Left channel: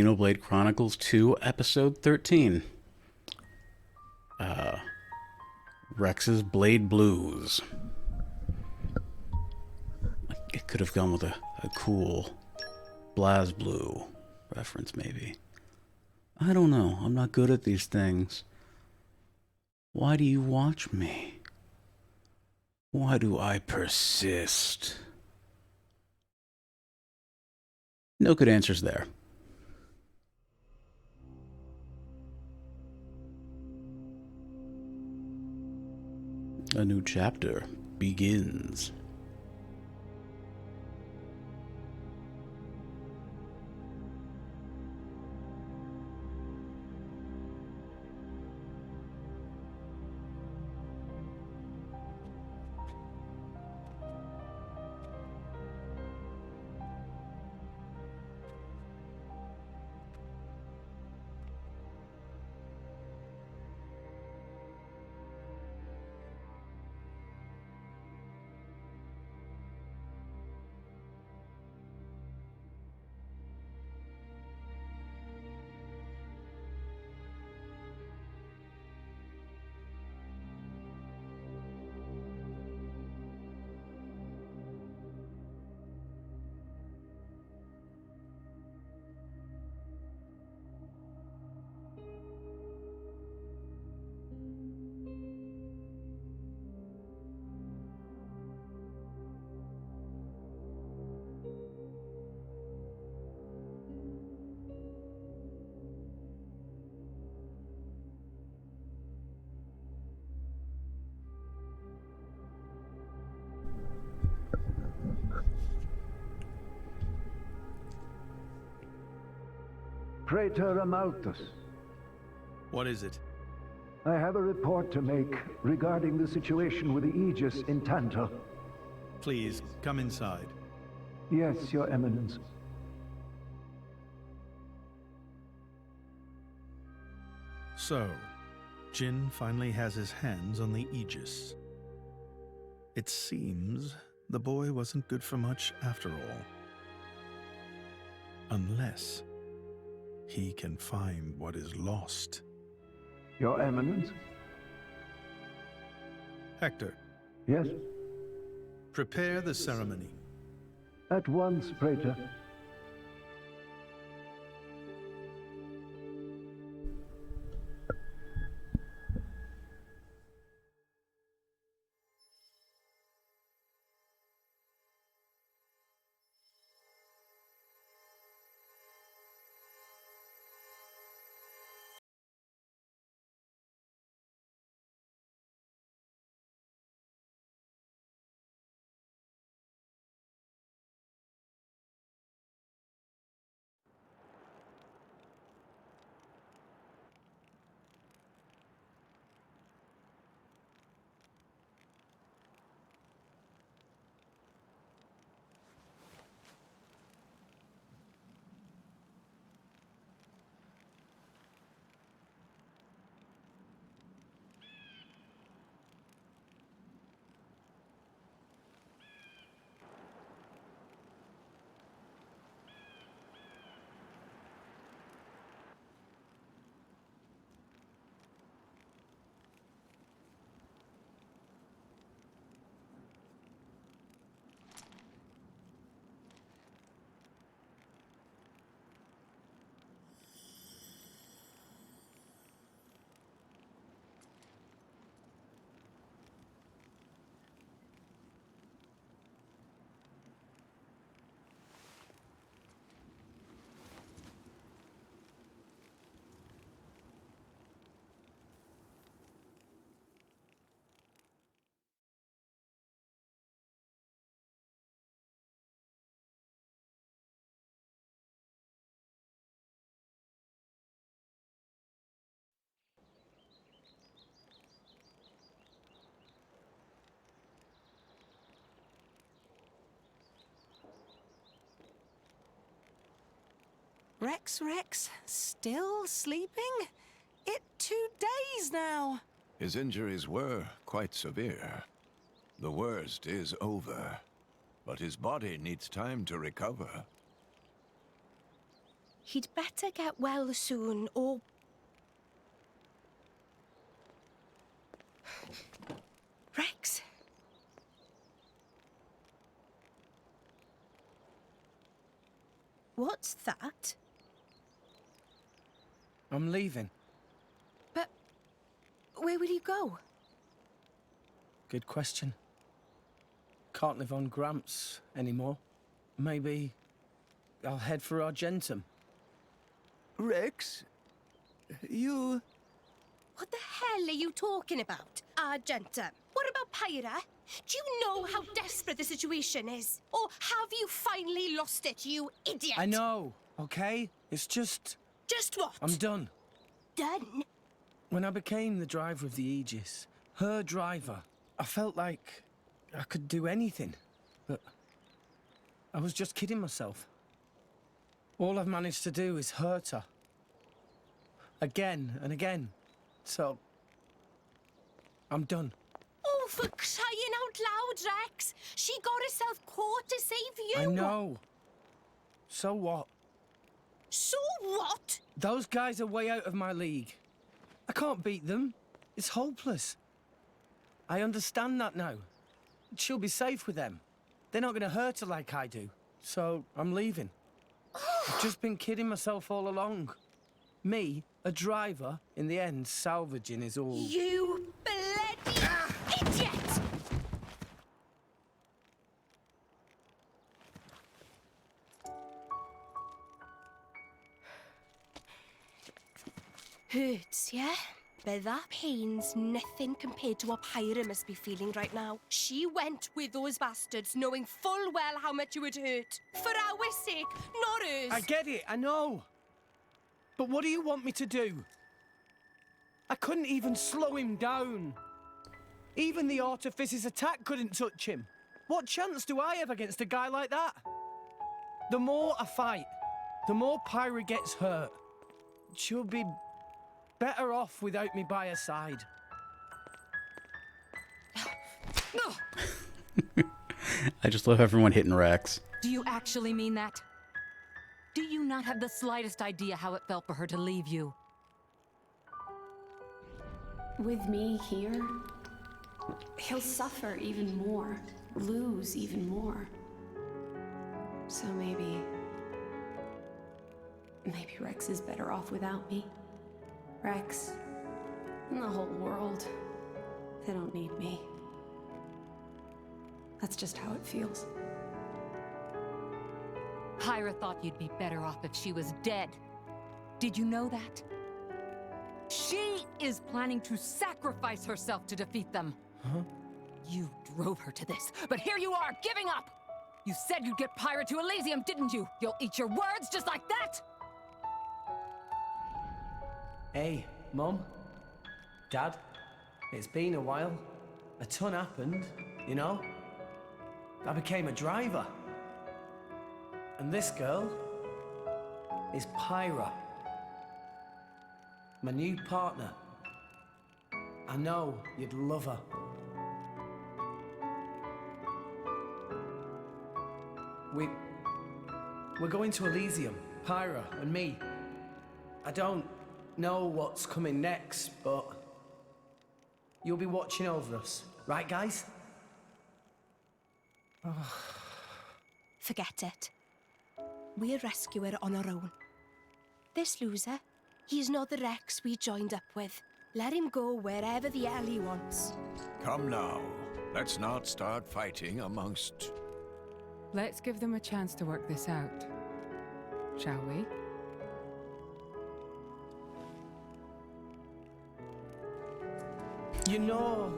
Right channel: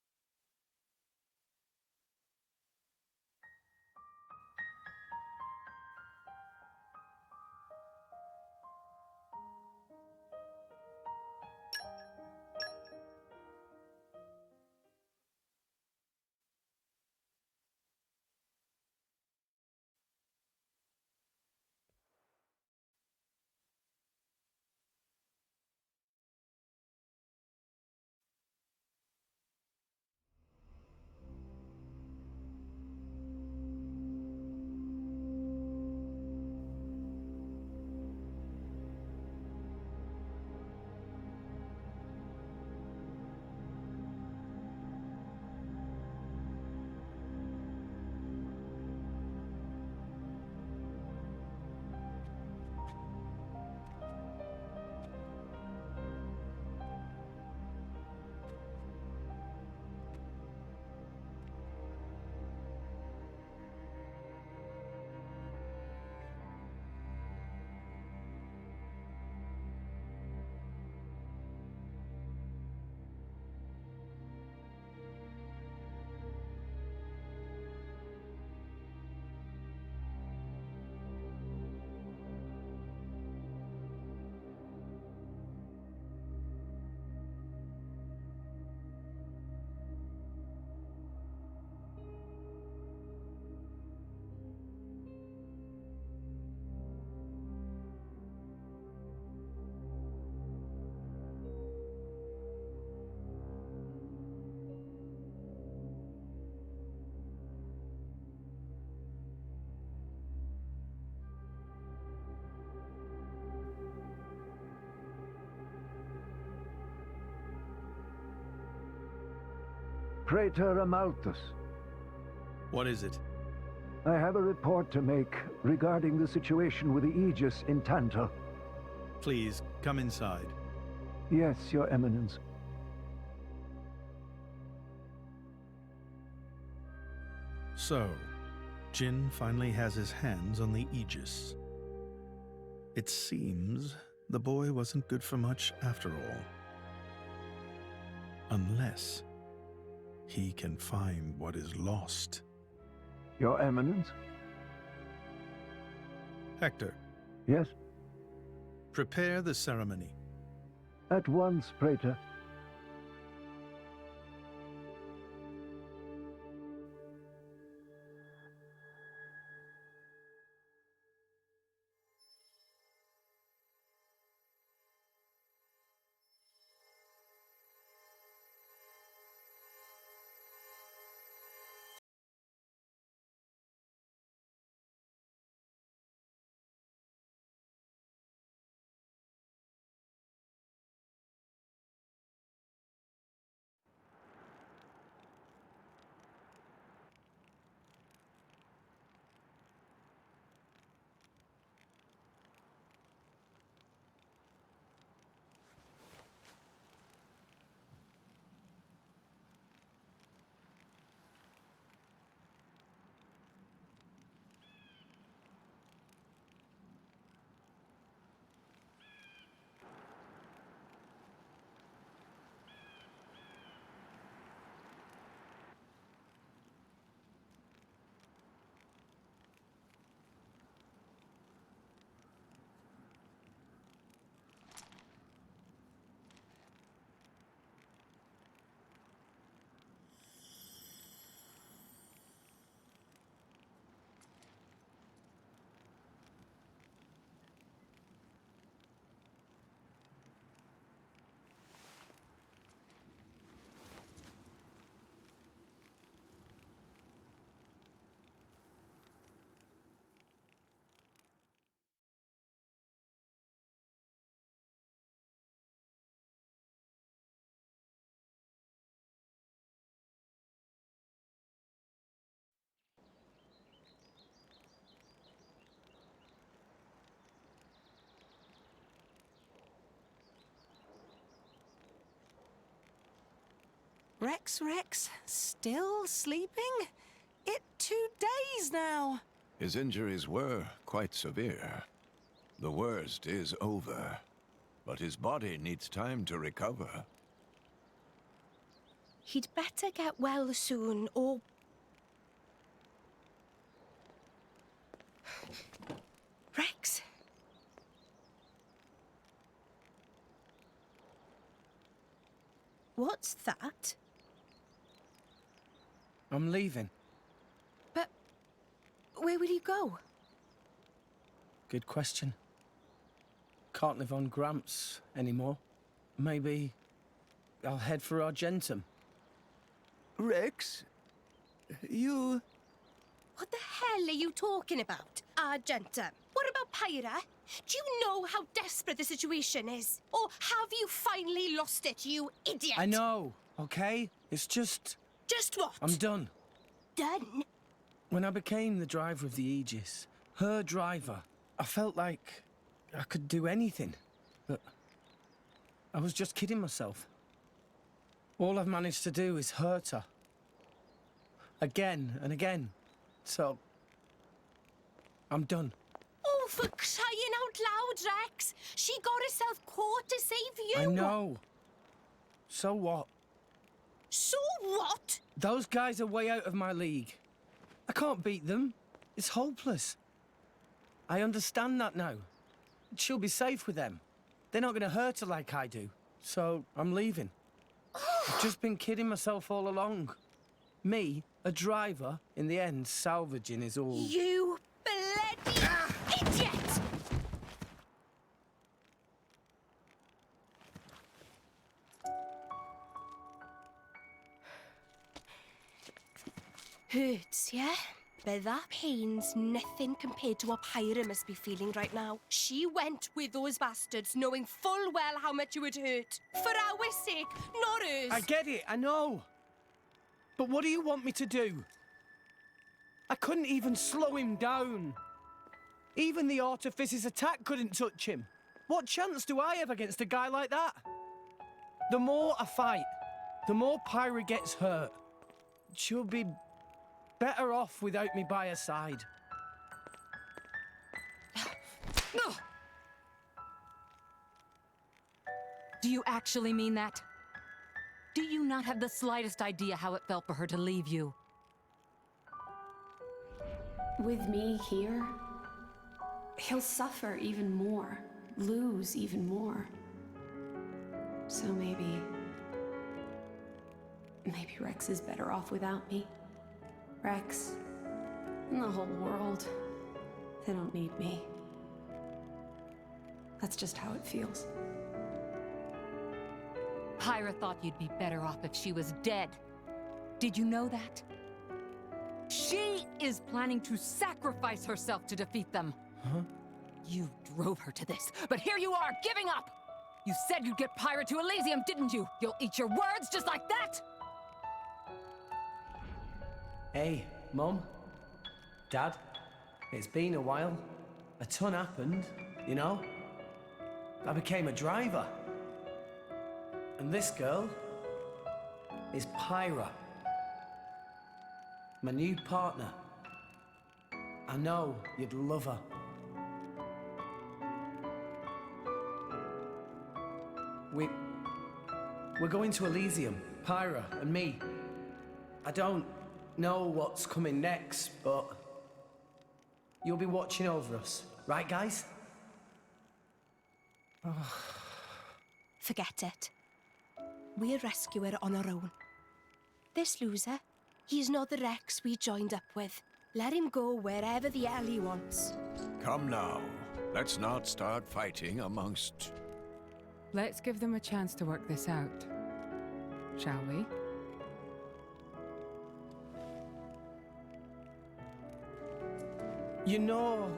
Xenoblade Chronicles 2, Episode 13. Rex's Blade Blues. It could have gone with a cool BlazBlue reference, maybe. I don't know. I'm not good at these things. Why do you watch me? Why do I persist? No good answers there. A new chapter begins. Praetor Amalthus, What is it? I have a report to make regarding the situation with the Aegis in Tantal. Please, come inside. Yes, Your Eminence. So, Jin finally has his hands on the Aegis. It seems the boy wasn't good for much after all. Unless he can find what is lost. Your Eminence? Hector, Yes? prepare the ceremony. At once, Praetor. Rex, still sleeping? It 2 days now. His injuries were quite severe. The worst is over, but his body needs time to recover. He'd better get well soon, or... Rex? What's that? I'm leaving. But where will you go? Good question. Can't live on Gramps anymore. Maybe I'll head for Argentum. Rex, you... What the hell are you talking about, Argentum? What about Pyra? Do you know how desperate the situation is? Or have you finally lost it, you idiot? I know, okay? It's just... Just what? I'm done. Done? When I became the driver of the Aegis, her driver, I felt like I could do anything. But I was just kidding myself. All I've managed to do is hurt her. Again and again. So, I'm done. Oh, for crying out loud, Rex! She got herself caught to save you! I know. So what? So what? Those guys are way out of my league. I can't beat them. It's hopeless. I understand that now. She'll be safe with them. They're not going to hurt her like I do. So, I'm leaving. I've just been kidding myself all along. Me, a driver, in the end, salvaging is all... You bloody idiot! Hurts, yeah? But that pain's nothing compared to what Pyra must be feeling right now. She went with those bastards knowing full well how much it would hurt. For our sake, not hers. I get it, I know. But what do you want me to do? I couldn't even slow him down. Even the Artifice's attack couldn't touch him. What chance do I have against a guy like that? The more I fight, the more Pyra gets hurt. She'll be better off without me by her side. I just love everyone hitting Rex. Do you actually mean that? Do you not have the slightest idea how it felt for her to leave you? With me here, he'll suffer even more, lose even more. So maybe Rex is better off without me. Rex, and the whole world, they don't need me. That's just how it feels. Pyra thought you'd be better off if she was dead. Did you know that? She is planning to sacrifice herself to defeat them. Huh? You drove her to this, but here you are, giving up! You said you'd get Pyra to Elysium, didn't you? You'll eat your words just like that? Hey, Mum, Dad, it's been a while. A ton happened, you know? I became a driver. And this girl is Pyra, my new partner. I know you'd love her. We're going to Elysium, Pyra and me. I don't know what's coming next, but you'll be watching over us, right, guys? Forget it. We'll rescue her on our own. This loser, he's not the Rex we joined up with. Let him go wherever the hell he wants. Come now. Let's not start fighting amongst... Let's give them a chance to work this out, shall we? You know,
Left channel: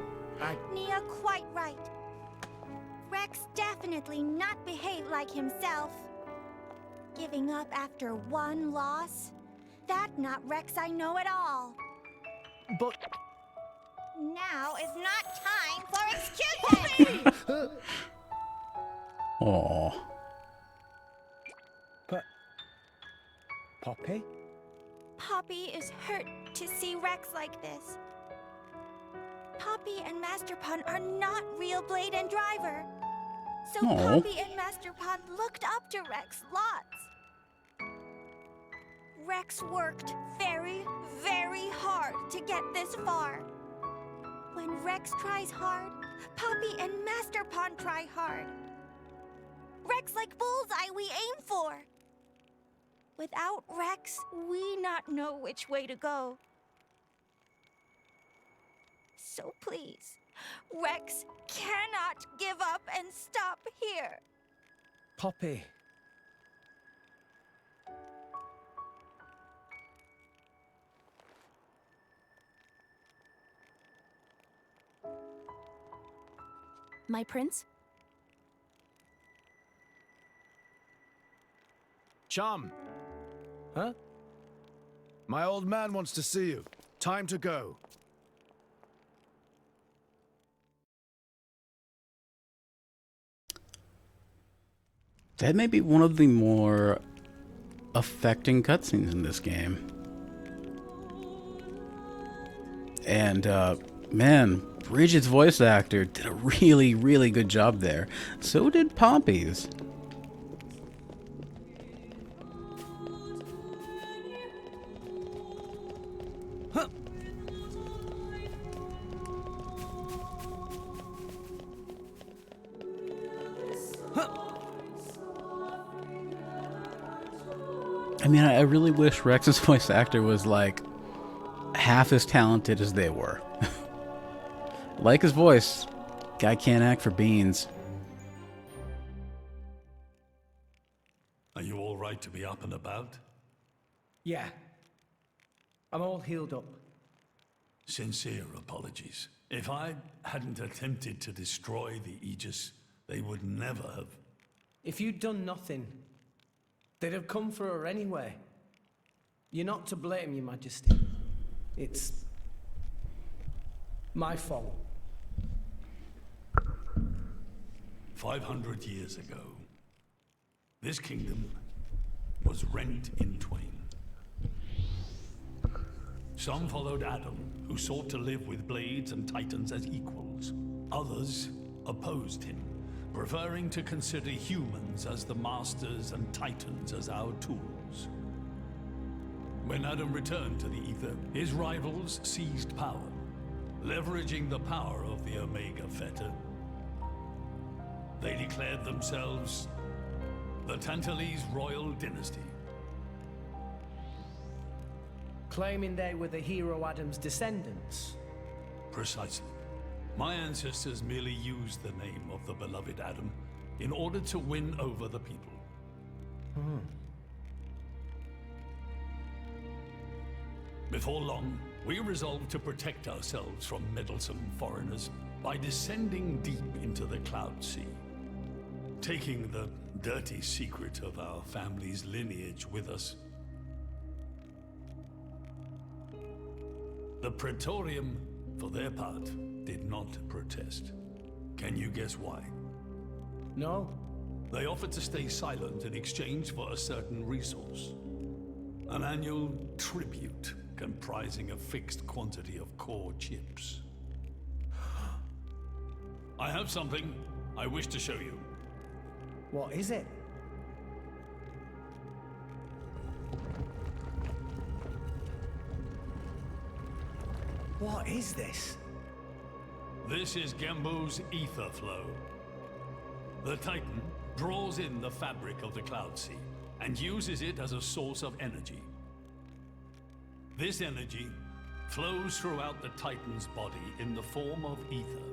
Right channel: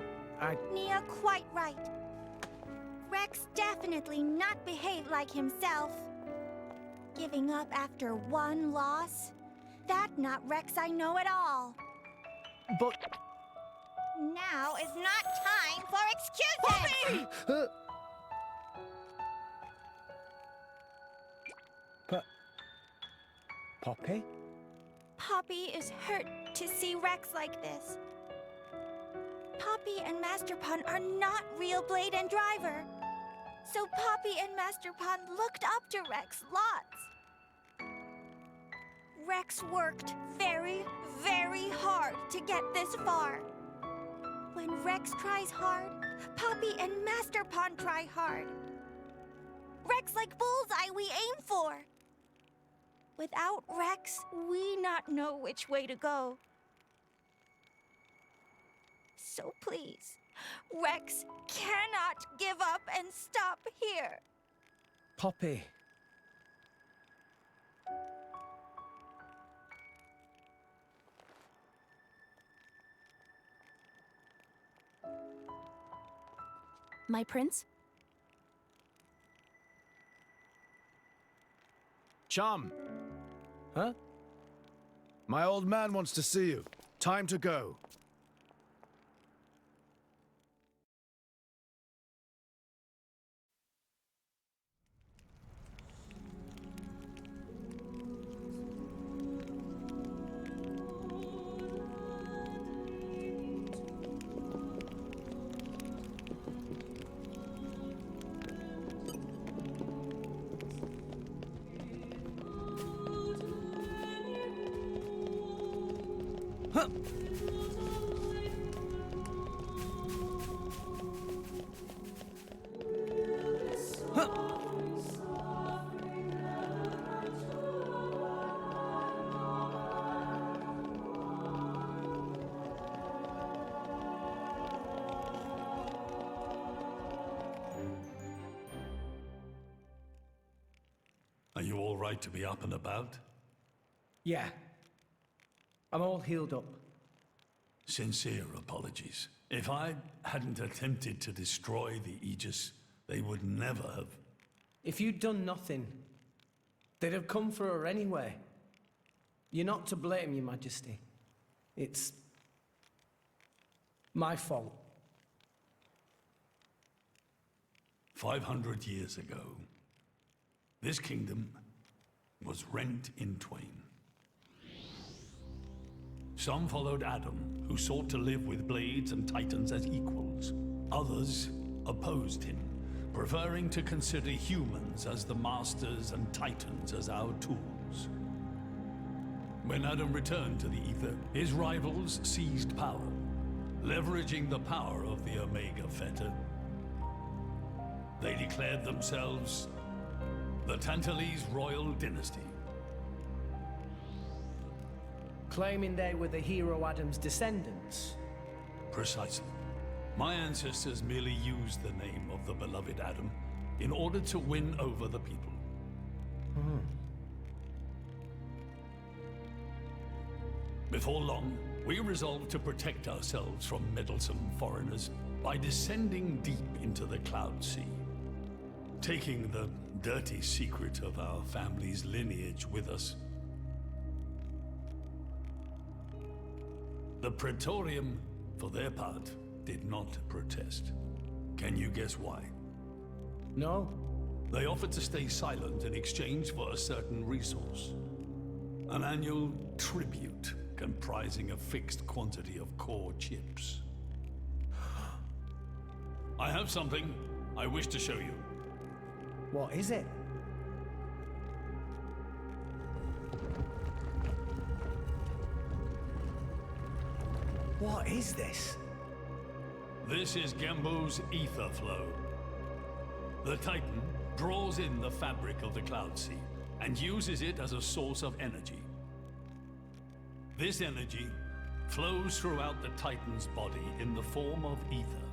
Nia quite right. Rex definitely not behaved like himself. Giving up after one loss? That not Rex I know at all. but... Now is not time for excuses! Aww. But... Poppy? Poppy is hurt to see Rex like this. Poppy and Master Pun are not real Blade and Driver. So Aw. Poppy and Master Pun looked up to Rex lots. Rex worked very, very hard to get this far. When Rex tries hard, Poppy and Master Pawn try hard. Rex like bullseye we aim for. Without Rex, we not know which way to go. So please, Rex cannot give up and stop here. Poppy. My prince? Chum, Huh? my old man wants to see you. Time to go. That may be one of the more affecting cutscenes in this game. And, man, Bridget's voice actor did a really, really good job there. So did Poppy's. Huh. Huh. I mean, I really wish Rex's voice actor was, like, half as talented as they were. Like his voice, guy can't act for beans. Are you all right to be up and about? Yeah. I'm all healed up. Sincere apologies. If I hadn't attempted to destroy the Aegis, they would never have. If you'd done nothing, they'd have come for her anyway. You're not to blame, Your Majesty. It's my fault. 500 years ago, this kingdom was rent in twain. Some followed Adam, who sought to live with blades and titans as equals. Others opposed him, preferring to consider humans as the masters and titans as our tools. When Adam returned to the Ether, his rivals seized power, leveraging the power of the Omega Fetter. They declared themselves the Tantalese royal dynasty. Claiming they were the hero Adam's descendants. Precisely. My ancestors merely used the name of the beloved Adam in order to win over the people. Before long, we resolved to protect ourselves from meddlesome foreigners by descending deep into the Cloud Sea, taking the dirty secret of our family's lineage with us. The Praetorium, for their part, did not protest. Can you guess why? No? They offered to stay silent in exchange for a certain resource. An annual tribute comprising a fixed quantity of core chips. I have something I wish to show you. What is it? What is this? This is Gembo's ether flow. The Titan draws in the fabric of the Cloud Sea and uses it as a source of energy. This energy flows throughout the Titan's body in the form of ether.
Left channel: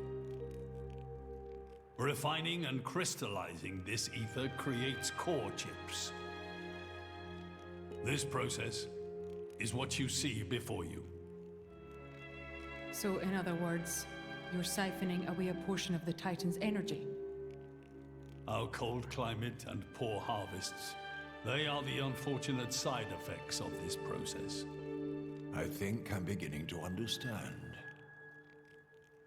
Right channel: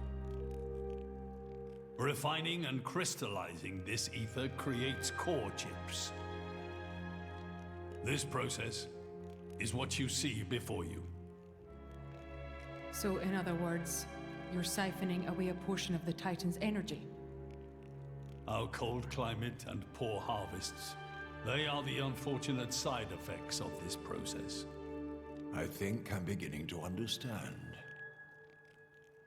Refining and crystallizing this ether creates core chips. This process is what you see before you. So, in other words, you're siphoning away a portion of the Titan's energy. Our cold climate and poor harvests, they are the unfortunate side effects of this process. I think I'm beginning to understand.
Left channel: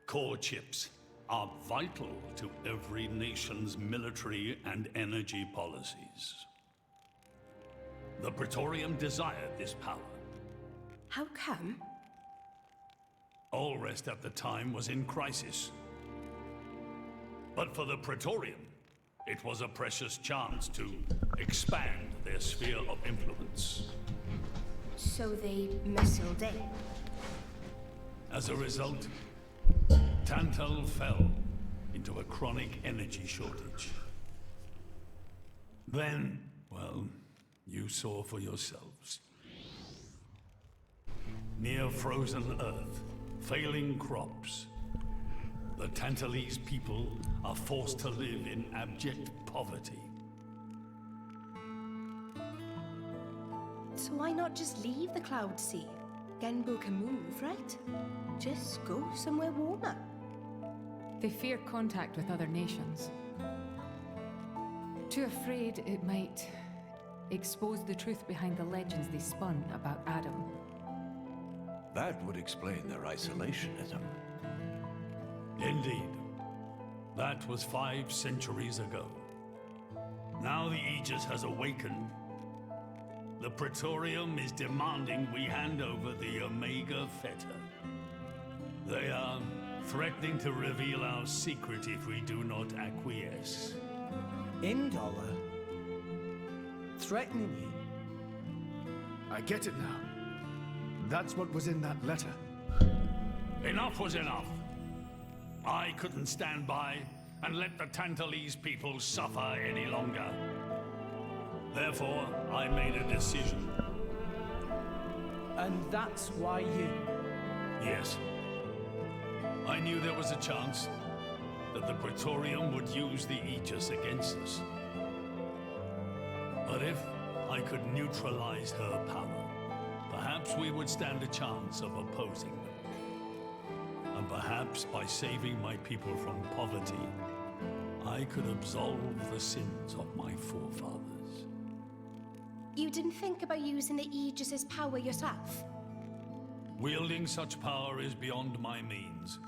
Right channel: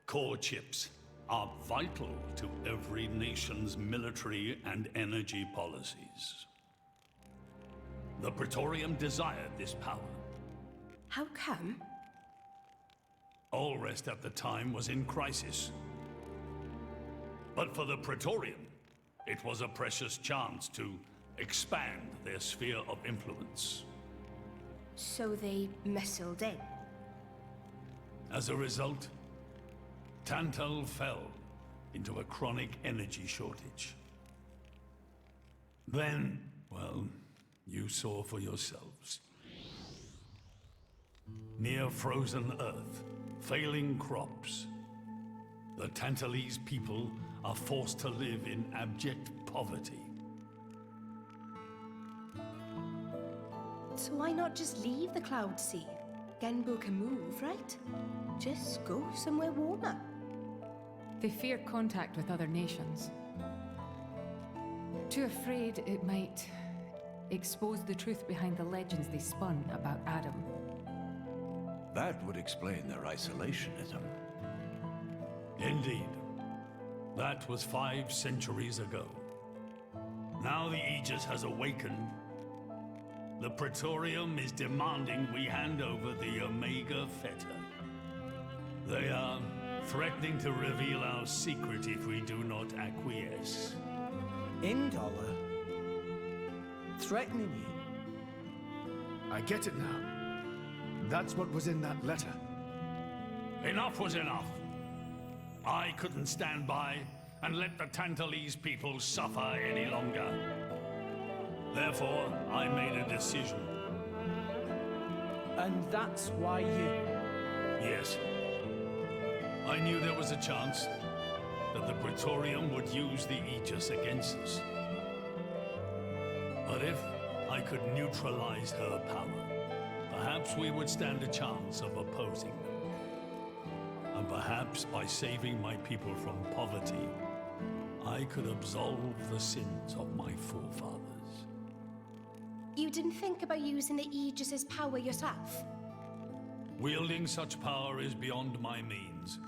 Core chips are vital to every nation's military and energy policies. The Praetorium desired this power. How come? Allrest at the time was in crisis. But for the Praetorium, it was a precious chance to expand their sphere of influence. So they missiled in. As a result, Tantal fell into a chronic energy shortage. Then, well, you saw for yourselves. Near frozen earth, failing crops, the Tantalese people are forced to live in abject poverty. So why not just leave the Cloud Sea? Genbu can move, right? Just go somewhere warmer. They fear contact with other nations. Too afraid it might expose the truth behind the legends they spun about Adam. That would explain their isolationism. Indeed. That was 5 centuries ago. Now the Aegis has awakened. The Praetorium is demanding we hand over the Omega Fetter. They are threatening to reveal our secret if we do not acquiesce. Indollar? Threatening you? I get it now. That's what was in that letter. Enough was enough. I couldn't stand by and let the Tantalese people suffer any longer. Therefore, I made a decision. And that's why you... Yes. I knew there was a chance that the Praetorium would use the Aegis against us. But if I could neutralize her power, perhaps we would stand a chance of opposing them. And perhaps by saving my people from poverty, I could absolve the sins of my forefathers. You didn't think about using the Aegis's power yourself? Wielding such power is beyond my means.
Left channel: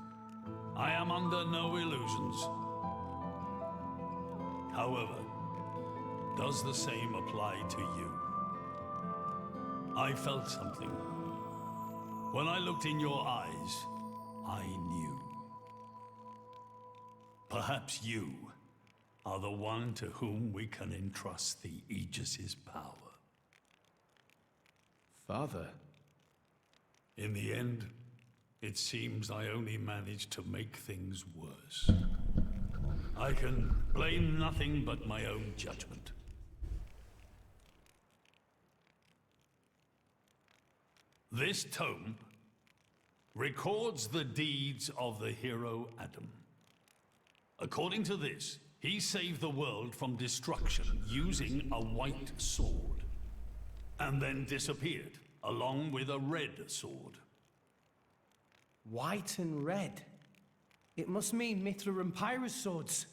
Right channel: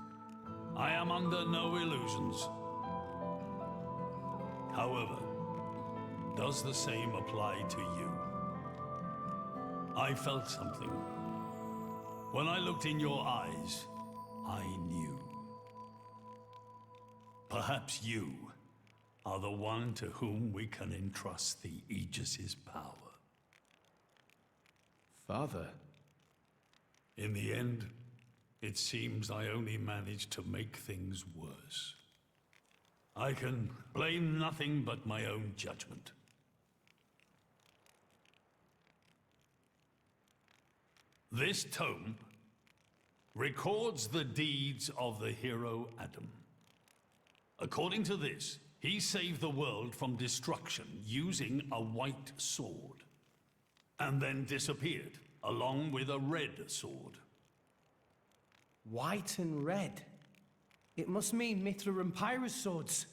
I am under no illusions. However, does the same apply to you? I felt something. When I looked in your eyes, I knew. Perhaps you are the one to whom we can entrust the Aegis's power. Father? In the end, it seems I only managed to make things worse. I can blame nothing but my own judgment. This tome records the deeds of the hero Adam. According to this, he saved the world from destruction using a white sword, and then disappeared, along with a red sword. White and red? It must mean Mithra and Pyrrhus swords.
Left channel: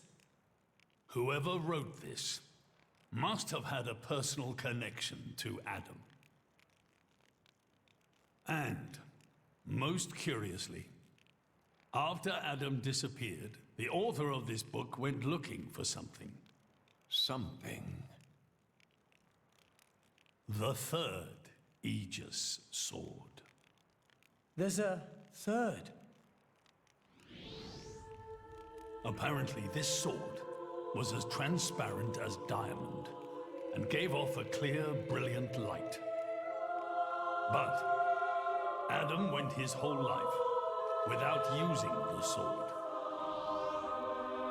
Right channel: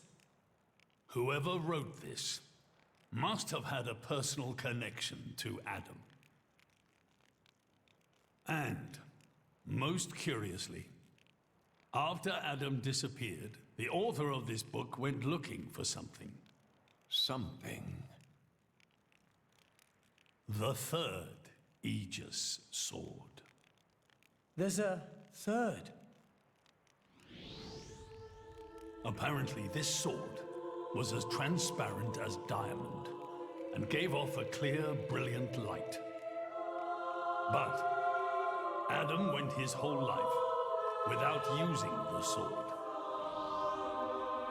Whoever wrote this must have had a personal connection to Adam. And, most curiously, after Adam disappeared, the author of this book went looking for something. Something. The third Aegis sword. There's a third. Apparently, this sword was as transparent as diamond and gave off a clear, brilliant light. But Adam went his whole life without using the sword.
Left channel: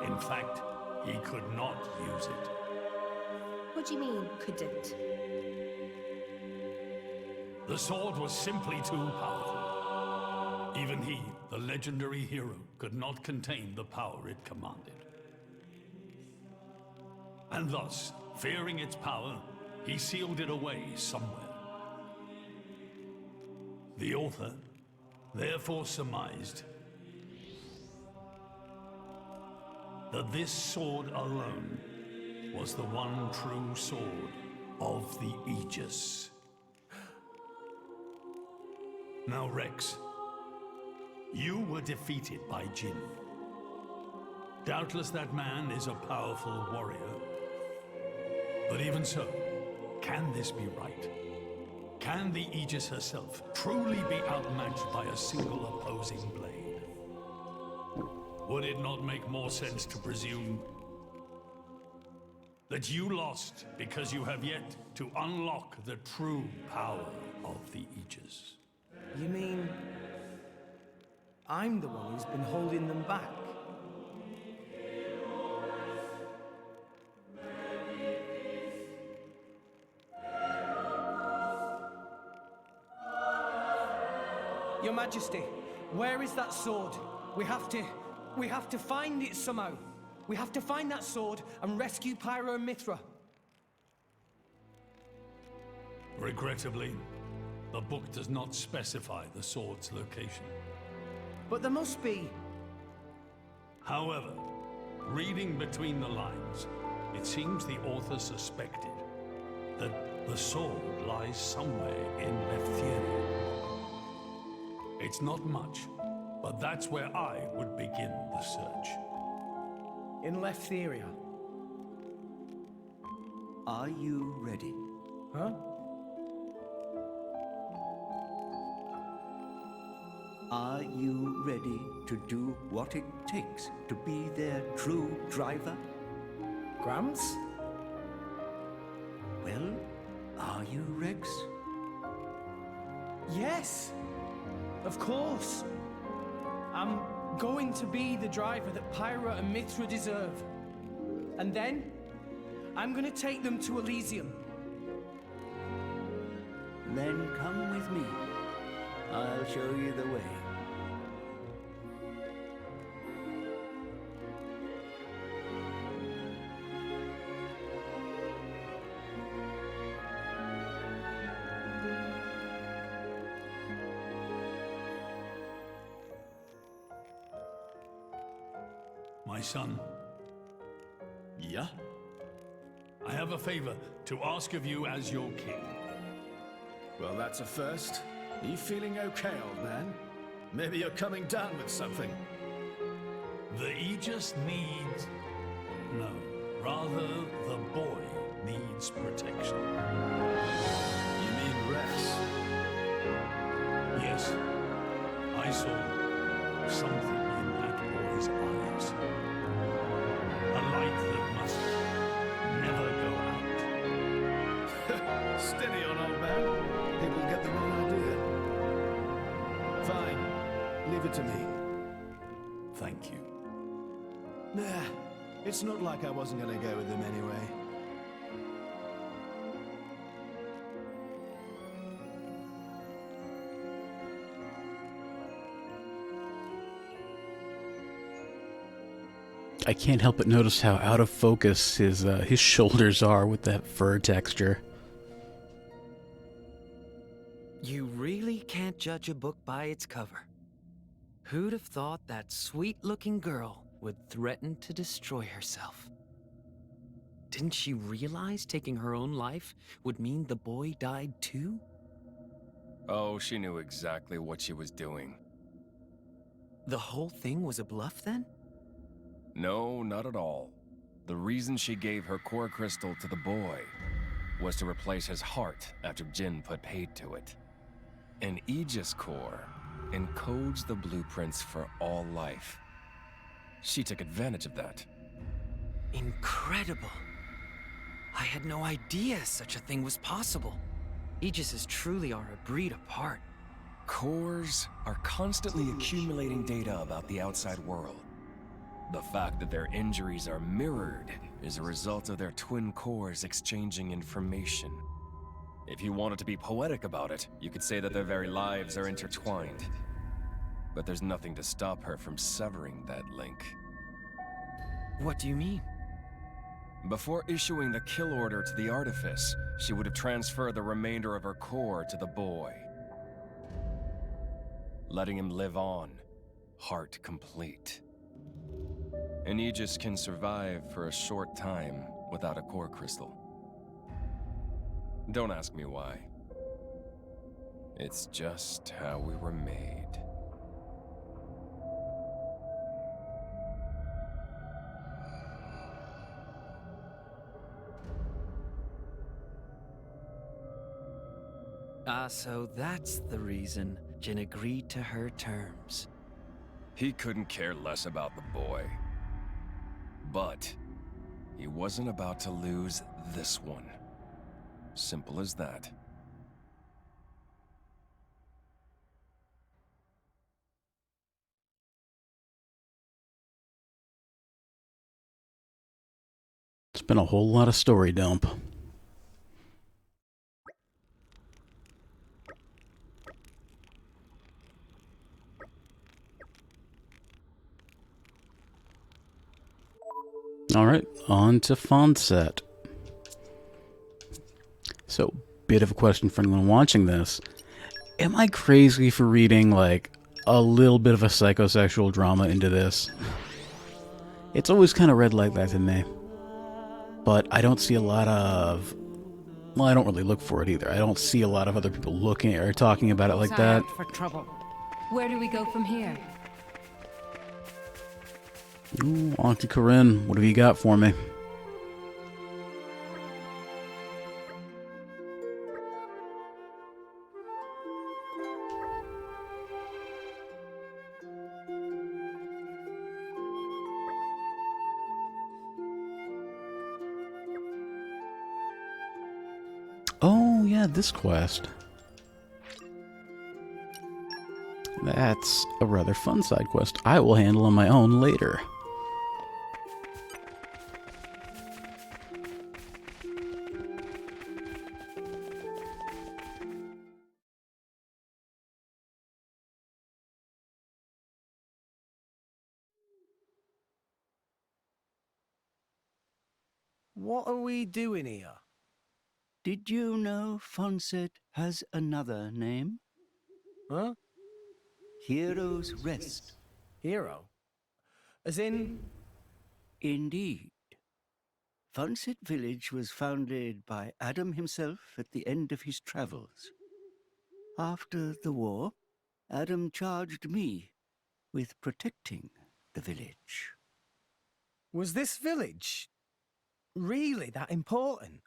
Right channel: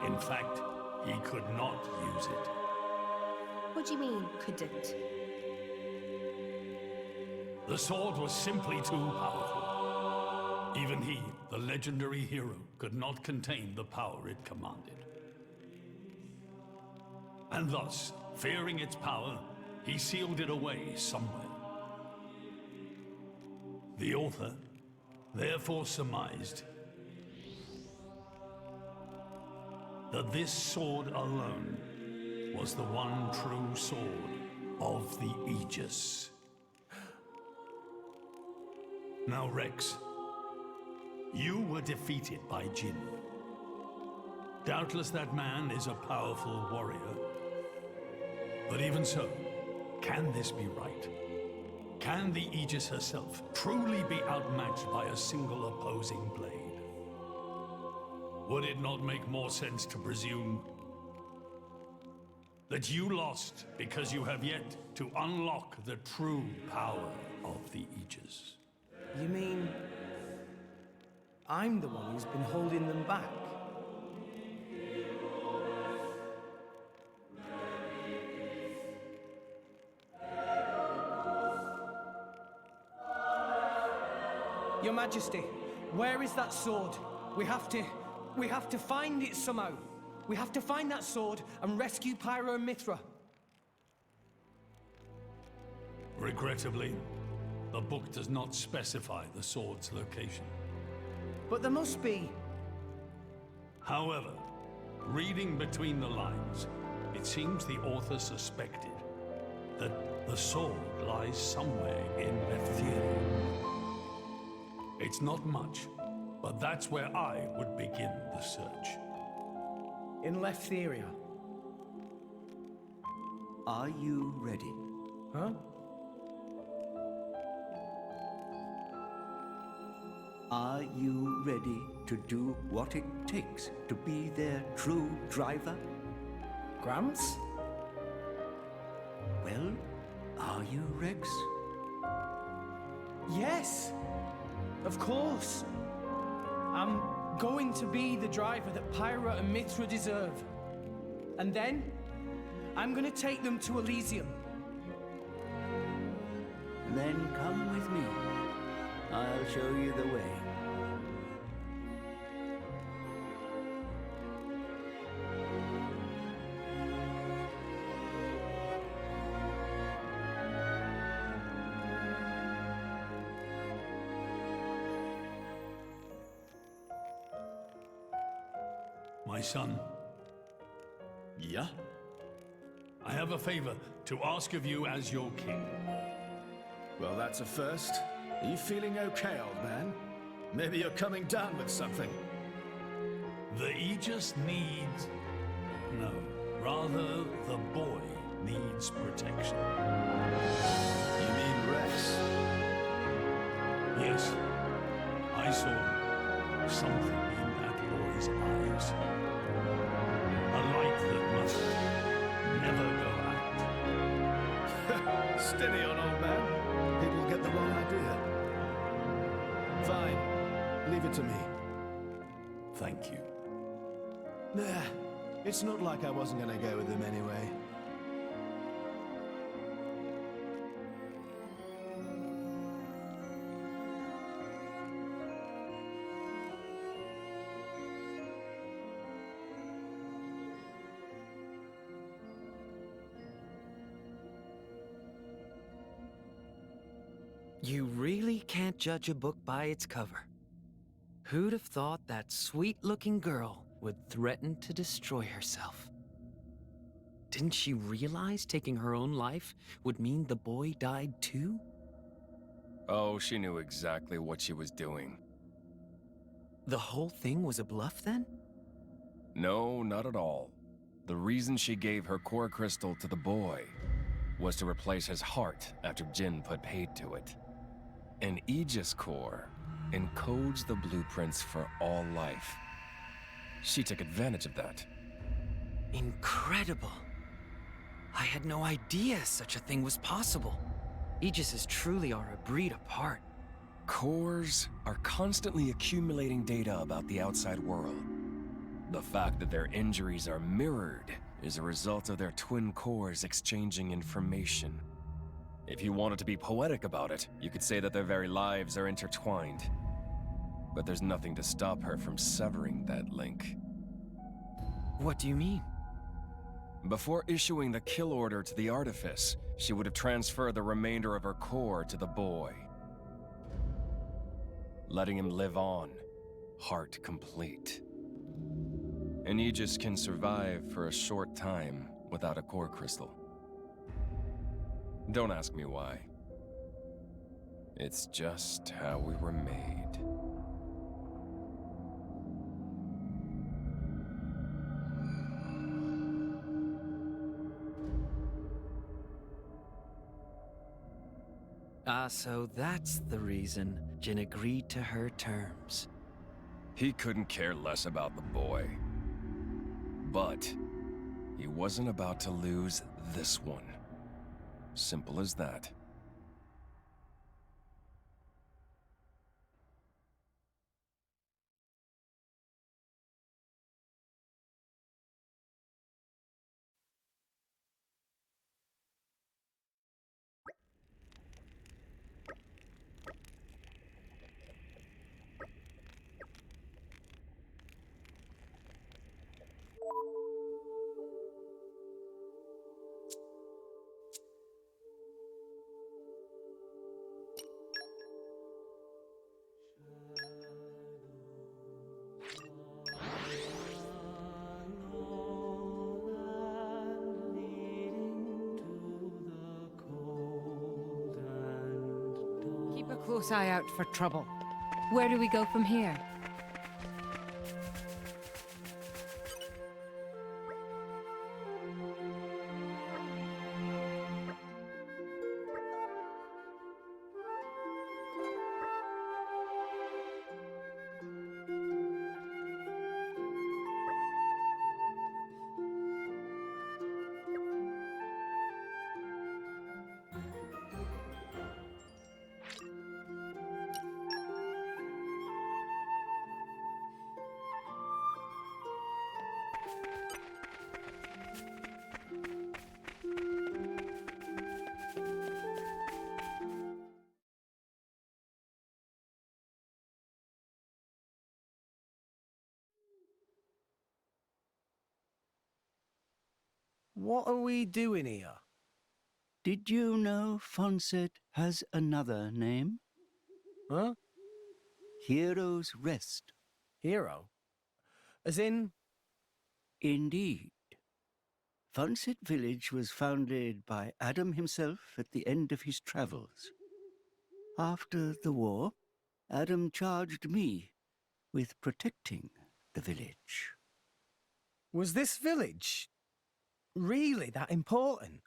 In fact, he could not use it. What do you mean, couldn't? The sword was simply too powerful. Even he, the legendary hero, could not contain the power it commanded. And thus, fearing its power, he sealed it away somewhere. The author therefore surmised that this sword alone was the one true sword of the Aegis. Now, Rex, you were defeated by Jin. Doubtless that man is a powerful warrior. But even so, can this be right? Can the Aegis herself truly be outmatched by a single opposing blade? Would it not make more sense to presume that you lost because you have yet to unlock the true power of the I'm the one who's been holding them back. Your Majesty, where is that sword? We have to find it somehow. We have to find that sword and rescue Pyro and Mithra. Regrettably, the book does not specify the sword's location. But there must be. However, reading between the lines, it seems the author suspected that the sword lies somewhere in Leftheria. It's not much, but that's where I would begin the search. In Leftheria. Are you ready? Huh? Are you ready to do what it takes to be their true driver? Gramps? Well, are you, Rex? Yes! Of course! I'm going to be the driver that Pyra and Mithra deserve. And then, I'm gonna take them to Elysium. Then come with me. I'll show you the way. My son. Yeah? I have a favor to ask of you as your king. Well, that's a first. Are you feeling okay, old man? Maybe you're coming down with something. The Aegis needs... No, rather the boy needs protection. You mean Rex? Yes. I saw something in that boy's eyes. A light that must never go out. Steady on, old man. People get the wrong idea. Fine. Leave it to me. Thank you. Nah, it's not like I wasn't gonna go with him anyway. I can't help but notice how out of focus his shoulders are with that fur texture. You really can't judge a book by its cover. Who'd have thought that sweet-looking girl would threaten to destroy herself? Didn't she realize taking her own life would mean the boy died too? Oh, she knew exactly what she was doing. The whole thing was a bluff then? No, not at all. The reason she gave her core crystal to the boy was to replace his heart after Jin put paid to it. An Aegis core encodes the blueprints for all life. She took advantage of that. Incredible. I had no idea such a thing was possible. Aegises truly are a breed apart. Cores are constantly accumulating data about the outside world. The fact that their injuries are mirrored is a result of their twin cores exchanging information. If you wanted to be poetic about it, you could say that their very lives are intertwined. But there's nothing to stop her from severing that link. What do you mean? Before issuing the kill order to the Artifice, she would have transferred the remainder of her core to the boy, letting him live on, heart complete. An Aegis can survive for a short time without a core crystal. Don't ask me why. It's just how we were made. So that's the reason Jin agreed to her terms. He couldn't care less about the boy. But he wasn't about to lose this one. Simple as that. It's been a whole lot of story dump. Alright, on to Fonset. So, bit of a question for anyone watching this. Am I crazy for reading, like, a little bit of a psychosexual drama into this? It's always kind of read like that to me. But I don't see a lot of... Well, I don't really look for it either. I don't see a lot of other people looking or talking about it like Eye that. out for trouble. Where do we go from here? Ooh, Auntie Corinne, what have you got for me? Oh, yeah, this quest. That's a rather fun side quest I will handle on my own later. What are we doing here? Did you know Fonset has another name? Huh? Hero's Rest. Hero? As in? Indeed. Fonset Village was founded by Adam himself at the end of his travels. After the war, Adam charged me with protecting the village. Was this village really that important?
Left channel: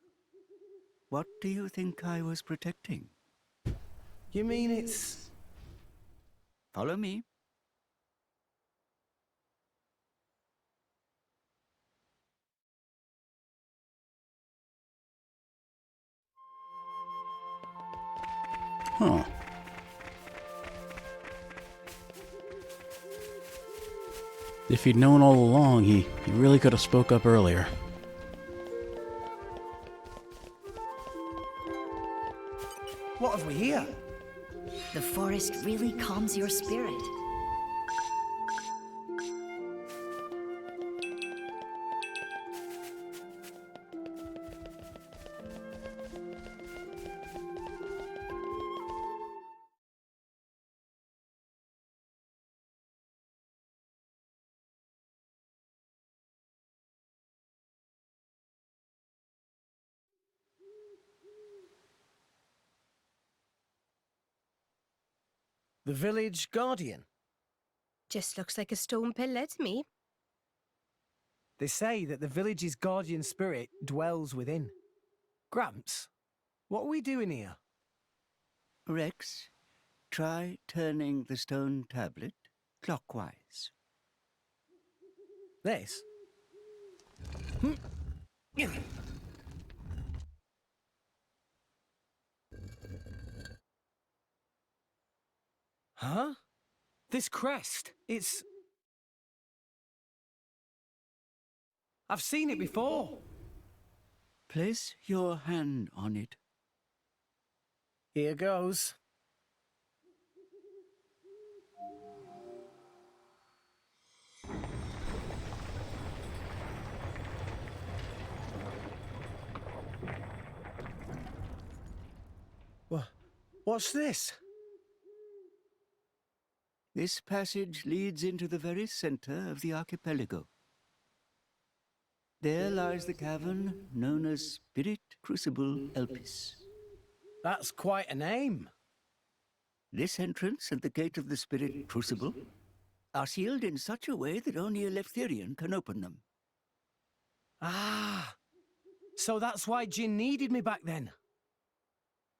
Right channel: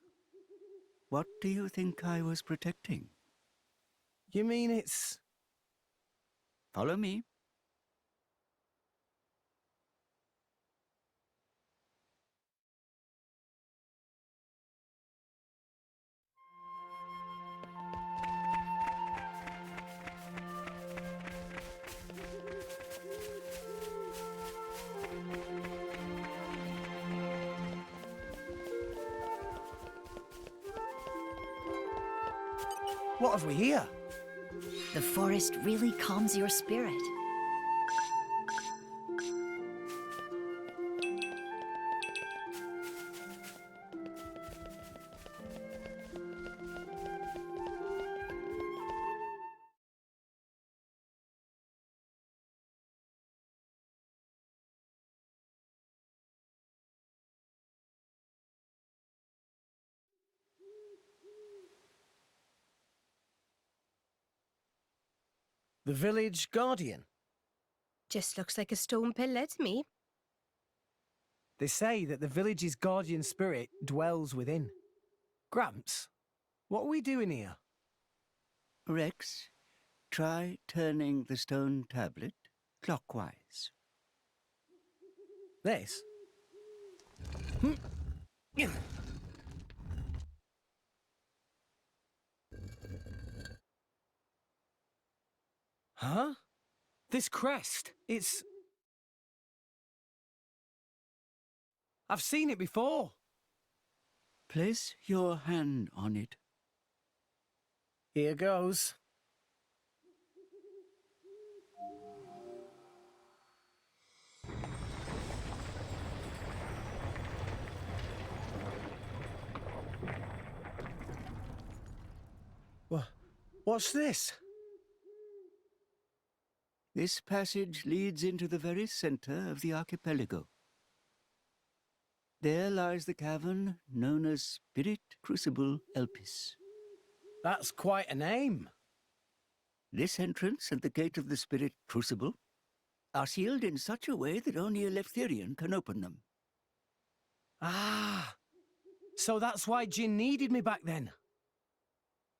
What do you think I was protecting? You mean it's... Follow me. Huh. If he'd known all along, he really could have spoke up earlier. What have we here? The forest really calms your spirit. The village guardian. Just looks like a stone pillar to me. They say that the village's guardian spirit dwells within. Gramps, what are we doing here? Rex, try turning the stone tablet clockwise. This? Huh? This crest, it's... I've seen it before. Place your hand on it. Here goes. What's this? This passage leads into the very center of the archipelago. There lies the cavern known as Spirit Crucible Elpis. That's quite a name. This entrance and the gate of the Spirit Crucible are sealed in such a way that only a Leftherian can open them. Ah, so that's why Jin needed me back then.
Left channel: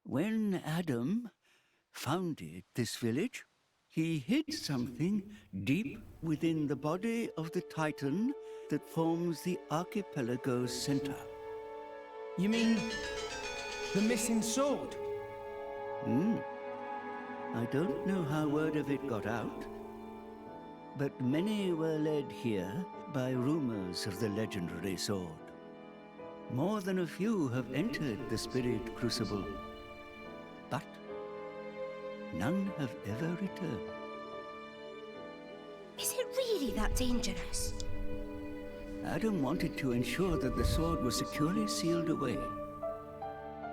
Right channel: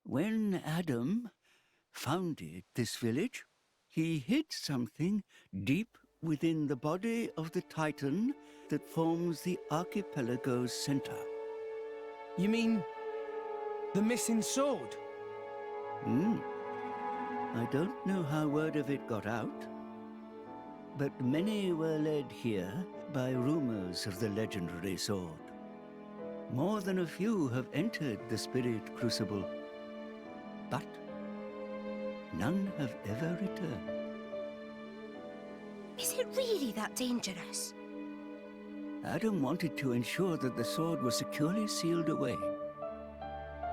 When Adam founded this village, he hid something deep within the body of the Titan that forms the archipelago's center. You mean the missing sword? I don't know how word of it got out, but many were led here by rumors of the legendary sword. More than a few have entered the Spirit Crucible, but none have ever returned. Is it really that dangerous? Adam wanted to ensure that the sword was securely sealed away.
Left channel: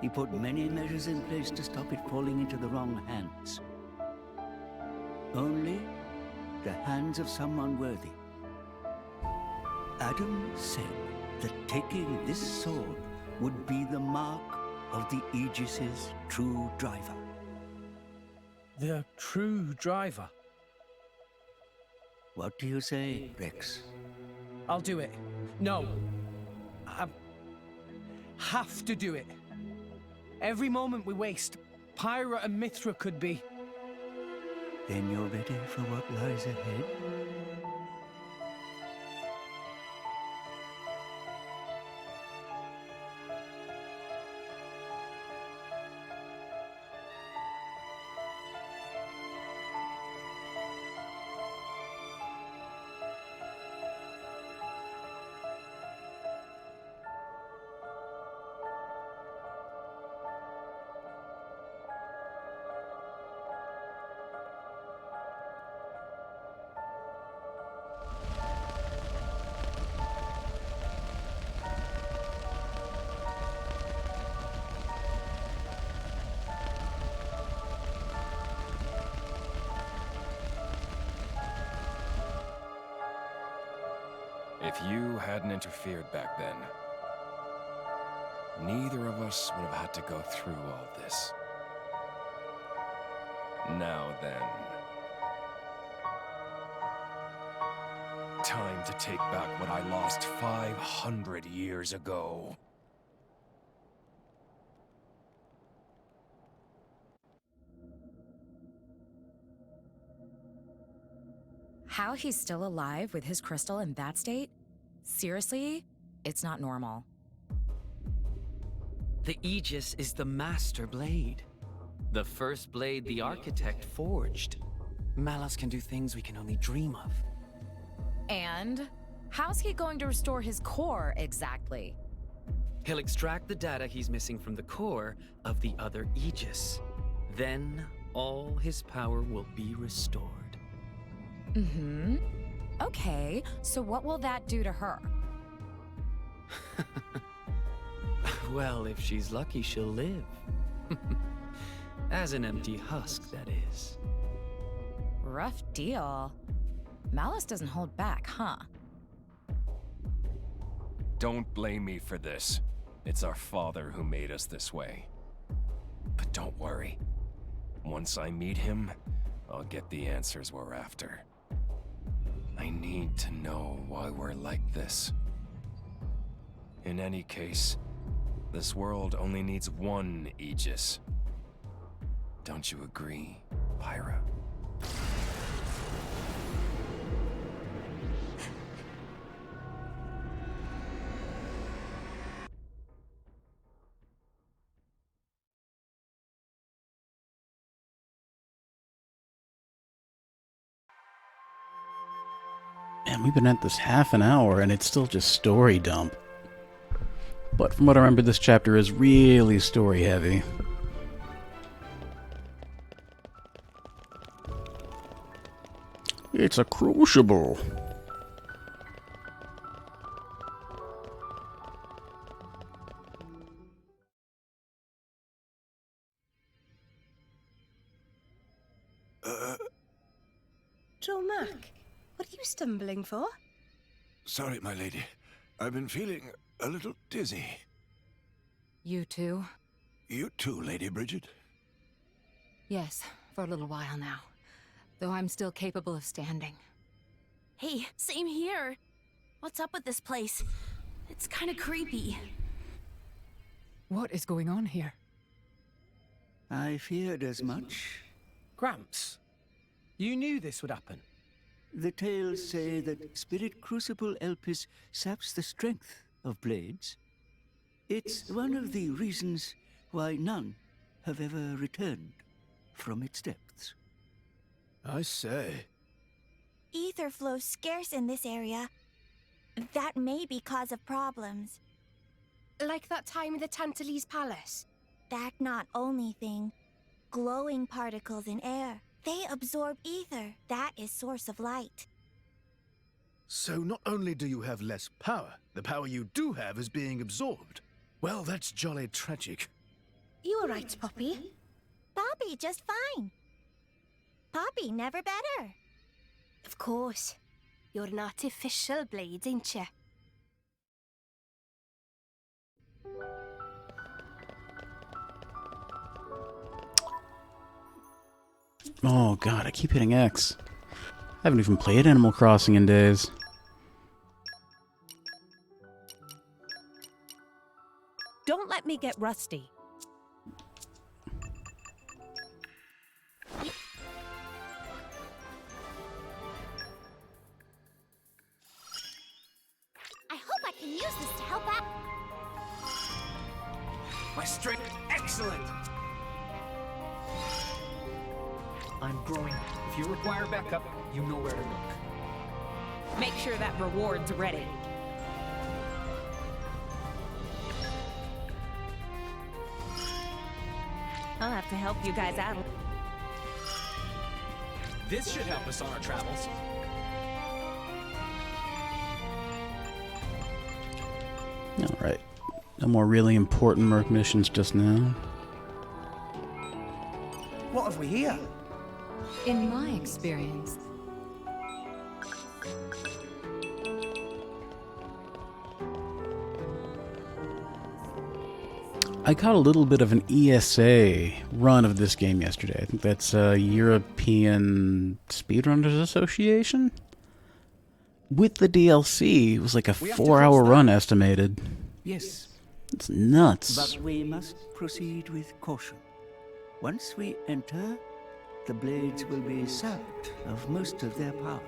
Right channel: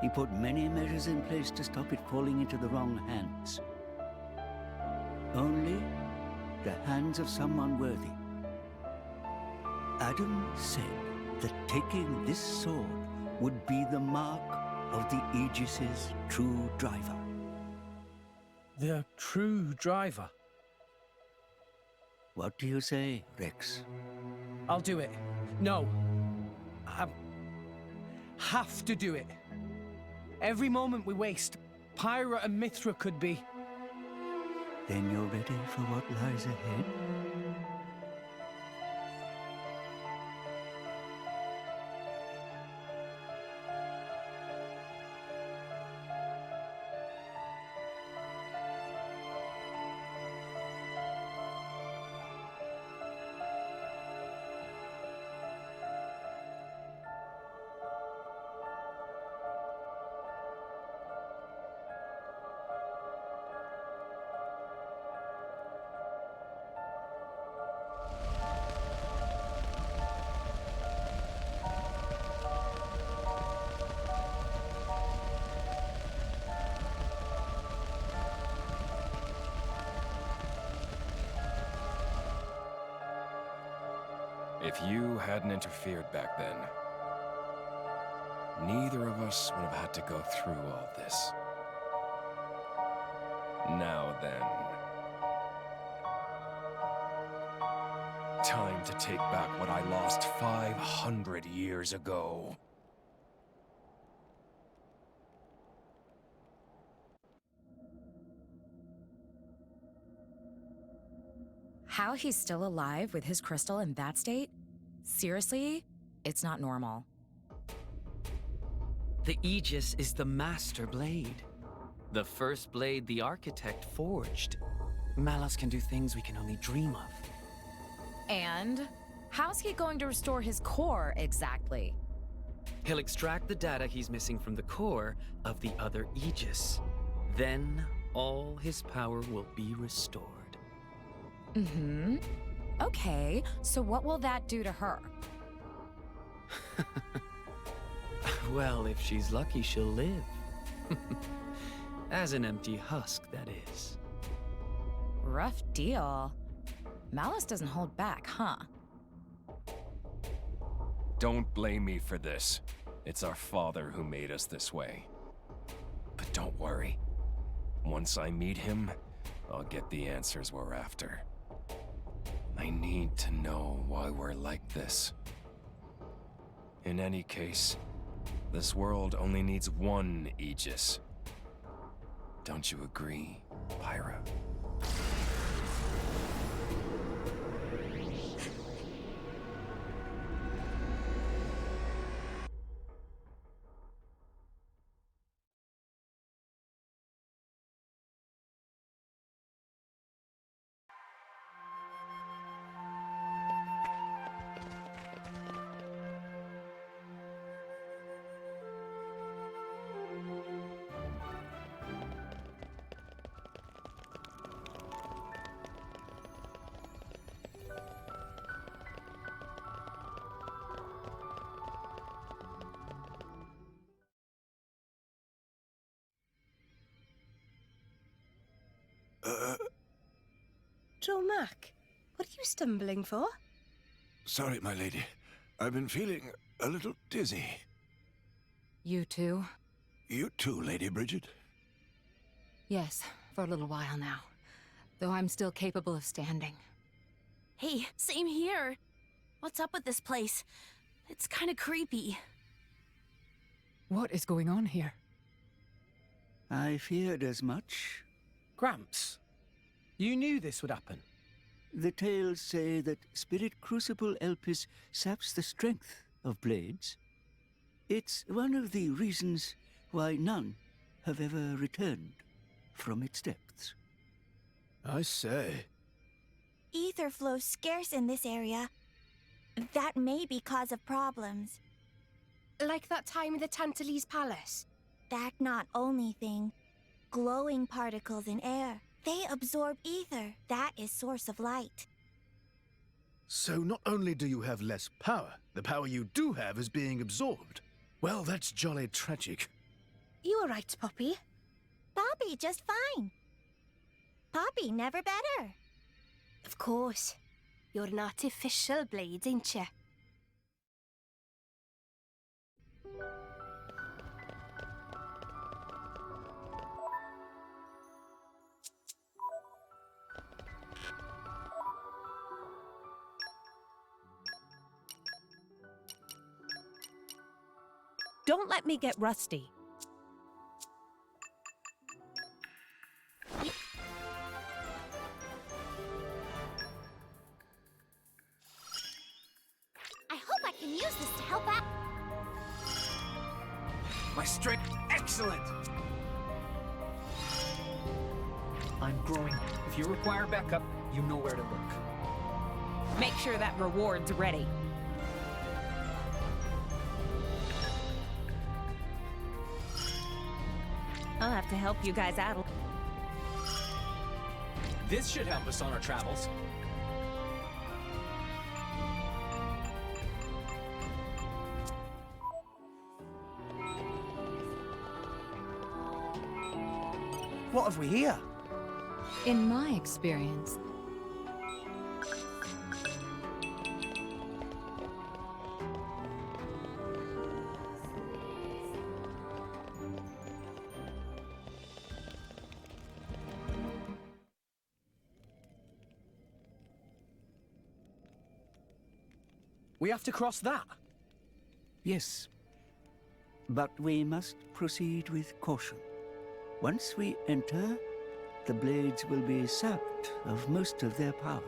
He put many measures in place to stop it falling into the wrong hands. Only the hands of someone worthy. Adam said that taking this sword would be the mark of the Aegis's true driver. The true driver? What do you say, Rex? I'll do it. No. I have to do it. Every moment we waste, Pyra and Mithra could be... Then you're ready for what lies ahead? If you hadn't interfered back then, neither of us would have had to go through all this. Now then, time to take back what I lost 500 years ago. How he's still alive with his crystal in that state? Seriously? It's not normal. The Aegis is the master blade. The first blade the architect forged. Malus can do things we can only dream of. And how's he going to restore his core exactly? He'll extract the data he's missing from the core of the other Aegis. Then all his power will be restored. Mm-hmm. Okay, so what will that do to her? Well, if she's lucky, she'll live. As an empty husk, that is. Rough deal. Malus doesn't hold back, huh? Don't blame me for this. It's our father who made us this way. But don't worry. Once I meet him, I'll get the answers we're after. I need to know why we're like this. In any case, this world only needs one Aegis. Don't you agree, Pyra? Man, we've been at this half an hour and it's still just story dump. But from what I remember, this chapter is really story heavy. It's a crucible. Joe Mac, what are you stumbling for? Sorry, my lady. I've been feeling a little dizzy. You too? You too, Lady Bridget? Yes, for a little while now. Though I'm still capable of standing. Hey, same here. What's up with this place? It's kind of creepy. What is going on here? I feared as much. Gramps, you knew this would happen. The tales say that Spirit Crucible Elpis saps the strength of blades. It's one of the reasons why none have ever returned from its depths. I say. Ether flows scarce in this area. That may be cause of problems. Like that time in the Tantalese Palace? That not only thing. Glowing particles in air. They absorb ether. That is source of light. So not only do you have less power, the power you do have is being absorbed. Well, that's jolly tragic. You all right, Poppy? Poppy just fine. Poppy never better. Of course. You're an artificial blade, ain't you? Oh god, I keep hitting X. I haven't even played Animal Crossing in days. Don't let me get rusty. I hope I can use this to help out. My strength, excellent! I'm growing. If you require backup, you know where to look. Make sure that reward's ready. I'll have to help you guys out. This should help us on our travels. Alright. No more really important merc missions just now. What have we here? In my experience, I caught a little bit of an ESA run of this game yesterday. I think that's European Speedrunners Association? With the DLC, it was like a 4-hour run estimated. Yes. It's nuts. But we must proceed with caution. Once we enter, the blades will be sapped of most of their power.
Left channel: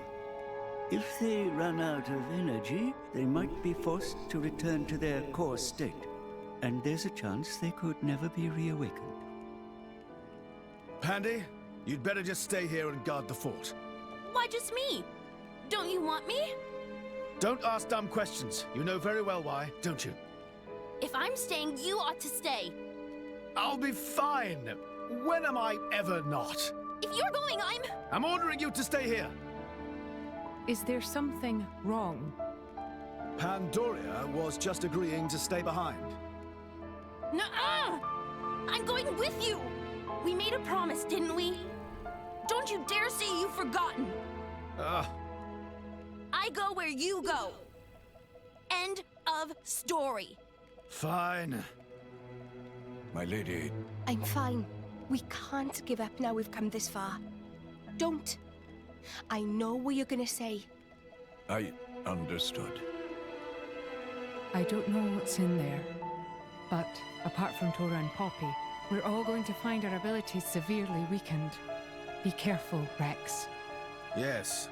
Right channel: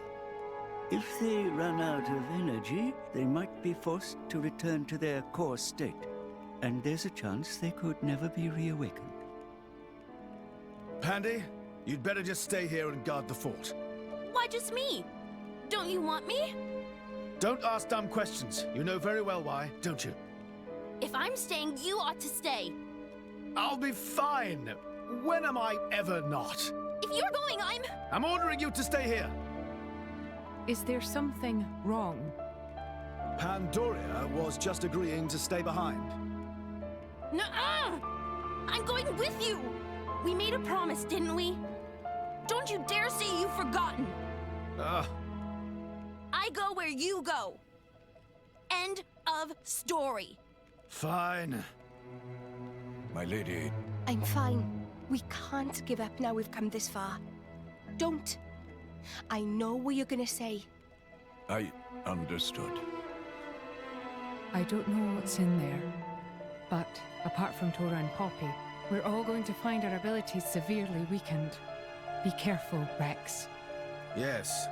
If they run out of energy, they might be forced to return to their core state. And there's a chance they could never be reawakened. Pandy, you'd better just stay here and guard the fort. Why just me? Don't you want me? Don't ask dumb questions. You know very well why, don't you? If I'm staying, you ought to stay. I'll be fine. When am I ever not? If you're going, I'm ordering you to stay here. is there something wrong? Pandoria was just agreeing to stay behind. Nuh-uh! I'm going with you! We made a promise, didn't we? Don't you dare say you've forgotten! I go where you go. End of story. Fine. My lady. I'm fine. We can't give up now we've come this far. Don't. I know what you're gonna say. I understood. I don't know what's in there, but apart from Tora and Poppy, we're all going to find our abilities severely weakened. Be careful, Rex. Yes.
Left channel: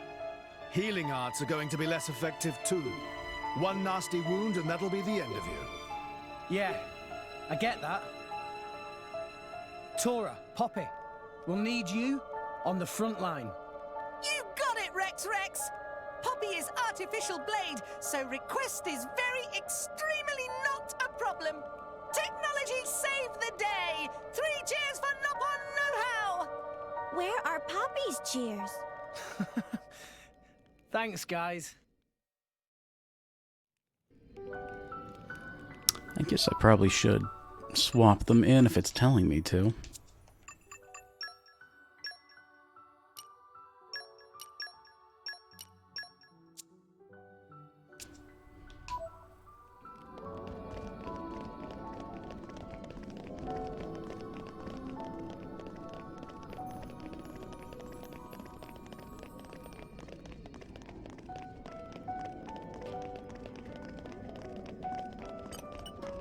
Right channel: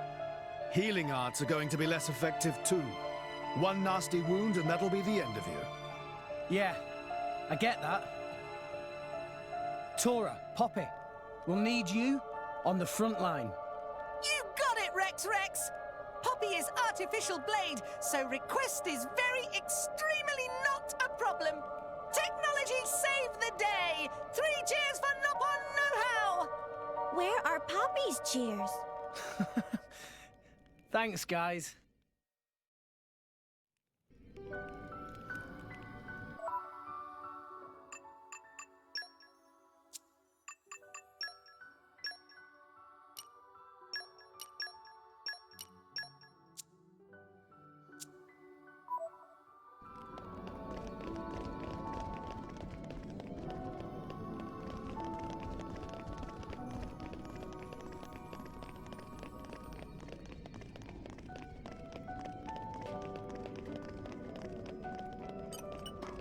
Healing arts are going to be less effective too. One nasty wound and that'll be the end of you. Yeah, I get that. Tora, Poppy, we'll need you on the front line. You got it, Rex! Poppy is artificial blade, so request is very extremely not a problem. Technology saved the day! 3 cheers for Nopon Know-How! Where are Poppy's cheers? Thanks, guys. I guess I probably should swap them in if it's telling me to.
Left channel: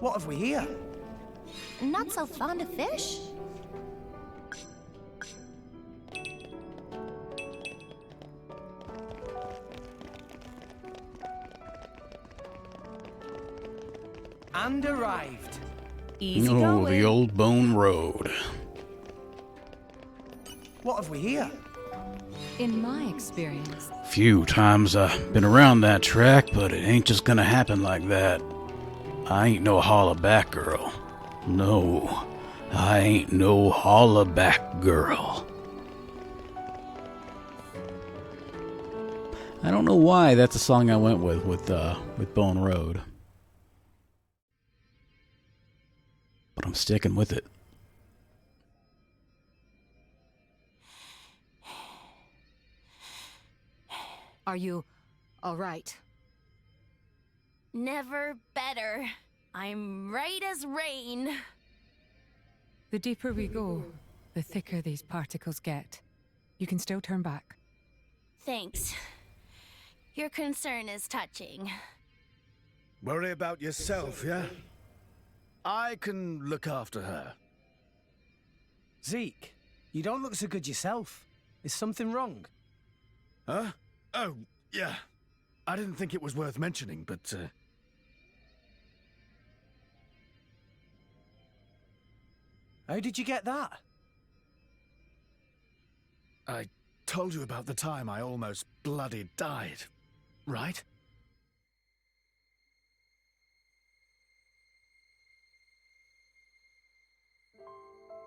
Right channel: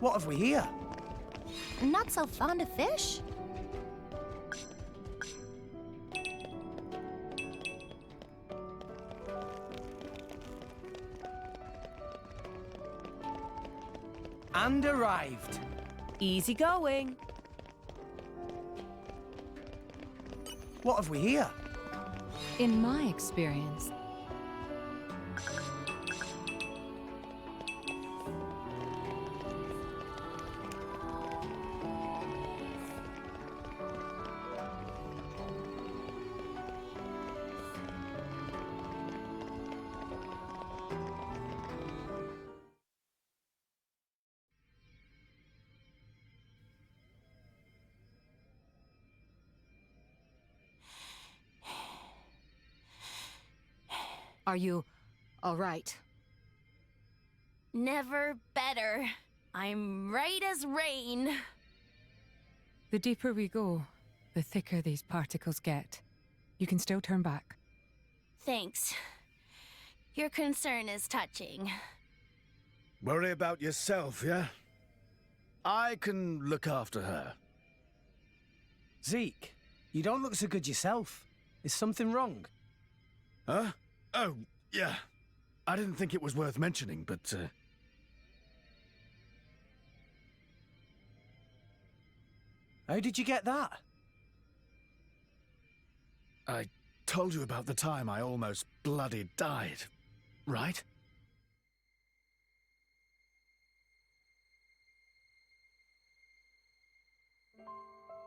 What have we here? Not so fond of fish. And arrived. Easy Oh, going. the old bone road. What have we here? In my experience, Few times I've been around that track, but it ain't just gonna happen like that. I ain't no hollaback girl. No, I ain't no hollaback girl. I don't know why that's a song I went with Bone Road. But I'm sticking with it. Are you all right? Never better. I'm right as rain. The deeper we go, the thicker these particles get. You can still turn back. Thanks. Your concern is touching. Worry about yourself, yeah? I can look after her. Zeke, you don't look so good yourself. Is something wrong? Huh? Oh, yeah. I didn't think it was worth mentioning, but, How did you get that? I told you about the time I almost bloody died, right?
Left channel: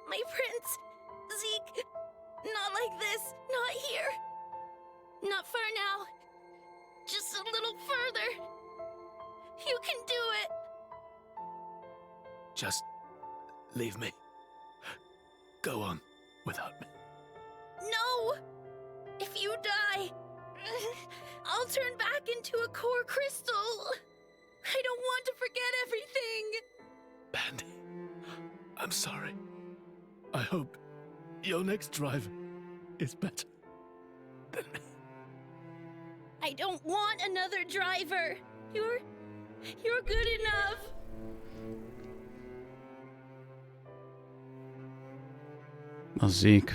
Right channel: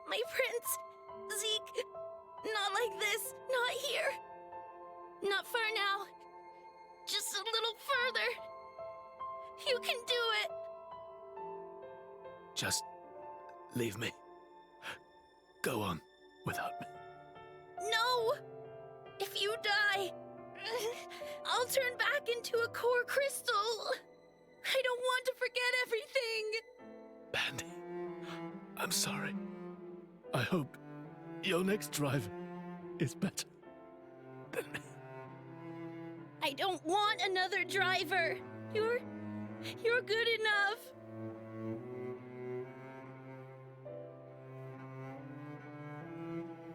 My prince! Zeke! Not like this! Not here! Not far now! Just a little further! You can do it! Just leave me. Go on without me. No! If you die, I'll turn back into a core crystal! I don't want to forget everything! Bandy, I'm sorry. I hope your next driver is better than me. I don't want another driver! You're good enough! Oh, Zeke.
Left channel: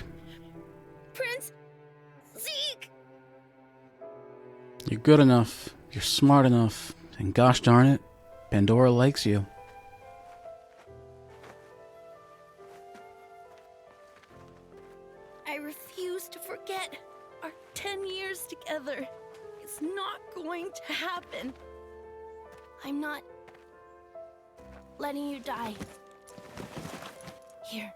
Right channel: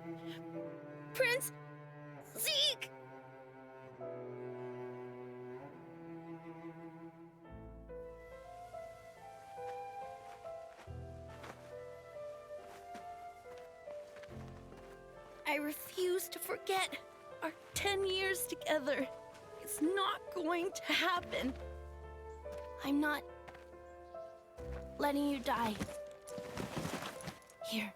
Prince! Zeke! You're good enough. You're smart enough. And gosh darn it, Pandora likes you. I refuse to forget our 10 years together. It's not going to happen. I'm not letting you die. Here.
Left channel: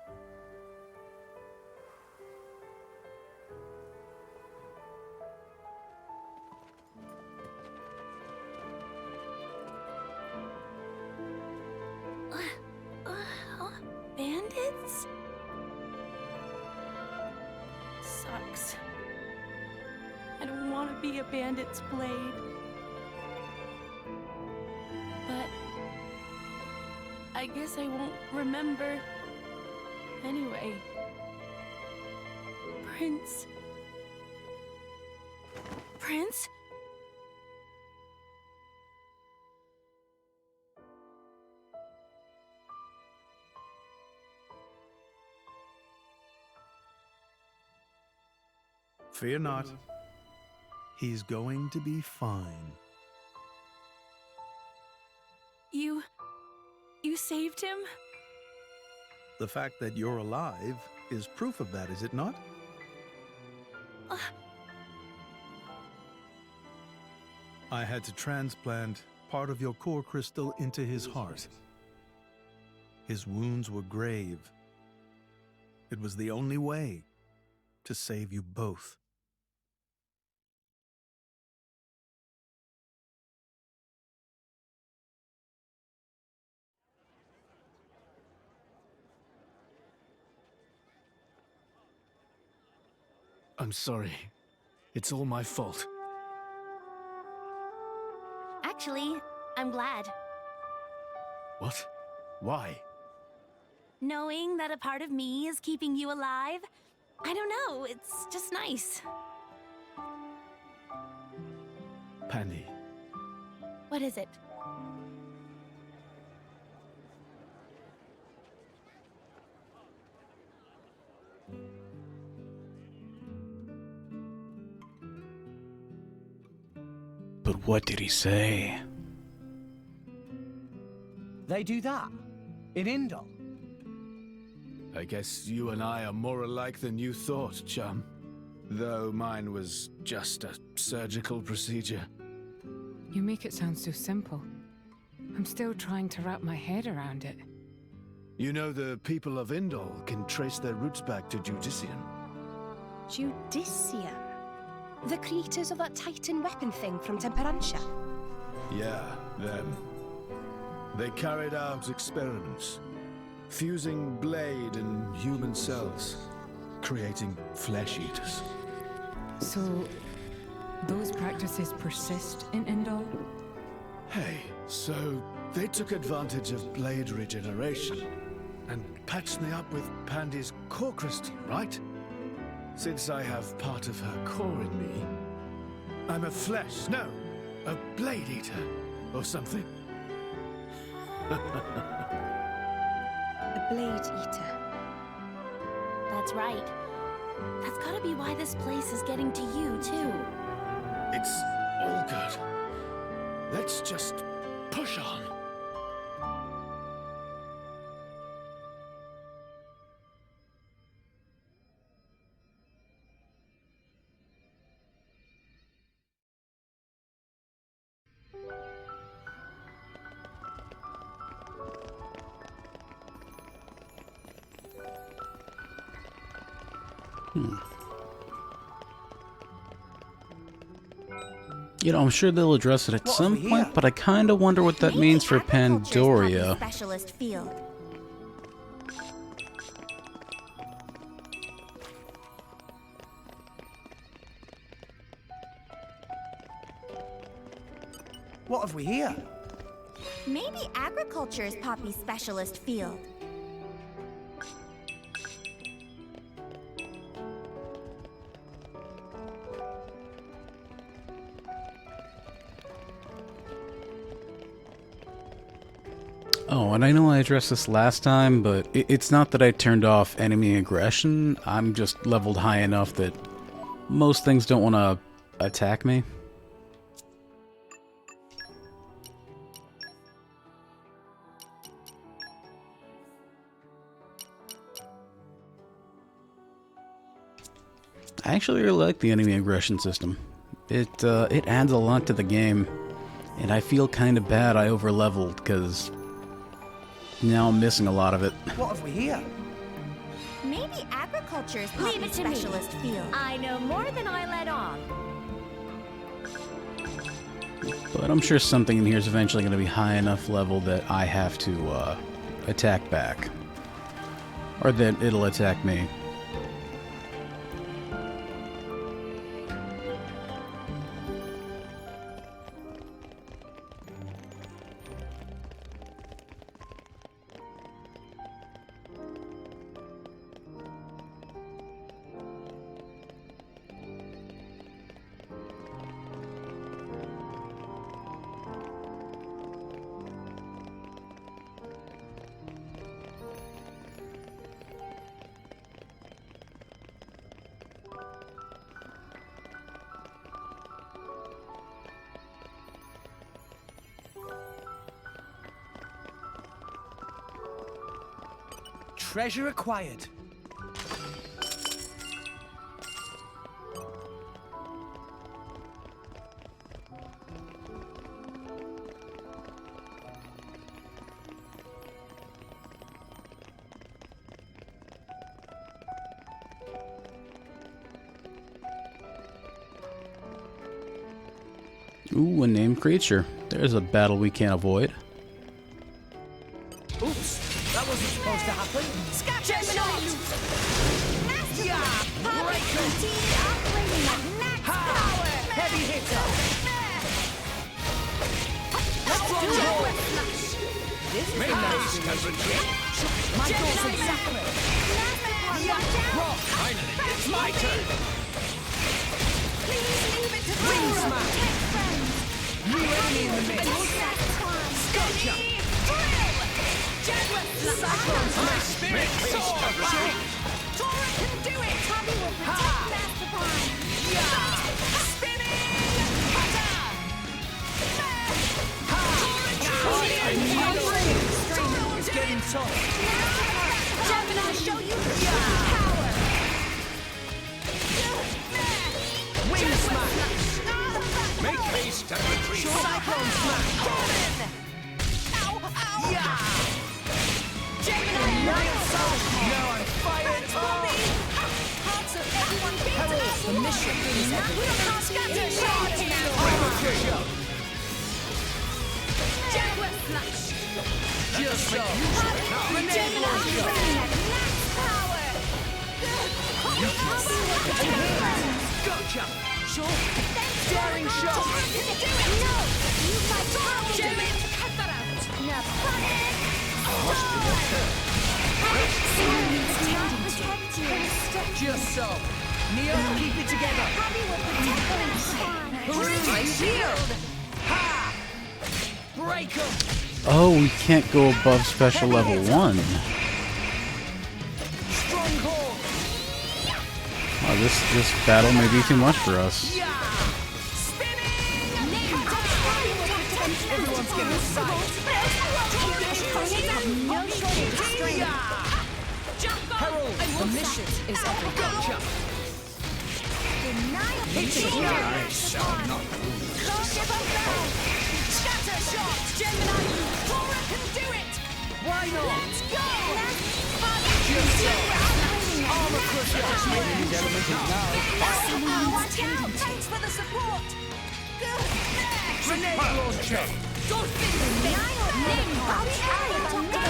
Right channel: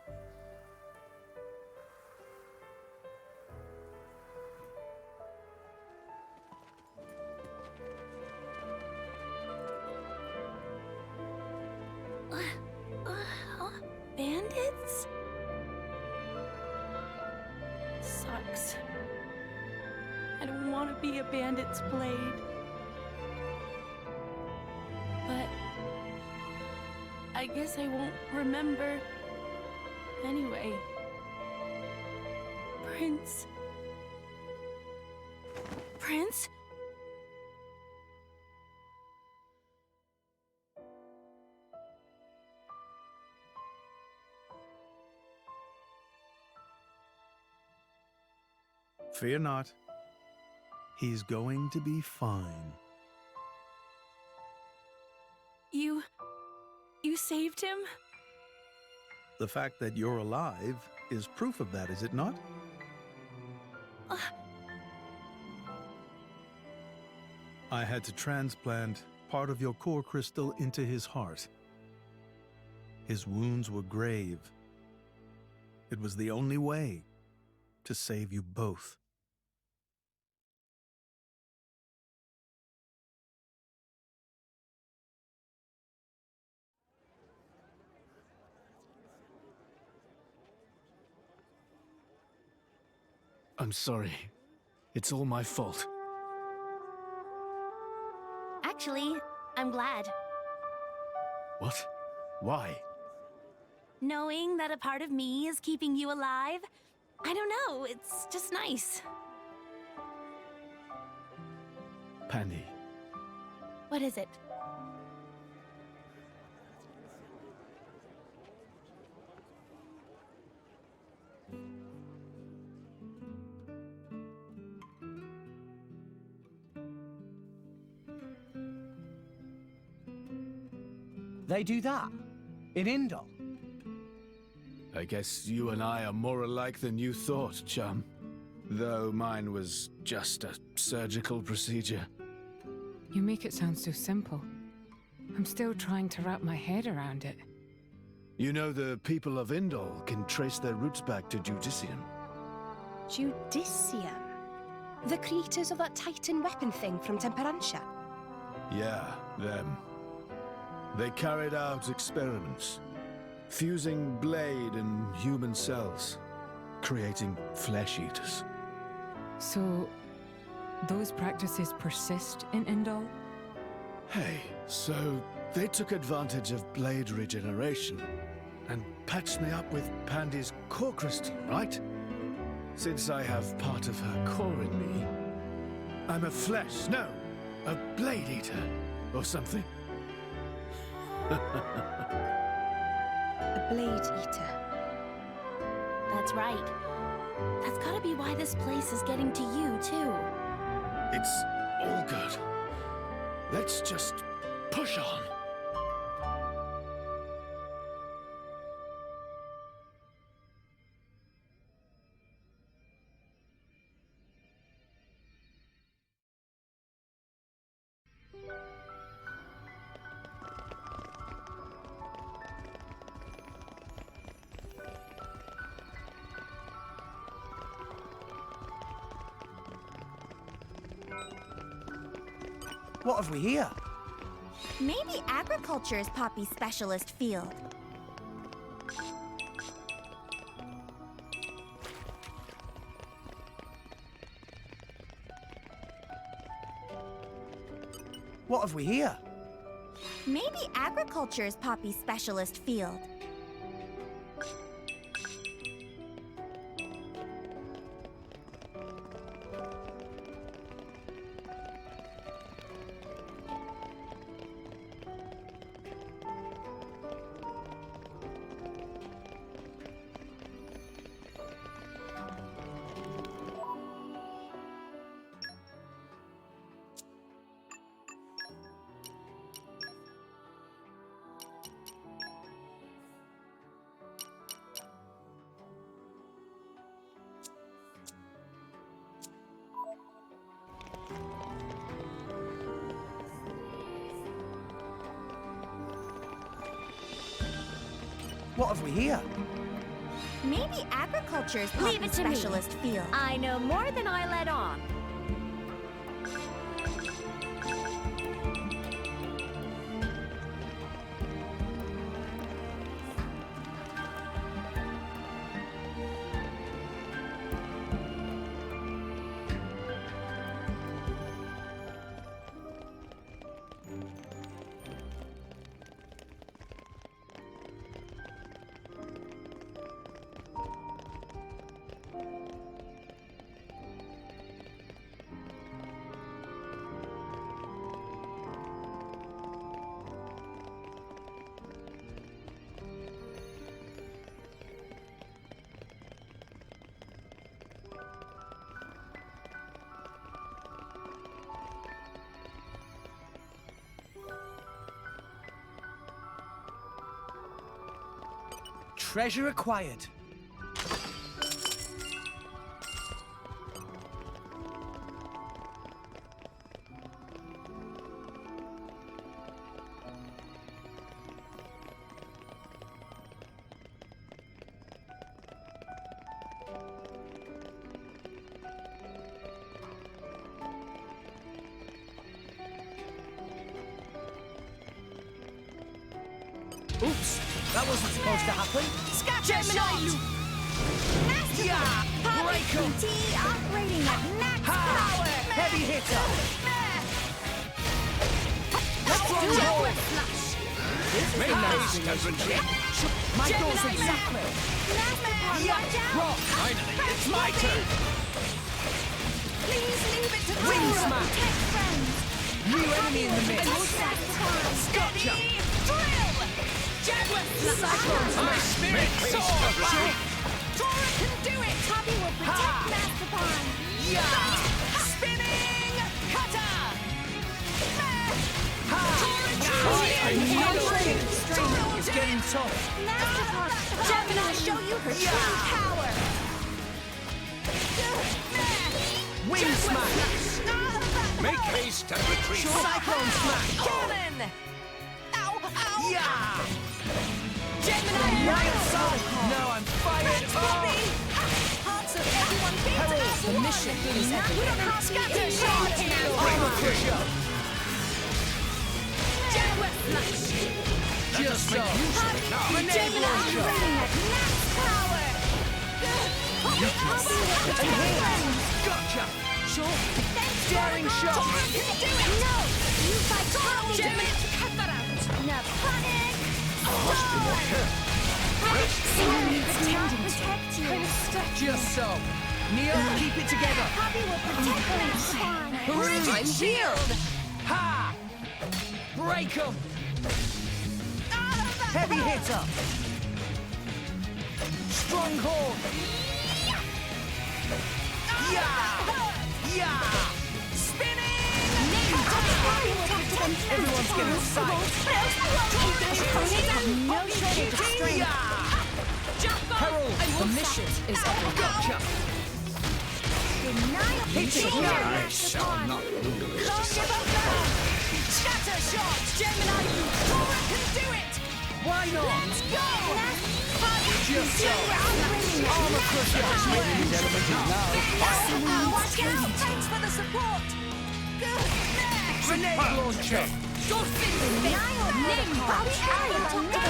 Bandits? Sucks. I don't want to be a bandit's blade. But I guess I won't remember anyway. Prince? Prince? Fear not. He's going to be fine. You saved him? The fact that you're alive is proof of that, is it not? I had to transplant part of your core crystal into his heart. His wounds were grave. It was the only way to save you both. I'm sorry. It's all my fault. Actually, I'm glad. What? Why? Knowing that a part of me is keeping you alive, I don't know, it's just nice. Pandy. What is it? But what did he say? They do that? In Indol? I guess you and I are more alike than you thought, chum. Though mine was just a surgical procedure. You make it sound so simple. I'm still trying to wrap my head around it. You know, the people of Indol can trace their roots back to Judicium. Judicium? The creators of that Titan weapon thing from Temperantia? Yeah, them. They carried out experiments, fusing blade and human cells, creating flesh eaters. So, those practices persist in Indol? Hey, so they took advantage of blade regeneration and patched me up with Pandy's core crystal, right? Since I have part of her core in me, I'm a blade eater, or something. A blade eater. That's right. That's gotta be why this place is getting to you, too. It's all good. Let's just push on. You know, I'm sure they'll address it at What have some we point, here? but I kind of wonder what that Maybe means for agriculture's Pandoria. Poppy's specialist field. What have we here? Maybe agriculture is Poppy's specialist field. Oh, and I know I addressed this last time, but it's not that I turned off enemy aggression. I'm just leveled high enough that most things don't want to attack me. I actually really like the enemy aggression system. It adds a lot to the game, and I feel kind of bad I overleveled because now I'm missing a lot of it. What have we here? Maybe agriculture is Leave it Poppy's to me. specialist field. I know more than I let on. But I'm sure something in here is eventually going to be high enough level that I have to attack back. Or that it'll attack me. Treasure acquired. Ooh, a named creature. There's a battle we can't avoid. Oops, that wasn't supposed to happen. Gemini! Yeah, break 'em. Routine operating at max power. Heavy hitter. Let's do it. This Make haste and retreat. My goal's exactly. Yeah, rock. Finally, it's my turn. Please leave it to the Wing Lord. smash. Take friends. New enemy in the mix. Gotcha. Drill. Jaguar Cyclone My smash. spirit soar. Tora can do it. Poppy will protect Mastopon. Yeah. Spinning cutter. I knew it. It's getting tough. Mastopon, Gemini will show you her true power. Wing smash. Make haste and retreat. Cyclone smash. Cannon. Yeah! Gemini, Now I'm fired up! Parts of everyone beat Herald, as the one. mission is We don't have scatter shot now. Armor Crusher! Jaguar flash. Just so! Grenade Gemini, launcher! raining at max power. Gotcha! Sure. Daring shot! No, you fight power. Gemini, cut that out. No panic. Must be more careful. Someone needs attending to. Just so! Neo, keep it together! Poppy will protect Rex. I'm healed! Ha! Break him! Oh, we can't go above special Heavy level hitter. 1. Stronghold! Oh, this battle may be too much for us. Yeah! Everyone's getting sight! No shortage of strength. Herald, the mission is up. Gotcha! Denial. I shall not lose. Don't give up now. Scatter shot. Gemini, Tora can do it. Why not? Let's go. Just so! Armor Crusher! These elementals now. Watch out. Thanks for the support. Good. Next. Grenade launcher! Dolphin Denial. name. Bobby Allen. No,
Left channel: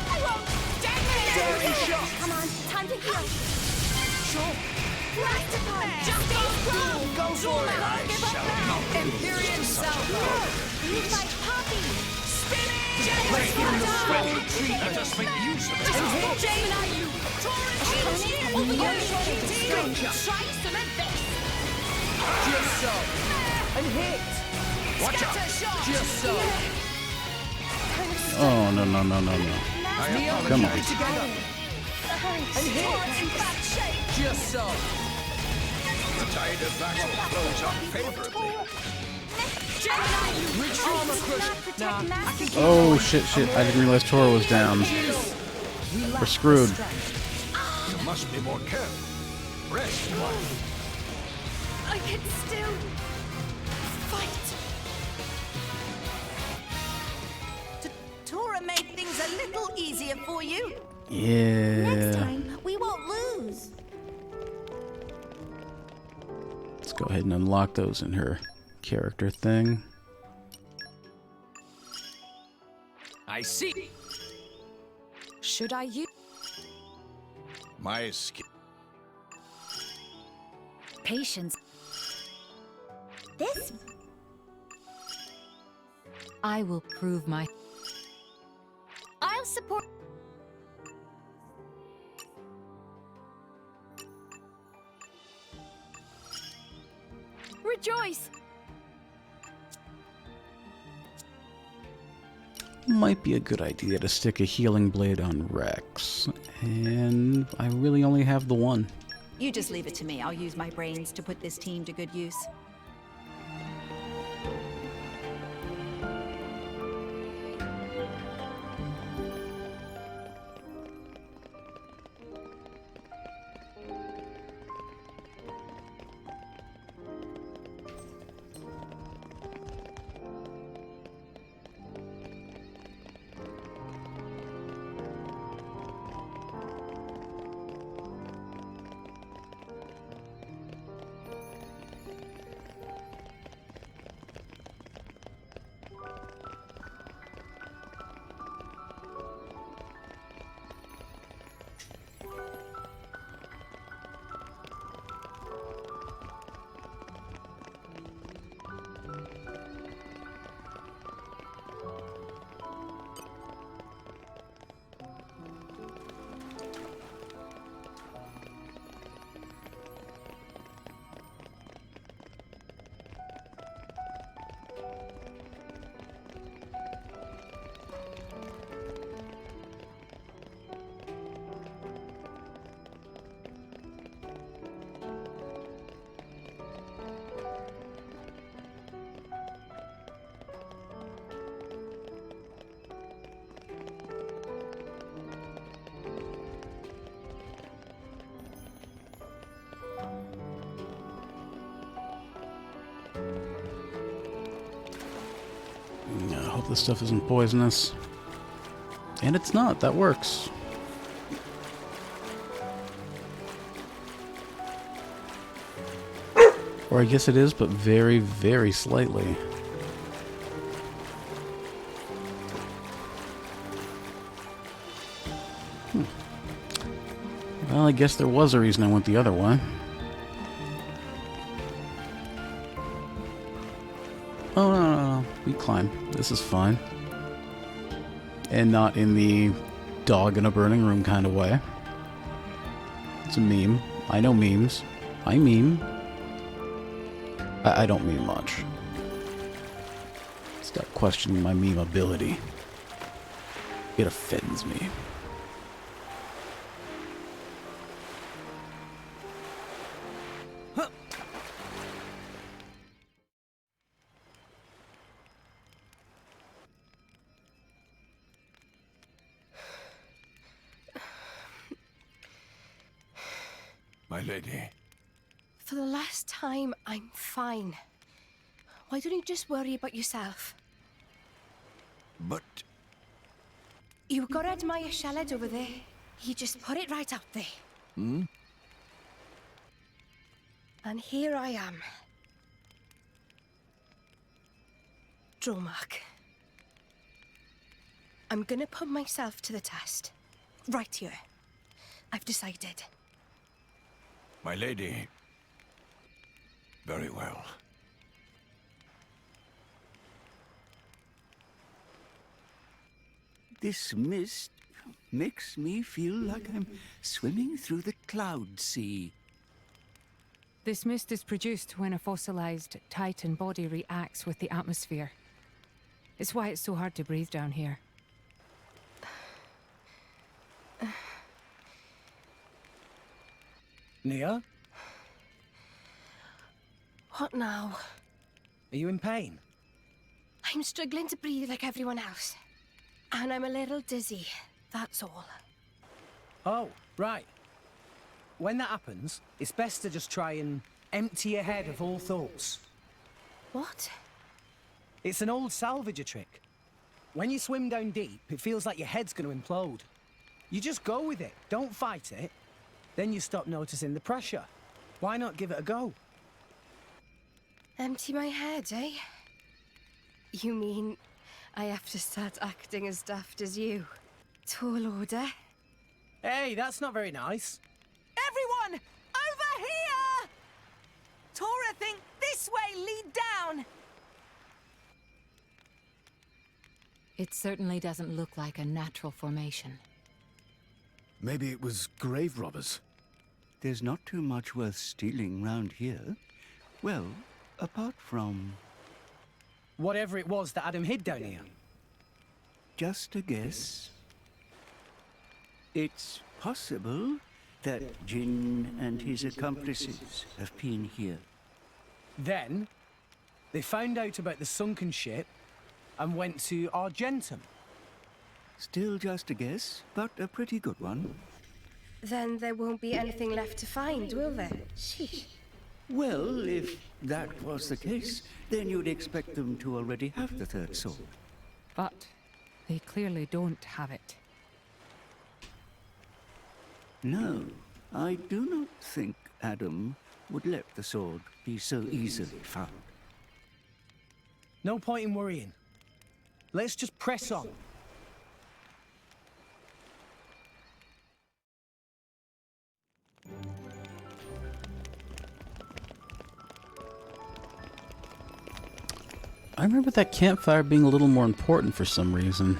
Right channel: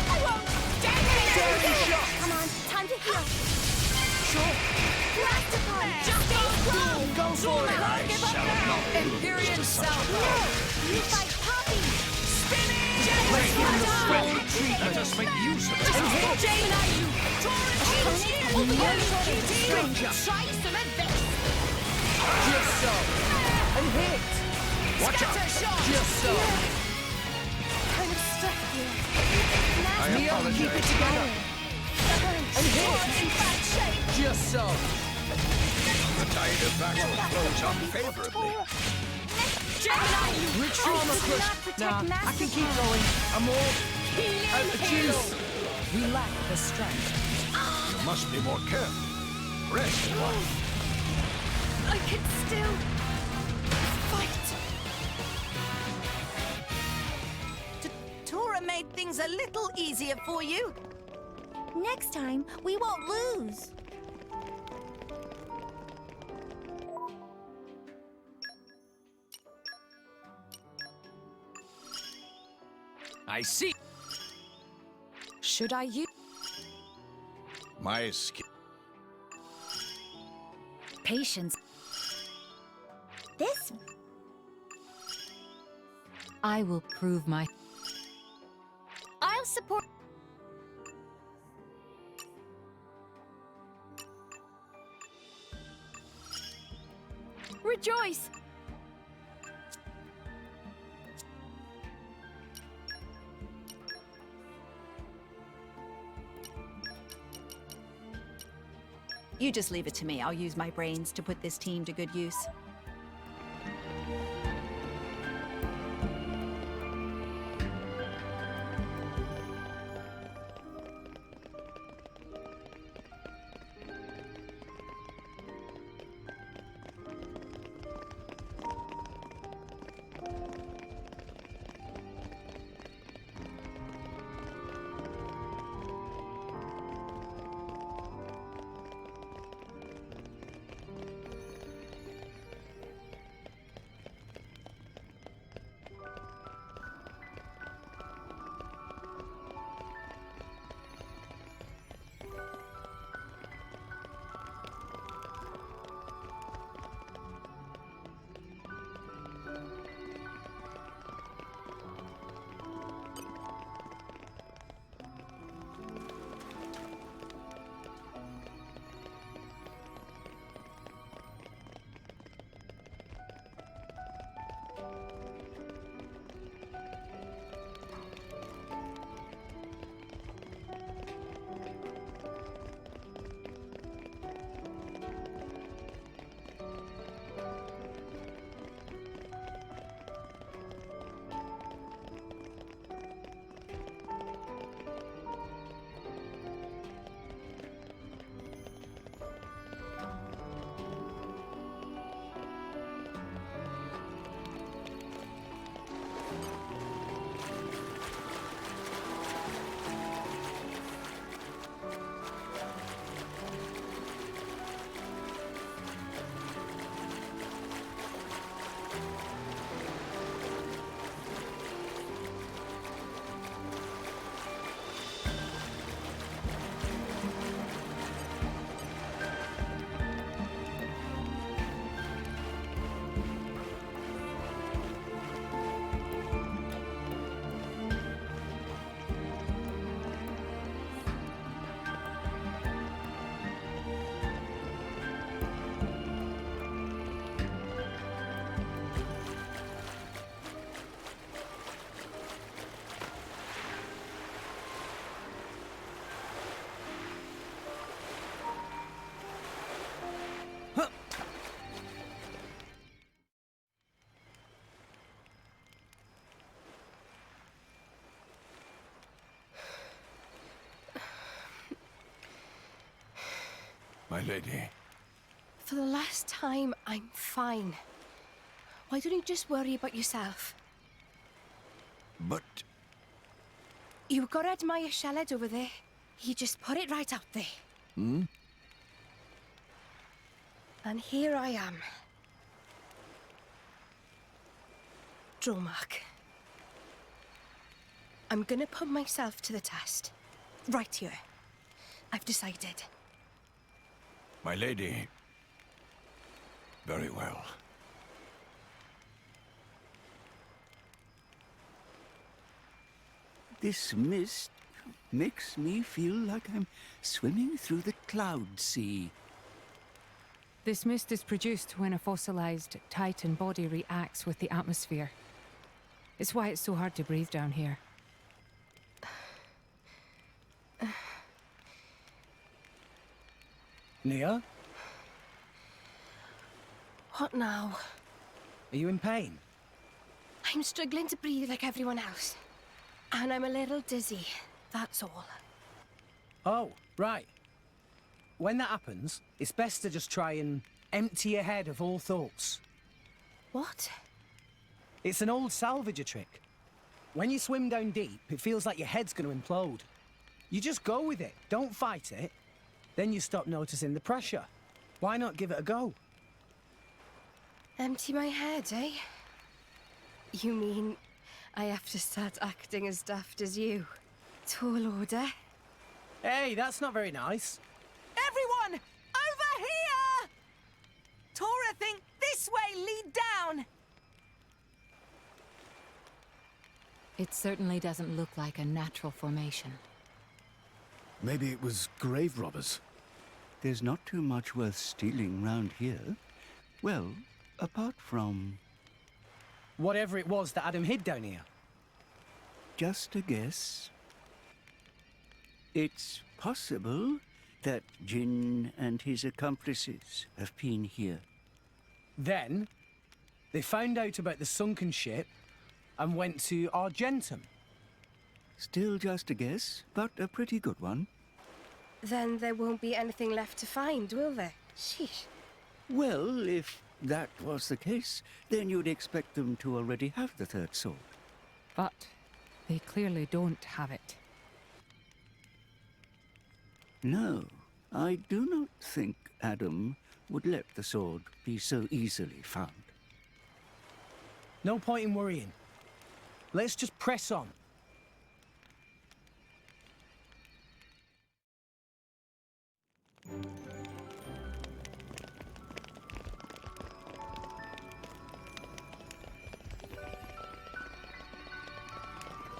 I won't. Daring shot! Come on, time to heal. Sure! Plasticon. Just Go for it! I shall not Empyrean Salvo. You fight Poppy. Let us make use of this. Gemini, you. Taurus, shield. Over No here. shortage of strength. Try some of this. Just so! And hit! Watch out! Scatter shot. Just so! Oh, no. Neo, keep it apologize. together! And hit! Taurus in bad shape. Just so! The tide of battle flows unfavorably. Gemini, you. Reach armor crush! Nah, I can keep Oh, going. shit. I didn't realize Toro was down. We're screwed. You must be more careful. Rest one. I can still fight. Tora made things a little easier for you. Yeah. Next time, we won't lose. Let's go ahead and unlock those in her character thing. I see. Should I use My skill. patience? This I will prove my... I'll support. Rejoice. Might be a good idea to stick a healing blade on Rex. And I really only have the one. You just leave it to me. I'll use my brains to put this team to good use. this stuff isn't poisonous. And it's not. That works. Or I guess it is, but very, very slightly. Well, I guess there was a reason I went the other way. Oh, no. You climb. This is fine. And not in the dog in a burning room kind of way. It's a meme. I know memes. I meme. I don't meme much. Stop questioning my meme ability. It offends me. My lady. For the last time, I'm fine. Why don't you just worry about yourself? But... You got to admire Shaled over there. He just put it right out there. Hmm? And here I am. Dromark. I'm gonna put myself to the test. Right here. I've decided. My lady. Very well. This mist makes me feel like I'm swimming through the cloud sea. This mist is produced when a fossilized Titan body reacts with the atmosphere. It's why it's so hard to breathe down here. Nia? What now? Are you in pain? I'm struggling to breathe like everyone else. And I'm a little dizzy, that's all. Oh, right. When that happens, it's best to just try and empty your head of all thoughts. What? It's an old salvager trick. When you swim down deep, it feels like your head's going to implode. You just go with it, don't fight it. Then you stop noticing the pressure. Why not give it a go? Empty my head, eh? You mean I have to start acting as daft as you? Tall order? Hey, that's not very nice. Everyone! Over here! Tora, think this way, lead down! It certainly doesn't look like a natural formation. Maybe it was grave robbers. There's not too much worth stealing round here. Well, apart from... Whatever it was that Adam hid down here. Just a guess. It's possible that Jin and his accomplices have been here. Then, they found out about the sunken ship and went to Argentum. Still just a guess, but a pretty good one. Then there won't be anything left to find, will there? Sheesh. Well, if that was the case, then you'd expect them to already have the third sword. But they clearly don't have it. No, I do not think Adam would let the sword be so easily found. No point in worrying. Let's just press on. I remember that campfire being a little more important for some reason.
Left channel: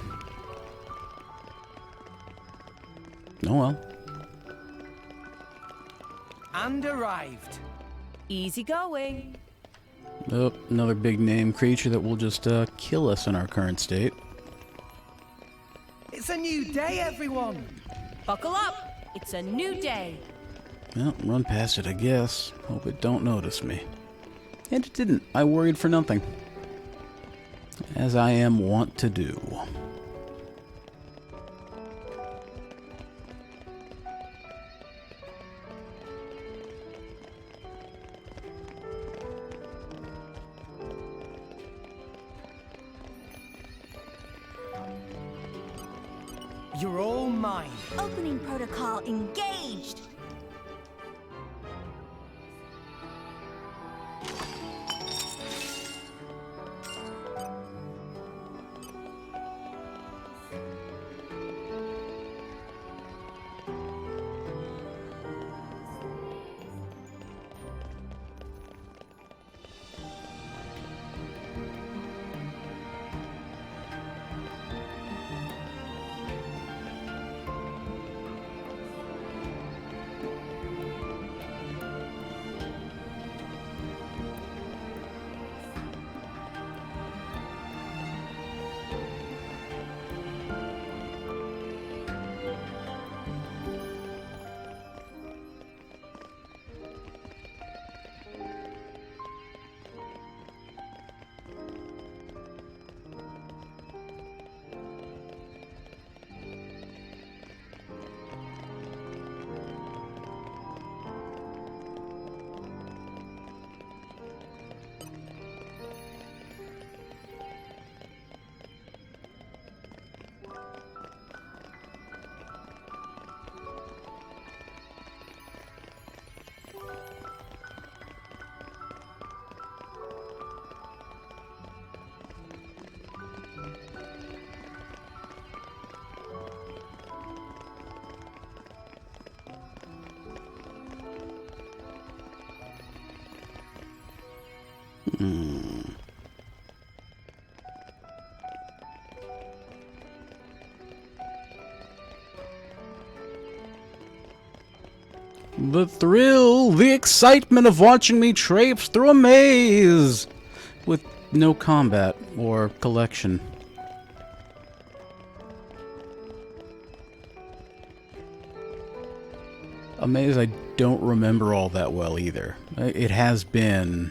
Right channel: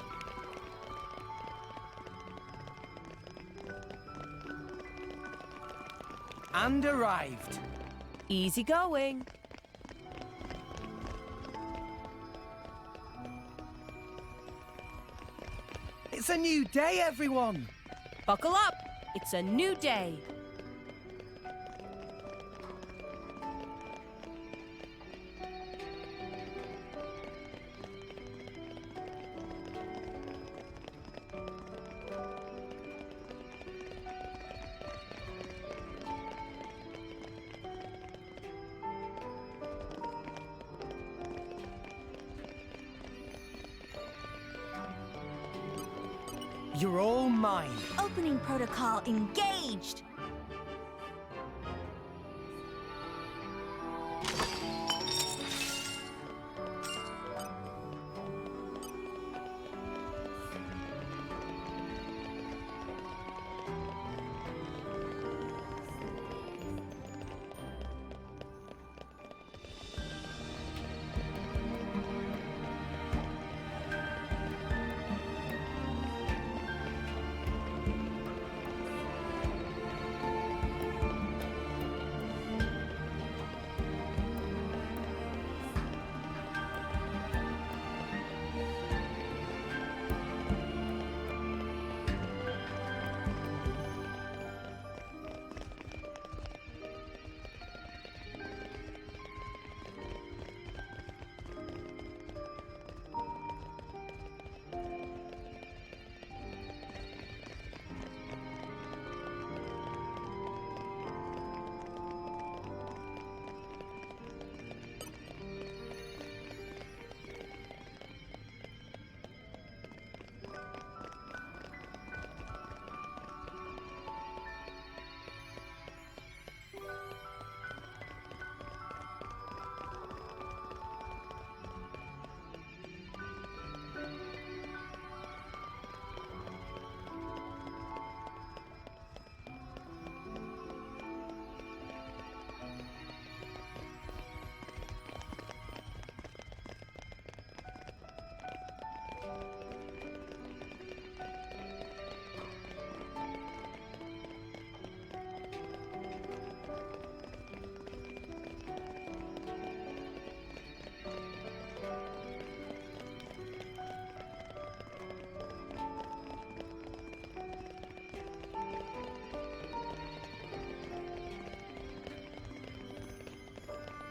Oh well. And arrived. Easy going. Oh, another big name creature that will just kill us in our current state. It's a new day, everyone. Buckle up. It's a new day. Well, run past it, I guess. Hope it don't notice me. And it didn't. I worried for nothing. As I am wont to do. You're all mine. Opening protocol engaged. The thrill, the excitement of watching me traipse through a maze with no combat or collection. A maze I don't remember all that well either. It has been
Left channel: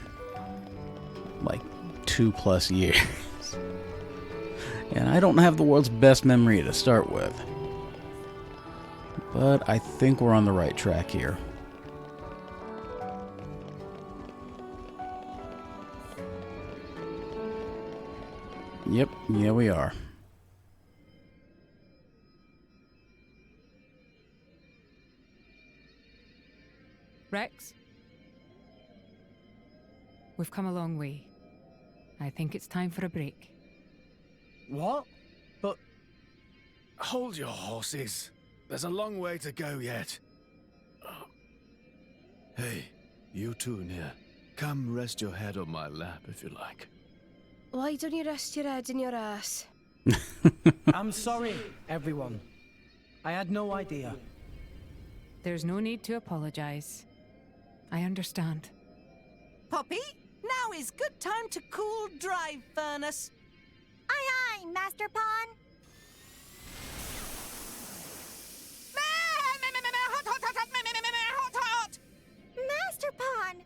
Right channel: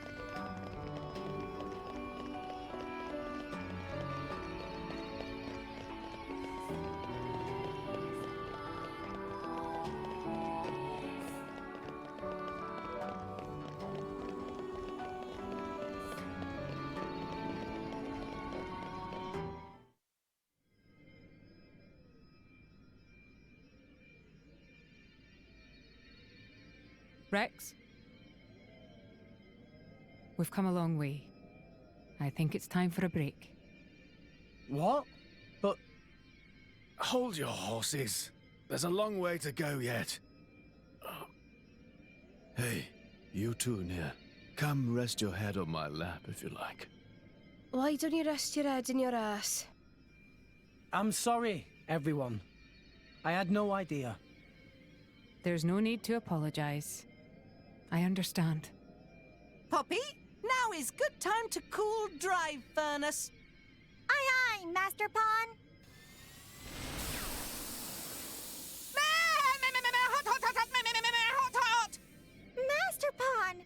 like 2+ years. And I don't have the world's best memory to start with. But I think we're on the right track here. Yep, yeah we are. Rex? We've come a long way. I think it's time for a break. What? But... Hold your horses. There's a long way to go yet. Hey, you two near. Come rest your head on my lap if you like. Why don't you rest your head in your ass? I'm sorry, everyone. I had no idea. There's no need to apologize. I understand. Poppy, now is good time to cool drive furnace. Aye, aye, Master Pawn. Master Pawn,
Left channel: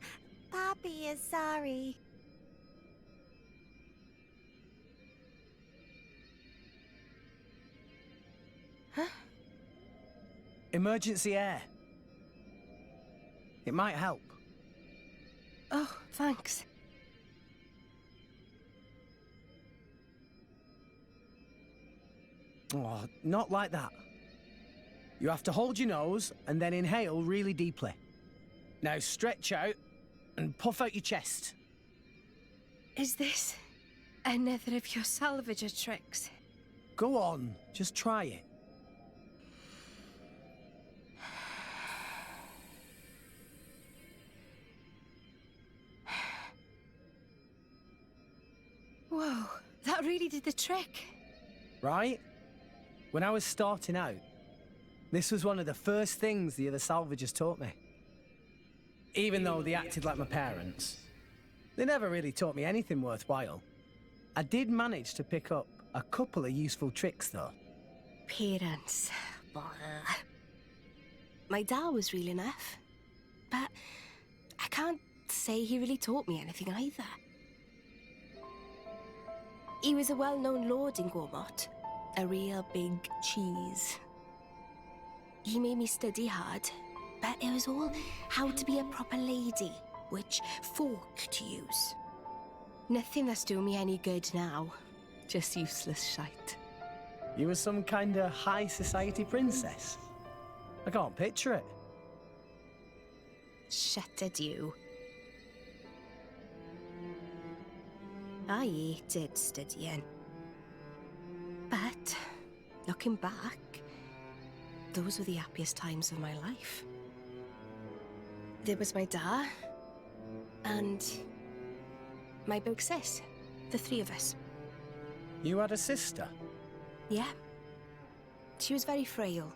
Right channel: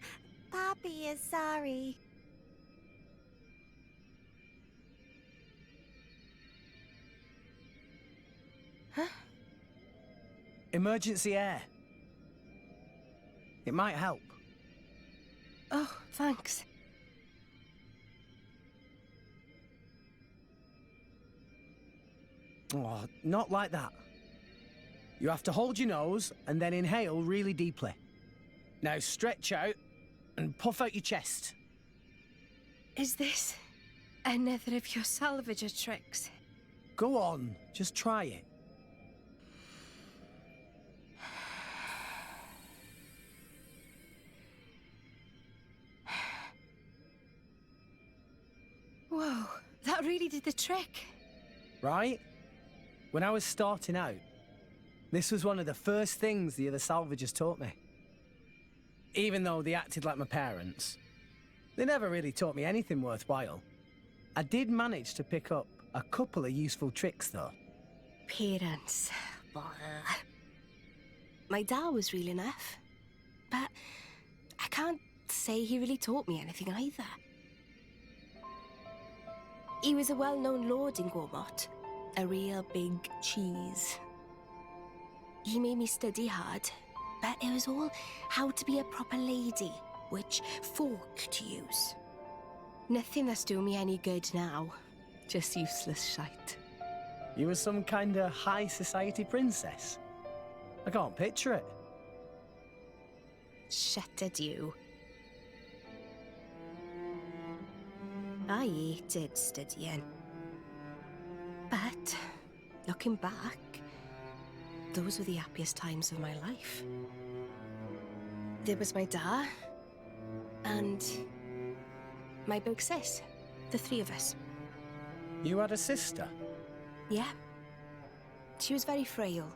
Poppy is sorry. Huh? Emergency air. It might help. Oh, thanks. Oh, not like that. You have to hold your nose and then inhale really deeply. Now stretch out and puff out your chest. Is this another of your salvager tricks? Go on, just try it. Whoa, that really did the trick. Right? When I was starting out, this was one of the first things the other salvagers taught me. Even though they acted like my parents, they never really taught me anything worthwhile. I did manage to pick up a couple of useful tricks, though. Parents. Blah. My dad was real enough, but I can't say he really taught me anything either. He was a well-known lord in Gormott, a real big cheese. He made me study hard, but it was all how to be a proper lady, which fork to use. Nothing that's doing me any good now, just useless shite. You were some kind of high society princess? I can't picture it. Shut it, you. I hated studying. But, looking back, those were the happiest times of my life. There was my dad, and my big sis, the three of us. You had a sister? Yeah. She was very frail.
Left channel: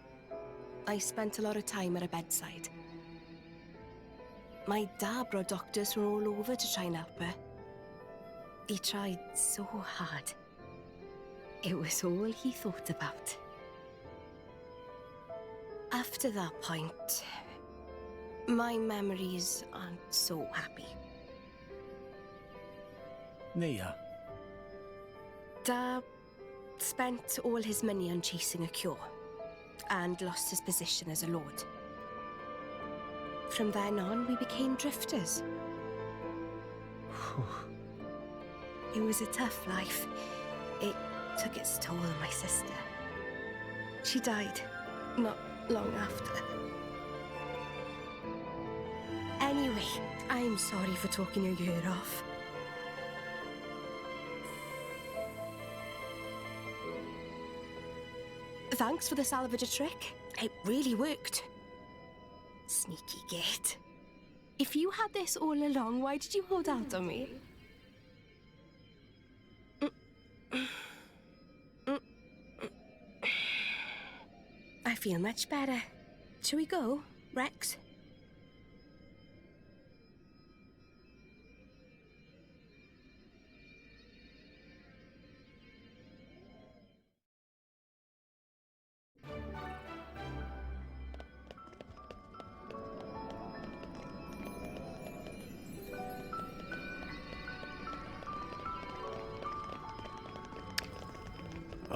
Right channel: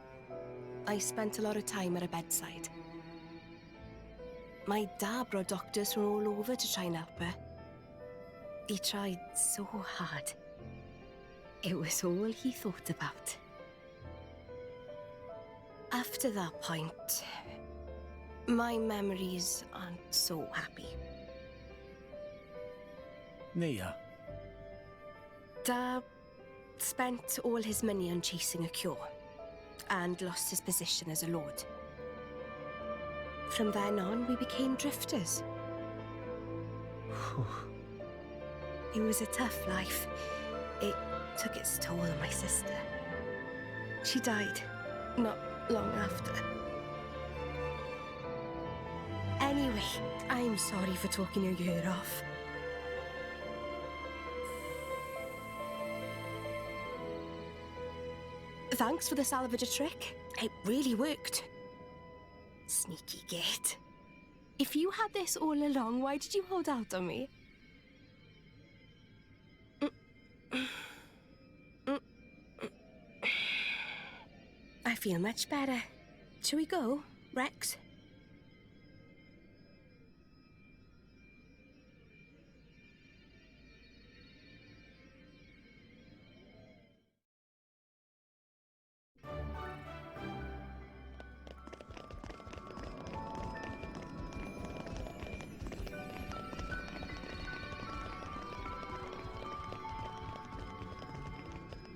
I spent a lot of time at her bedside. My dad brought doctors from all over to try and help her. He tried so hard. It was all he thought about. After that point, my memories aren't so happy. Nia. Dad spent all his money on chasing a cure and lost his position as a lord. From then on, we became drifters. It was a tough life. It took its toll on my sister. She died not long after. Anyway, I'm sorry for talking your ear off. Thanks for the salvager trick. It really worked. Sneaky git. If you had this all along, why did you hold out on me? I feel much better. Shall we go, Rex?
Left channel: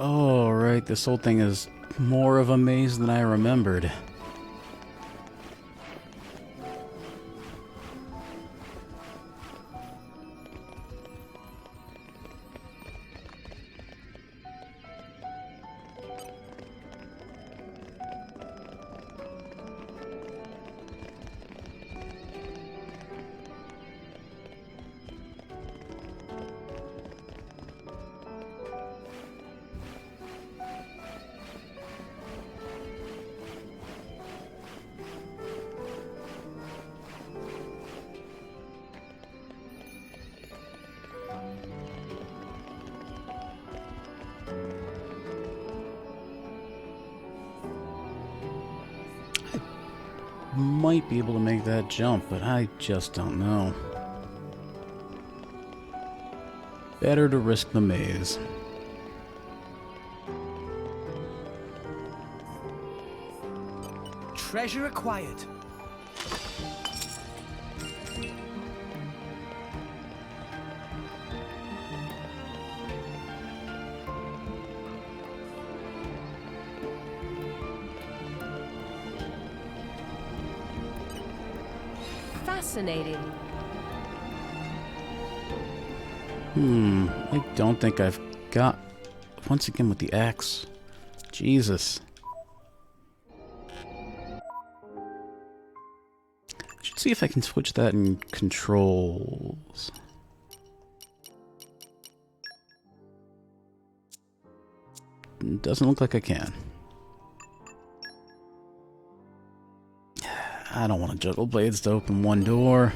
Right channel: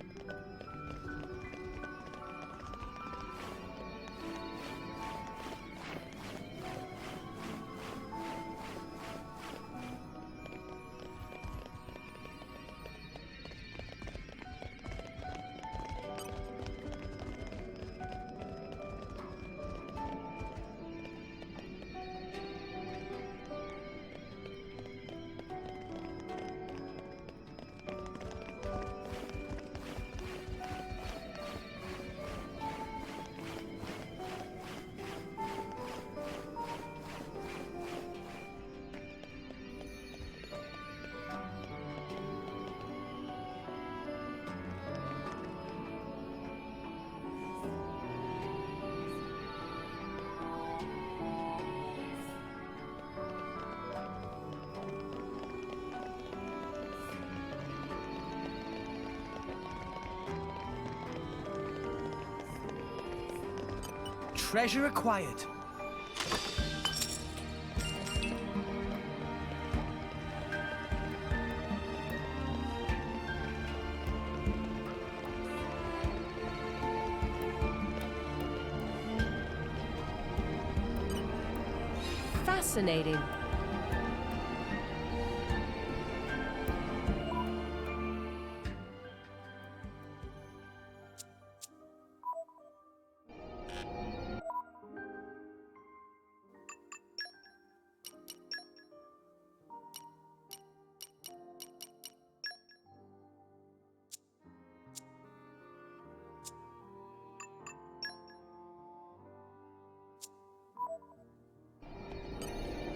Oh, right, this whole thing is more of a maze than I remembered. Might be able to make that jump, but I just don't know. Better to risk the maze. Treasure acquired. Fascinating. I don't think I've got... Once again with the axe. Jesus. Should see if I can switch that in controls. Doesn't look like I can. I don't want to juggle blades to open one door.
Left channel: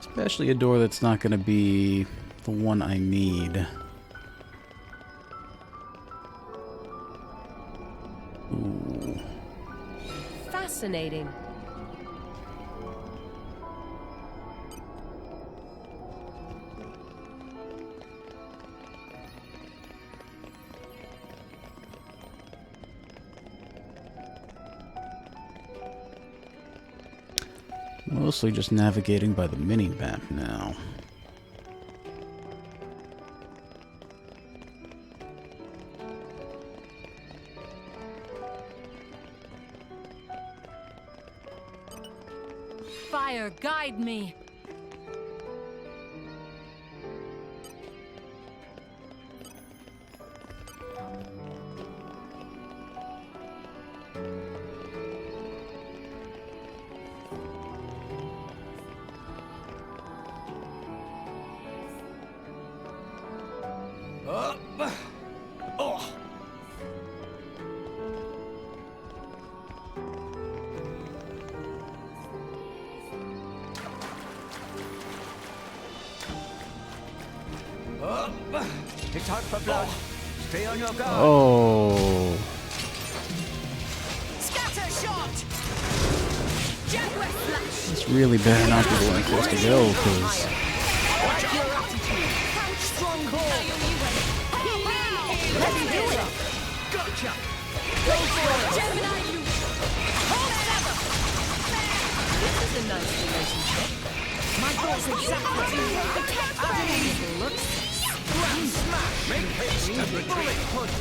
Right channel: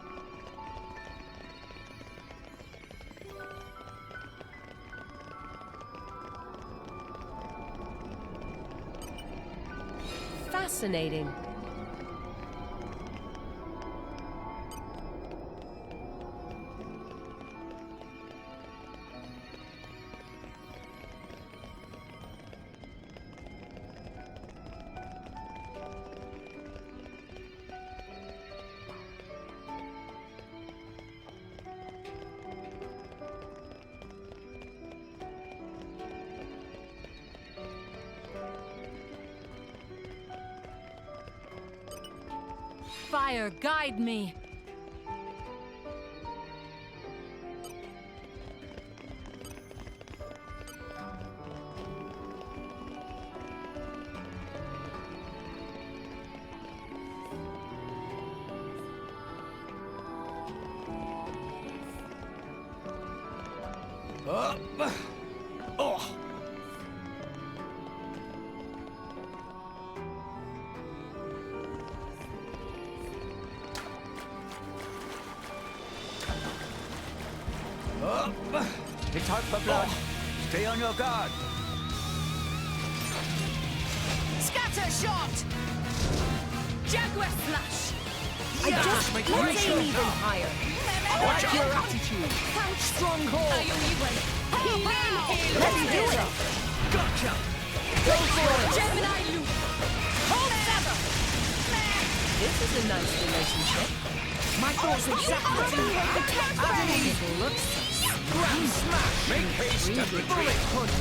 Especially a door that's not going to be the one I need. Ooh. Fascinating. Mostly just navigating by the mini-map now. Fire, guide me! Oh! It's hard for blood. Stay on your guard. Oh. Scatter shot! Jaguar flash! It's really bad not to let this go, 'cause Watch your attitude! Strong call! Let me do it! Gotcha! Go for it! Gemini loop! Hold ever! This is a nice relationship. My thoughts exactly what you want. It looks... Grand smash! Make haste and retreat! Bullet punch!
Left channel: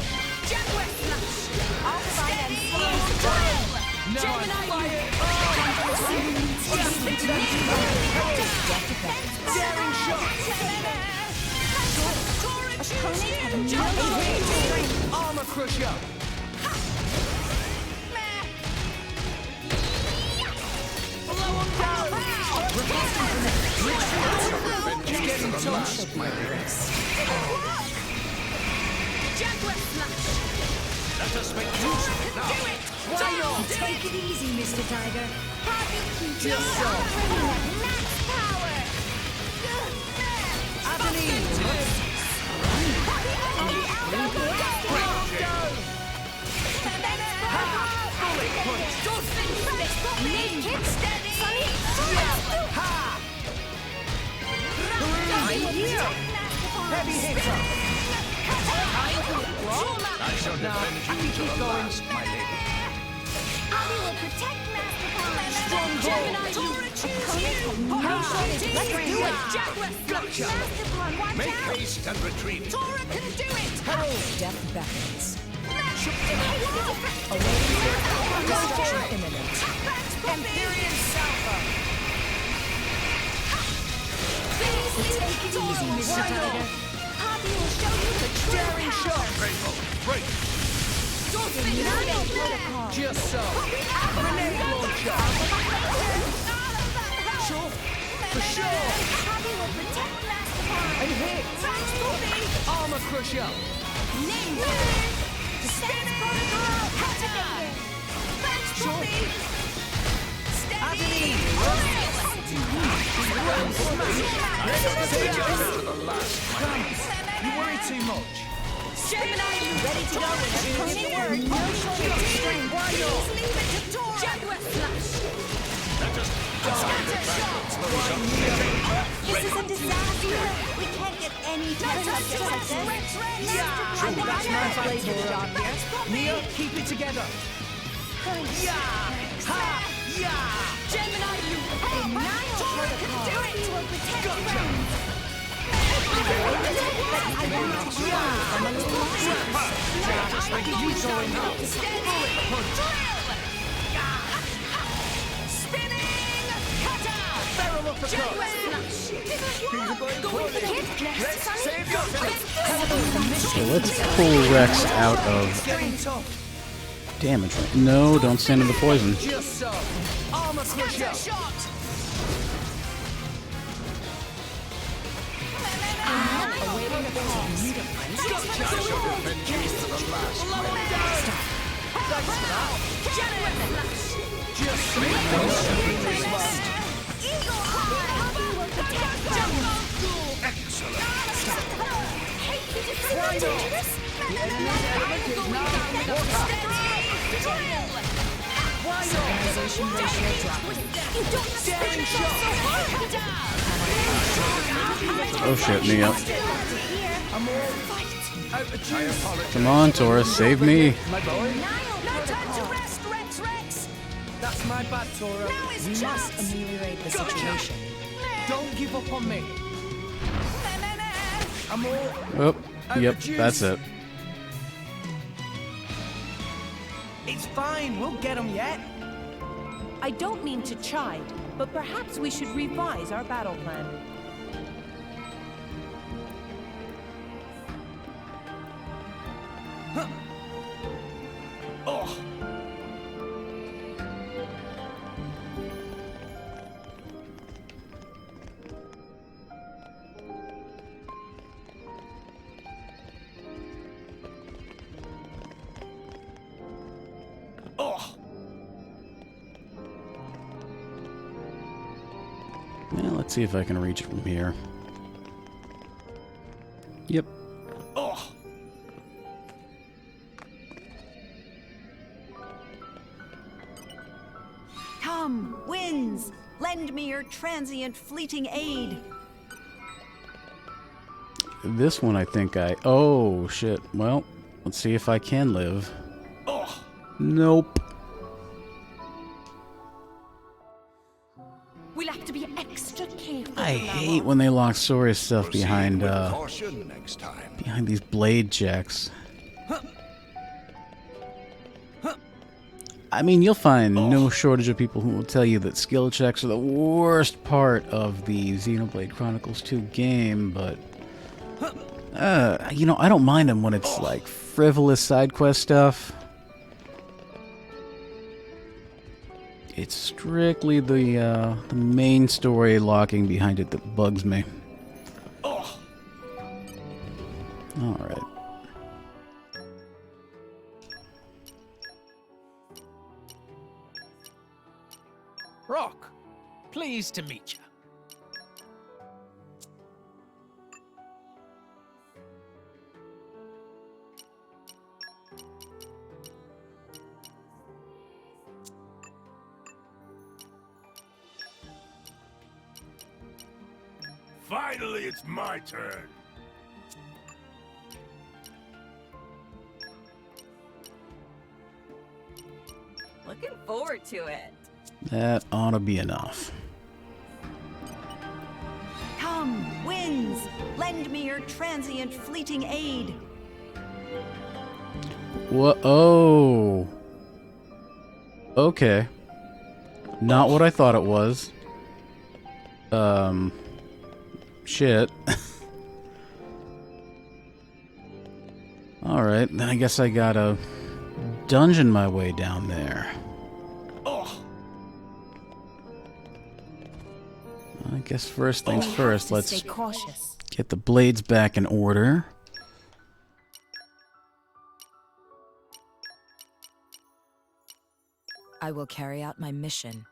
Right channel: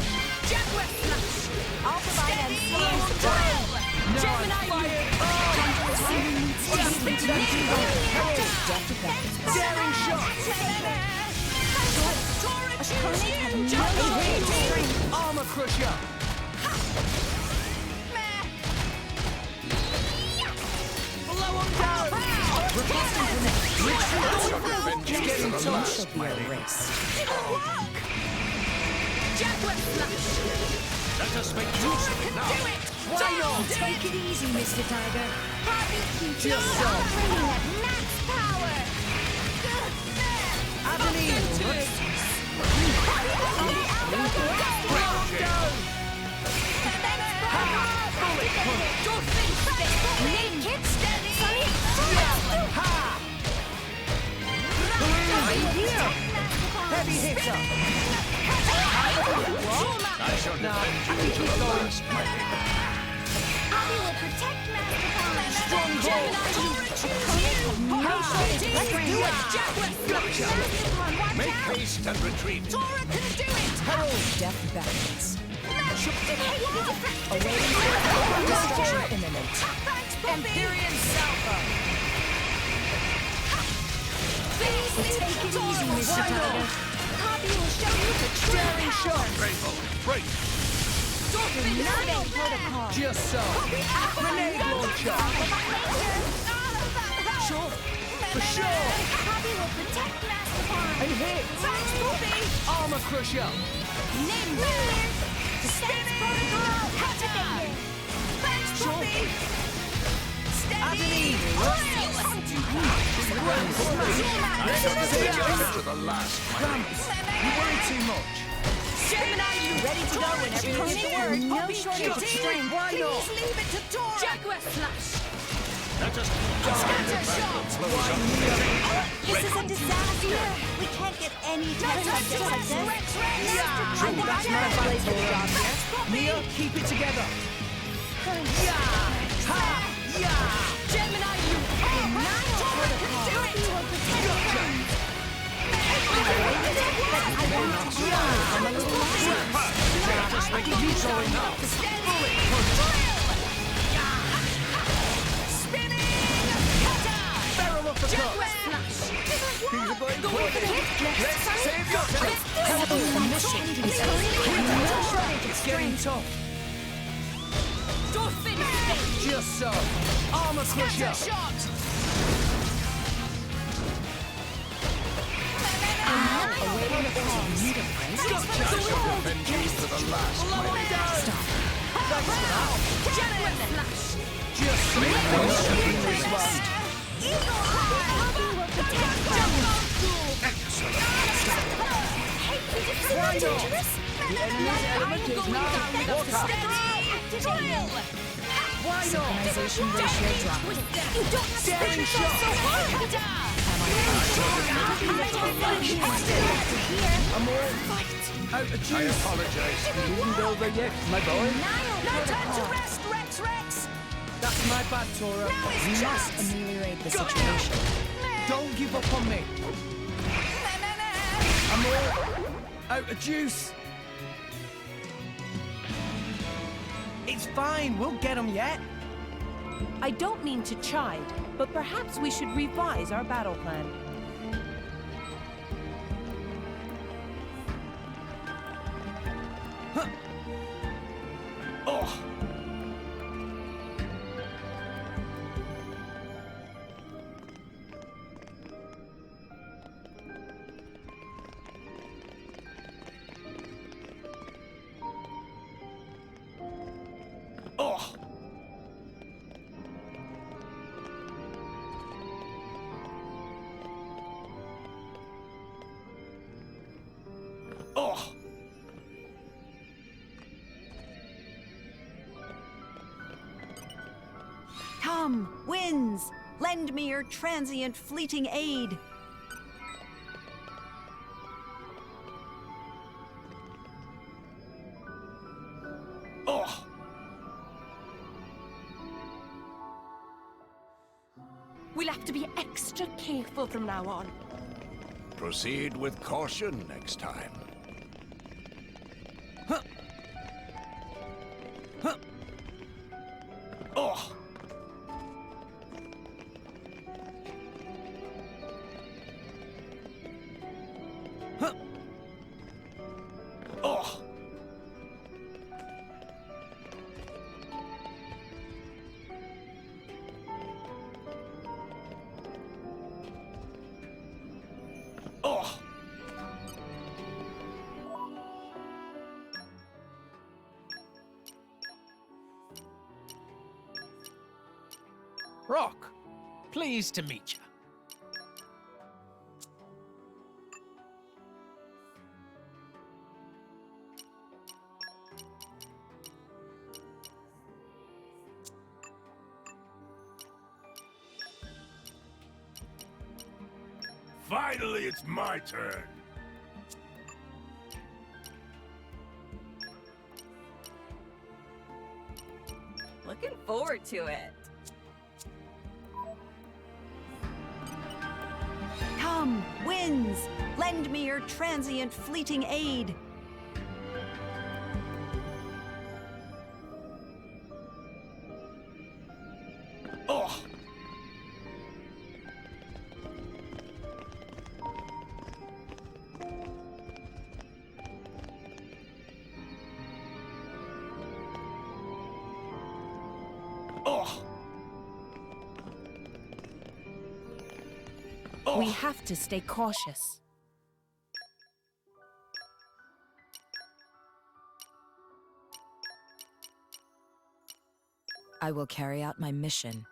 Jaguar flash! I'll provide them Slow drill! Now Gemini fire! Daring shot! Armor crusher! Blow him down! Getting touched. Jaguar flash! Let us make use of it now! Do it! Why not? Take it easy, Mr. Tiger. Just so. Max power! Heavy hitter! I shall defend you to the last, my lady. Abby will protect Master Palm. Gotcha! Make haste and retreat. Tora can do it! Herald! Death beckons. Awaiting Destruction imminent. Empyrean Salva! Take it easy, Mr. Tiger. Poppy will show you the true Daring power. shot! Rainbow, break! Denial protocol. Just so. Grenade launcher! Sure, for sure! Poppy will protect Master Palm. And hit! Armor crusher! Defense protocol activated. Thanks, Poppy. Agony! To the last, my lady. You worry too much. Gemini, you ready to go whenever you get the word? No shortage of strength. Why Please not? leave it to Tora! Jaguar flash! Let us Scatter shot! This is a disaster. We can't get any test subjects like this. True, that's my fight for the job here. Mia, keep it together. Yeah! Ha! Yeah! Gemini, you Denial Tora can protocol. do Poppy it! will protect Gotcha. friends. I want to try. I'm a little Let us make use of it now. Bullet punch! Spinning cutter! Barrel of the Jaguar cup! flash! Things are going poorly. Let's save yourself! let's pull Rex out of It's getting tough. damage. No, don't send him the poison. Just so. Armor crusher! Scatter shot! Awaiting the call. Gotcha! I shall defend you to the last, my lady. Thanks for that. Jaguar flash! Just so. This one. Eagle High. Poppy will protect friends. Excellent. Hate the difference. Why not? The enemy's element is now water. Drill! Why not? Organization ratio dropping. You don't have to Daring push shot. yourself so hard. Oh shit, Mia. I'm all out of I juice. apologize. Come on, Tora, save me. My boy. No time to rest, Rex Rex! That's my bad, Tora. Now is We must chance! ameliorate the Gotcha. situation. Don't give up on me. I'm all Oh, out yep, of juice. that's it. It's fine, we'll get them yet. I don't mean to chide, but perhaps we should revise our battle plan. Huh. Oh. Let's see if I can reach it from here. Yep. Oh! Come, winds! Lend me your transient fleeting aid. This one I think I... Oh, shit. Well, let's see if I can live. Oh! Nope. We'll have to be extra careful I from now hate on. when they lock Soria's stuff Proceed behind, with caution next time. behind these blade checks. I mean, you'll find no shortage of people who will tell you that skill checks are the worst part of the Xenoblade Chronicles 2 game, but... you know, I don't mind them when it's, like, frivolous side quest stuff. It's strictly the main story locking behind it that bugs me. Oh! Alright. Rock, pleased to meet you. Finally, it's my turn. Looking forward to it. That ought to be enough. Come, winds! Lend me your transient fleeting aid. What? Oh. Okay. Not what I thought it was. Shit. Alright, then I guess I gotta dungeon my way down there. Oh! I guess first things first, let's stay cautious. get the blades back in order. I will carry out my mission.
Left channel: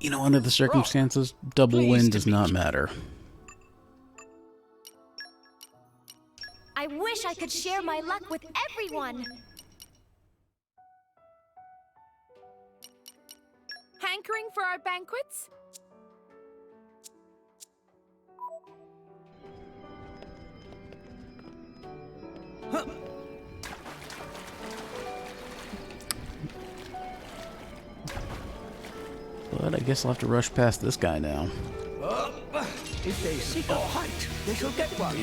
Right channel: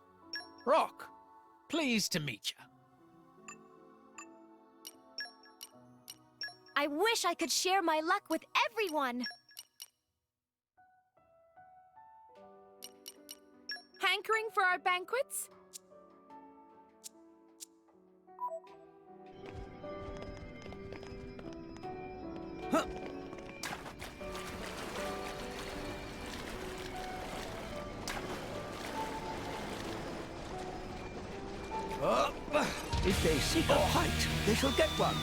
You know, under the circumstances, double win does not matter. I wish I could share my luck with everyone. Hankering for our banquets? But I guess I'll have to rush past this guy now. If they seek a fight, they shall get one.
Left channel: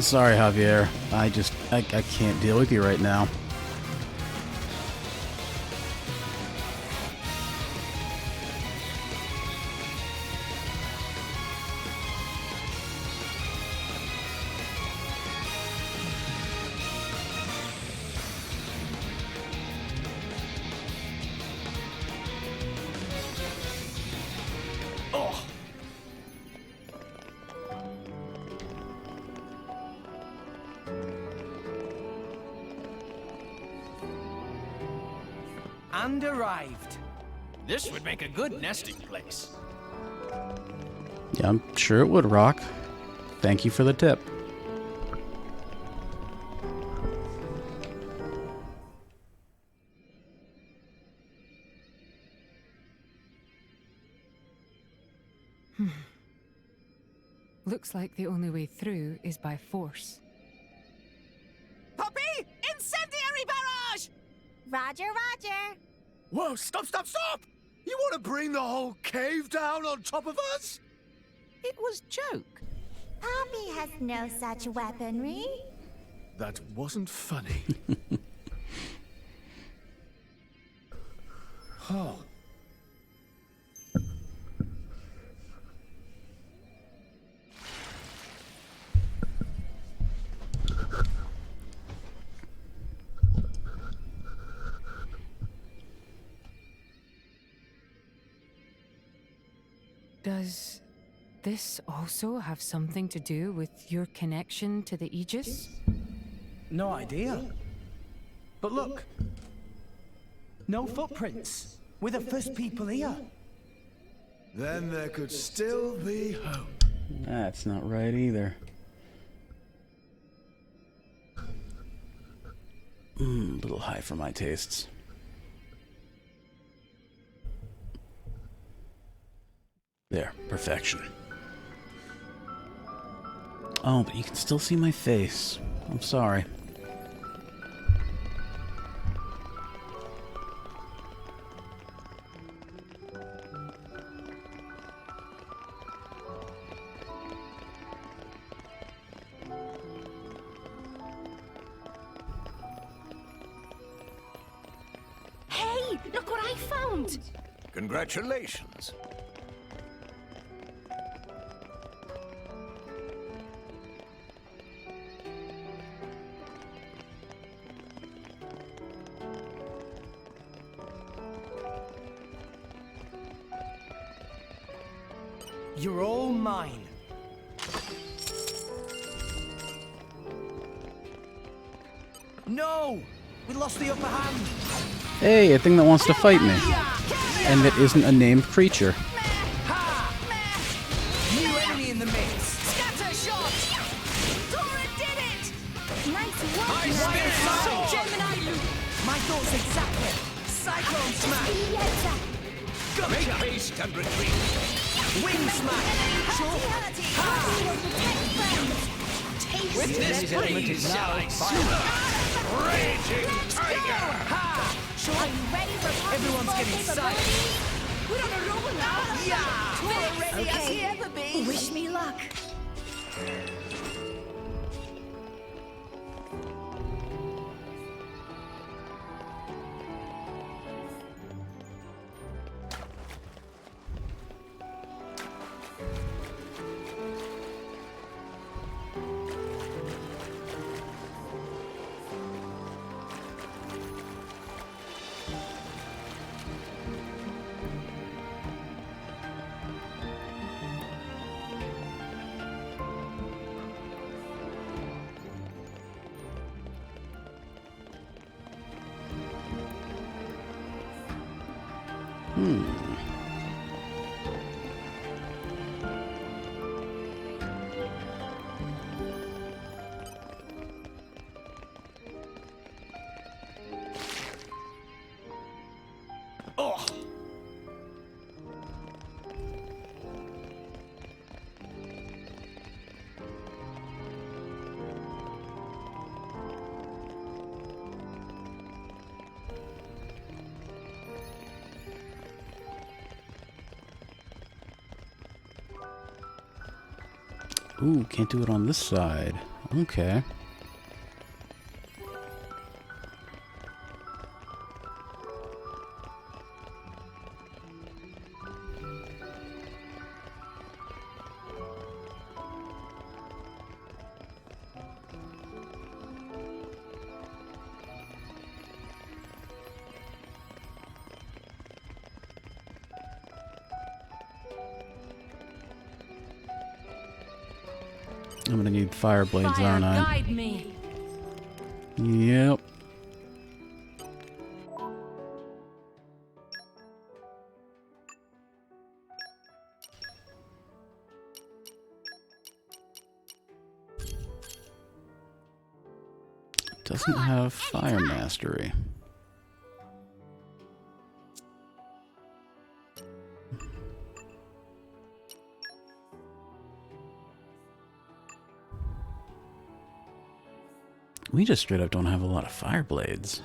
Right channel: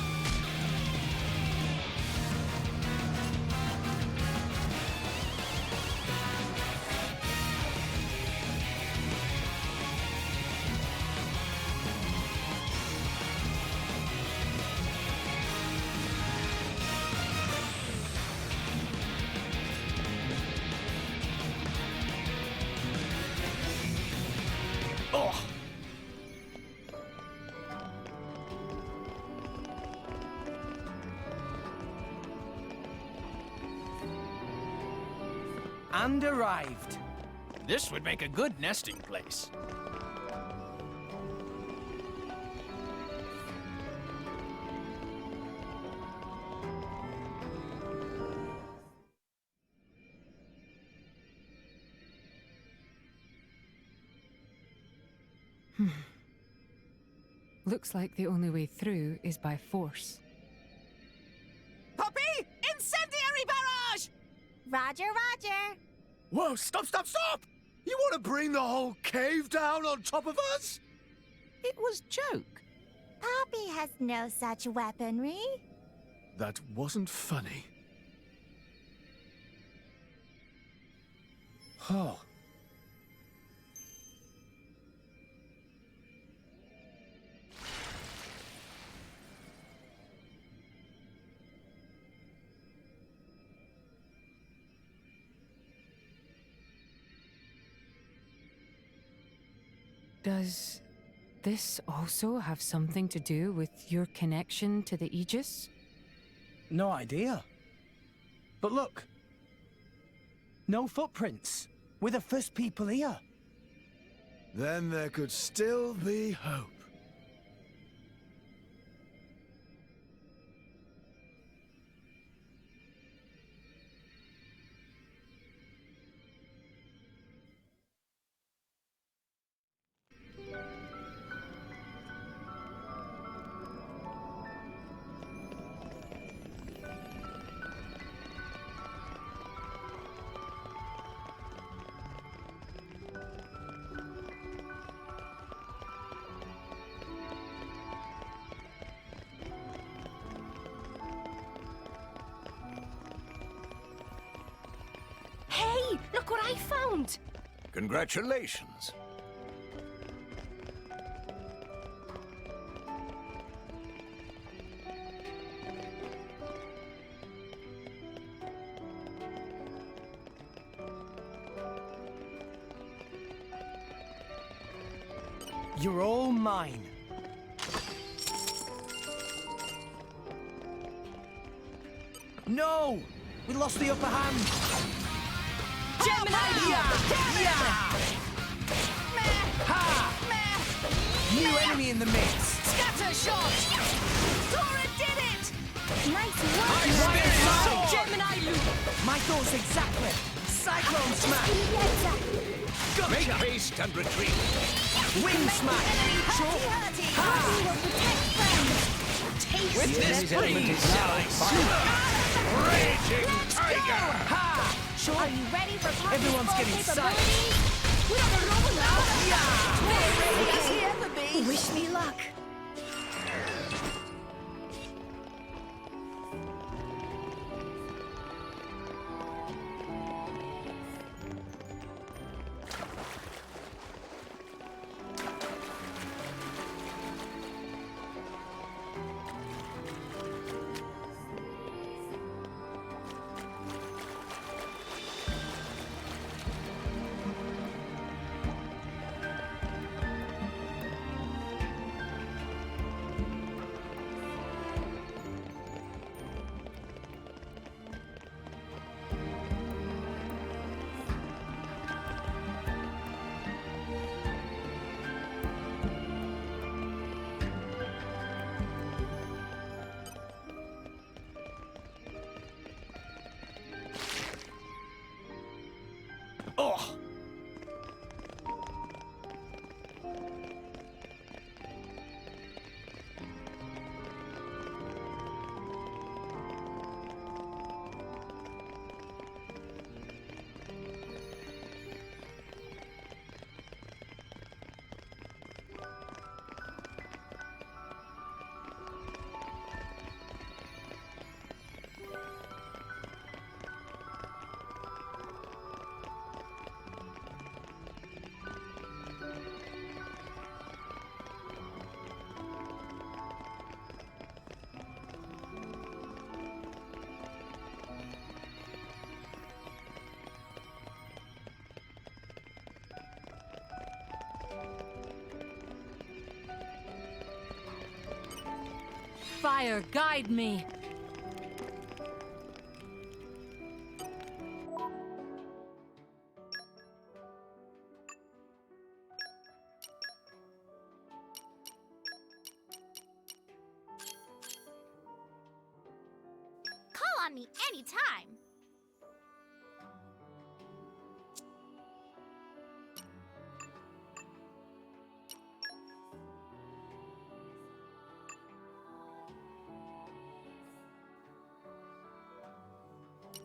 Sorry, Javier. I can't deal with you right now. And arrived. This would make a good nesting place. Yeah, I'm sure it would, Rock. Thank you for the tip. Looks like the only way through is by force. Poppy, incendiary barrage! Roger, Roger. Whoa, stop, stop, stop! You want to bring the whole cave down on top of us? It was joke. Poppy has no such weaponry. That wasn't funny. Oh. Does this also have something to do with your connection to the Aegis? No idea. But look. No footprints. We're the first people here. Then there could still be hope. That's not right either. A little high for my tastes. There, perfection. Oh, but you can still see my face. I'm sorry. Hey, look what I found! Congratulations. You're all mine. No! We lost the upper hand. Hey, a thing that wants to fight me. And that isn't a named creature. New enemy in the mix. Scatter shot! Dora did it! Nice work! Gemini loop! My thoughts exactly. Cyclone smash. Make haste and retreat. Wind smash. This element is now Raging tiger! Are you ready for Everyone's getting psyched. We're on a roll now! Yeah! Dora ready as Okay. he ever be! Wish me luck. Oh! Ooh, can't do it on this side. Okay. I'm gonna need fire blades Fire, on guide me. Yep. Doesn't have fire mastery. We just straight up don't have a lot of fire blades.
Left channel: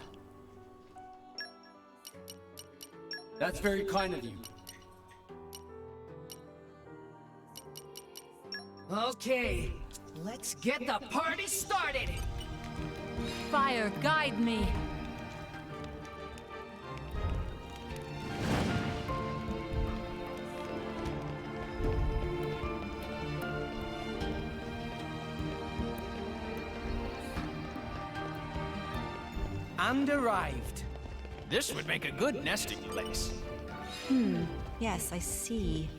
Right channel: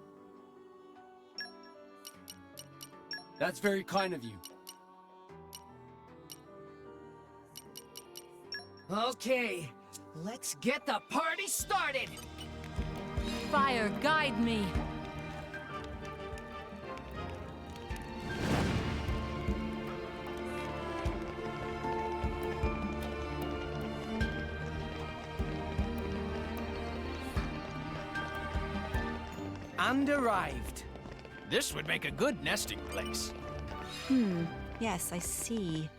That's very kind of you. Okay, let's get the party started! Fire, guide me. And arrived. This would make a good nesting place. Yes, I see.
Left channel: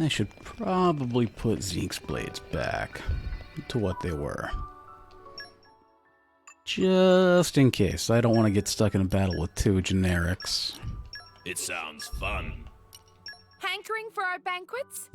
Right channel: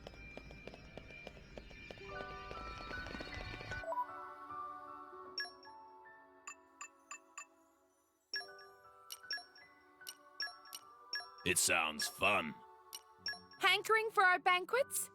I should probably put Zeke's blades back to what they were. Just in case. I don't want to get stuck in a battle with two generics. It sounds fun. Hankering for our banquets?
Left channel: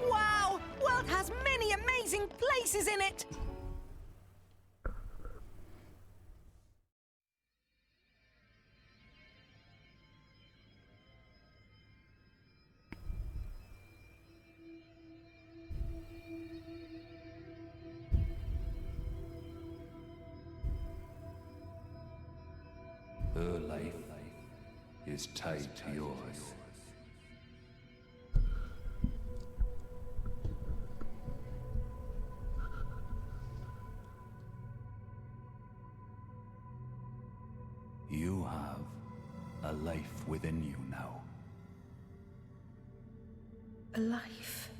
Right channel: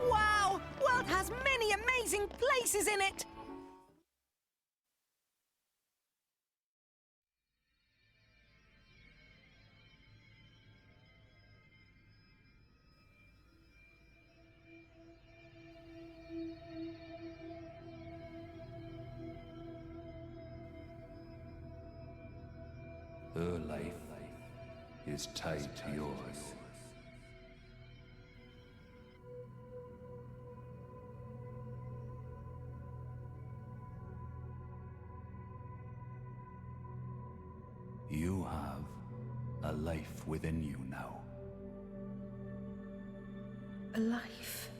Wow! World has many amazing places in it! Her life is tied to yours. You have a life within you now. A life?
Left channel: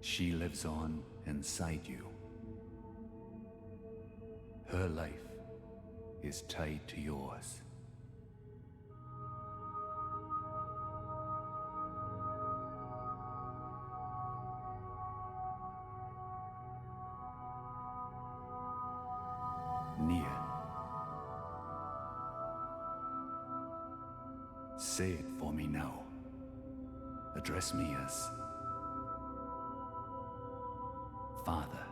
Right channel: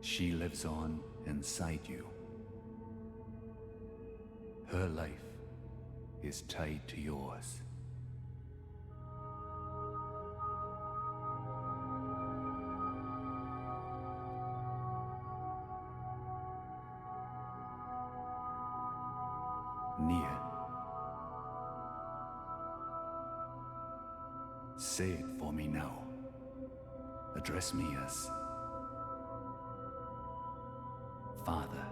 She lives on inside you. Her life is tied to yours. Nia. Say it for me now. Address me as Father.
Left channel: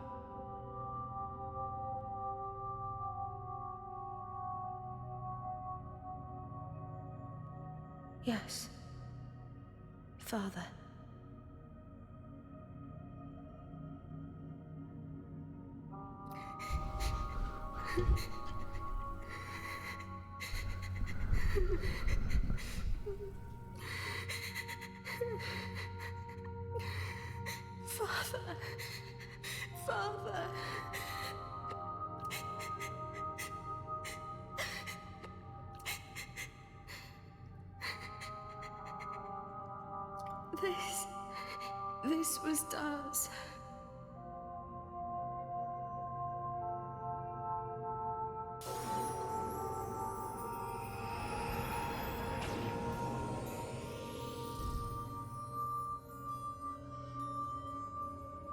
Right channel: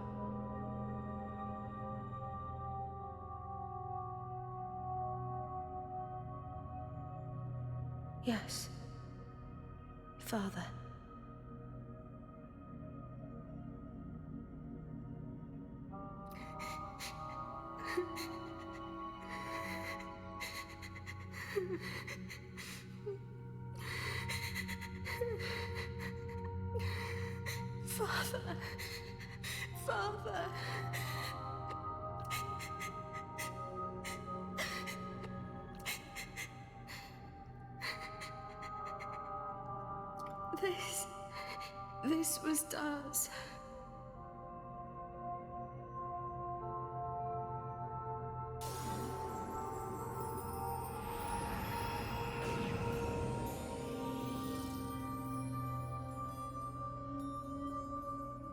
Yes. Father. Father. Father. This was Daz.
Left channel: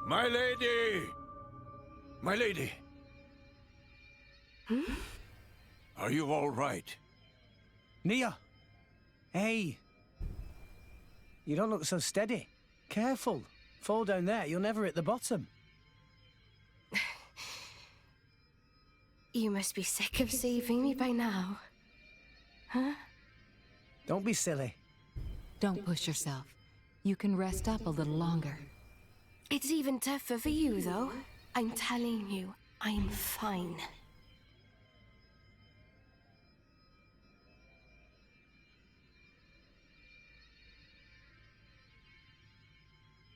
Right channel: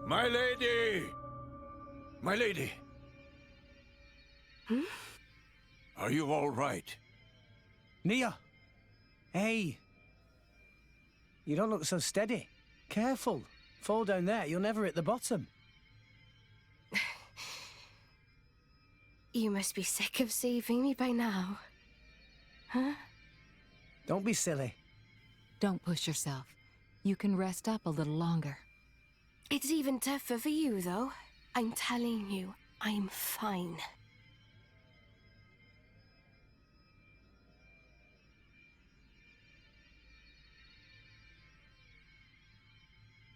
My lady! My lady! Hmm? Are you all right? Nia! Hey! You don't look so steady. Careful. Fall down there, you'll never hit the bottom. You must be sick of saving me by now. Huh? Don't be silly. Don't push yourself. You can rest up a little longer. It's even tougher for you, though. I'm telling you, I'm fine.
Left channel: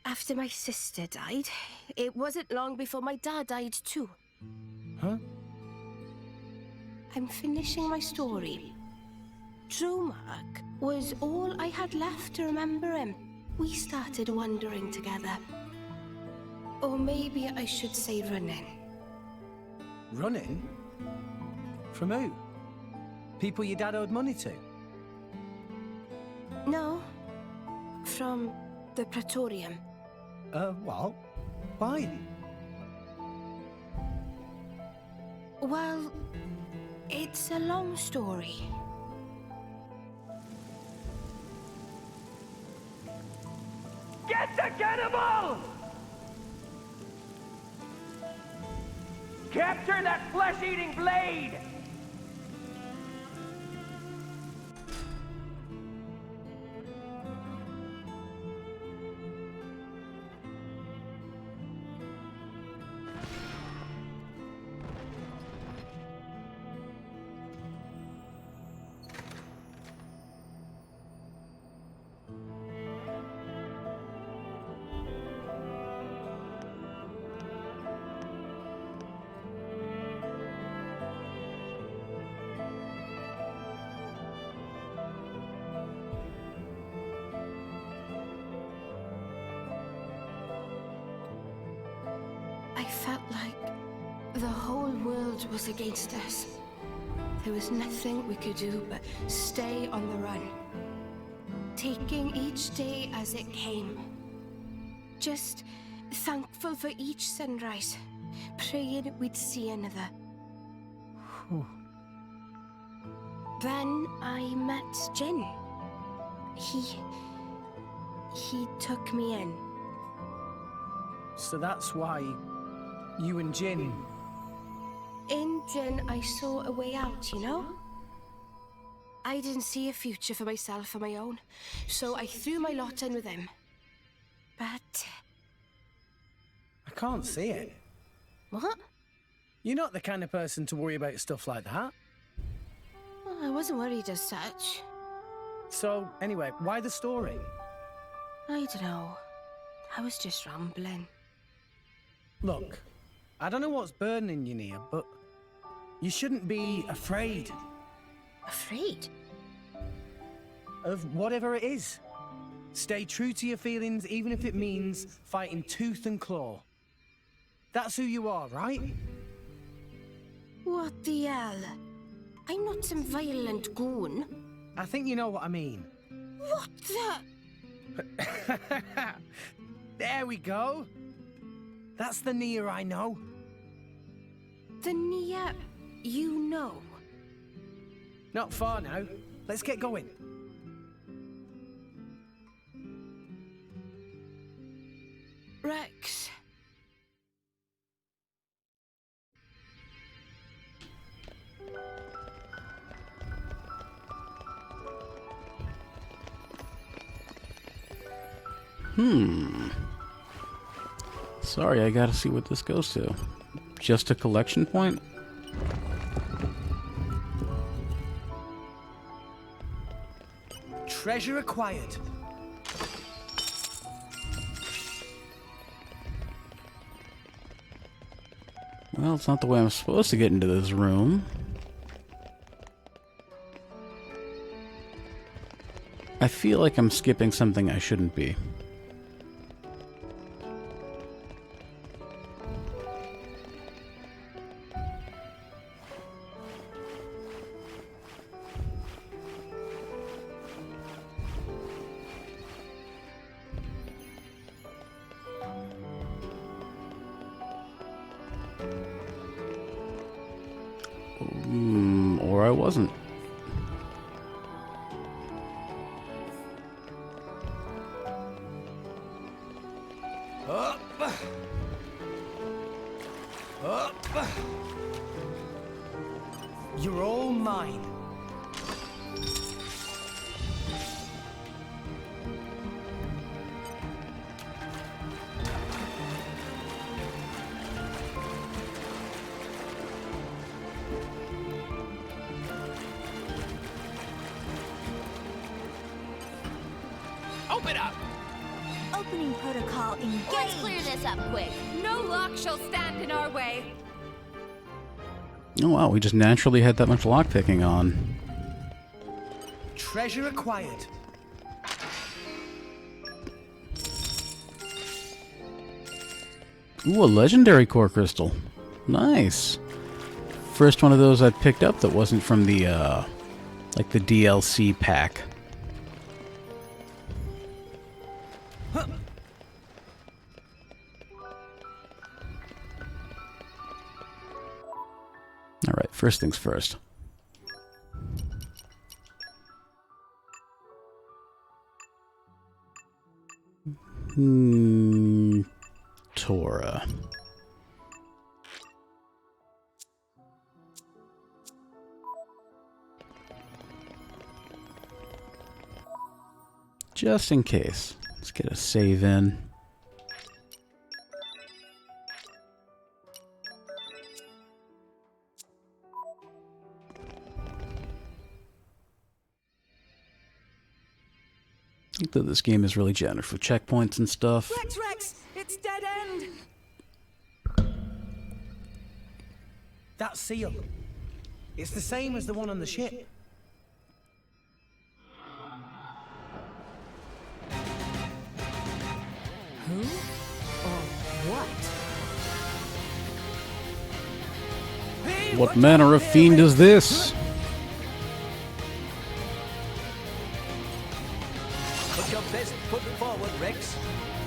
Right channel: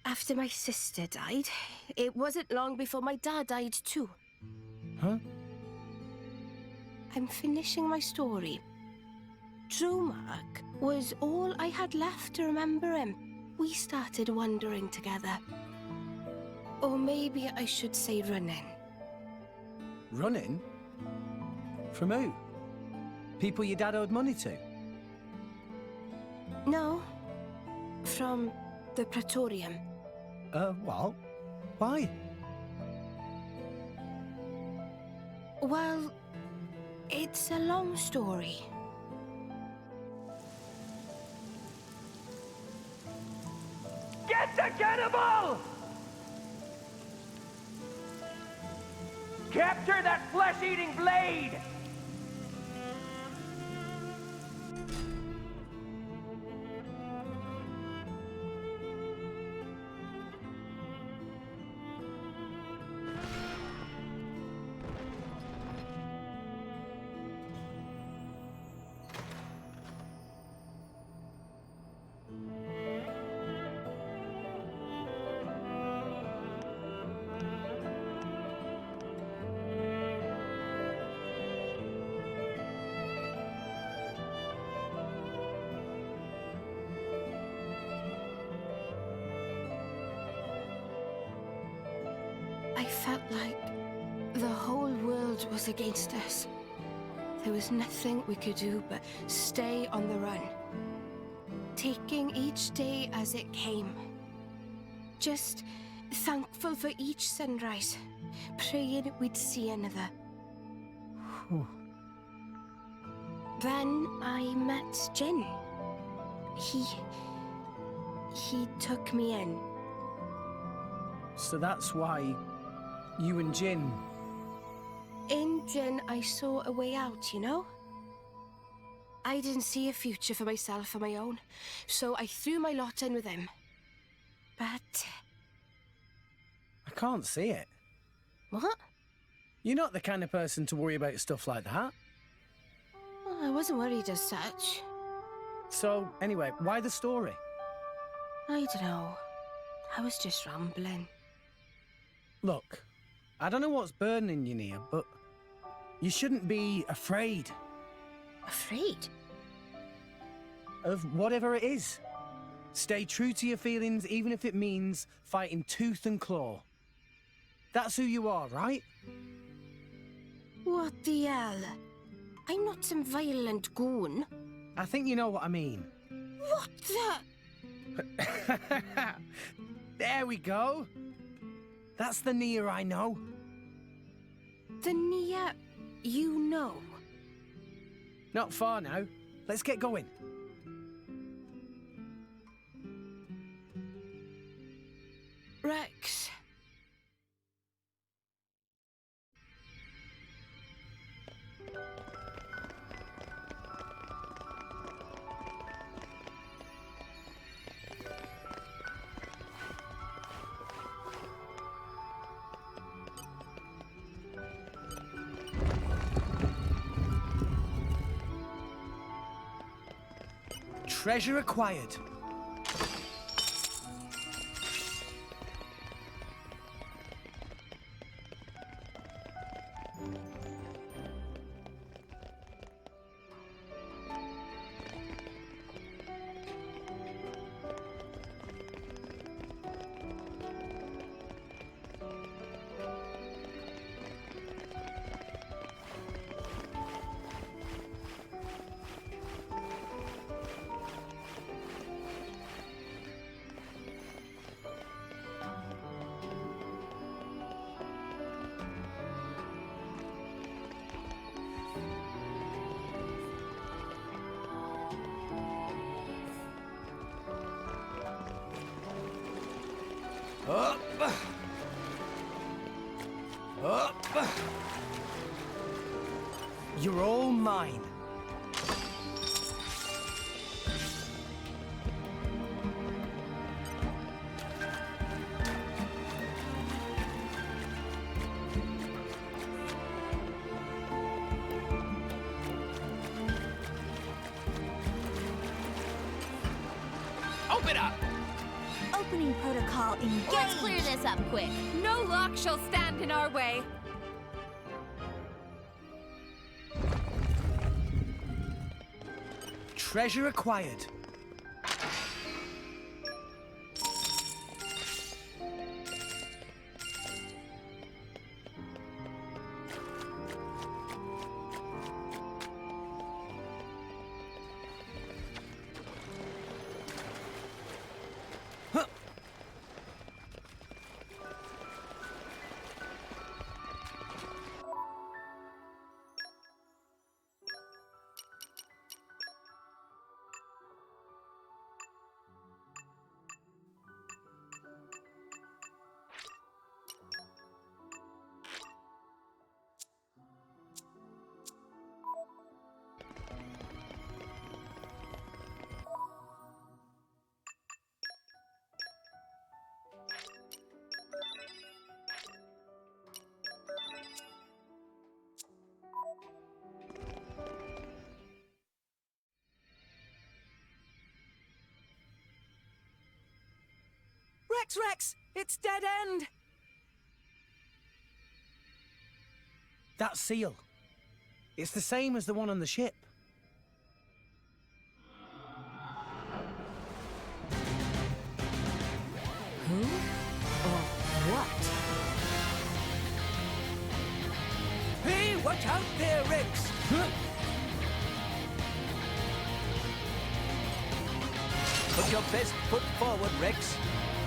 After my sister died, it wasn't long before my dad died too. Huh? I'm finishing my story. Drumark was all I had left to remember him. We started wandering together. Or maybe I should say running. Running? From who? People your dad owed money to? No. From the Praetorium. Well, why? Well, it's a long story. Get the cannibal! Capture that flesh-eating blade! I felt like the whole world was against us. There was nothing we could do but stay on the run, taking each day as it came. Just thankful for each sunrise, praying we'd see another. Then I met Jin. He took me in. So that's why you and Jin... In Jin, I saw a way out, you know? I didn't see a future for myself on my own, so I threw my lot in with him. But... I can't see it. What? You're not the kind of person to worry about stuff like that. Well, I wasn't worried as such. So, anyway, why the story? I don't know. I was just rambling. Look, I don't know what's burning you, Nia, but you shouldn't be afraid. Afraid? Of whatever it is. Stay true to your feelings, even if it means fighting tooth and claw. That's who you are, right? What the hell? I'm not some violent goon. I think you know what I mean. What the... There we go. That's the Nia I know. The Nia you know? Not far now. Let's get going. Rex. Sorry, I gotta see what this goes to. Just a collection point? Treasure acquired. Well, it's not the way I'm supposed to get into this room. I feel like I'm skipping something I shouldn't be. Or I wasn't. Up. Up. You're all mine. Open up! Opening protocol engaged. Let's clear this up quick. No lock shall stand in our way. Oh wow, we just naturally had that much lockpicking on. Treasure acquired. Ooh, a legendary core crystal. Nice. First one of those I picked up that wasn't from the, like the DLC pack. Huh. Alright, first things first. Torah. Just in case. Let's get a save in. I think that this game is really generous with checkpoints and stuff. Rex! It's dead end! That seal. It's the same as the one on the ship. Who? Or what? a fiend is this? Put your best foot forward, Rex.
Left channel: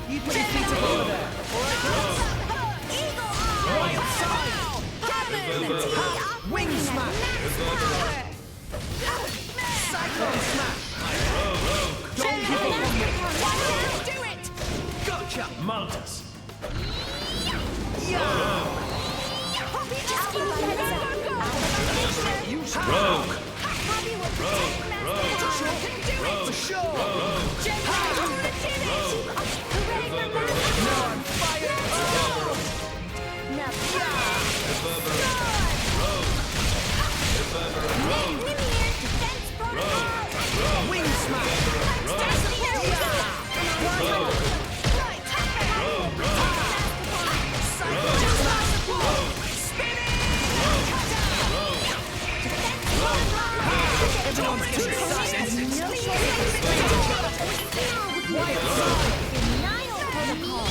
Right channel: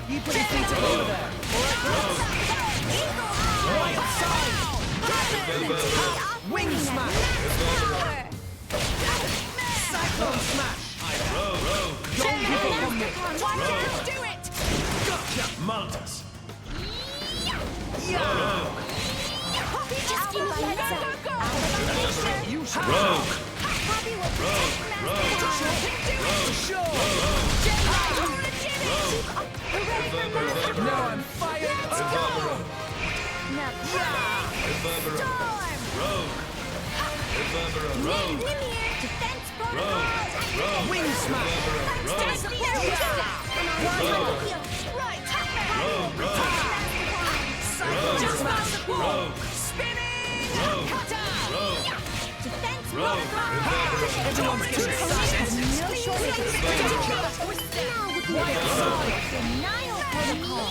You put your feet up over there. All right, Rex? Right outside. Wing smash. Cyclone smash. Don't give up on me. Do it! Gotcha. Maltus. Yeah. Just give me a heads up. You should. Rogue. Poppy will protect Master For sure. Hooray for Master Now I'm fired up. Defense protocol. Wing smash. Everyone's getting excited. No shortage of Denial protocol.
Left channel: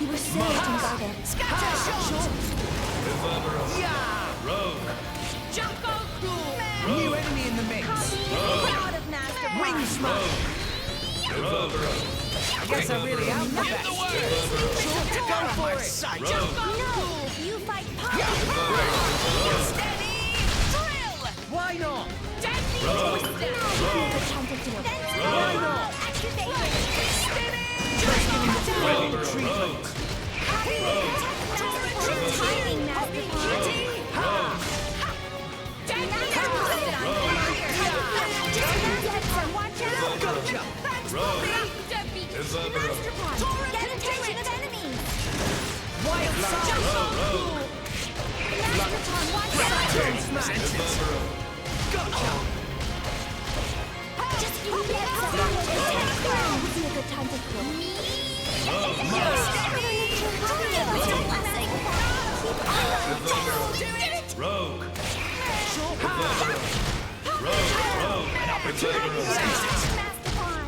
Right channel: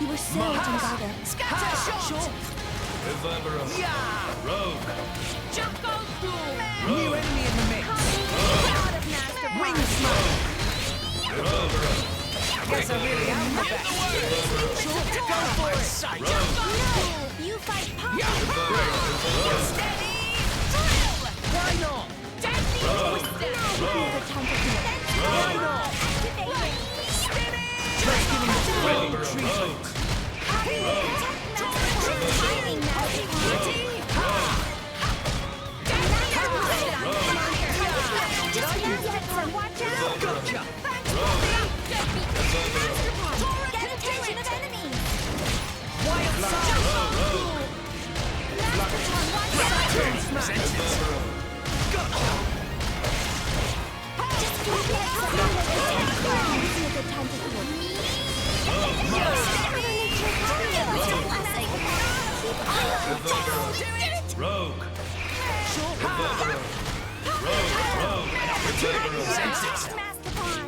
You were saved and guarded. Scatter shot! Rogue. Jungle Cool! New enemy in the mix. Proud of Master Wing smash. I guess I really am the best. Go for it. No, you fight Poppy. Steady! Drill! Why not? Deadly Now Twister! would be a good time to do it. Why not? Activate. Just giving the full treatment. Poppy will protect Master Pawn. Timing Master Pawn. Deadly Twister! Just get some. Watch out. Gotcha. Thanks, Poppy. Master Pawn. Get attention of enemies. Wild side. Master Pawn, watch out. Cyclone smash. Gotcha. Just give me a heads up. Now would be a good time to do it. Rogue. An opportunity.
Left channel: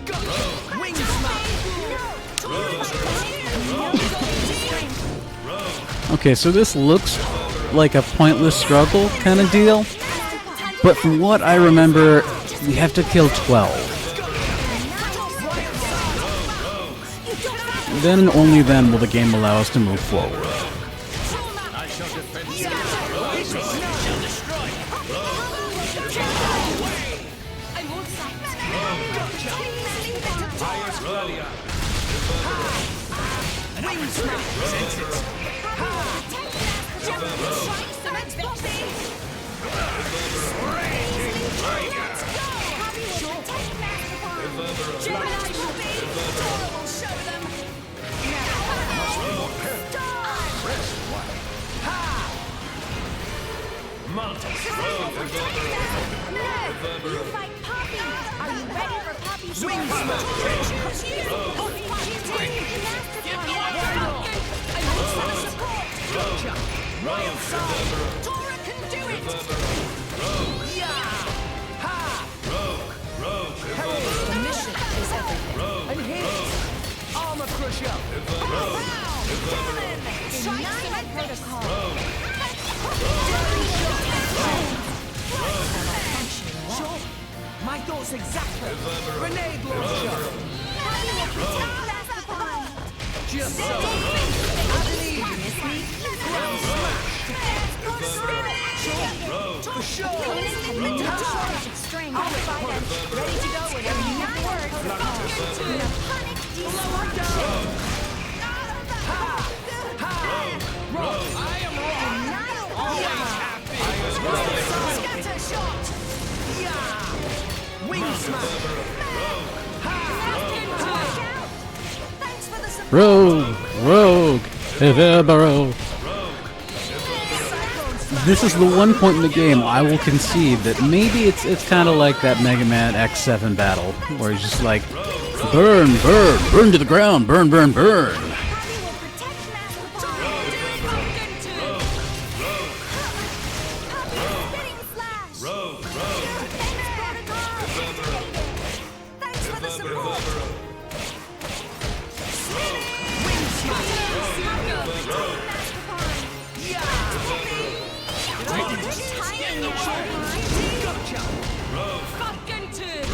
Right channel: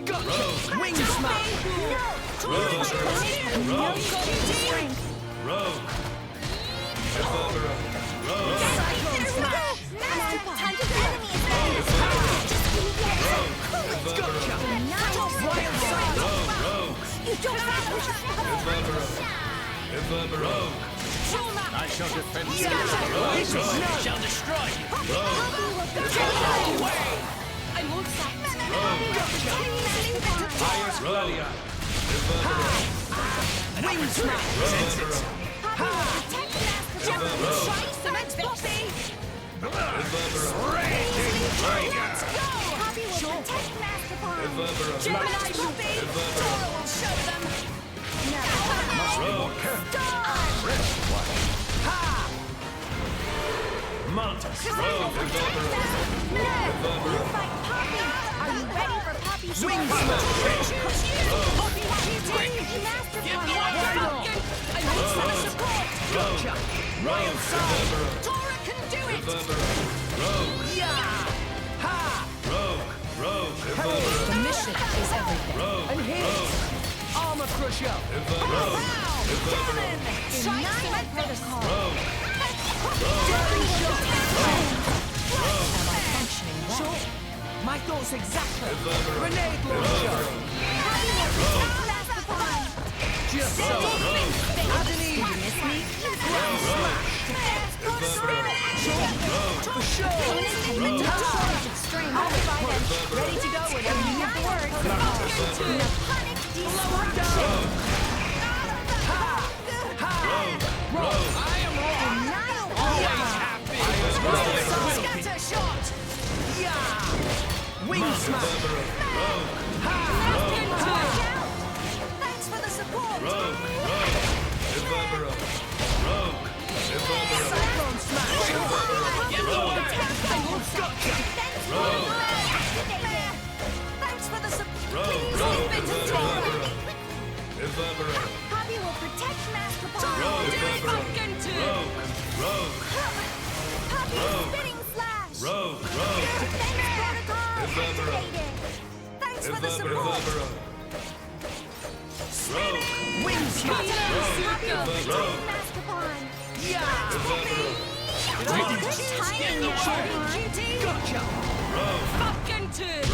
Gotcha. Wing smash. Okay, so this looks like a pointless struggle kind of deal, but from what I remember, you have to kill 12. Then and only then will the game allow us to move forward. I shall defend you. Shall destroy. I won't stop. Highest Gladia. Wing smash. Cement Poppy! Gemini Poppy! Dora will show them! Maltus. You fight Poppy. Are you ready for Poppy's Wing smash. Poppy, Master Pawn. I need some support! Gotcha. Wild side. Dora can do it! Yeah. Ha. The mission is everything. And hit. Armor crusher. Denial protocol. Am I functioning well? My thoughts exactly. Grenade launcher. Poppy will protect Master Pawn. Just so. Adeline. Ground smash. For sure. Opponents have no shortage of strength. I'll fight them. Ready to go whenever you have the word. Punic destruction. Rogue. I am wrong. Denial Always protocol. happy. Scatter shot! Yeah. Wing smash. Thanks for the support! Rogue, Evero. This is the one point in the game I will concede that maybe it's kind of like that Mega Man X7 battle, where he's just like, burn, burn to the ground, burn. Poppy will protect Master Pawn. Pumpkin too! Poppy spitting slash. Defense protocol activated. Thanks for the support! Wing smash. Poppy will Gotcha! Fucking turn!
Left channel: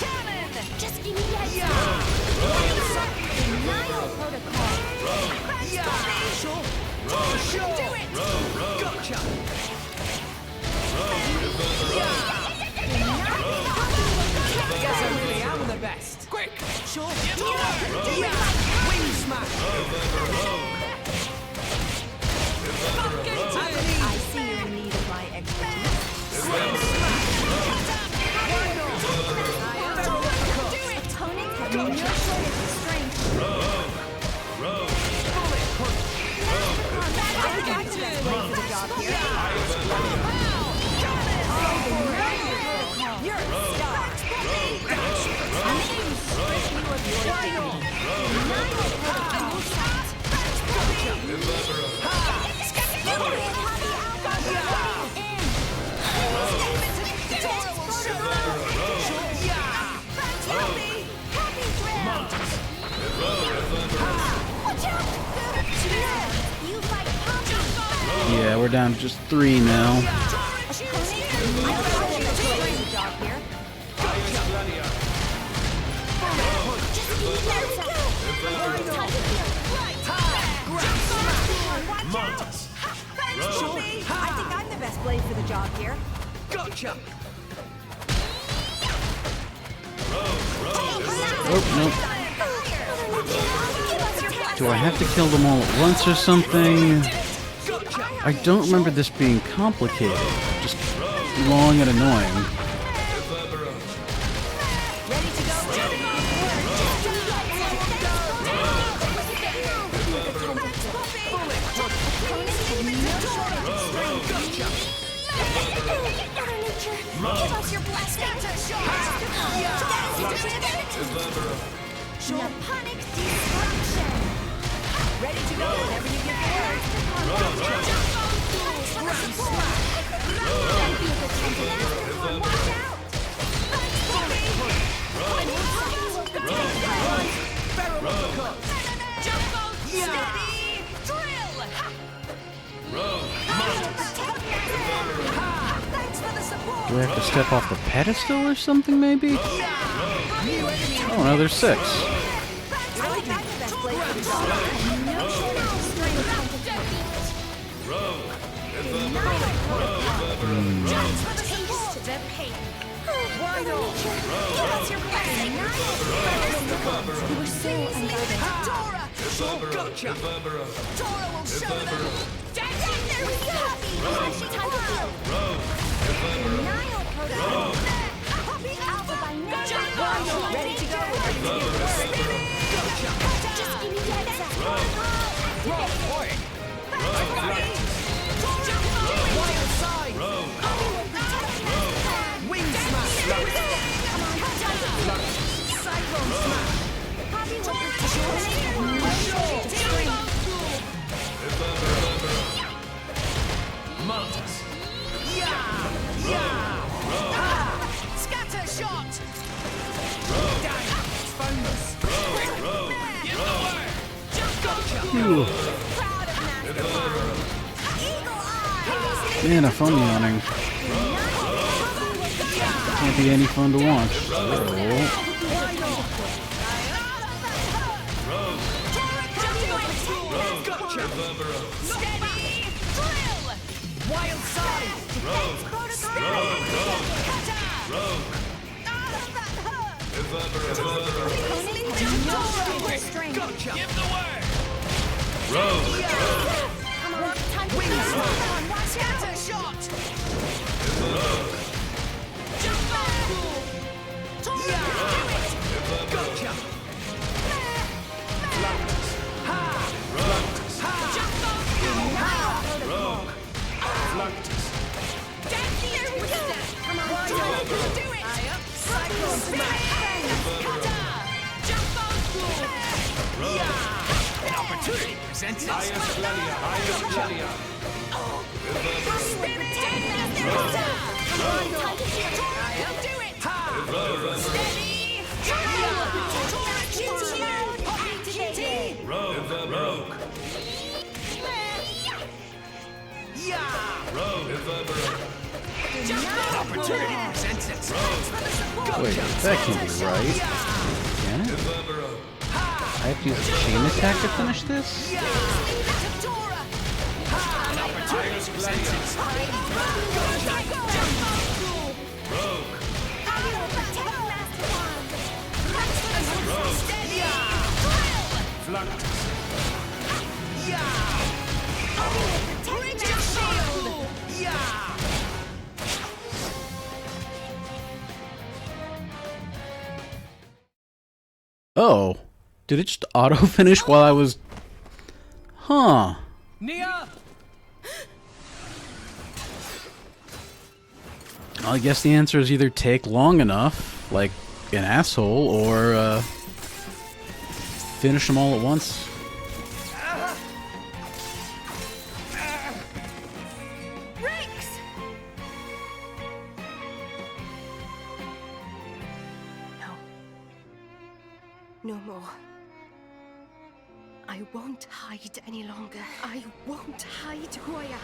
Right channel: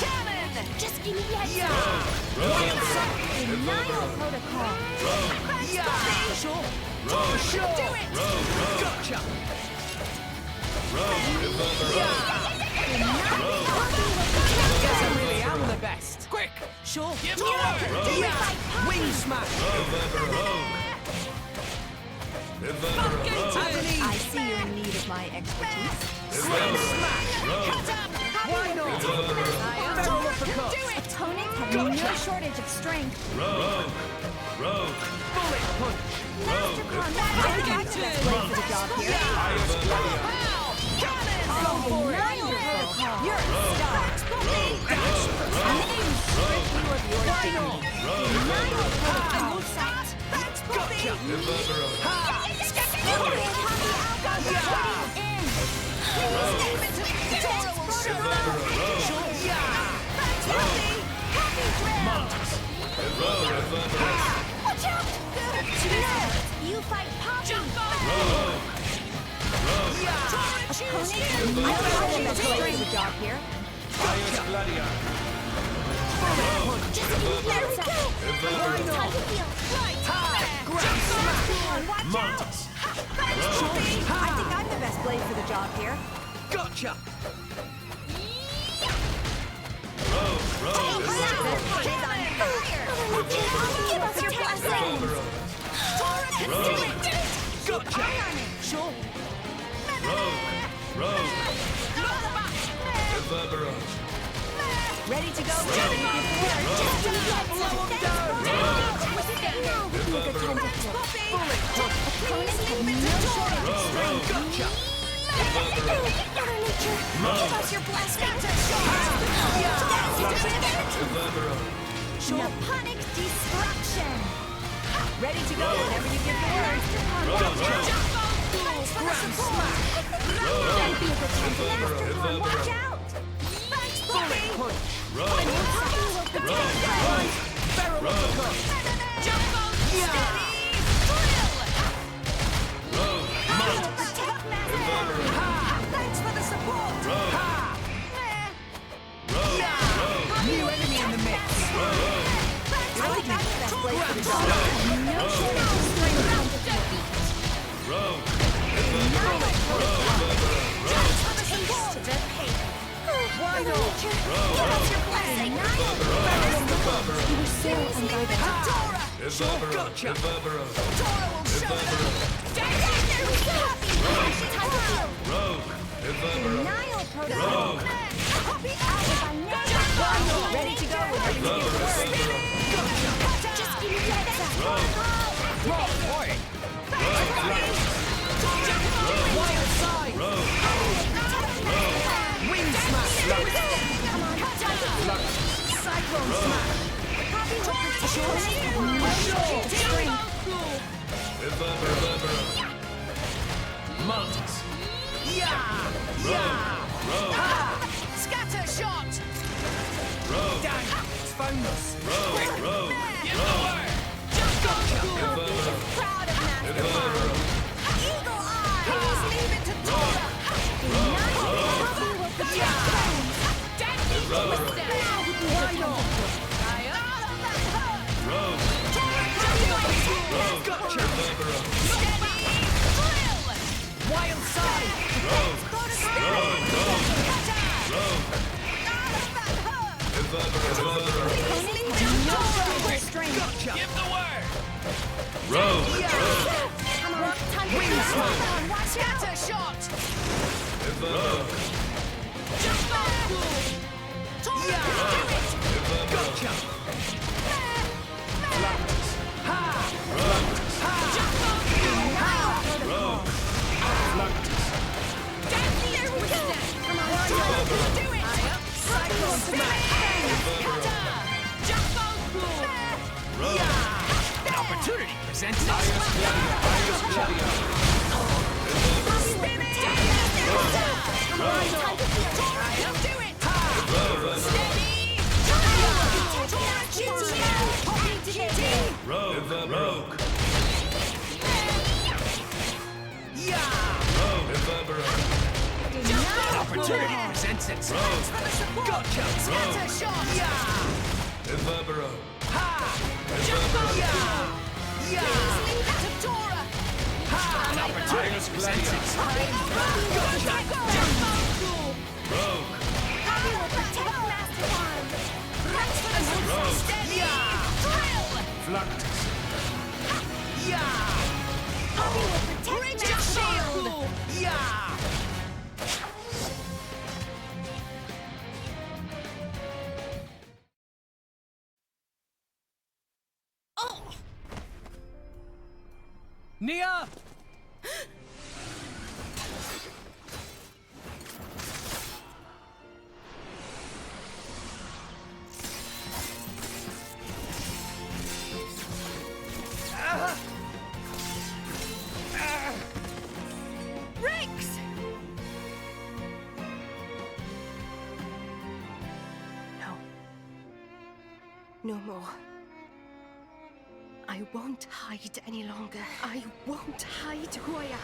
Cannon! Just give me a heads Yeah! up. Denial protocol. Yeah! Sure! Sure! Do it! Gotcha! Guess I really am the best. Quick! Sure! Give the word! Yeah! Wing smash! I see you're in need of my expertise. Wing smash! Why not? Feral uppercut! Opponents have no shortage of strength. Rogue. Bullet punch! I got the best way for the job here. You're a star. You fight Poppy. Yeah, we're down to just 3 now. The job here. Highest Gladia. Montes. I think I'm the best blade for the job here. Gotcha! Do I have to kill them all at once or something? I don't remember this being complicated. Just long and annoying. Ready to go? Give us your blessing. Naponic destruction. Ready to go whenever you give the word. Don't be a pretend afterthorn. Watch out. Feral uppercut! Steady! Drill! Thanks for the support. Do I have to step off the pedestal or something, maybe? New enemy in the Oh, there's 6. I think I'm the best blade for the job. No shortage of strength. Taste the pain. Why not? Give us your blessing. You were so unguarded. Gotcha! Dora will show them. There we go. Time to heal. Denial protocol. Copy Alpha by name. Ready to go whenever you give the word. Just give me the heads up. Wild side! Wing smash! Cyclone smash! Montes. Yeah! Scatter shot! Dang! It's found us! Give the word! Just go! Proud of Master. Eagle Eye. Being a fun morning. Can't be any fun to watch. Why not? Gotcha! Steady! Drill! Wild side! Gotcha! Give the word! Come on, time to Wing heal. smash. Come on, watch out. Scatter shot! Just go! Gotcha! Come on, Do it! Cyclone smash! An opportunity presented. Highest Gladia. Do it! Steady! Rogue. An opportunity presents itself. Gotcha! Scatter shot. Reverbero. Finish this? Leave it to Dora. An opportunity presents itself. Rogue. I will protect Master Wand. Rogue. Steady. Fluctus. I will protect Master Wand. Oh. Did it just auto-finish while I was... Huh. Nia! I guess the answer is either take long enough, like an asshole, or finish them all at once. Rex! No. No more. I won't hide any longer. I won't hide who I am.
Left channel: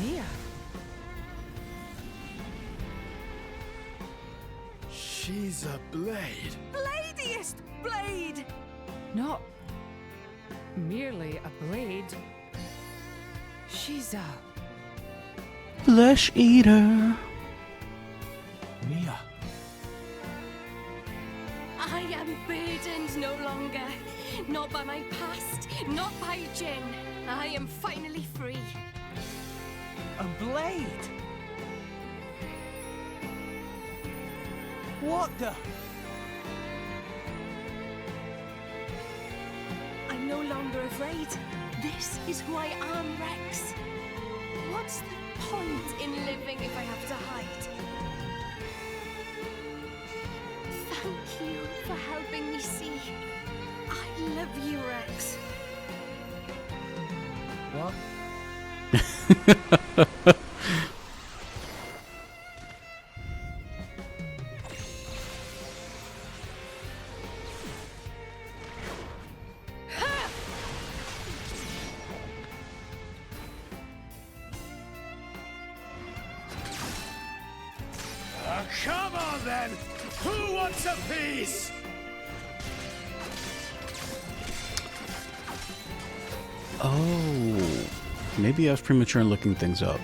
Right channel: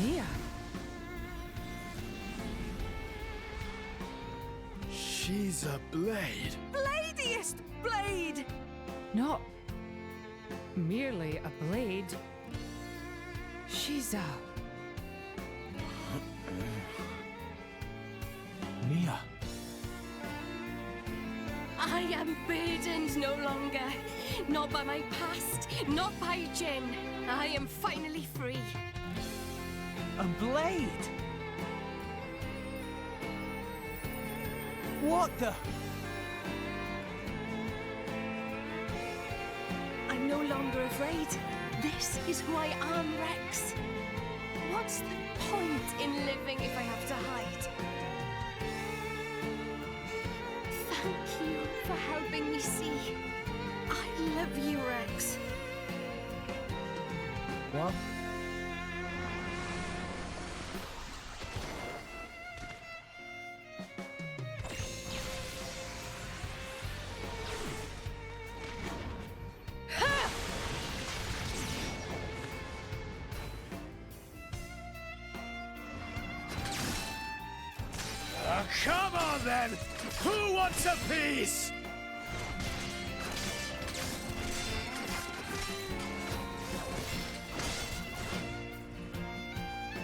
Nia. She's a blade. Bladiest blade! Not merely a blade. She's a Flesh eater. Nia. I am burdened no longer. Not by my past, not by Jin. I am finally free. A blade? What the? I'm no longer afraid. This is who I am, Rex. What's the point in living if I have to hide? Thank you for helping me see. I love you, Rex. What? Come on then! Who wants a piece? Oh. Maybe I was premature in looking things up.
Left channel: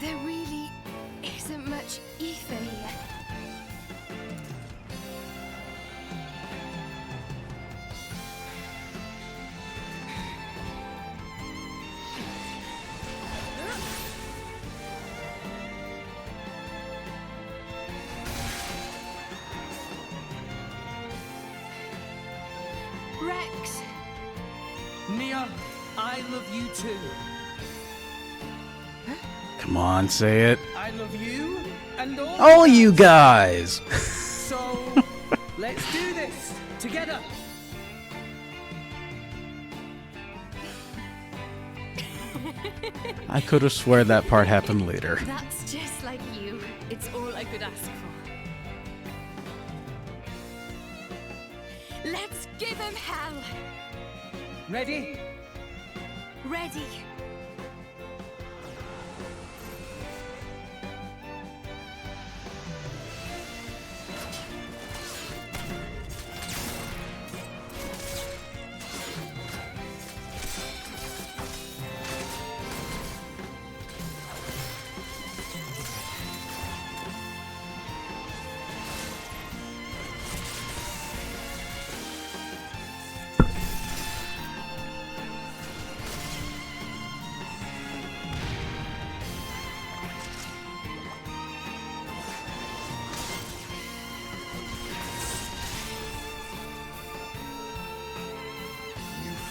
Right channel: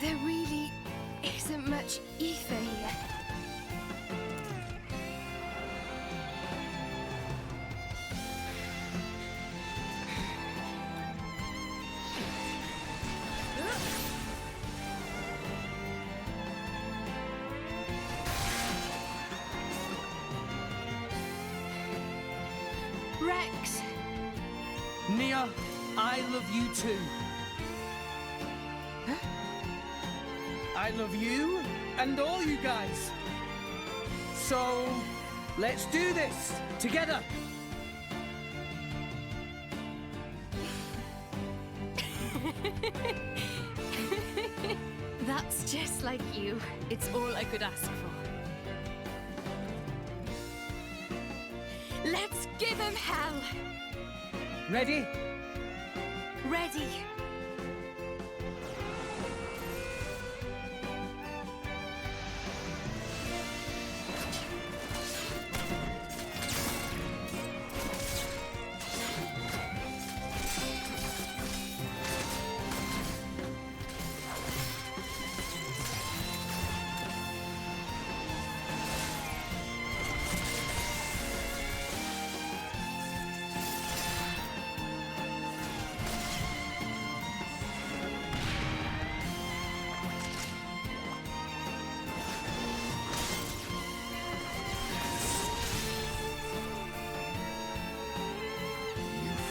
There really isn't much ether here. Rex! Nia, I love you too. Come on, say it. I love you and all All you guys! So, let's do this together. I could have swear that part happened later. That's just like you. It's all I could ask for. Let's give him hell! Ready? Ready.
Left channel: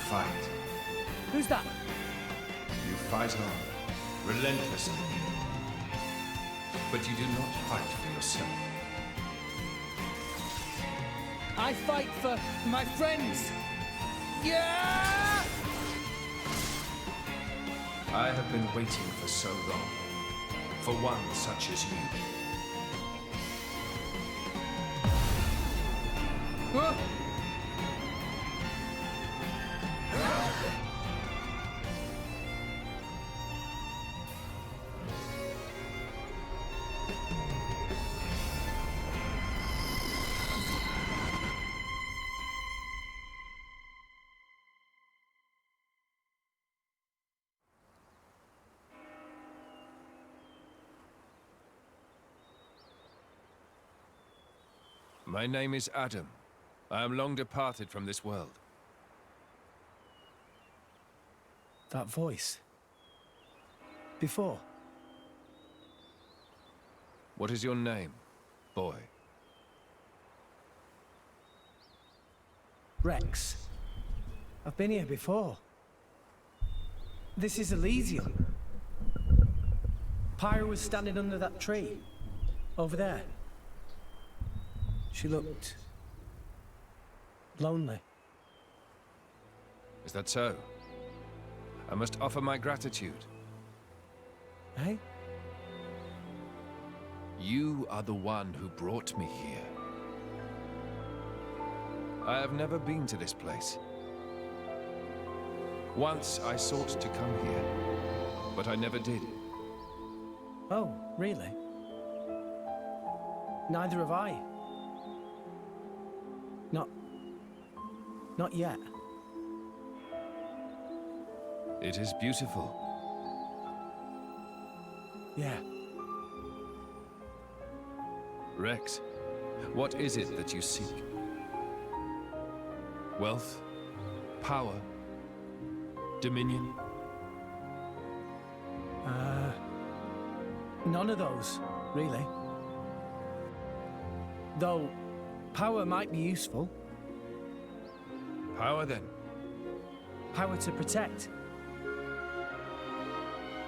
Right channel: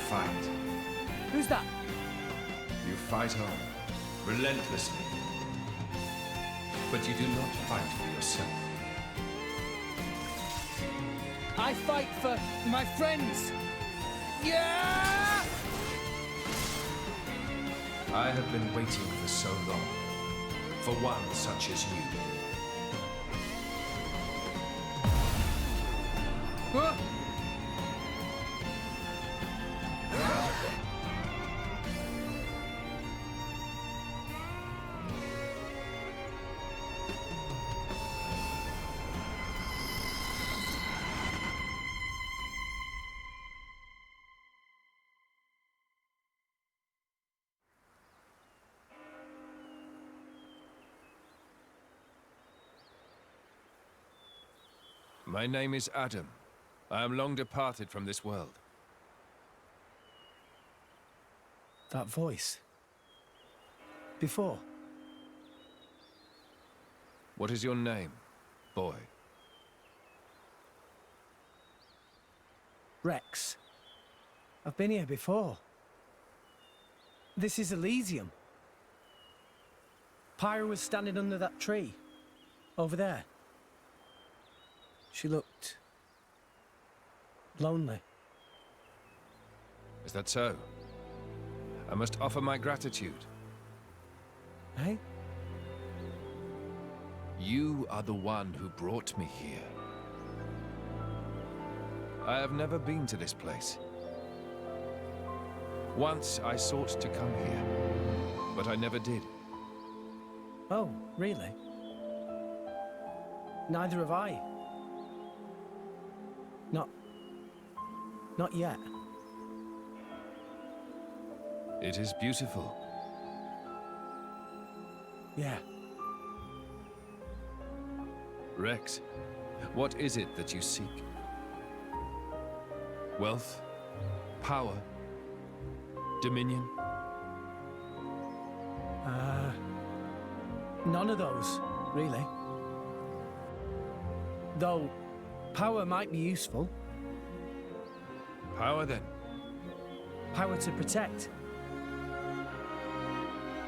Fight. Who's that? You fight on. relentlessly. But you do not fight for yourself. I fight for my friends. Yeah! I have been waiting for so long. For one such as you. Huh? My name is Adam. I am long departed from this world. That voice. Before. What is your name, boy? Rex. I've been here before. This is Elysium. Pyra was standing under that tree. Over there. She looked... lonely. Is that so? I must offer my gratitude. Hey? You are the one who brought me here. I have never been to this place. Once I sought to come here, but I never did. Oh, really? Neither have I. Not yet. It is beautiful. Yeah. Rex, what is it that you seek? Wealth? Power? Dominion? None of those, really. Though, power might be useful. Power, then? Power to protect.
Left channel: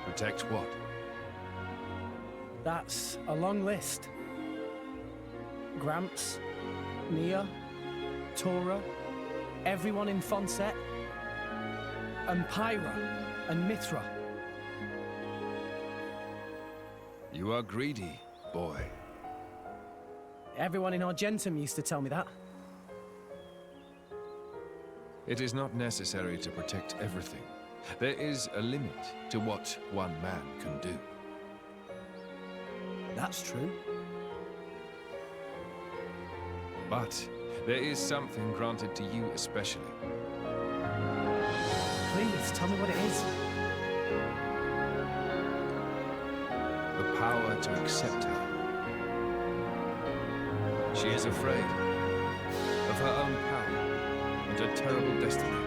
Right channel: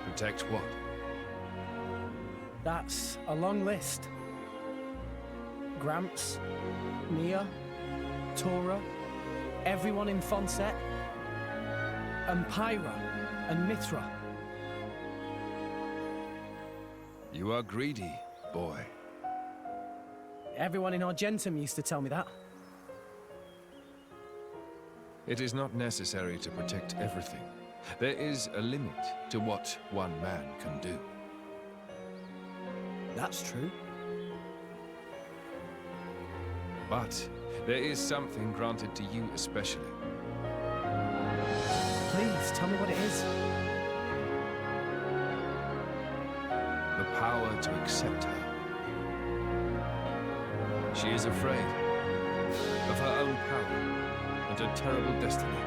Protect what? That's a long list. Gramps, Nia, Tora, everyone in Fonset, and Pyra, and Mithra. You are greedy, boy. Everyone in Argentum used to tell me that. It is not necessary to protect everything. There is a limit to what one man can do. That's true. But there is something granted to you especially. Please, tell me what it is. The power to accept her. She is afraid of her own power and her terrible destiny.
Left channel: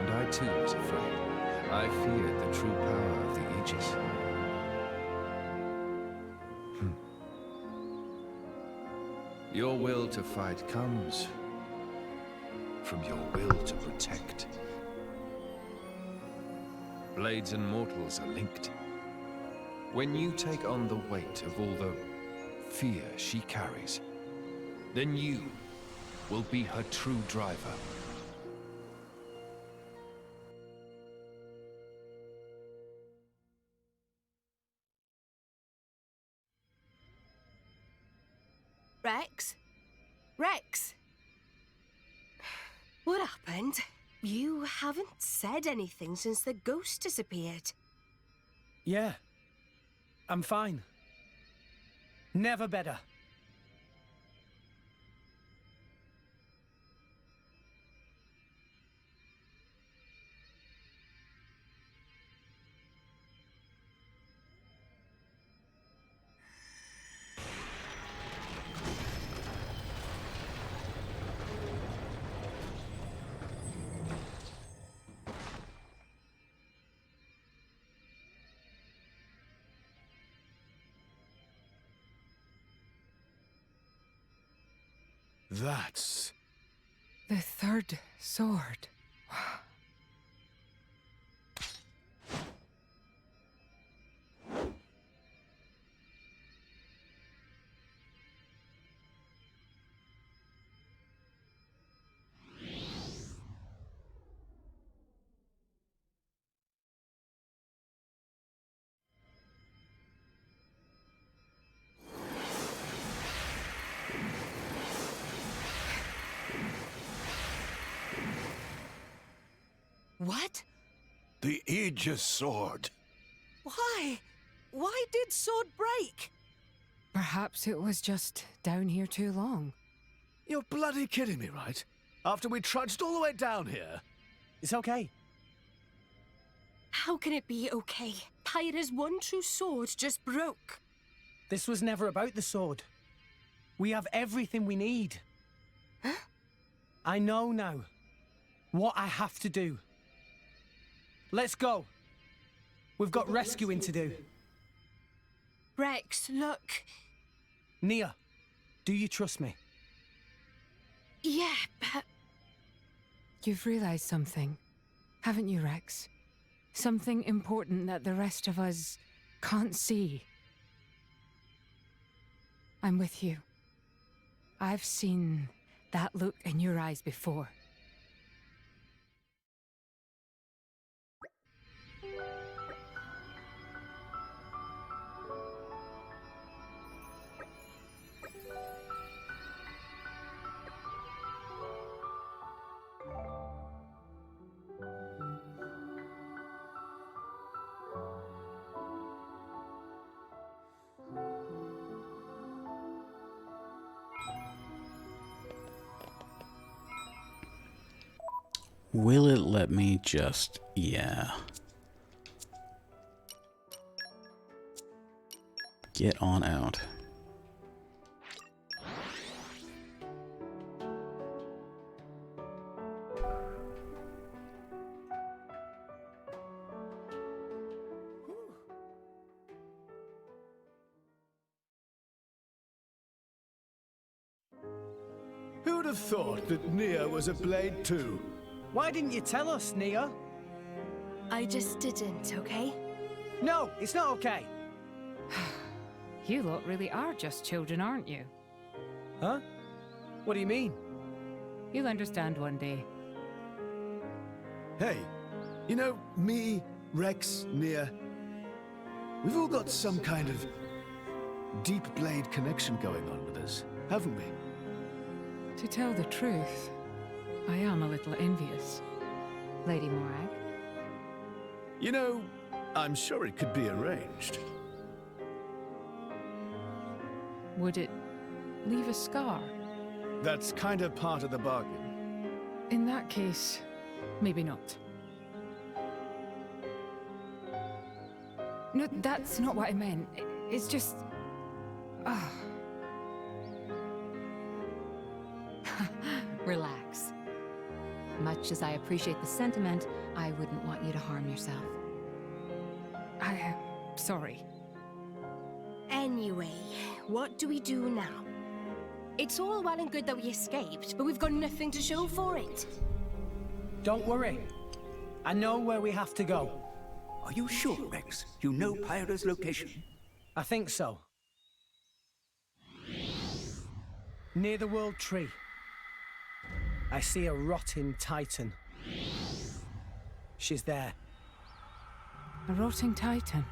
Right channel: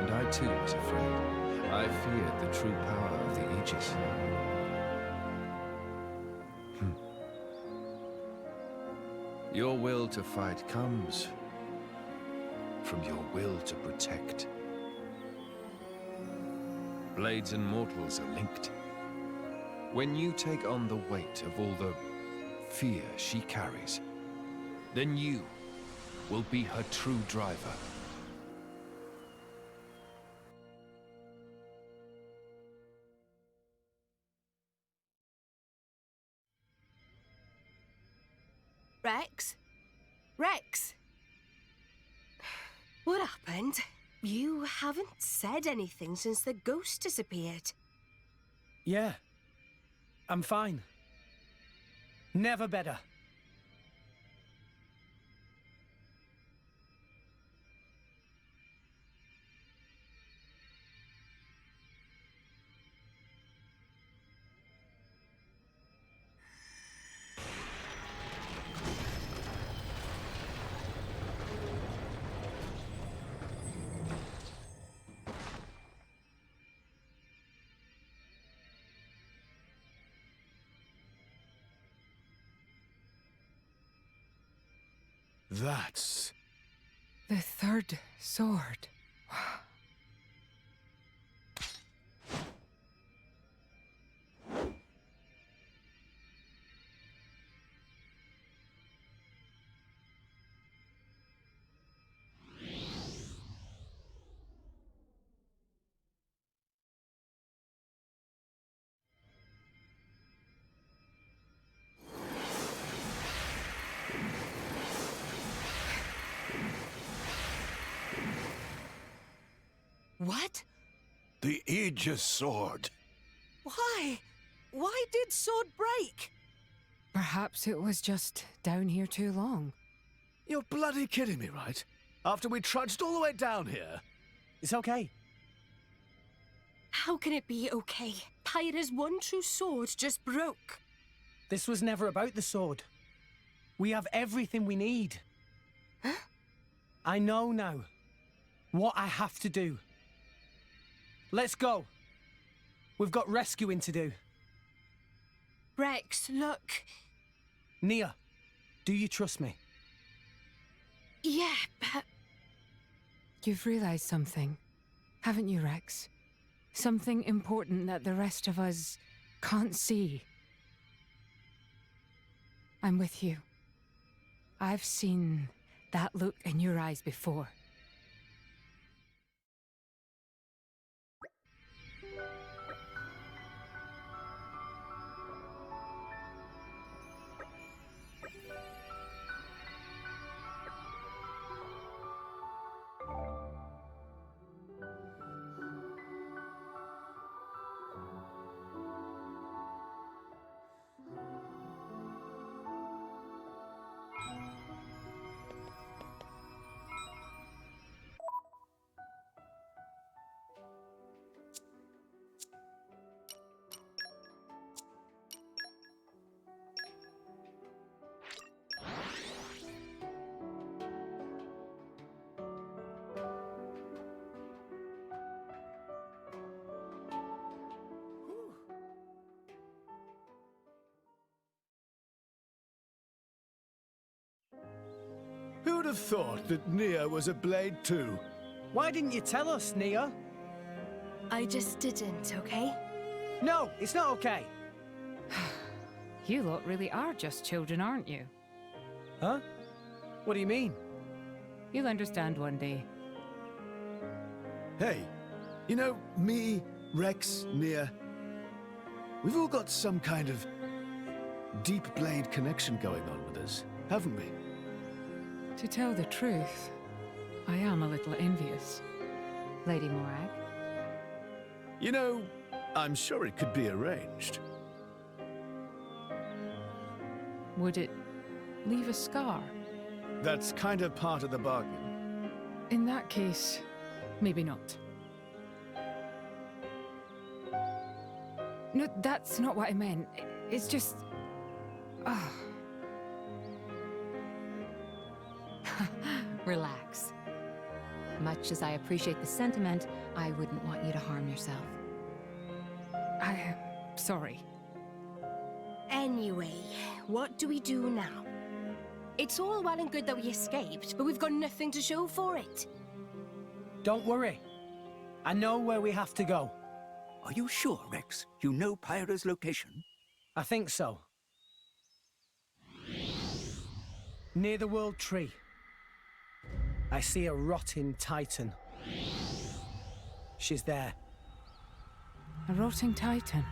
And I too was afraid. I feared the true power of the Aegis. Your will to fight comes from your will to protect. Blades and mortals are linked. When you take on the weight of all the fear she carries, then you will be her true driver. Rex? Rex? What happened? You haven't said anything since the ghost disappeared. Yeah. I'm fine. Never better. That's... The third sword. The Aegis sword. Why? Why did sword break? Perhaps it was just down here too long. You're bloody kidding me, right? After we trudged all the way down here. It's okay. How can it be okay? Pyra's one true sword just broke. This was never about the sword. We have everything we need. Huh? I know now what I have to do. Let's go. We've got rescuing to do. Rex, look. Nia, do you trust me? Yeah, but... You've realized something, haven't you, Rex? Something important that the rest of us can't see. I'm with you. I've seen that look in your eyes before. Will it let me just... yeah. Get on out. Who'd have thought that Nia was a blade too? Why didn't you tell us, Nia? I just didn't, okay? No, it's not okay. You lot really are just children, aren't you? Huh? What do you mean? You'll understand one day. Hey, you know, me, Rex, Nia, we've all got some kind of deep blade connection going on with us, haven't we? To tell the truth, I am a little envious. Lady Morag? You know, I'm sure it could be arranged. Would it leave a scar? That's kind of part of the bargain. In that case, maybe not. No, that's not what I meant. It's just... Relax. Much as I appreciate the sentiment, I wouldn't want you to harm yourself. I am sorry. Anyway, what do we do now? It's all well and good that we escaped, but we've got nothing to show for it. Don't worry. I know where we have to go. Are you sure, Rex? You know Pyra's location? I think so. Near the World Tree. I see a rotting titan. She's there. A rotting titan?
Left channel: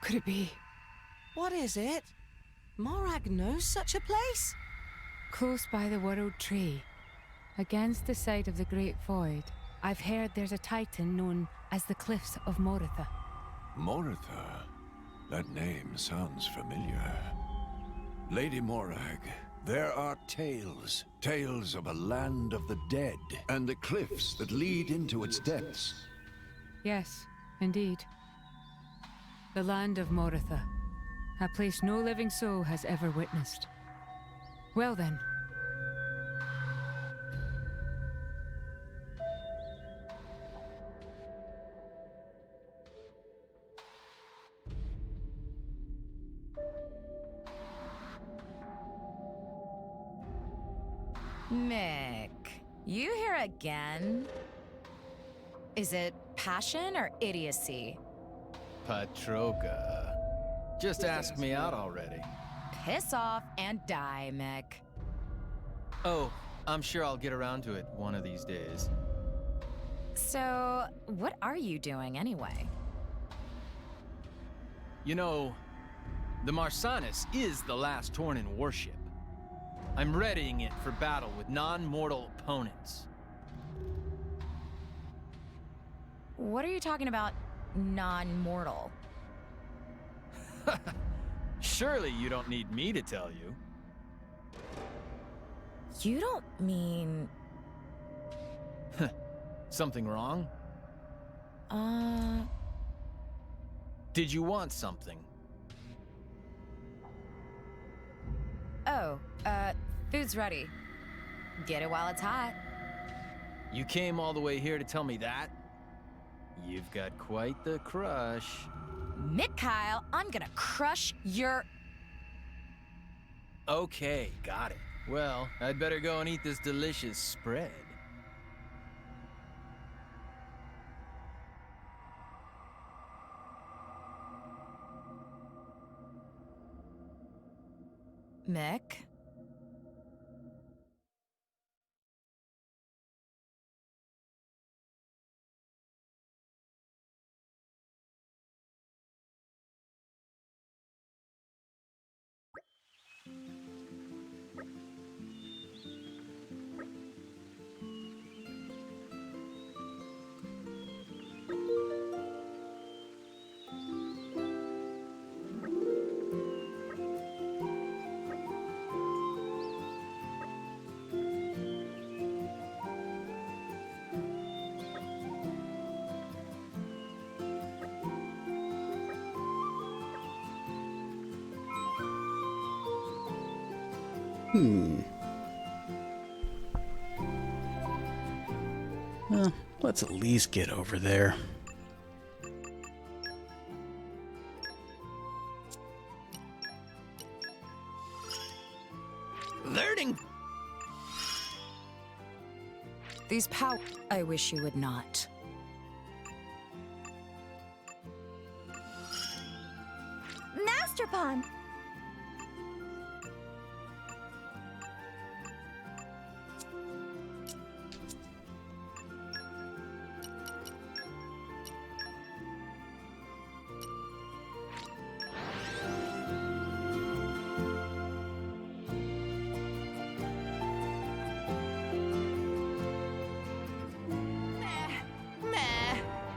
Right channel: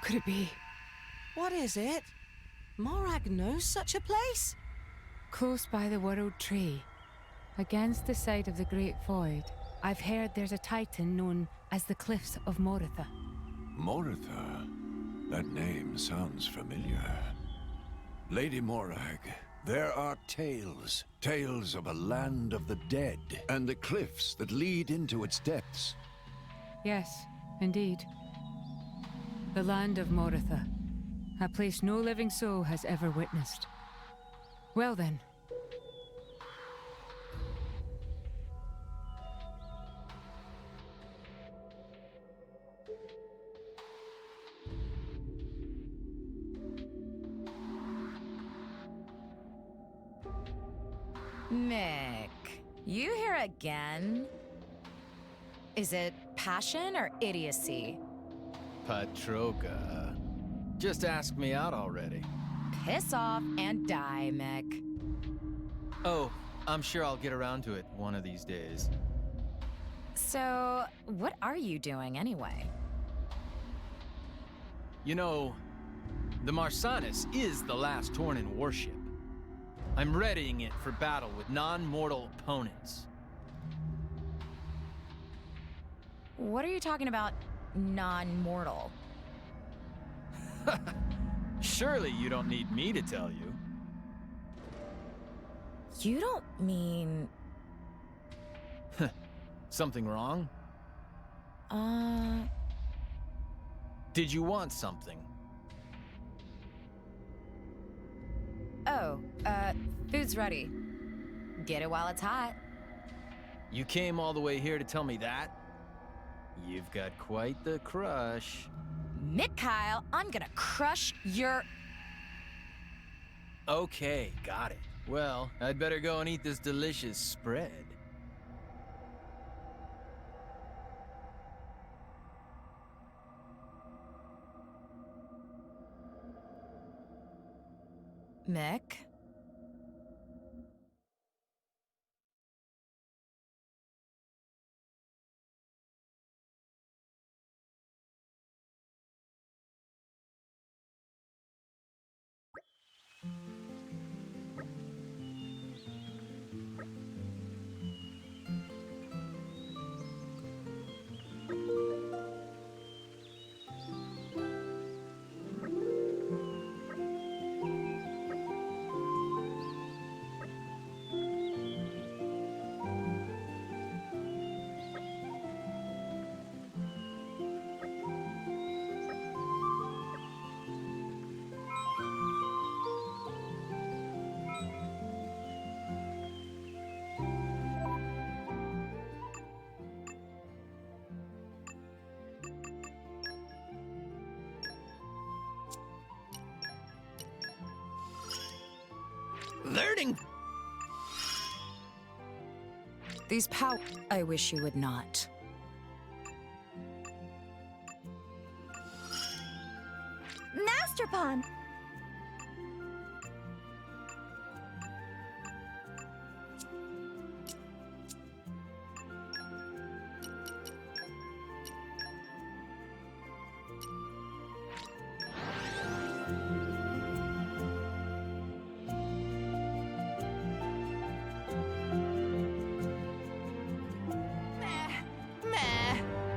Could it be? What is it? Morag knows such a place? Close by the World Tree, against the side of the Great Void, I've heard there's a titan known as the Cliffs of Moritha. Moritha? That name sounds familiar. Lady Morag, there are tales. Tales of a land of the dead, and the cliffs that lead into its depths. Yes, indeed. The land of Moritha. A place no living soul has ever witnessed. Well then. Mick, you here again? Is it passion or idiocy? Patroka. Just ask me out already. Piss off and die, Mick. Oh, I'm sure I'll get around to it one of these days. So, what are you doing anyway? You know, the Marsanis is the last Tornin warship. I'm readying it for battle with non-mortal opponents. What are you talking about, non-mortal? Surely you don't need me to tell you. You don't mean... Something wrong? Did you want something? Oh, food's ready. Get it while it's hot. You came all the way here to tell me that? You've got quite the crush. Mikhail, I'm gonna crush your... Okay, got it. Well, I'd better go and eat this delicious spread. Mick? Well, let's at least get over there. Learning! These pow... I wish you would not. Master Pawn!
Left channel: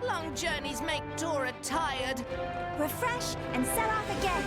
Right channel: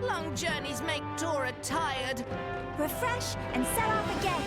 Long journeys make Tora tired. Refresh and set off again.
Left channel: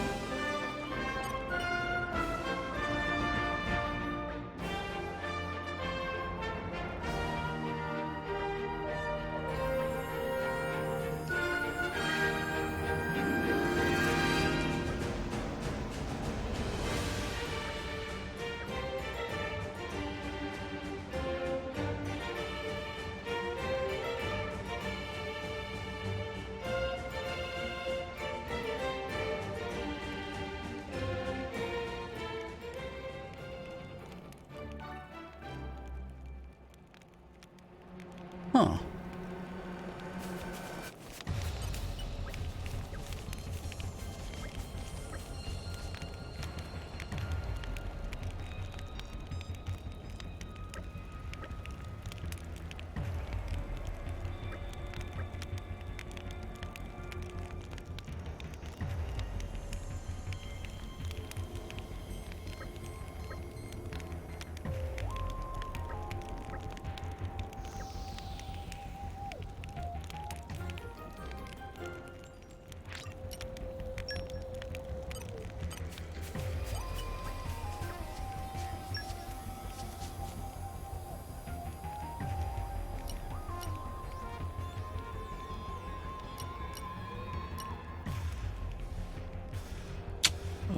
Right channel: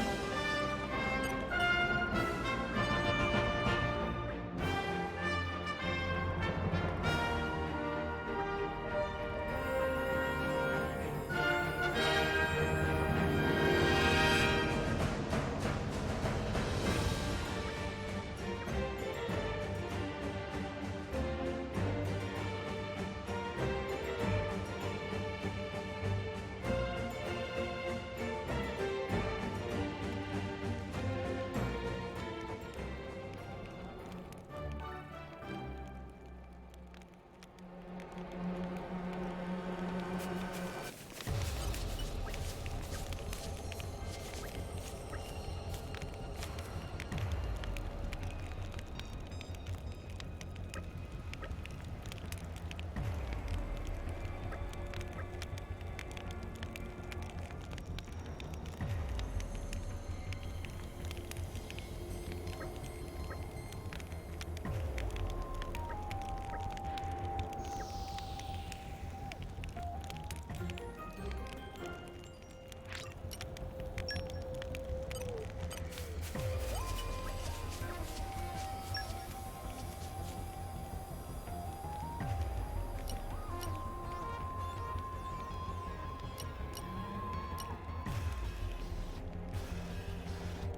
Huh.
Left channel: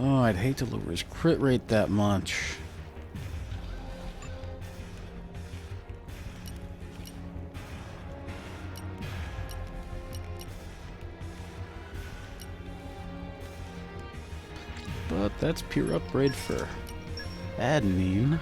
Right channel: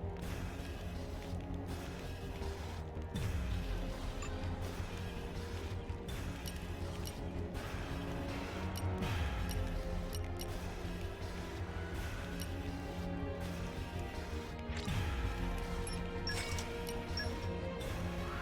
Oh, I'd hate to lower his crit rate that much. But that's pure upgrade for admin.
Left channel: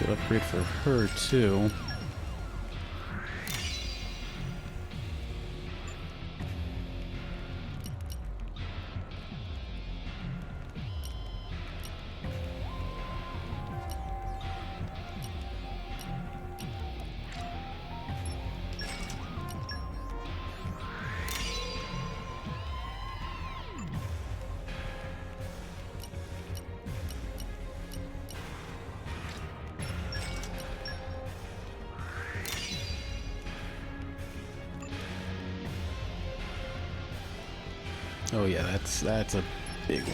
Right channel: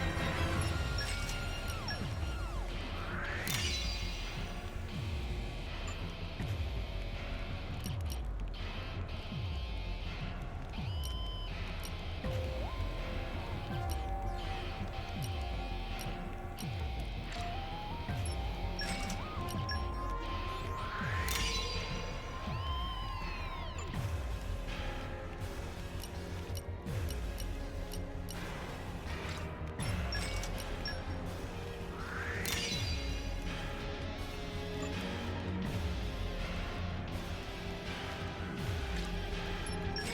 Good upgrade for her, too. Oh yeah, that's a big one.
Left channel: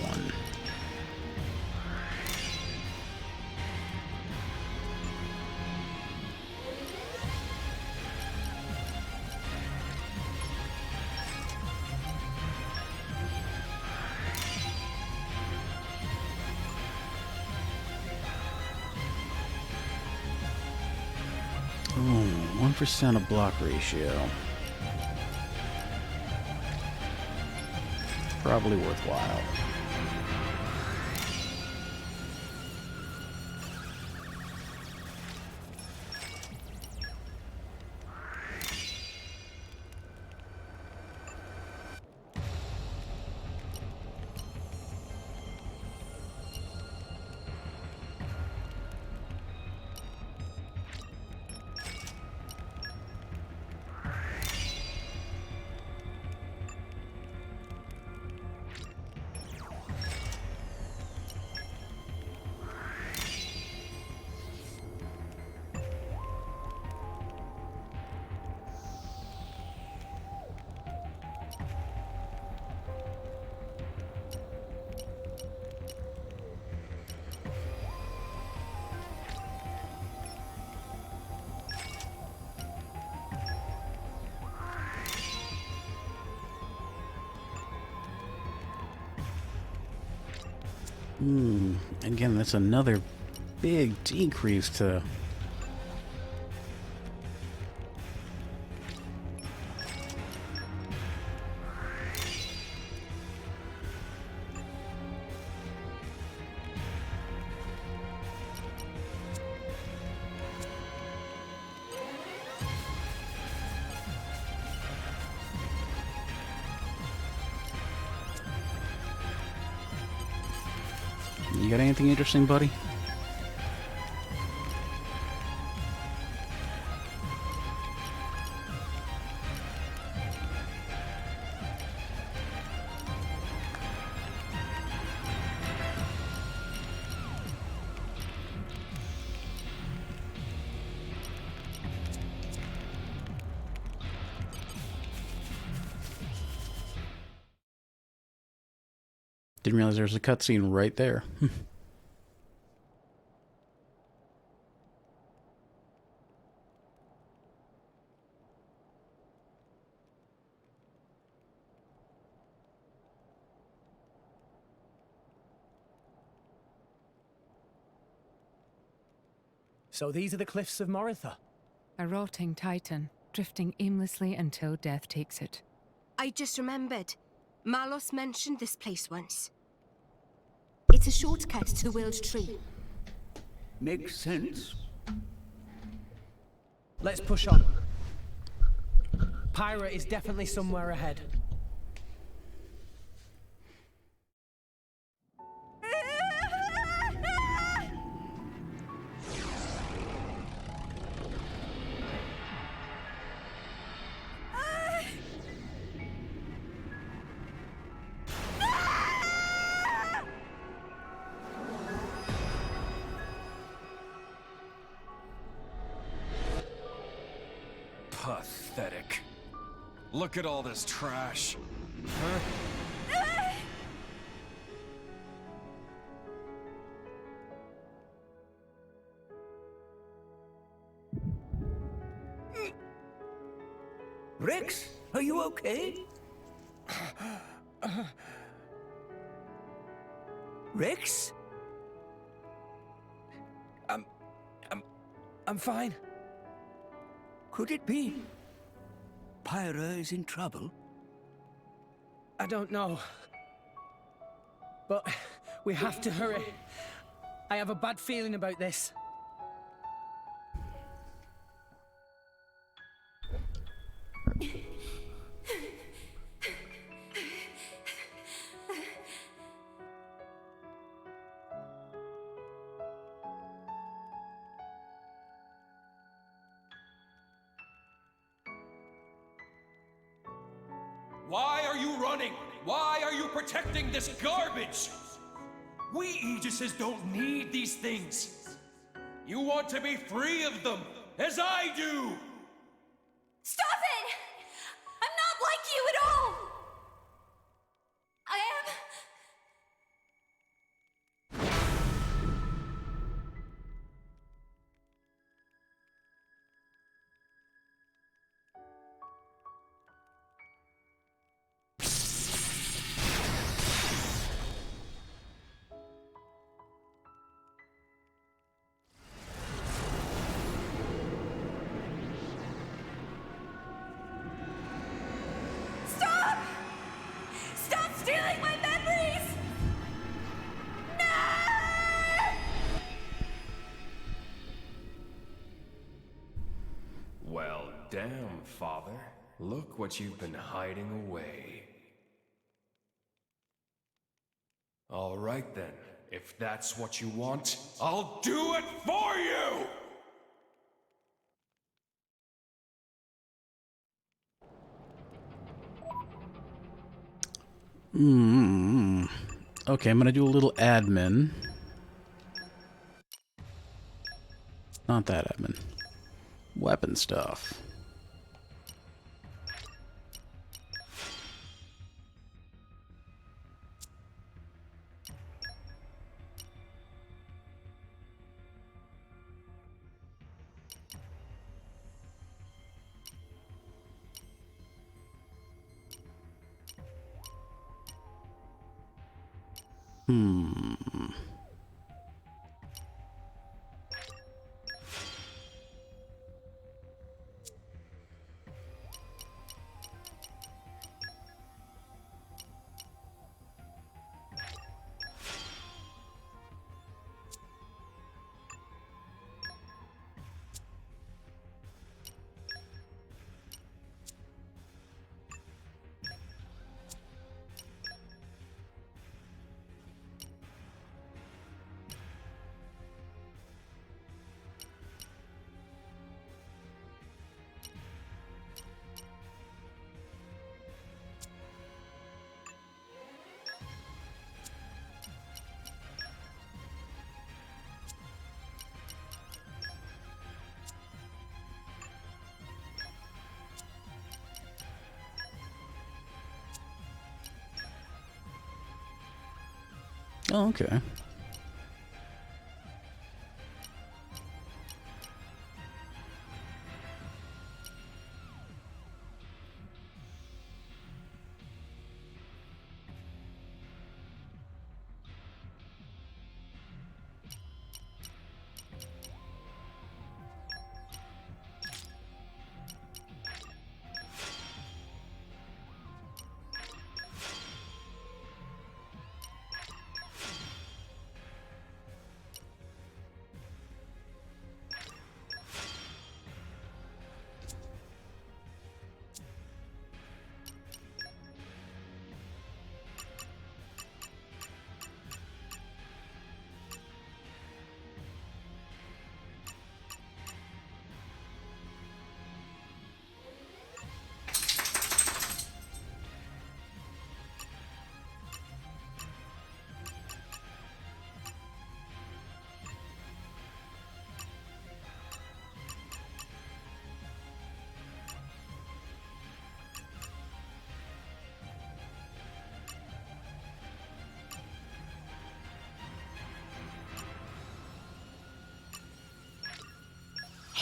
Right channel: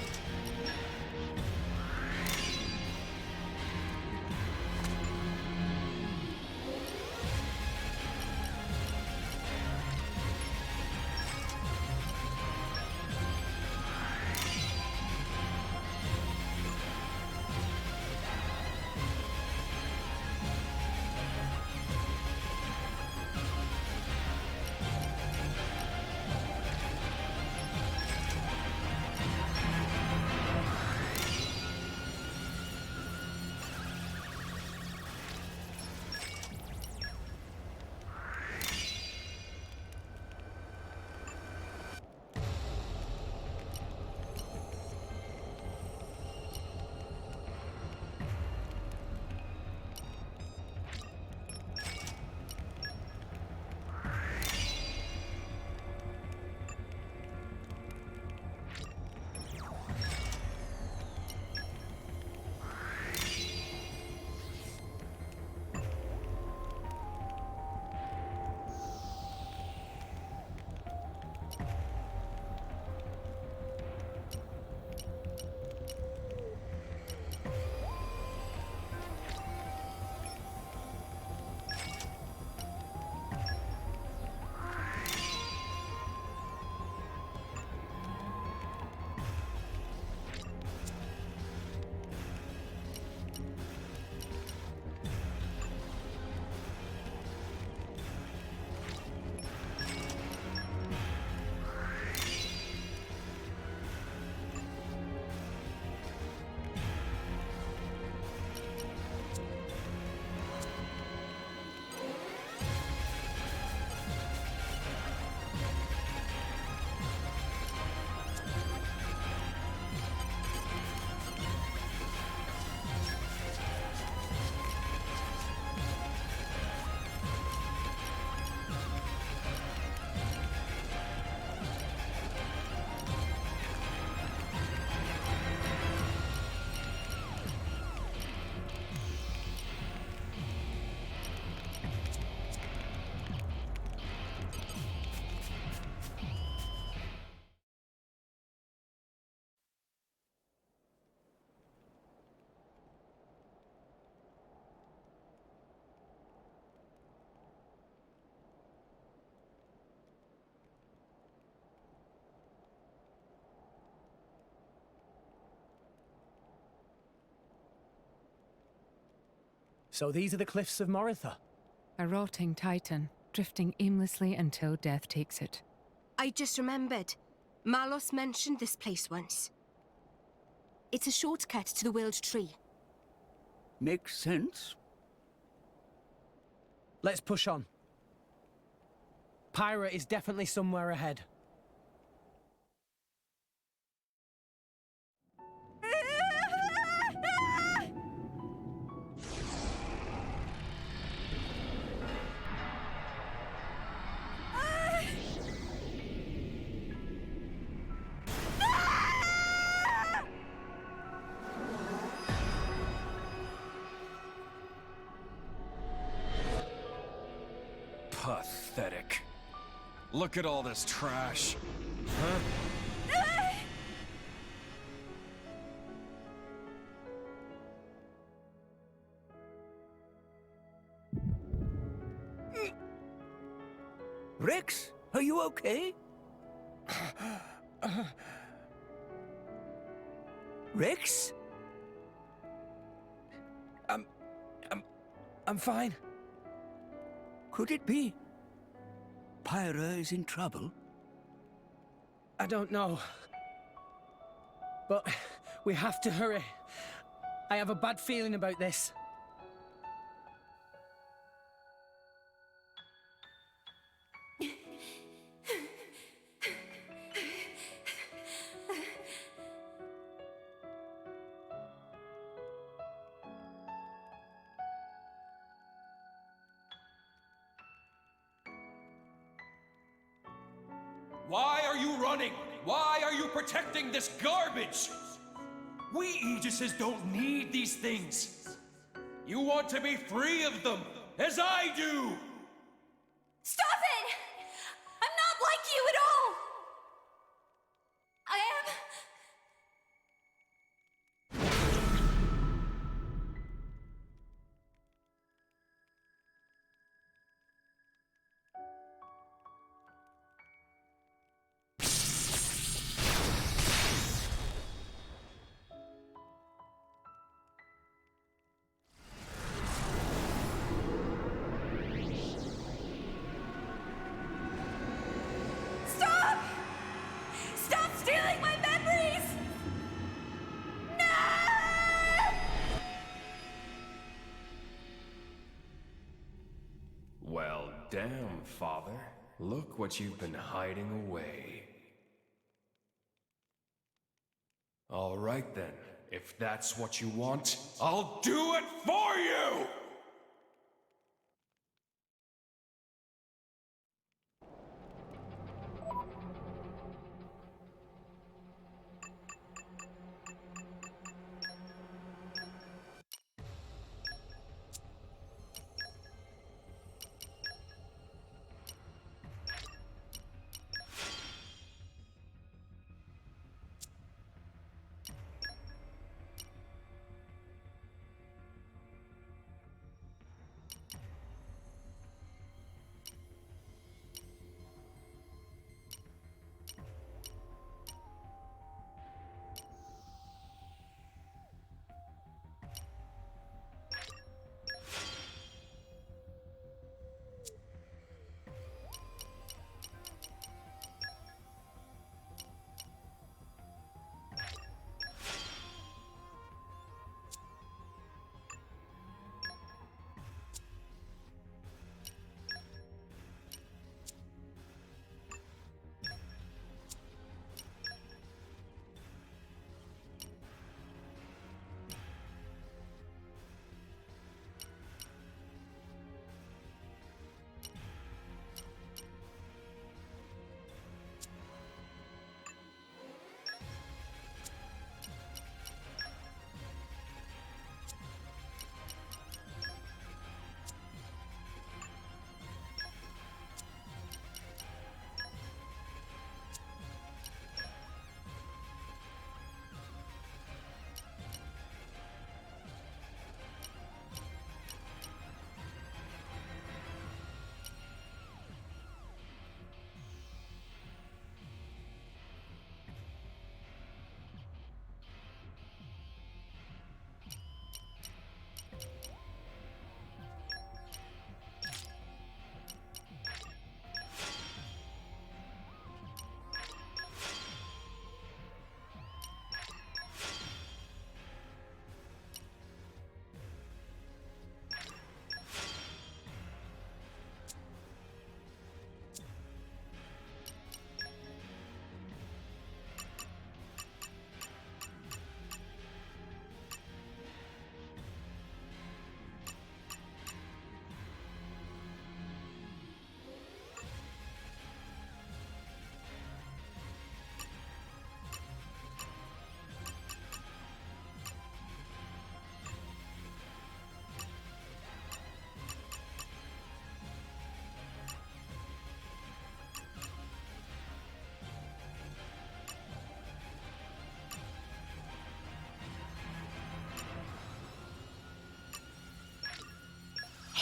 Ooh, 1% of block ratio. Probably worthwhile. Again, that's another big decrease to... You got anything interesting, buddy? Didn't realize there was a cutscene right there. So these are the cliffs of Moritha. A rotting titan, drifting aimlessly until death takes it. I just remembered. Malos mentioned this place once. It's a shortcut to the World Tree. Makes sense. Let's push on. Pyra is definitely somewhere ahead. Pathetic. Look at all this trash. Huh? Rex, are you okay? Rex? I'm fine. Could it be? Pyra is in trouble? I don't know. But we have to hurry. I have a bad feeling about this. Why are you running? Why are you protecting this garbage? We Aegises don't need these things. You want to be free of them, as I do! Stop it! I'm not like you at all! Father. Look what you've been hiding away. All right then. If that's what you want, I'll do it for you! Okay, I'm gonna do a little admin. Not that admin. Weapon stuff. Oh, okay.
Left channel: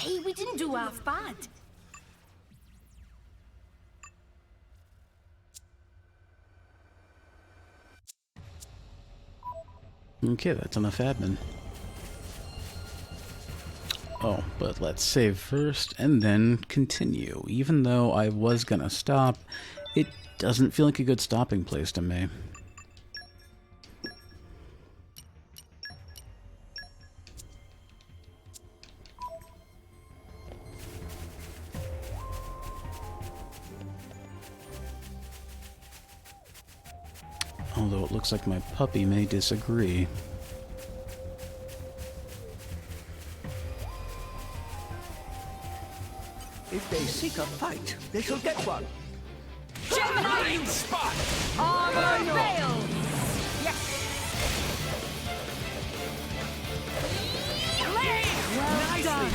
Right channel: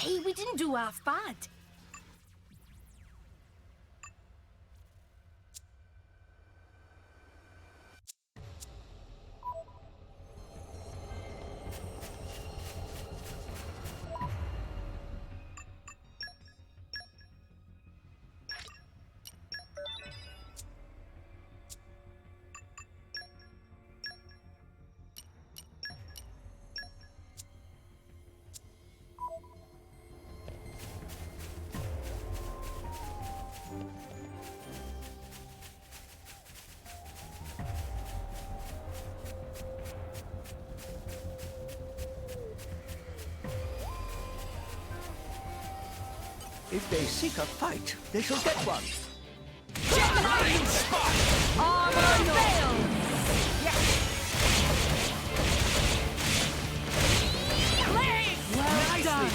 Hey, we didn't do half bad. Okay, that's enough admin. Oh, but let's save first and then continue. Even though I was gonna stop, it doesn't feel like a good stopping place to me. Although it looks like my puppy may disagree. If they seek a fight, they shall get one. Gemini spot! Armor failed! Yes! Well done.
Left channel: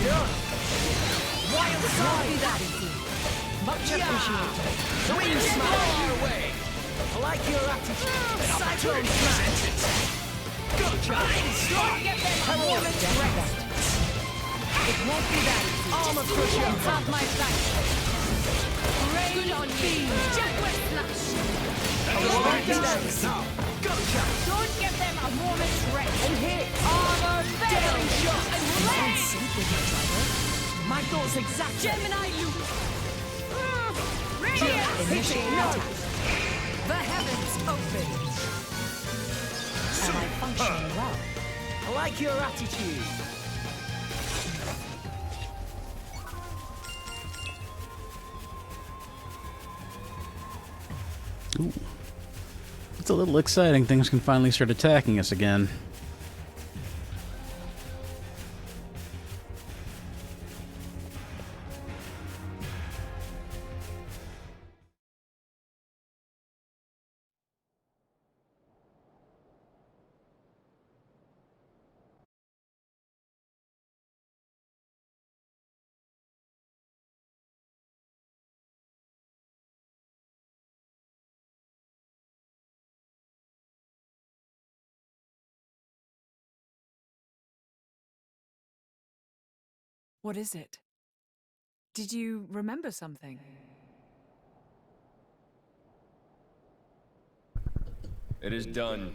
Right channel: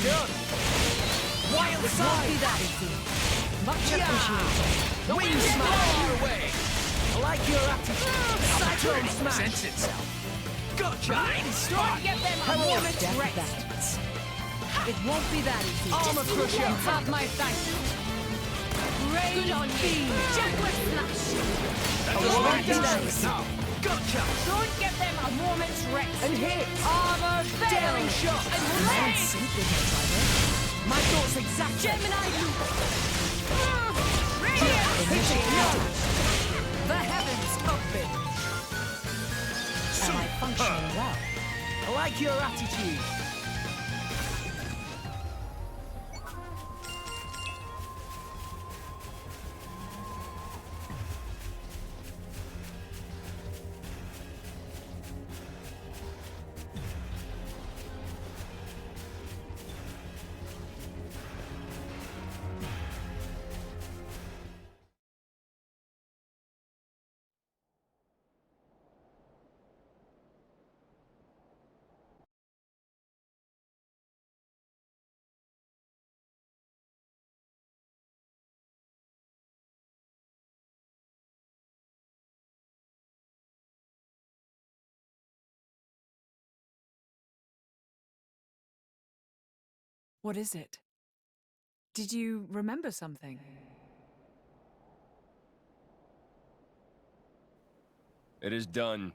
Wild Won't be side! that easy. Much appreciated. Wind smile your way! I like your attitude. Cyclone smash! Gotcha! Don't get them a moment's rest! It won't be that easy. Armor crusher! Have my thanks. Good on you! Jaguar slash! I won't be that easy. Gotcha! Don't get them a moment's rest! And hit. Armor daring shot! And Man sync with my driver. My thoughts exactly. Gemini loop! Initiate attack. The heavens open. Am I functioning well? I like your attitude. Ooh. It's a little exciting. Things can finally start attacking us again. What is it? Did you remember something? It is done.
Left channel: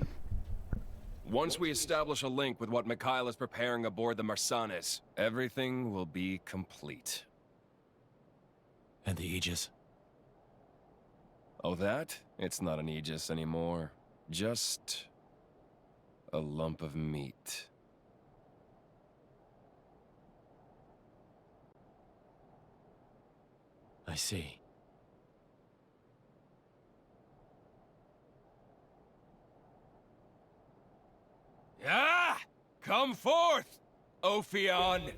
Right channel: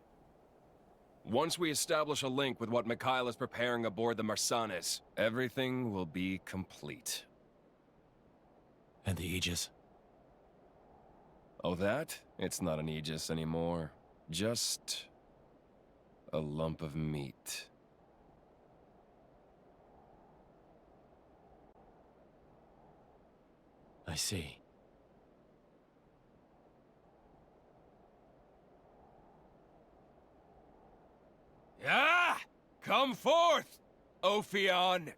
Once we establish a link with what Mikhail is preparing aboard the Marsanes, everything will be complete. And the Aegis? Oh, that? It's not an Aegis anymore. Just a lump of meat. I see. Ah! Come forth, Ophion!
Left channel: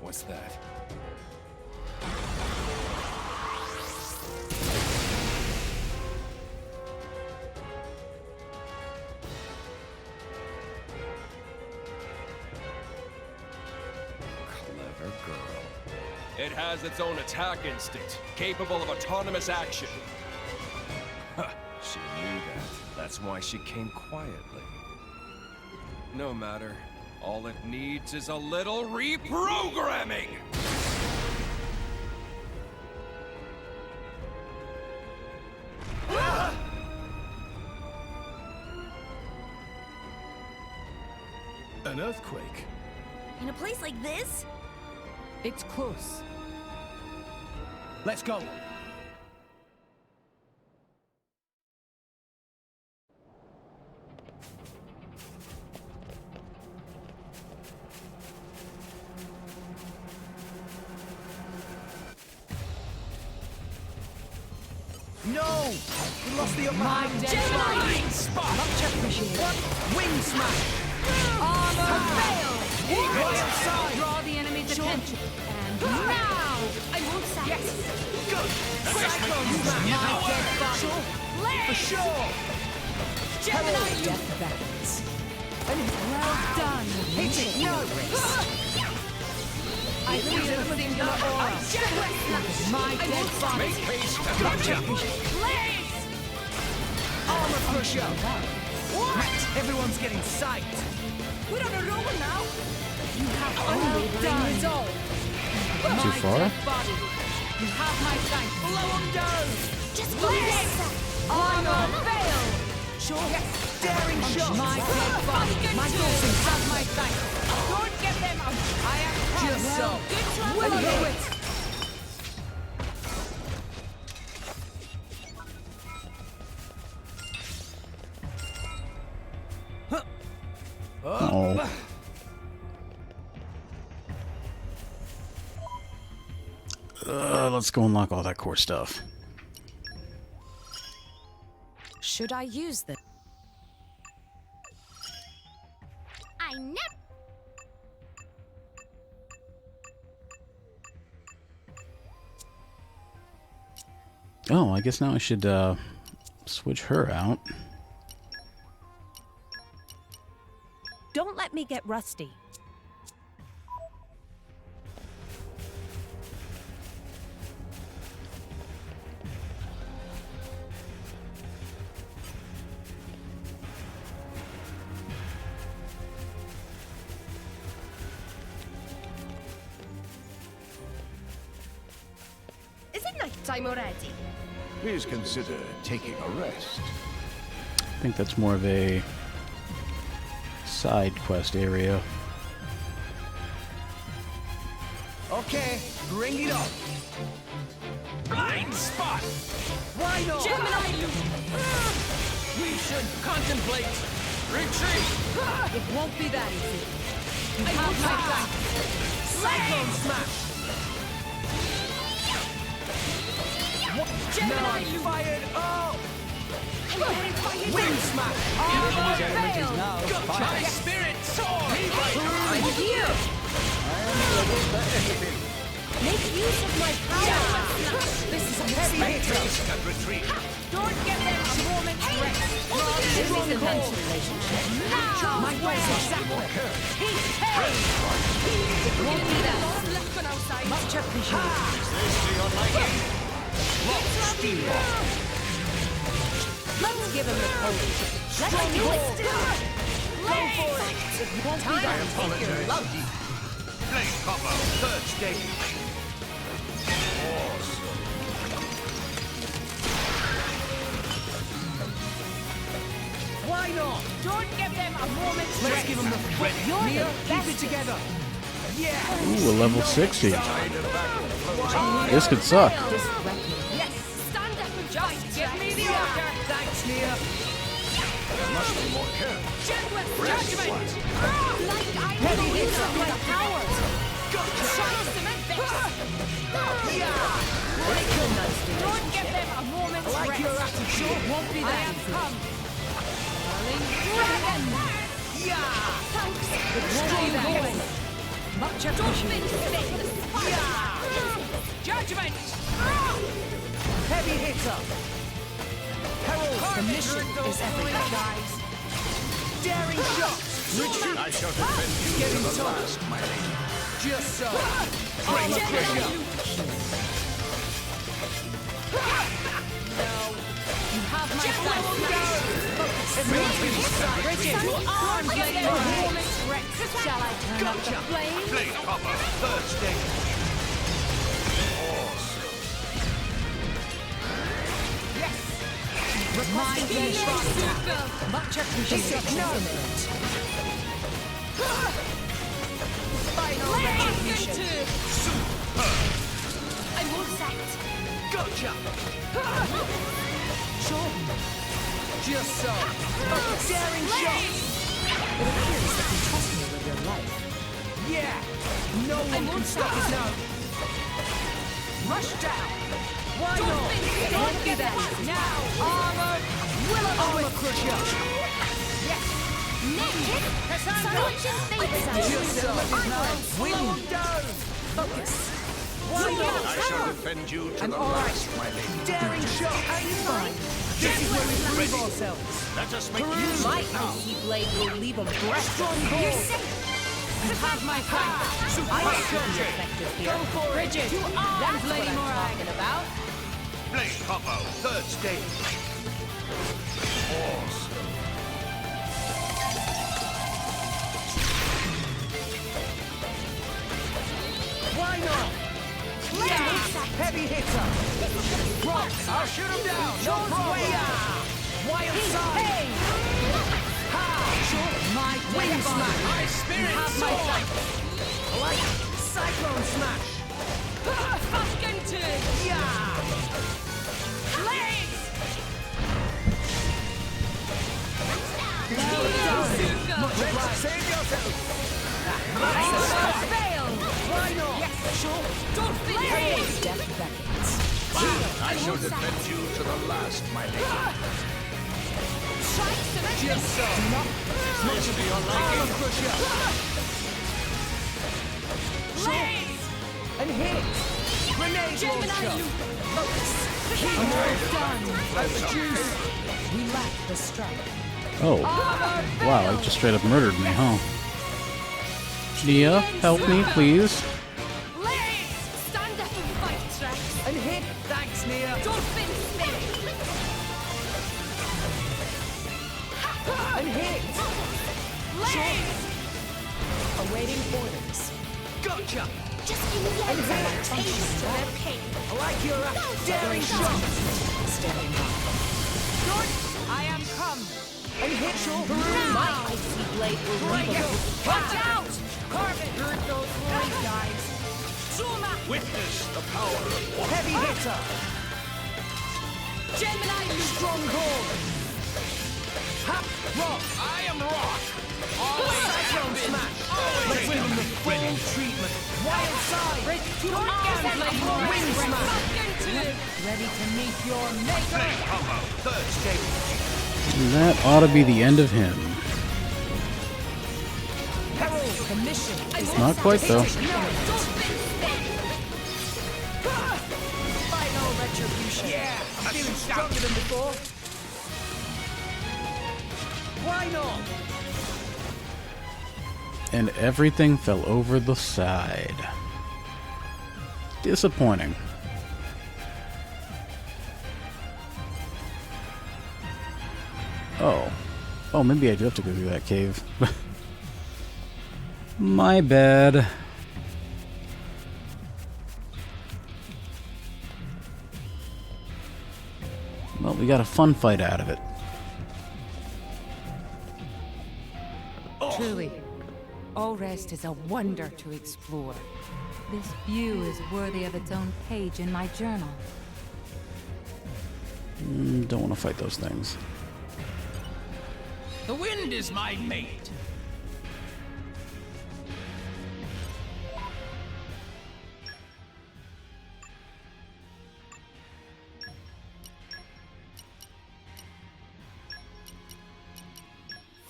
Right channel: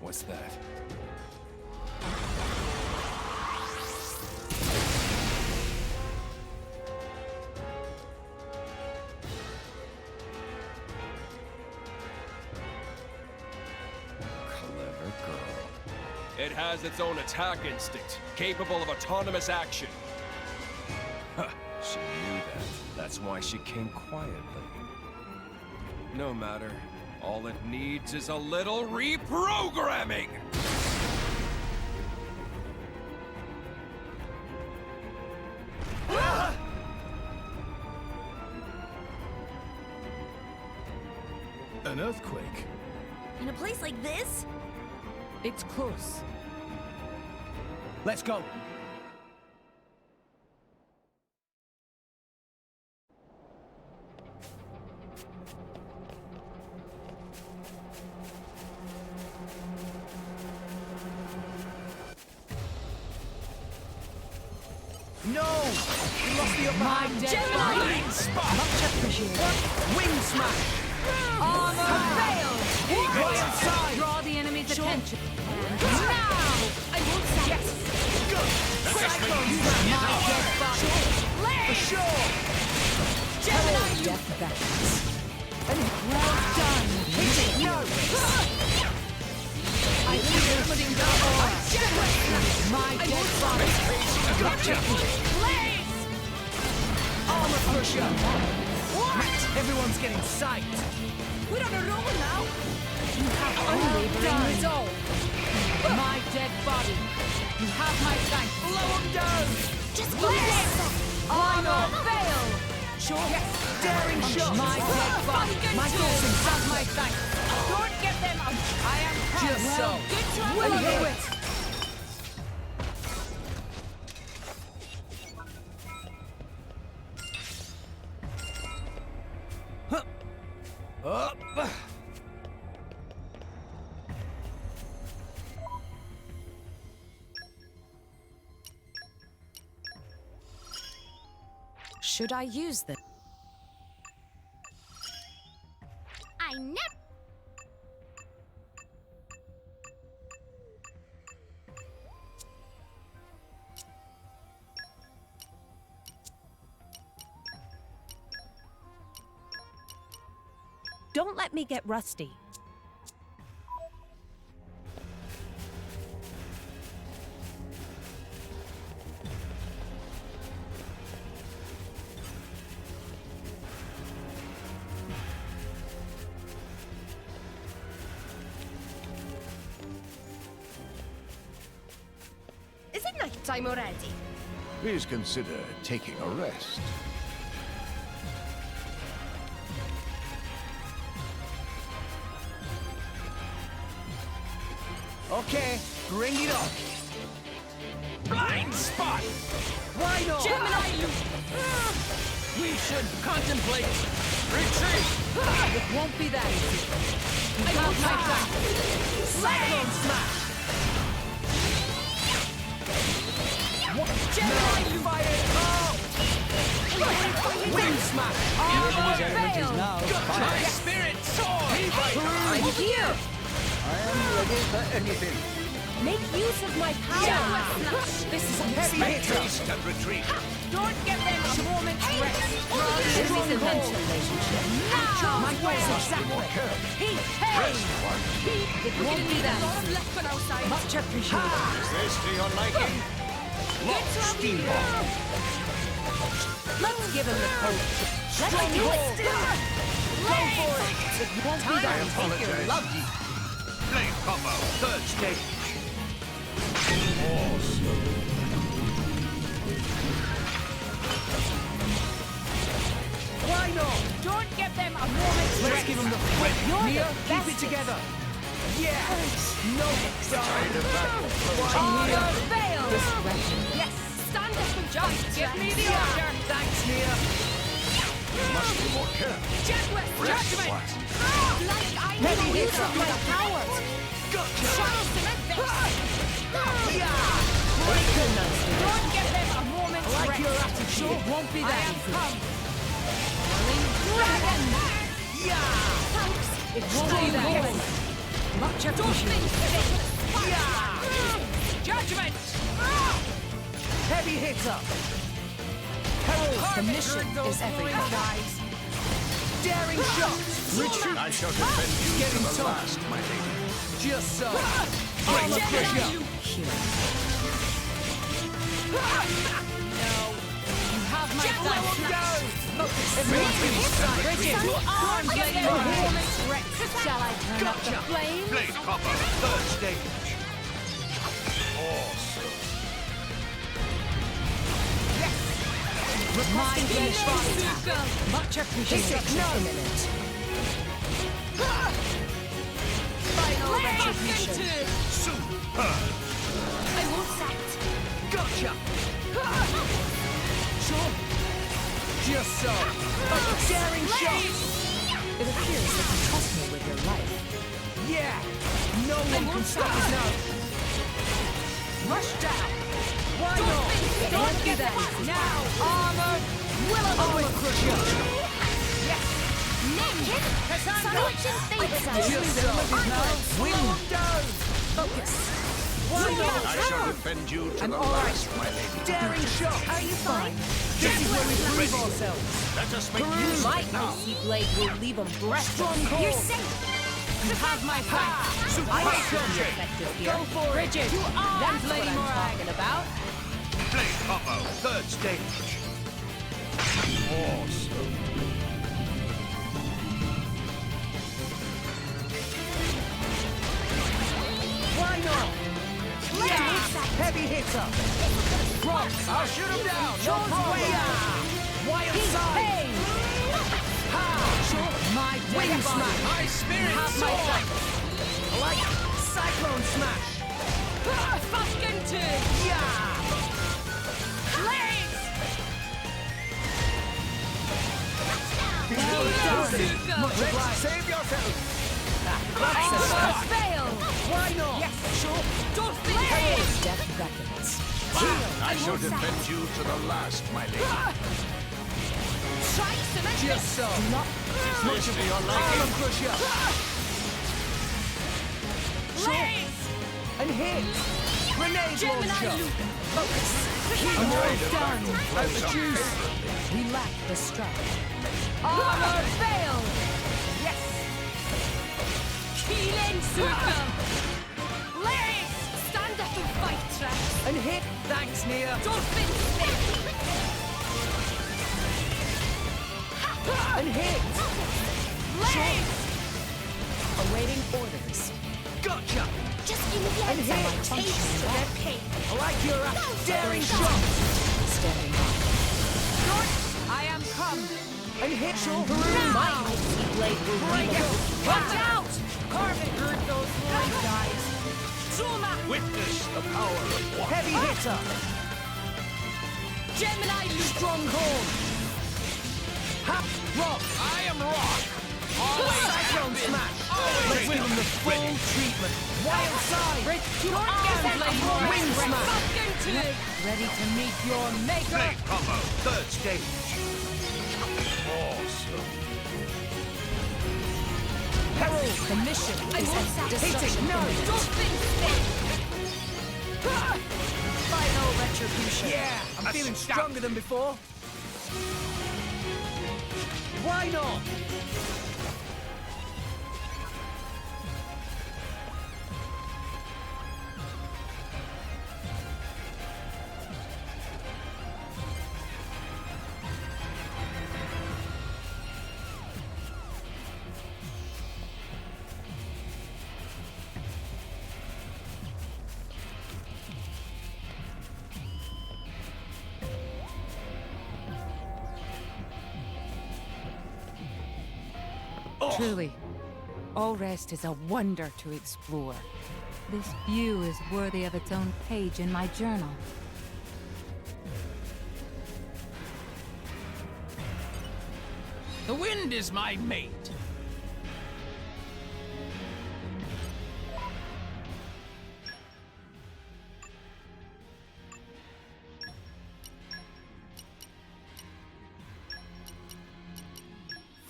What's that? Clever girl. It has its own attack instinct, capable of autonomous action. Huh, she knew that. That's why she came quietly. No matter. All it needs is a little reprogramming! An earthquake? In a place like this? It's close. Let's go. No! We lost the upper hand. Gemini! Much appreciated. Wind smash! Armor fail! Royal side! Draw the enemy's attention. And now! I won't say Yes! Good! Cyclone smash! My dead body! For sure! Gemini, you... Death beckons. Well done! Hit it! No! I feel a singular aura. My dead body! Gotcha! Blaze! Armor crusher! What? Everyone's getting psyched! We're on a roll now! You have unwavering resolve. My dead body! You have my thanks. Blow 'em down! Just blaze! Armor fail! Sure. Yes! Daring shot! My dead body! My You dosing have my thanks. Don't get them out! I am proud. Just so! Good try. Will you it? Oh. Let's go unlock all that core stuff. Should I use this? I never. Oh, I guess now I should switch her out. Don't let me get rusty. Is it night time already? Please consider taking a rest. I think that's more of a side quest area. Okay, bring it on. Blind spot! Why not? Gemini loop! We should contemplate retreat! It won't be that easy. I have my flank. Cyclone smash! Gemini No, loop! fired! Oh! Wind smash! Armor failed. My spirit soars! I'm here! I am ready for anything. Make use of my power! This is a heavy hitter! Haste and retreat! Don't give them a moment's rest! This is a tense relationship. My goals exactly! It won't be that easy. Left on outside! Much appreciated. Is this to your liking? Lock steamboat! Let's give him the code. Let's do it. Go for it. It won't be that easy. Blade combo, third stage. Awesome. Why not? Don't give them a moment's Let's rest! give them the foot. Nia, keep it together. Yeah. Ooh, a level 60. This could suck. Yes! Stand up and just give me the order! Thanks, Nia. There must be more care. Gentleman's Rest judgment! one. Like I Heavy know use hitter. of my powers! Gotcha. Show cement this! Yeah. Don't give them a moment's I like rest! your attitude. It won't be I that am easy. come! Dragon! Yeah. Thanks! It won't be that easy. Much appreciated. Yeah. Judgment! Heavy hitter. Herald. The mission is everything. Guys. Daring shot. Retreat. I shall defend you Getting to the tough. last, my lady. Just so. Armor pressure. You have my flank. Everyone's getting stuck. Bridget, Don't give them a hit. moment's rest! shall I turn up the Gotcha. flame? Blade combo, third stage. Awesome. My finish. Much appreciated. No. Final retribution! Super. I won't set! Gotcha. Sure. Just so. Daring shot. It appears that you trust me with your life. Yeah. No one can stop us now. Rush down. Why not? Don't get that now! Armor. Armor crusher. Yes! Naked! Cassandra! Just so. Slow him down. Focus! Why not? I shall defend you to the all right. last, my lady. Daring shot. Are you fine? This is where we prove ourselves. Let us make use of My it now. icy blade will leave them breathless. Strong hold. You're safe! You have my flank. I should be effective here. Go for it. Bridget, You are that's what Lady I'm Morag. talking about. Blade combo, third stage. Awesome. Why not? Yeah. Heavy hitter. Rock. I'll shoot him down. No problem. Wild side. Ha. Sure. My Wing death body. smash. My spirit You have my soars. flank. I like it. Cyclone smash. Fucking turn! Yeah. Legs! Much obliged. Save yourself. Armor fail! Why not? Yes, sure. Don't fail! Death beckons. I shall defend you to the last, my lady. Try cement Just so. Is this to your Armor liking? crusher. Legs! And hit. Grenade Gemini launcher. loop! Almost done. We lack the strength. Oh. Wow, that just straight up murdered me, huh? Nia, help me, please. Legs! Stand up and fight, Trax! And hit. Thanks, Nia. Don't fin stick! And hit. Legs! Awaiting orders. Gotcha. Just give me And a hit. taste of their pain. I like your daring shot. Standing by. I am come! And hit. My icy blade will leave them. Watch out! Carve it! Hurt those glory guys! Zuma! Witness the power of water. Heavy hitter! Gemini Stronghold! Ha! Rock! I am rock. Always Cyclone have been. smash! Always Let's give him the full ready. treatment. Wild side! Blade Wind smash! Ready to meet your maker? Blade combo. Third stage. That ought to be the end of him. Herald, the mission. Not quite though. Final retribution. Yeah, I'm feeling stronger than before. Why not? And everything fell over the side. Disappointing. Oh, maybe I do have to go through that cave. My bad. Well, we got a fun fight out of it. Truly, all rest is a wonder to explore. This view is worthy of its own page in my journal. Don't want to fight those things. The wind is my mate.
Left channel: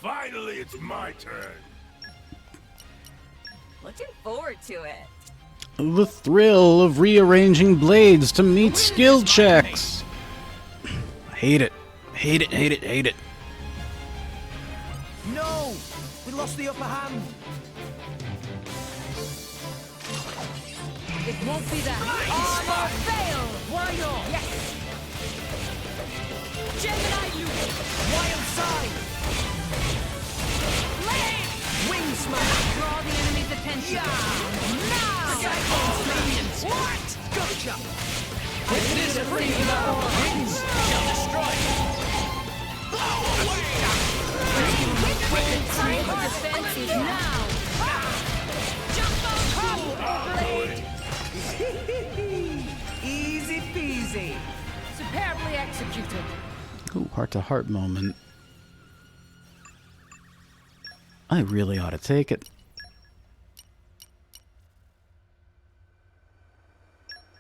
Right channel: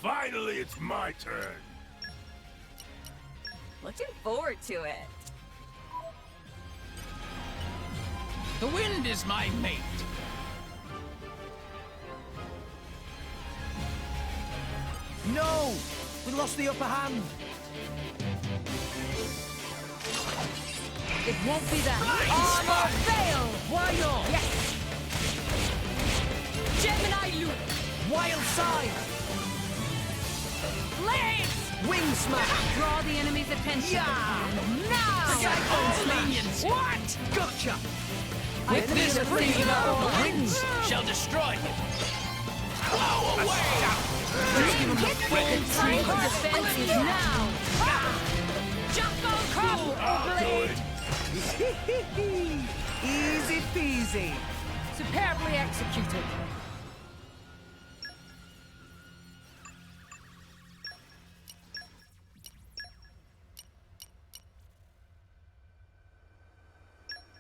Finally, it's my turn. Looking forward to it. The thrill of rearranging blades to meet skill checks. Hate it. Hate it, hate it, hate it. No! We lost the upper hand. It won't be that. Armor fail! Why not? Yes! Gemini loop! Wild side! Blade! Wing smash! Draw the enemy's attention. Now! Cyclone smash! What? Gotcha! Witness freeing the wings! Shall destroy. Blow away. Time for defense now. Jumbo Blade! Easy peasy! Superbly executed. Ooh, heart-to-heart moment. I really ought to take it.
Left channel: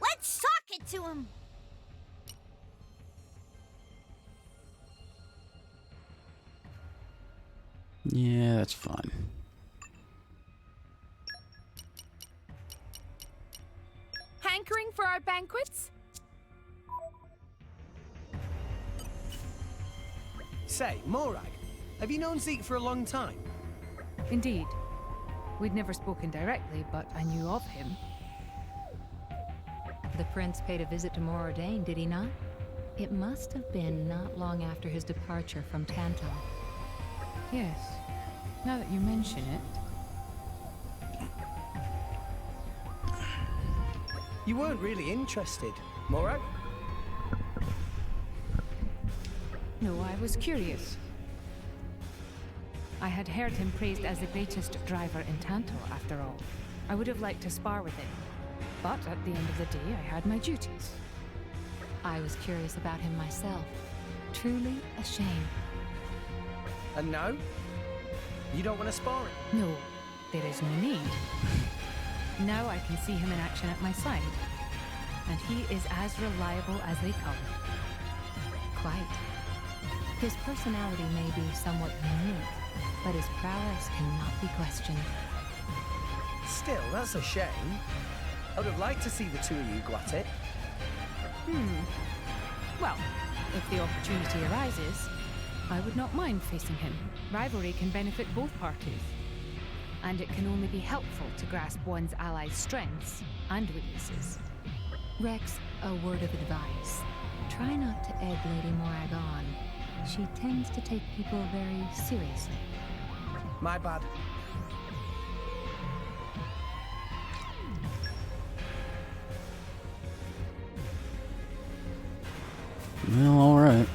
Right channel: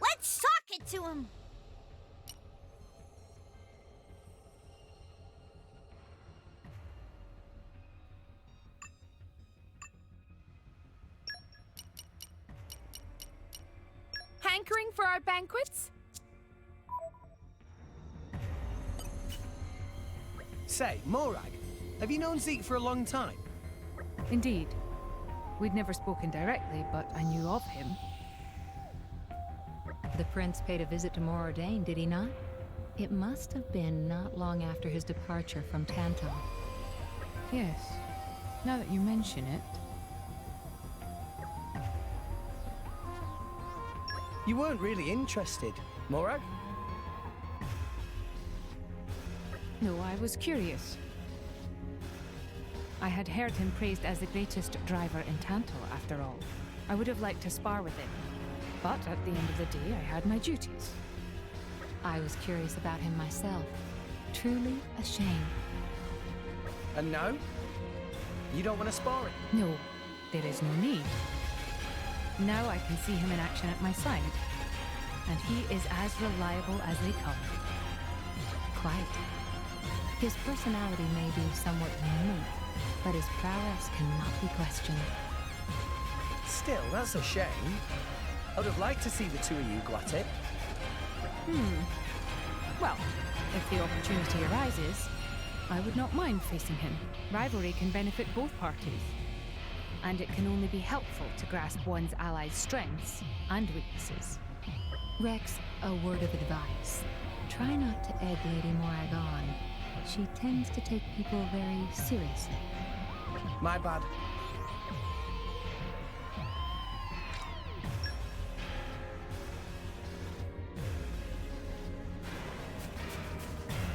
Let's sock it to him. Yeah, that's fine. Hankering for our banquets? Say, Morag, have you known Zeke for a long time? Indeed. We'd never spoken directly, but I knew of him. The prince paid a visit to Moradane, did he not? It must have been not long after his departure from Tantal. Yes. Now that you mention it. You weren't really interested, Morag? No, I was curious. I had heard him praised as the greatest driver in Tantal, after all. I would have liked to spar with him. But at the end of the day, I had my duties. I was curious about him myself. Truly a shame. And now? You don't want to spar it? No, there is no need. Now I can see him in action at my side. And he is as reliable as they come. Quite. His personality may be somewhat unique, but his prowess cannot be questioned. Still, that's a shame. I would have liked to see the two of you go at it. Well, if the opportunity arises, I would not mind facing him. Rivalry can benefit both parties. And it can only be helpful to grasp one's allies' strengths and weaknesses. Rex, a word of advice. Try not to egg Lady Morag on. She tends to take people very seriously. My bad. Well, alright.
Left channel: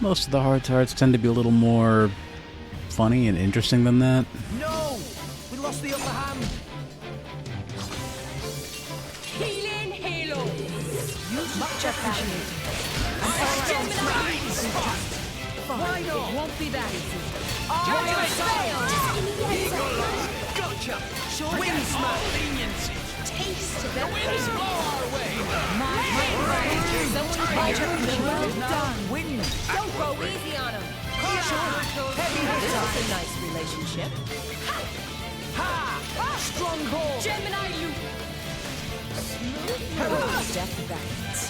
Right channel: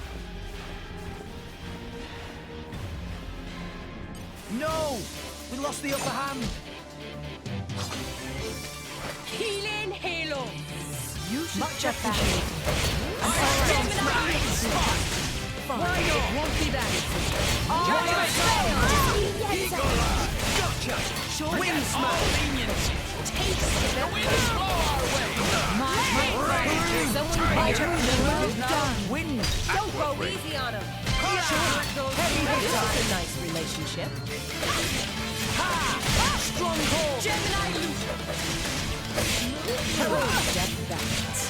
Most of the hard tarts tend to be a little more funny and interesting than that. No! We lost the upper hand. Healing Halo. Much appreciated. Why not? It won't be that easy. Gotcha! Wind smash! Taste of The winds blow our way! Well done. Wind! Don't go easy on him. Heavy This hitter! is a nice relationship. Ha! Stronghold! Gemini loop. Death vectors.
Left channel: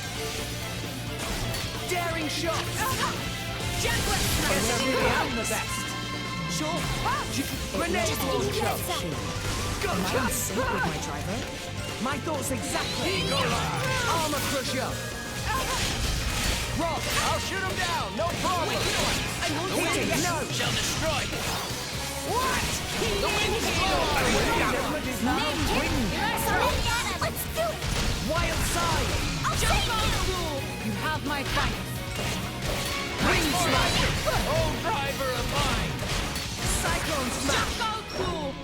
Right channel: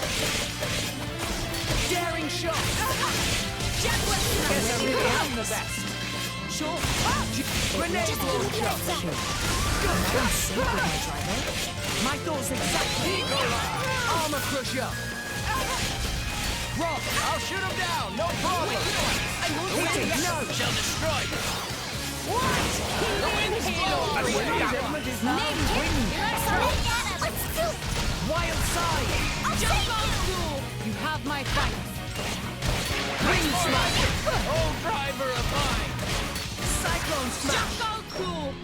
Daring shot! Jaguar Guess I really am the best. Sure. Grenade launcher! Gotcha! Sync with my driver. My thoughts exactly! Armor crusher! Rock! I'll shoot him down! No problem! The winds shall destroy you! What? The winds blow our way! Is now wind! Let's do it! Wild side! Jump out cool. You have my thanks. Wind smash! Oh, driver of mine! Cyclone smash! Jump out cool.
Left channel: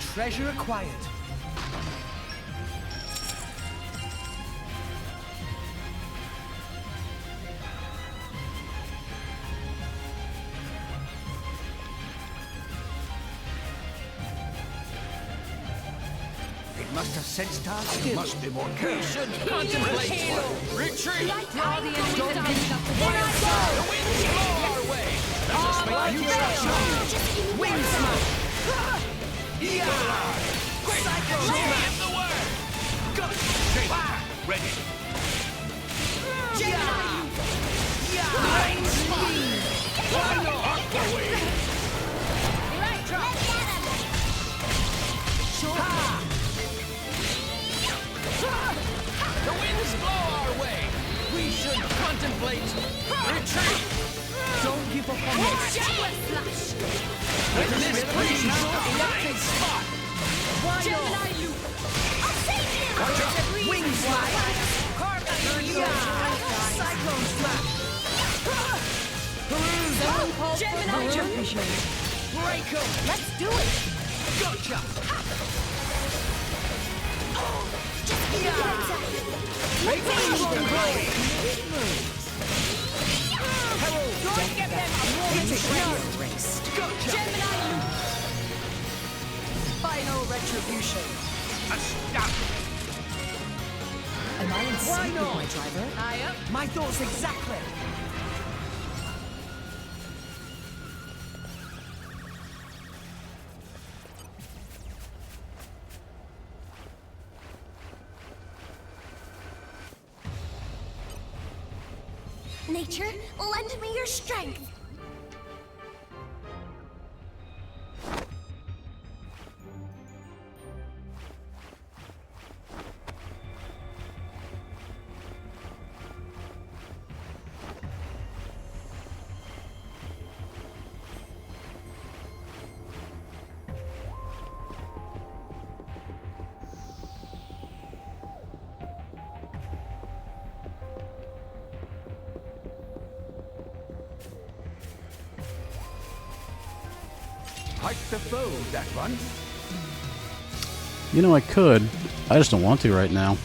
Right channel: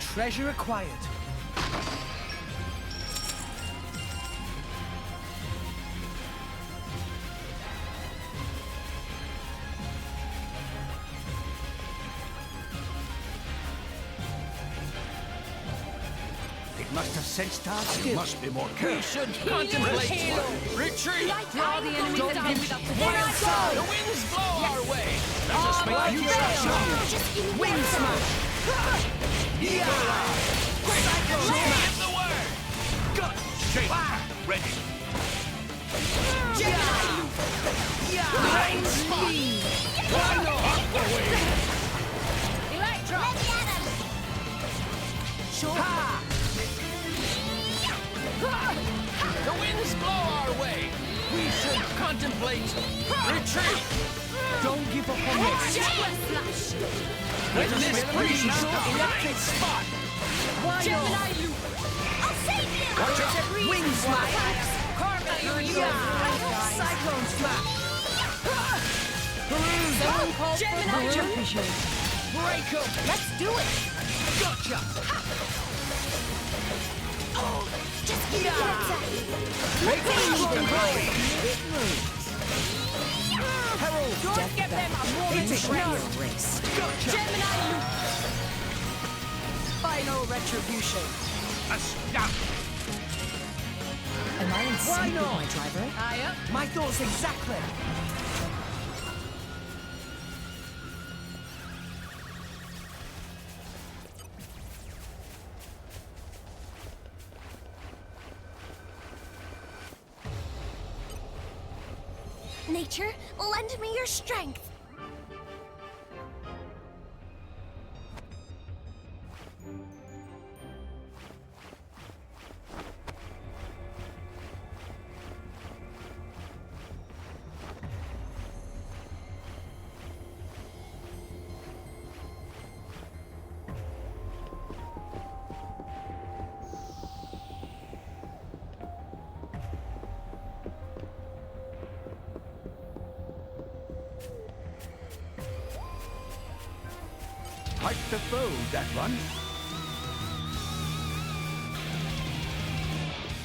Treasure acquired. It must have sensed our skill. Must be more We careful. should contemplate retreat! Draw the enemy down without the Wild The side! winds blow our way! Let us make use of Wind smash! Yeah! Cyclone smash! Give the word! Got Ready! Gemini! Yeah! Rain speed! Why not? Sure. Ha! The winds blow our way! We should contemplate retreat! Don't give up on this! Jaguar flash. With this breeze, Electric spot! Why Gemini not? loop. I'll save you! Wing smash! Yeah! Cyclone smash! Peruse! Gemini jump. Break 'em! Let's do it. Gotcha! Yeah! Make a strong blade! Herald! Don't get them a moment's rest. Erased. Gotcha! Gemini loop. Final retribution! Am I in Why sync with not? my driver? Aye up. My thoughts exactly! Nature, lend me your strength. Hike the foe, that one. You know, I could. I just don't want to right now.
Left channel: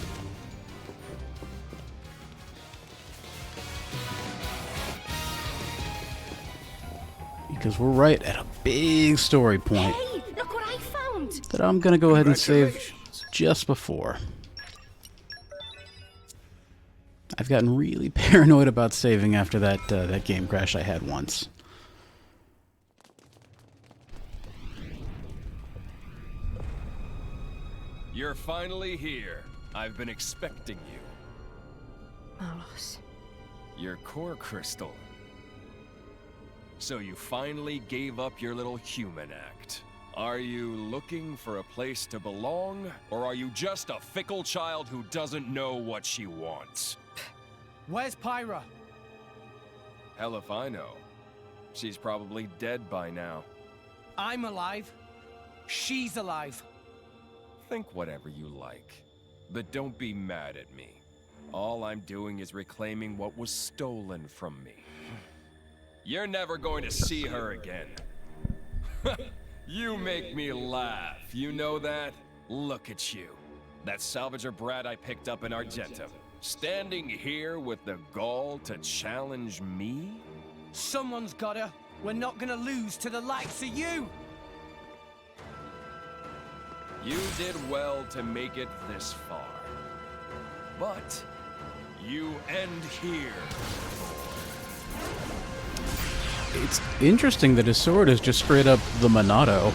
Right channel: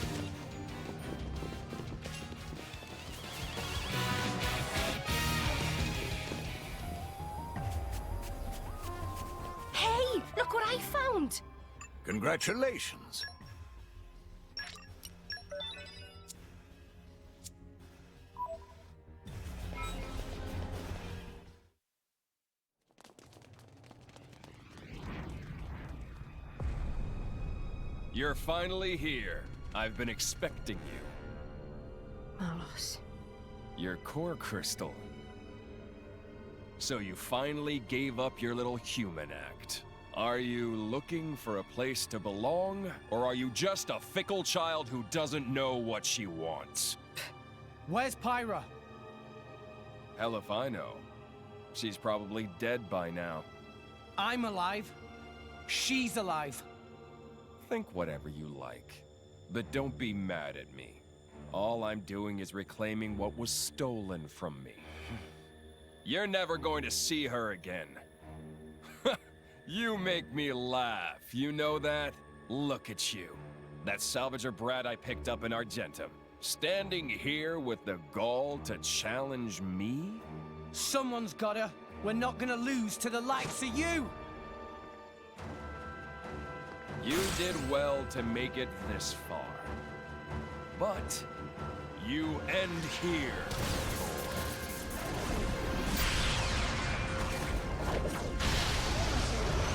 Because we're right at a big story point Hey, look what I found. that I'm going to go ahead and save Congratulations. just before. I've gotten really paranoid about saving after that game crash I had once. You're finally here. I've been expecting you. Malos. Your core crystal. So you finally gave up your little human act. Are you looking for a place to belong, or are you just a fickle child who doesn't know what she wants? Where's Pyra? Hell if I know. She's probably dead by now. I'm alive. She's alive. Think whatever you like, but don't be mad at me. All I'm doing is reclaiming what was stolen from me. You're never going to see her again. You make me laugh, you know that? Look at you. That salvager brat I picked up in Argentum. Standing here with the gall to challenge me? Someone's gotta. We're not gonna lose to the likes of you! You did well to make it this far. But you end here. It's interesting that his sword is just straight up the Monado.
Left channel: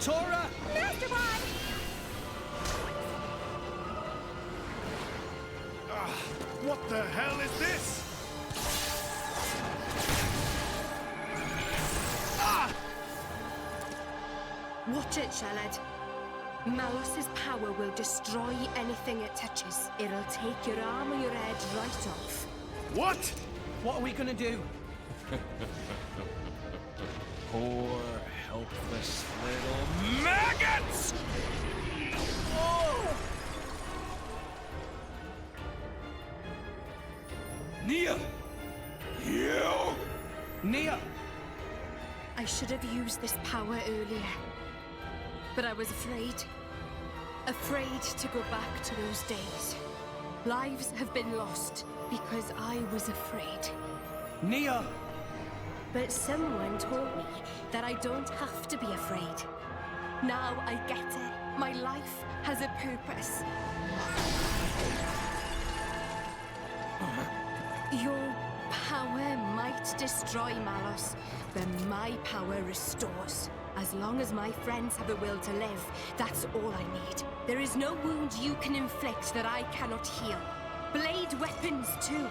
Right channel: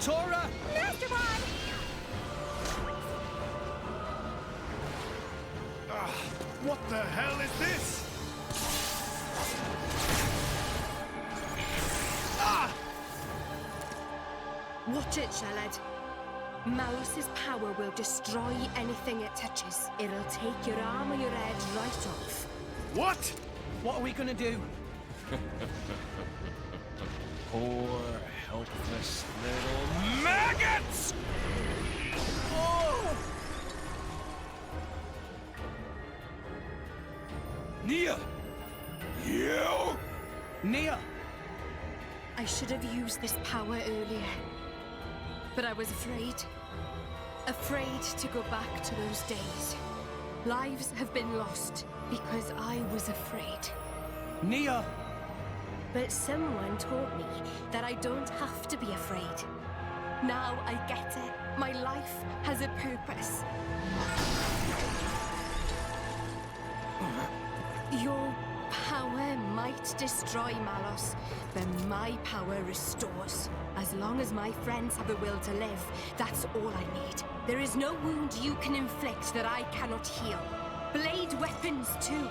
Tora! Master Bond! What the hell is this? Watch it, Sheled. Malos's power will destroy anything it touches. It'll take your arm or your head right off. What? What are we gonna do? Poor, helpless little maggots! Oh! Nia! You! Nia! I should have used this power earlier. But I was afraid. Afraid to go back to those days. Lives have been lost because I was afraid. Nia! But someone taught me that I don't have to be afraid. Now I get it. My life has a purpose. Your power might destroy Malos, but my power restores. As long as my friends have the will to live, that's all I need. There is no wound you can inflict that I cannot heal. Blade weapons, too.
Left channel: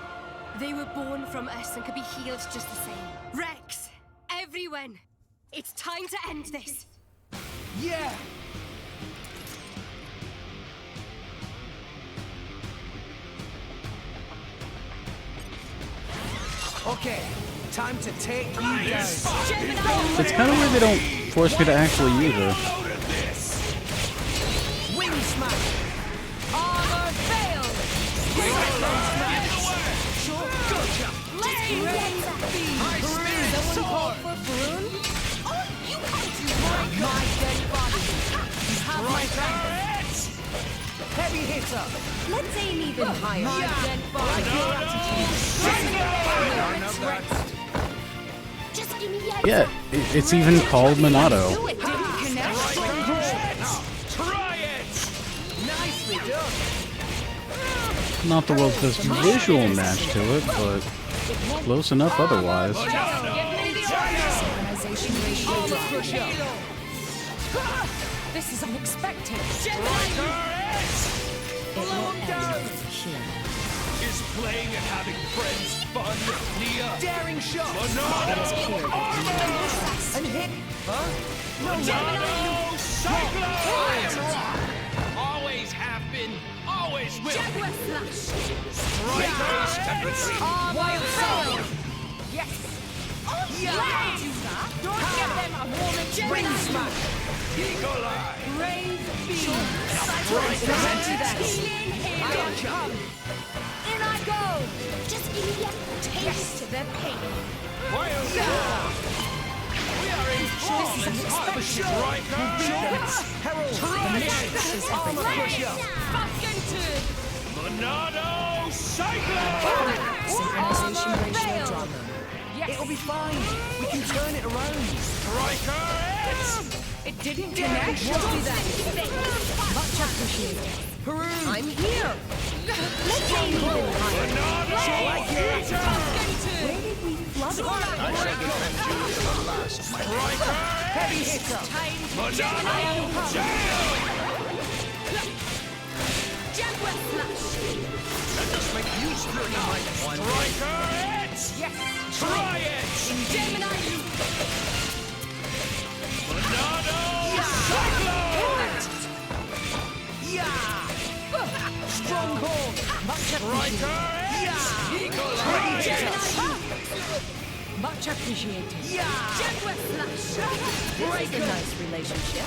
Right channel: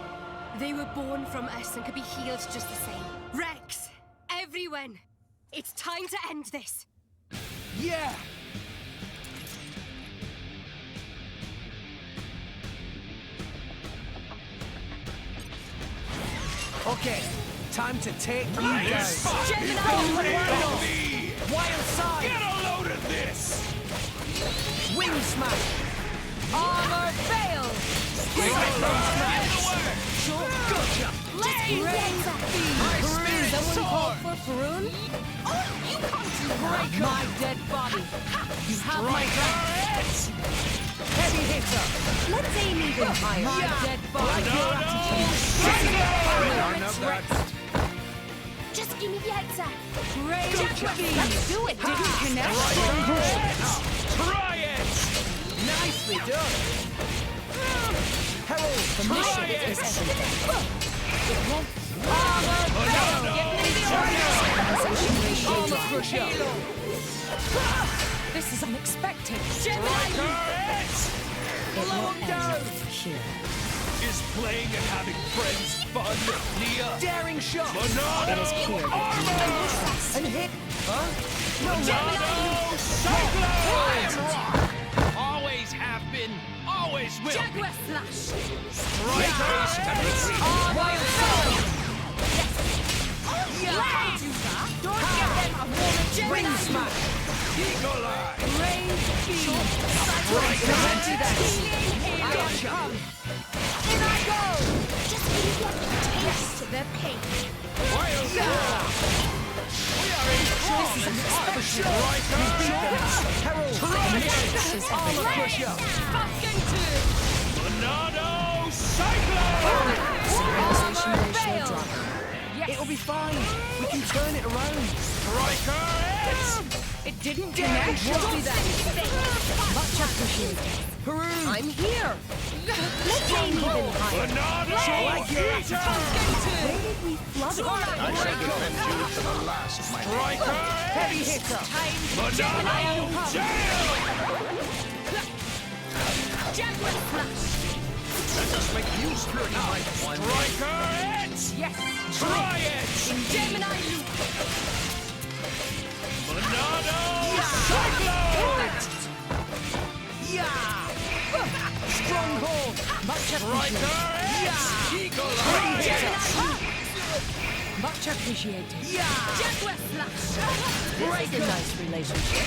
They were born from us and could be healed just the same. Rex! Everyone! It's time to end this! Yeah! Okay, time to take you down. It's kind of weird they don't force you to actually use it. Wing smash! Armor failed! Gotcha! Let's raise speed! Someone called for Faroon? Oh, you can't do that! My dead body! You have my thanks! Heavy hitter! Let's aim even higher. My dead body! Just give me the answer! Yeah, it's even called Monado. Do it! Didn't connect? Try it! Nicely done! Not the world's best visual match to it, but close enough otherwise. This is unexpected. It will end here. Is playing and having friends fun, Nia? Daring shot! Monado! It is clear that and hit! Huh? Monado! Cyclone! Always have been, always will Jaguar Slash! Strikers can retreat! Wild Soul! Yes! Oh, yeah! Do that! Don't give them a moment! Wing smash! Eagle Eye! Raise beam! Gotcha! In I go! Just give me a taste of the pain. Wild We are in Herald! Armor crusher! Monado Cyclone! Armor failed! Yes. It'll be fine. We can turn it around. Striker hits! It didn't connect. We'll do that. Much appreciated. Peru! I'm here! Let's aim even higher. Monado Heater! Where did we flub it? I shall defend you to the last, my Striker Heavy hits! hitter! Monado Jail! Jaguar Slash! Let us make use of your might, one. Striker hits! Yes. Try it! Gemini Loop! Monado Cyclone! Yeah! Stronghold! Much Striker hits! Eagle Eye! Much appreciated. Yeah! Jaguar Flash! Break This is a nice relationship.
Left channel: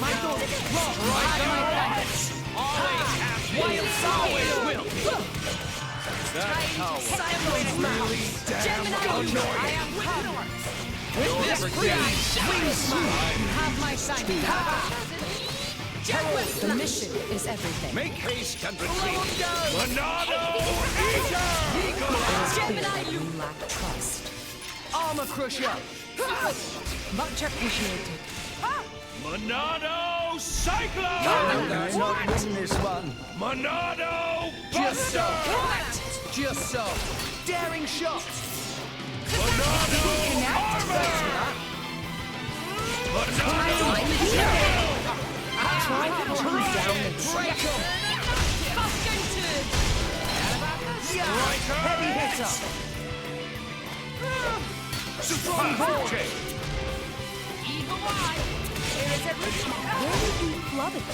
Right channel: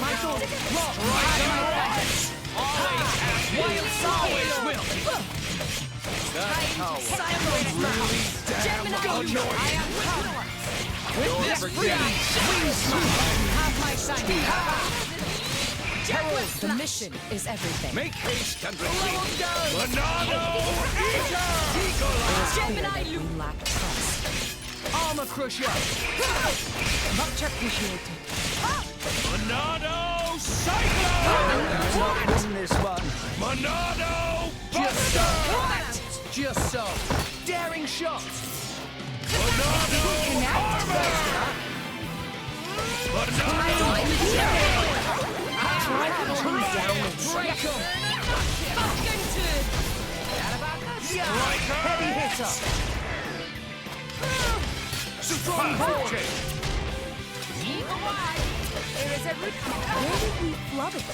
My daughter, rock! Wild always will be. That power really damn annoying. I am power. With this freeze, Wing smash! You have my sign. Jaguar, the mission is everything. Make haste and retreat. Monado Gemini Loop. We lack trust. Armor crusher! Much appreciated. Monado Cyclone! I'll not win this one. Monado Just so! Buster! Just so! Daring shot! Monado Armor! Monado Break 'em! Striker! Heavy hitter! Strong hold! There is a root. Where did we flub it?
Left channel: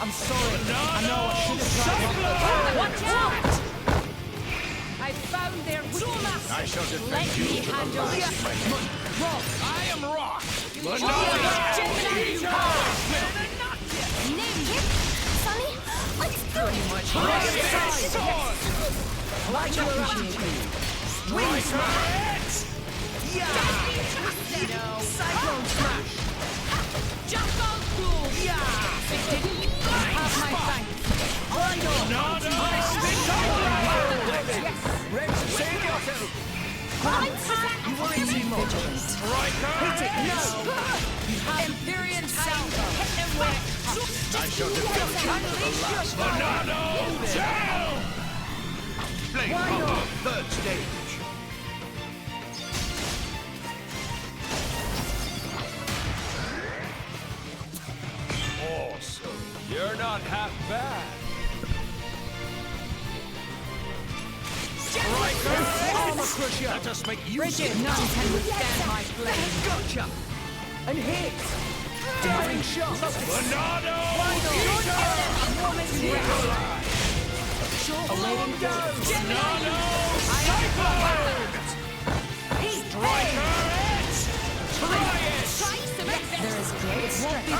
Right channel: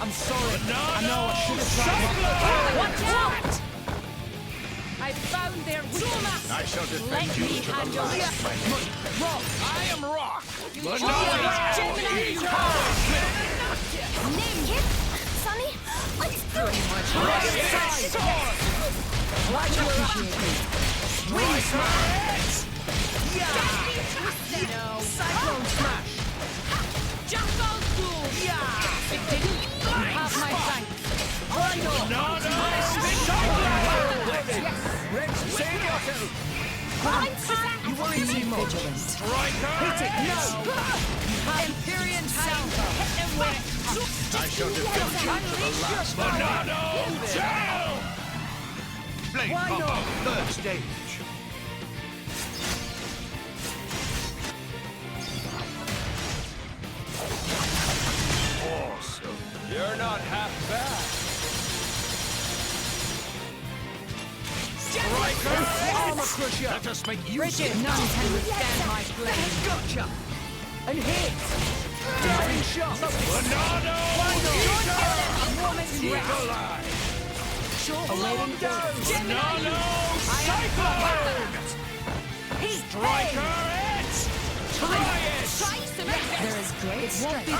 I'm sorry. I know I should have tried. Watch out! I found their weakness. I shall defend Let you me to the handle last, it. my friend. Rock! I am Rock! Gemini Name it! Sonny, let's do it! Much appreciated. Wing smash! Yeah! No. Cyclone smash! Jackal Duel. Yeah! It didn't. You have my thanks. Right on! Yes. Rex, save yourself! You worry too much. Hit it! No! You have Empyrean Salvo. Hit them with it. I shall defend you to the last. Monado down! Blade Why combo, not? third stage. Awesome. You're not half bad. Armor crusher! Let us make use Bridget, of it. none can withstand my flame. Gotcha! And hit! Daring shot! Monado Woman's Eagle-Eye! Awaiting down! Monado Cyclone! Striker X! Try it! There is great strength. You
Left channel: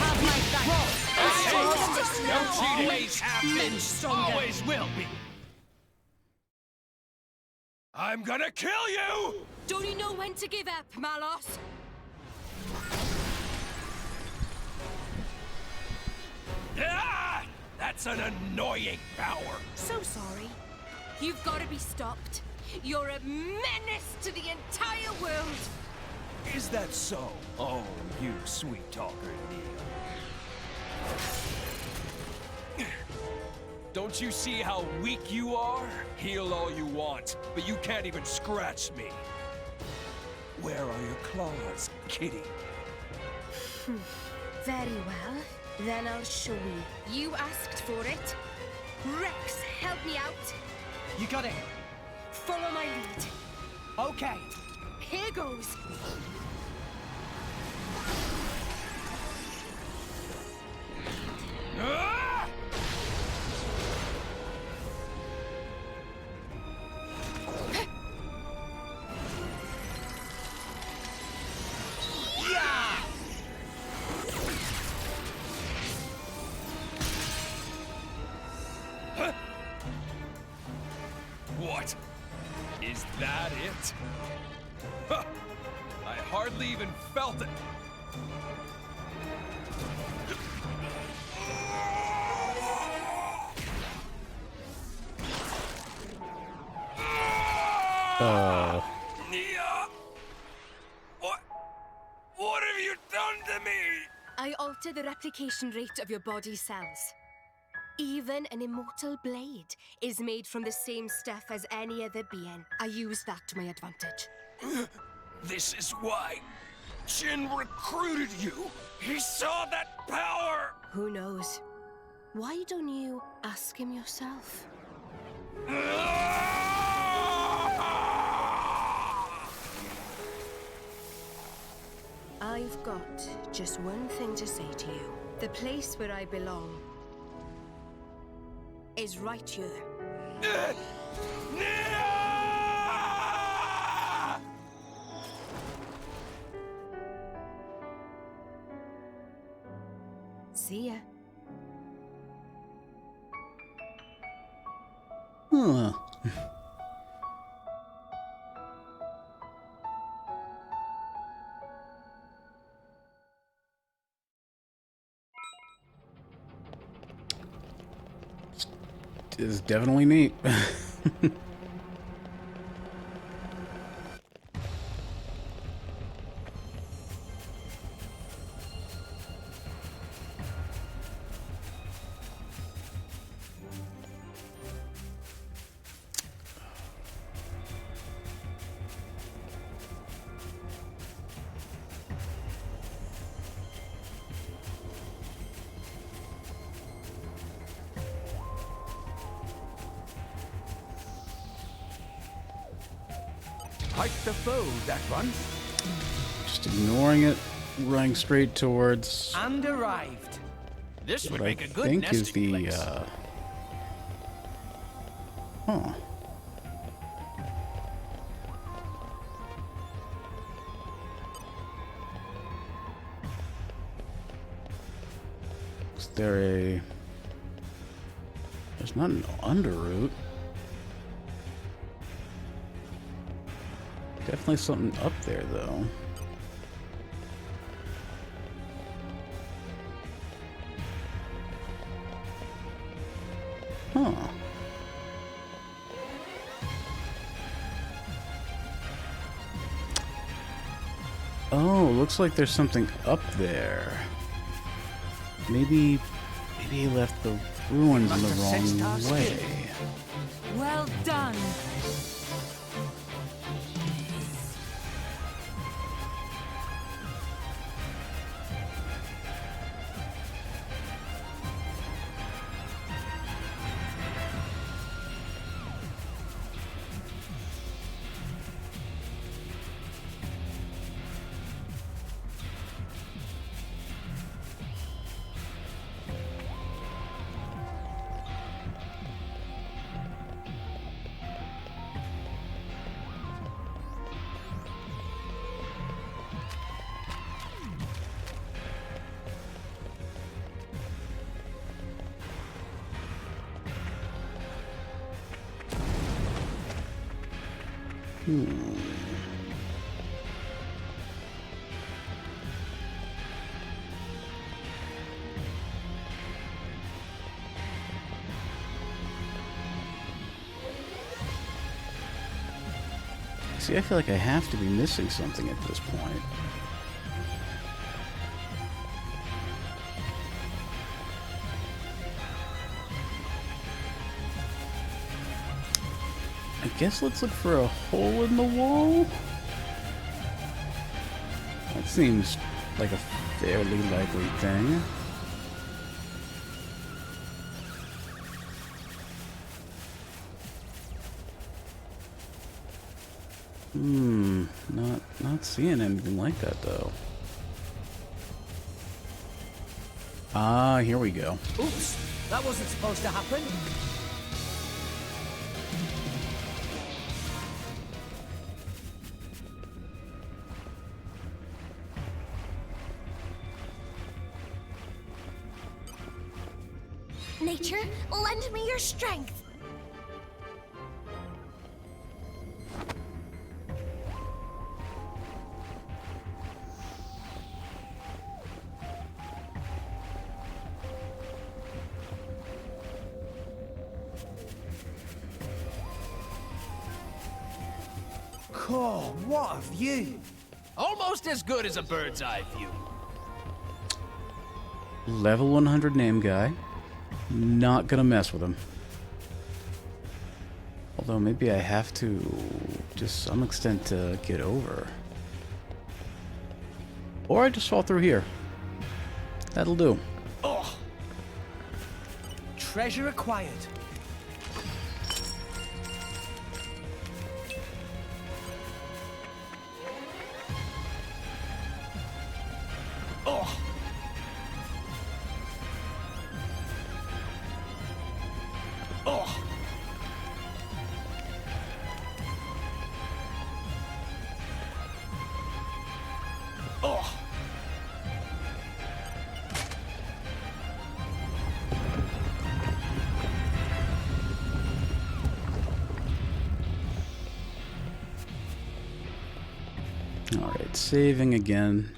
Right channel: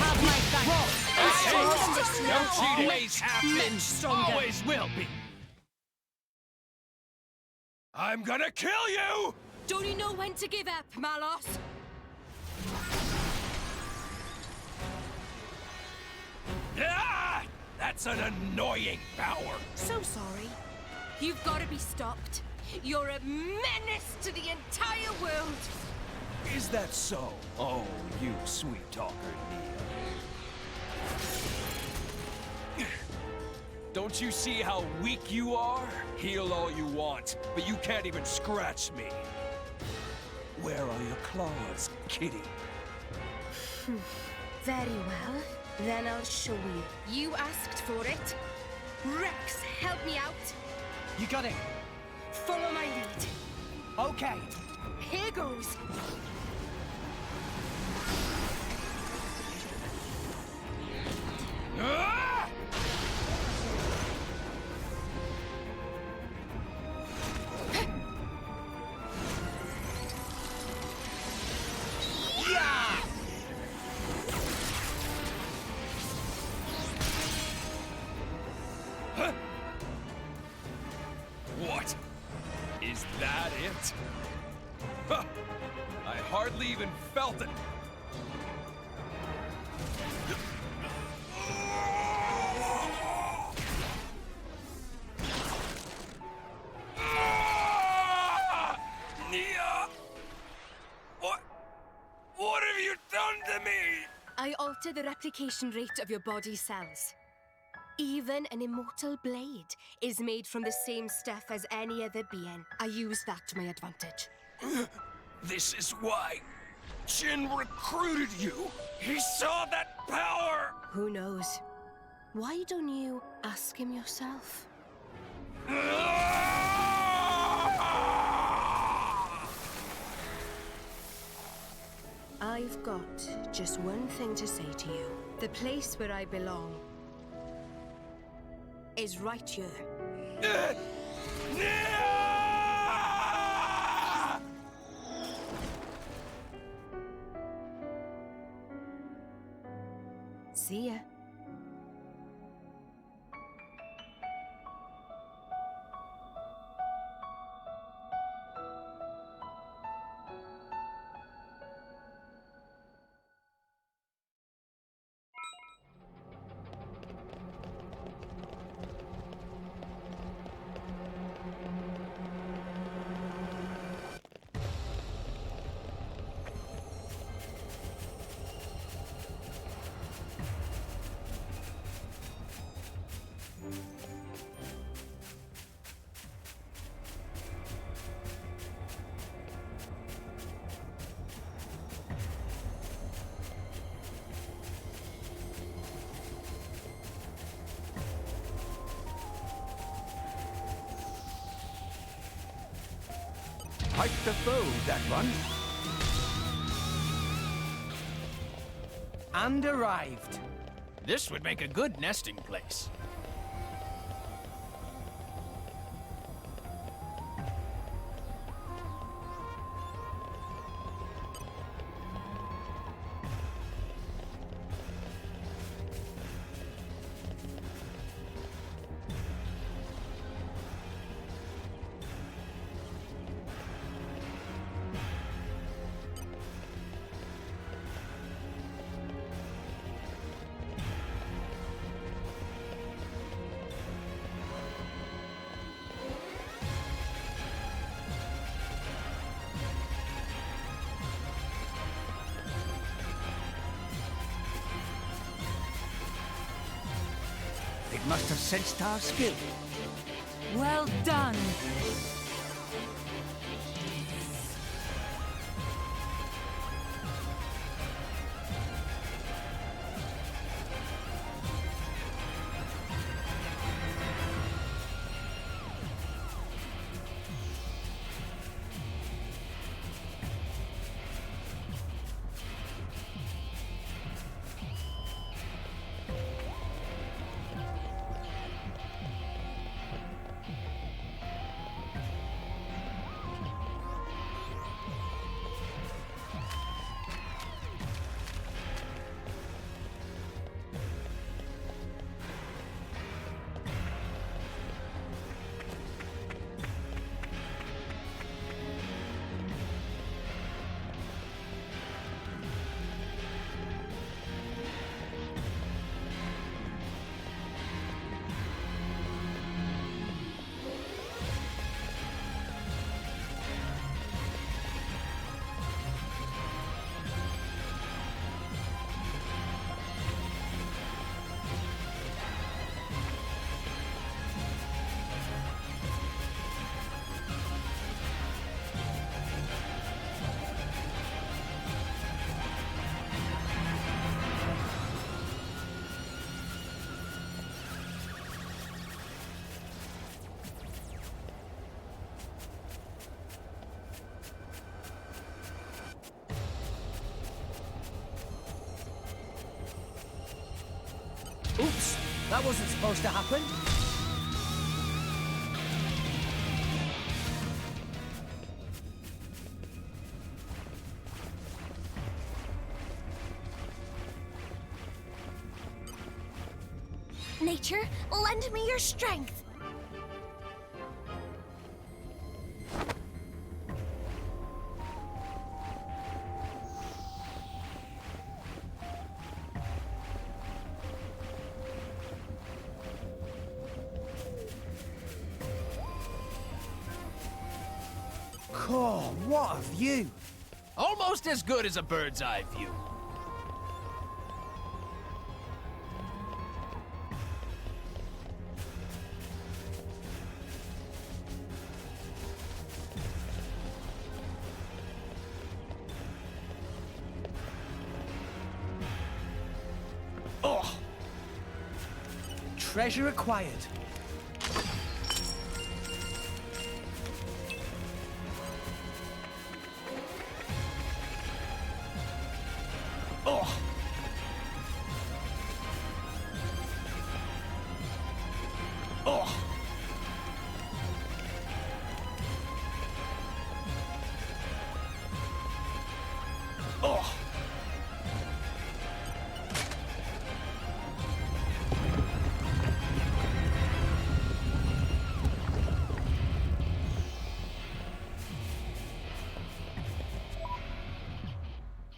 have my thanks. No cheating! Always have been, always will be! I'm gonna kill you! Don't you know when to give up, Malos? Ah! That's an annoying power! So sorry. You've got to be stopped. You're a menace to the entire world. Is that so? Oh, you sweet talker, Nia. Don't you see how weak you are? Heal all you want, but you can't even scratch me. Where are your claws, kitty? Very well. Then I'll show you. You asked for it. Rex, help me out. You got it. Follow my lead. Okay. Here goes. Ah! Yeah! Huh? What? Is that it? Huh! I hardly even felt it. Nia! What have you done to me? I alter the replication rate of your body cells. Even an immortal blade is made from the same stuff as any other being. I use that to my advantage. This is why Jin recruited you. He saw that power. Who knows? Why don't you ask him yourself? I've got just one thing to say to you. The place where I belong is right here. See ya. Huh. Is definitely neat. Quite the foe, that one. Just ignoring it, running straight towards. And arrived. This would what make I a good think is nesting place. Huh. Is there a... There's not an underroute. Definitely something up there, though. Huh. Oh, looks like there's something up there. Maybe he left the ruins Must have sensed our skill. Well done. See, I feel like I have to be missing something at this point. I guess let's look for a hole in the wall. That seems like a fairly likely thing. Not seeing anything like that though. Ah, here we go. Oops, that wasn't supposed to happen. Nature, lend me your strength. Oh, what a view! Almost as good as a bird's eye view. Level 100 name guy. Not gonna mess with him. Although maybe I have to, to some extent, to get over. Or I just fall through here. That'll do. Oh! Treasure acquired. Oh! Oh! Oh! Alright, saving again.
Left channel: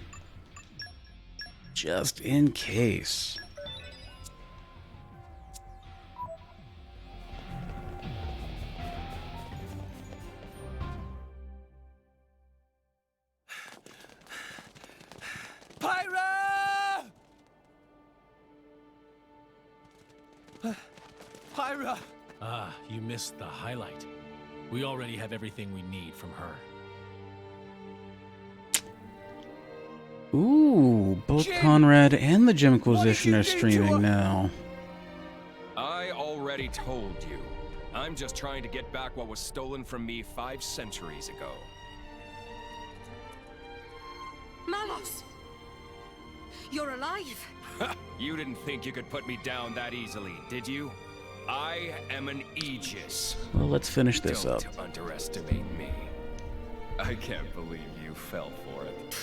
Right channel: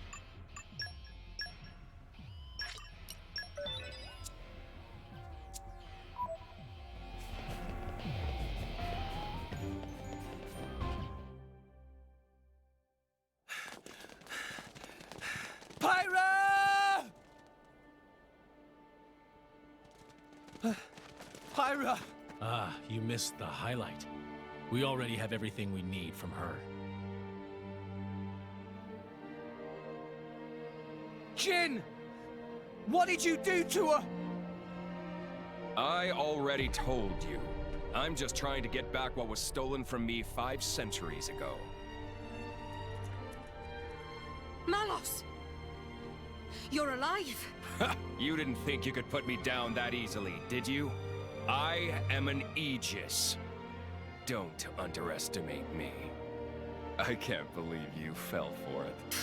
Just in case. Pyra! Pyra! Ah, you missed the highlight. We already have everything we need from her. Ooh, both Jin! Conrad and the Gem What did Inquisition you are do to streaming her? now. I already told you. I'm just trying to get back what was stolen from me 5 centuries ago. Malos! You're alive! You didn't think you could put me down that easily, did you? I am an Aegis. Well, let's finish this Don't up. underestimate me. I can't believe you fell for it.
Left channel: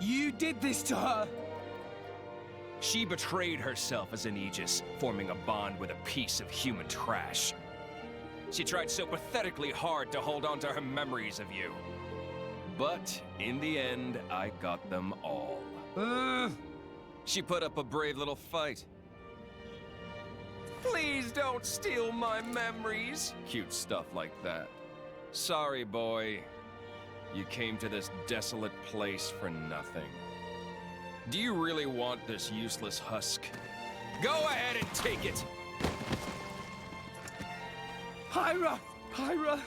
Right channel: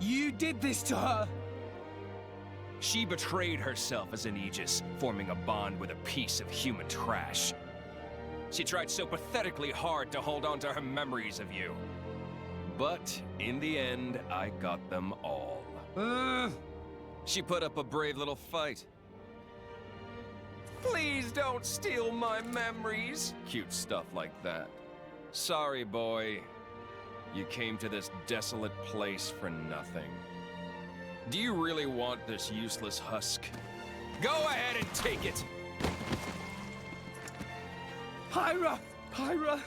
You did this to her! She betrayed herself as an Aegis, forming a bond with a piece of human trash. She tried so pathetically hard to hold on to her memories of you. But in the end, I got them all. She put up a brave little fight. Please don't steal my memories. Cute stuff like that. Sorry, boy. You came to this desolate place for nothing. Do you really want this useless husk? Go ahead and take it! Pyra! Pyra!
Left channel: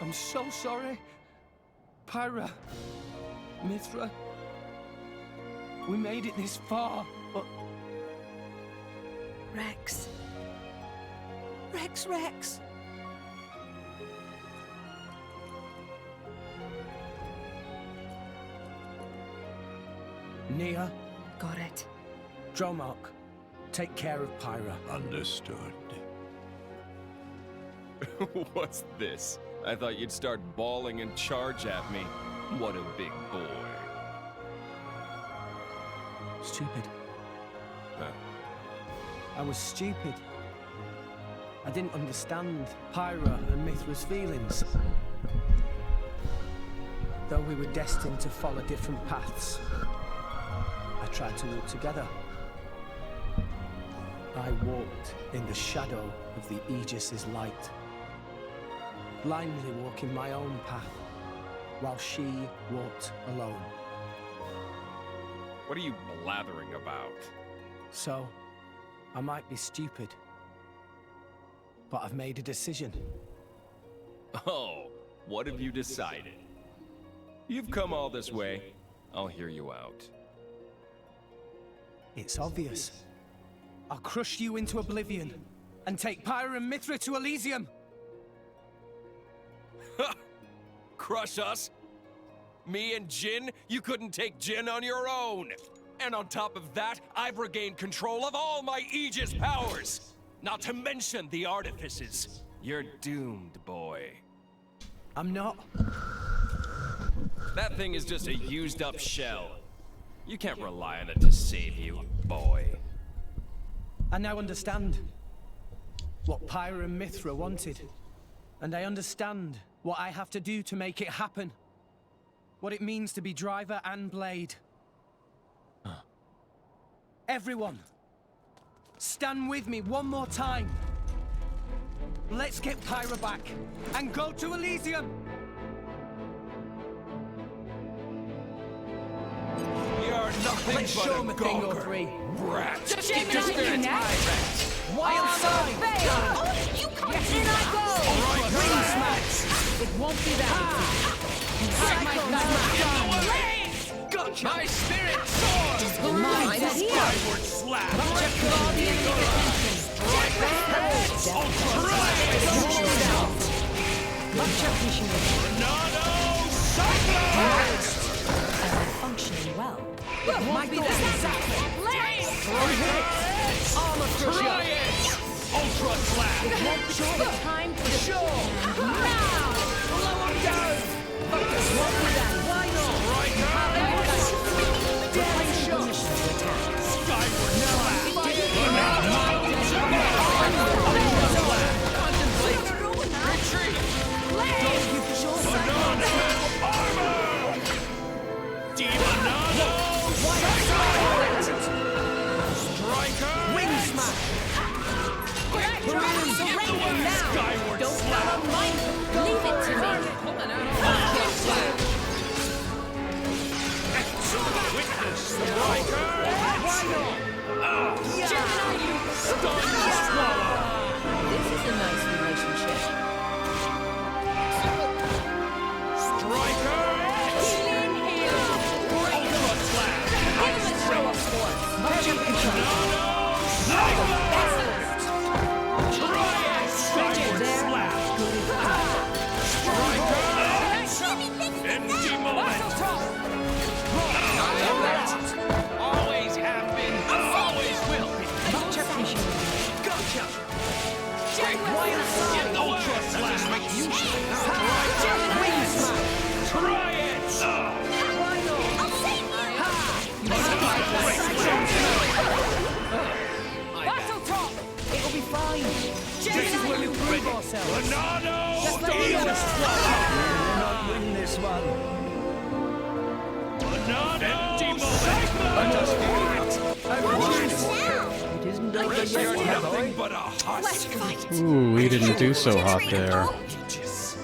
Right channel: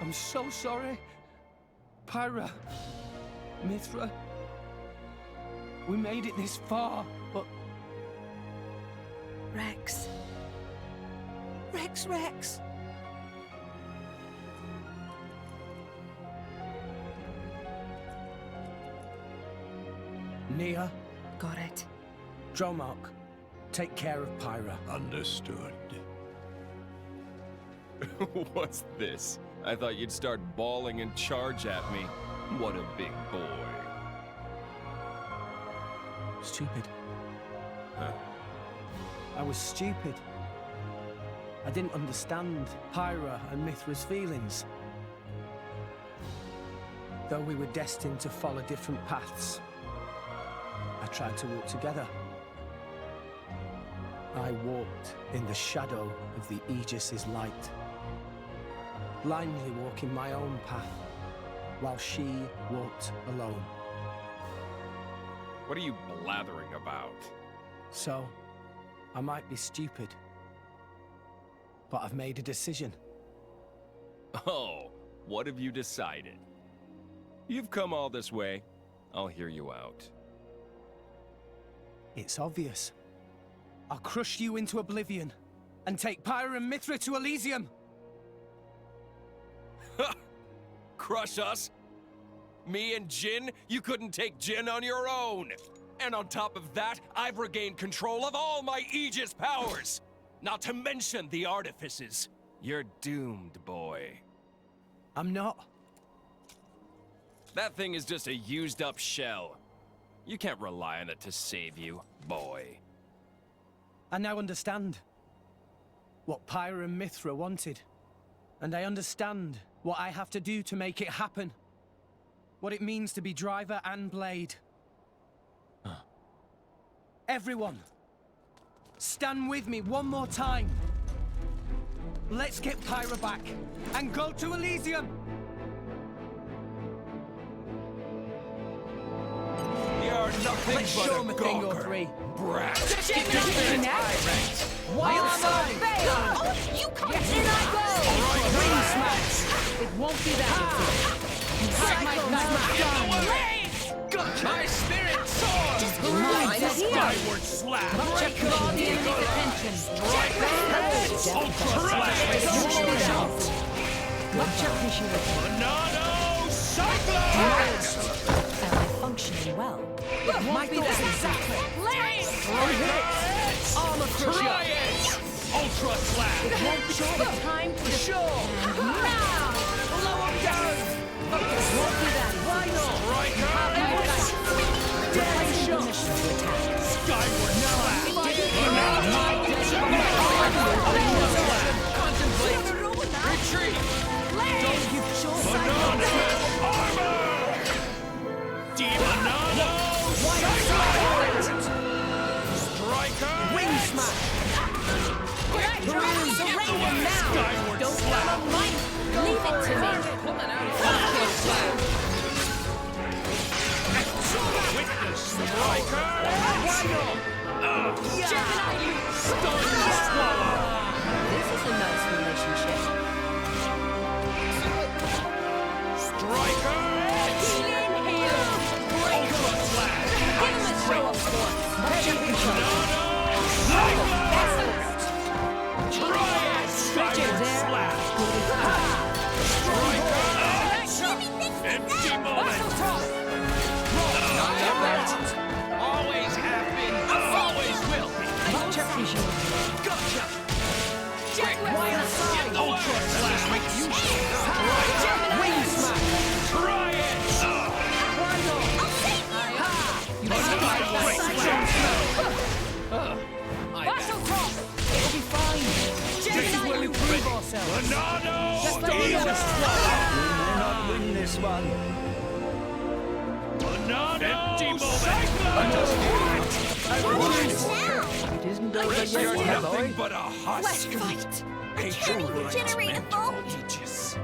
I'm so sorry. Pyra. Mithra. We made it this far, but... Rex. Rex. Nia. Got it. Dromark, take care of Pyra. Understood. What's this? I thought you'd start bawling and charge at me. What a big boy. Stupid. Huh? I was stupid. I didn't understand Pyra and Mithra's feelings. Though we were destined to follow different paths, I tried to walk together. I walked in the shadow of the Aegis's light, blindly walking my own path, while she walked alone. What are you blathering about? So, I might be stupid, but I've made a decision. Oh, what have you decided? You've come all this way. I'll hear you out. It's obvious. I'll crush you into oblivion and take Pyra and Mithra to Elysium. Crush us? Me and Jin? You couldn't take Jin on your own. And on top of that, I've regained control of all my Aegis powers. Not to mention the artifices. You're doomed, boy. I'm not. That thing is just a used-up shell. You can't rely on it to save you, boy. I now understand what Pyra and Mithra wanted. And I understand what I have to do to make it happen. What it means to be driver and blade. Everyone, stand with me one more time. Let's get Pyra back and go to Elysium. You're nothing Let's but show a 'em a thing or gawker. three. Brat. Keep your spirits high, Rex. Wild side. Oh, you come in, I go! Green smash. It won't be that easy. You have my back. Gotcha. My spirit soars! Just glide it here. Skyward slap! Gotcha, draw the enemy's attention. Strike that! Gotcha, Tornado Cyclone! Am I functioning well? It won't be that exactly. Armor Try it! Ultra slap! It won't be the time to Sure! now. Blow him down! It won't be that easy. Why not? Right now! Have my back. attack. Skyward slash! Contemplate! Retreat! Banana armor! Demonado! Striker! Wing smash! Surrender now! Skyward Don't slash! come on mine! Leave it to me. Witness striker! Why not? Gemini, you stun swallow! This is a nice relationship. Striker! Healing hail. Ultra slash! Give him a show of force. Banana! Try it! Skyward slash! Striker! Empty moment! Always have been, always will be! Gotcha! Wild side! Ultra slash! Make use of Wing smash! Try it! Why not? I'll save you! Battle top! It'll be fine. This is where we prove ourselves. Banana! Just let me know. We may not win this one. Banana! Empty It isn't over Rest yet, you're my nothing boy. but a husk! Ooh, we didn't do so hot Generator there. full. Aegis.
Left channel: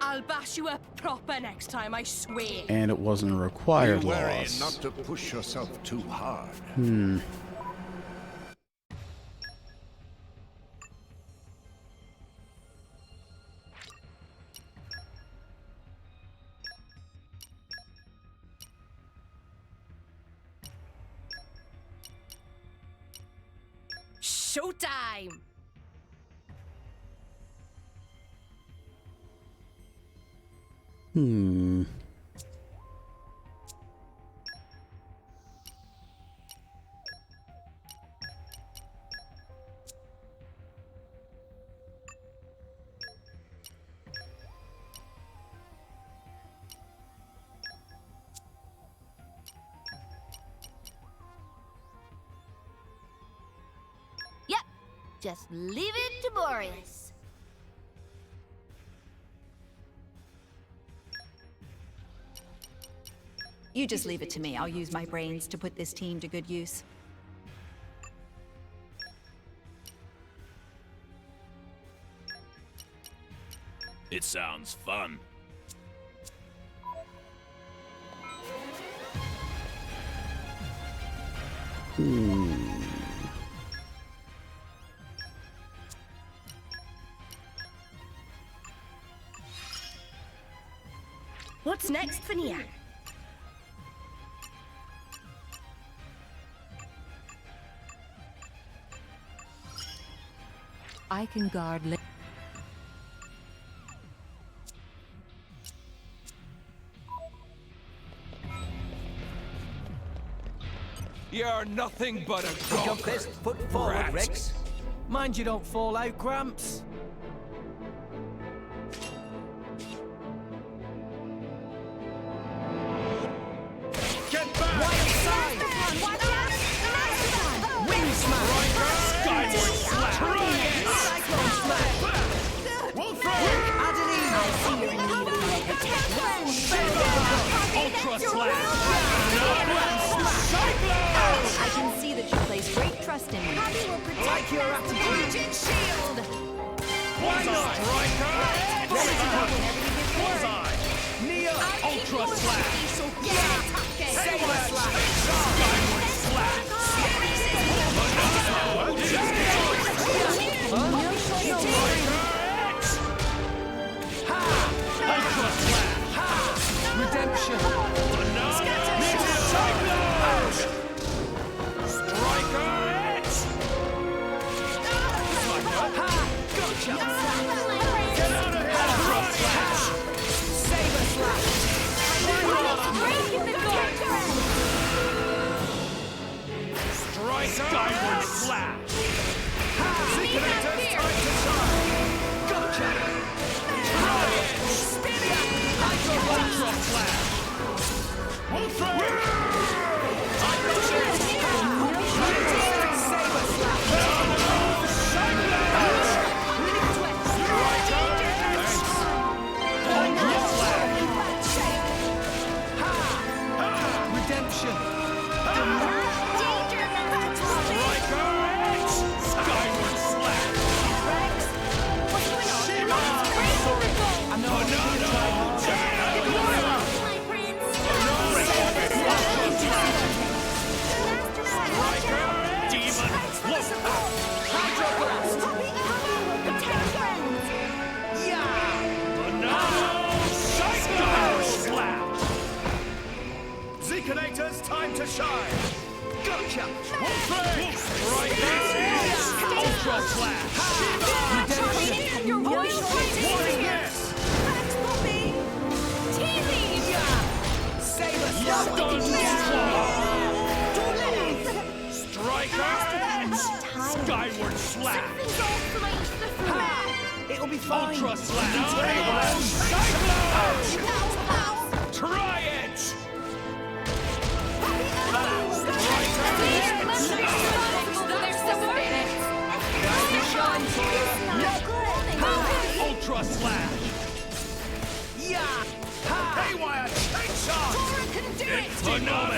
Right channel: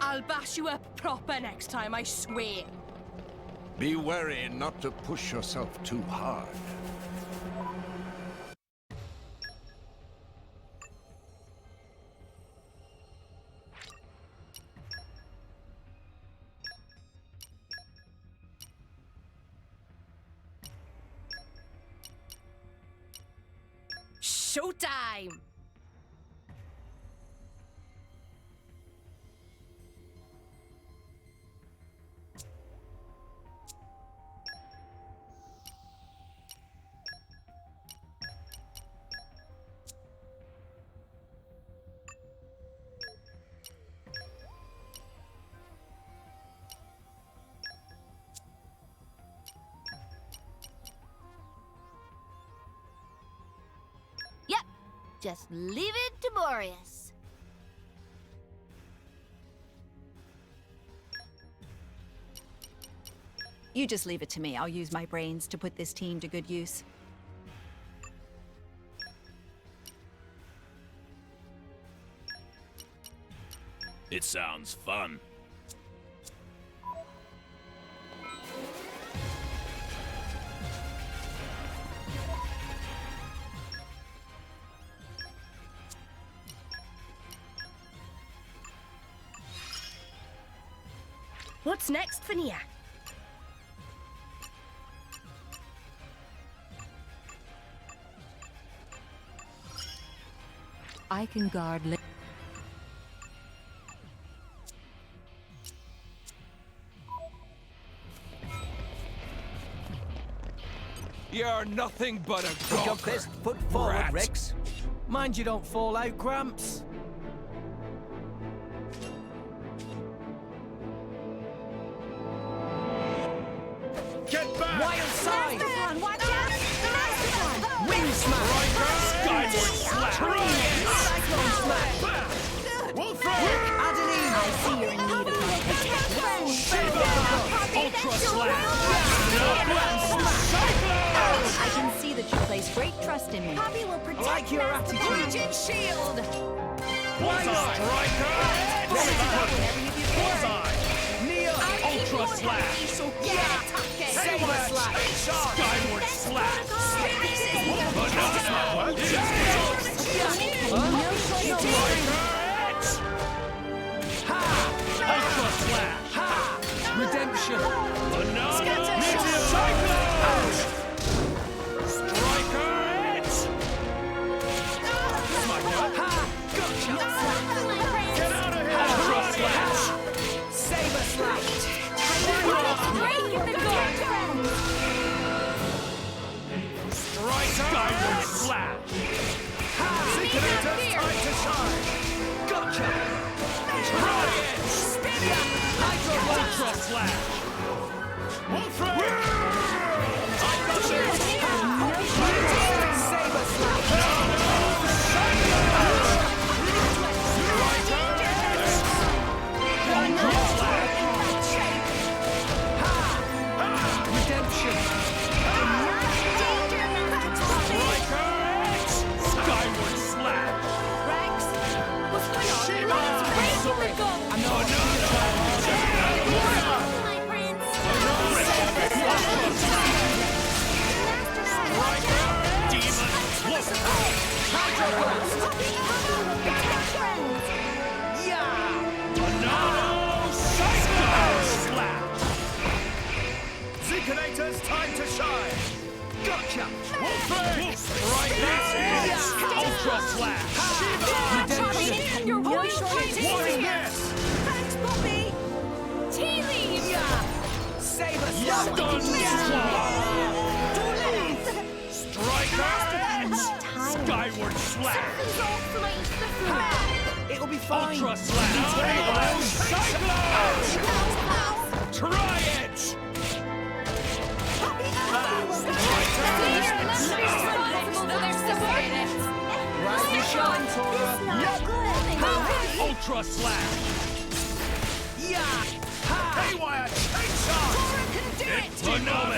I'll bash you up proper next time, I swear. And it wasn't a Be required wary loss. not to push yourself too hard. Showtime! Yep. Just leave it to Boreas. You just leave it to me. I'll use my brains to put this team to good use. It sounds fun. What's next for Nia? I can guard. You're nothing but a gawker. Your best foot forward, Rat. Rex. Mind you don't fall out, Gramps. Get back! Wild side! Mastodon, watch out! Mastodon! Wing smash! Skyward slash! Cyclone smash! We'll throw it! Adeline! I see you're in need of my protection. Ultra slash! I can see that you place great trust in me. Poppy will protect like your Mastodon. attitude. Shield! Bullseye! Striker! Bullseye! Neo! Ultra slash! Saber slash! Skyward slash! Ultra slash! Redemption! Meteor Cyclone! Striker! Gotcha! Get out of here! Ultra slash! Saber slash! Striker! Skyward slash! Synchronator, time to shine! Gotcha! Try it! High exposition. Striker X! Skyward slash! Rex, what's going on? Shiva! Sorry. I know I'm going to try hard. My prince. Striker! Demon! Look! Hydro Blast. Yeah. Banana! Psycho slash! Zeekinator's time to shine! Gotcha. Wolfing! Striker X! Ultra slash! Redemption. Your No voice shortage of is strength. Yes! Thanks, Poppy. Tea leaves. Yeah. Save us. Stun Don't Striker X! Skyward slash! Something's off for my Ha. It'll be fine. Ultra slash! Cyclone! Try it! Rise and shine, Tora. Ultra slash! Yeah. Ha. Haywire, take charge! Tora can do it. Banana!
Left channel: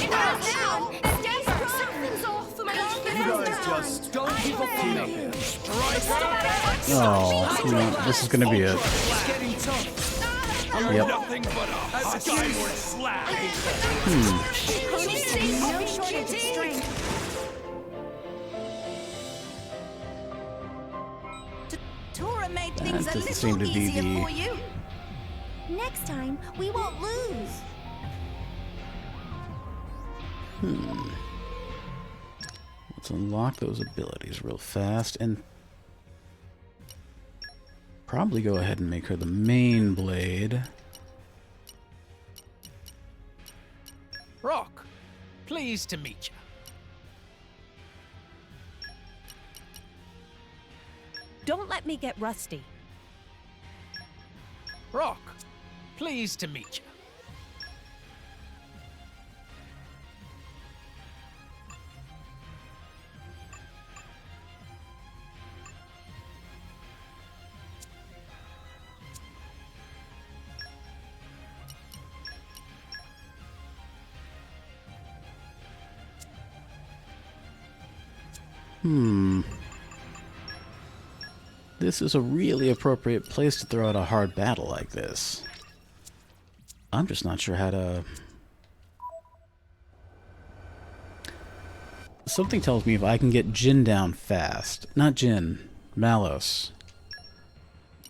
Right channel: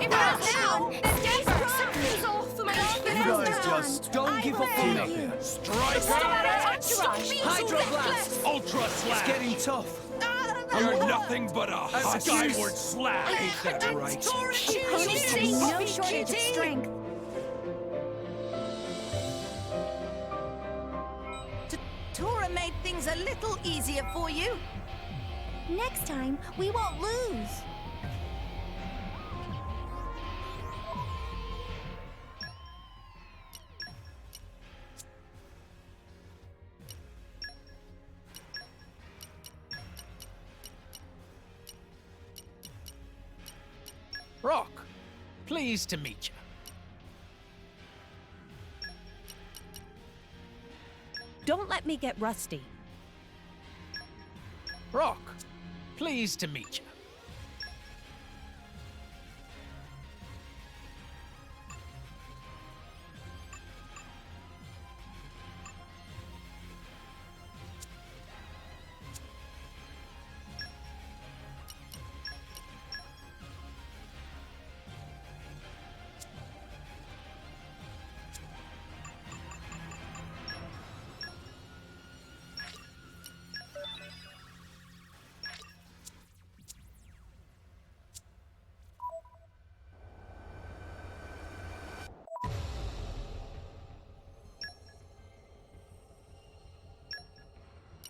If that's down, then Jasper. Something's off for my You guys just Don't give up on me. Striker! This is gonna be it. Ultra It's slash! getting tough. You're nothing but a skyward slash! No shortage of strength. Tora made things a Doesn't seem little to be easier the- for you. Next time, we won't lose. Let's unlock those abilities real fast and probably go ahead and make her the main blade. Rock, pleased to meet you. Don't let me get rusty. Rock, pleased to meet you. This is a really appropriate place to throw out a hard battle like this. I'm just not sure how to... Something tells me if I can get Jin down fast. Not Jin, Malos.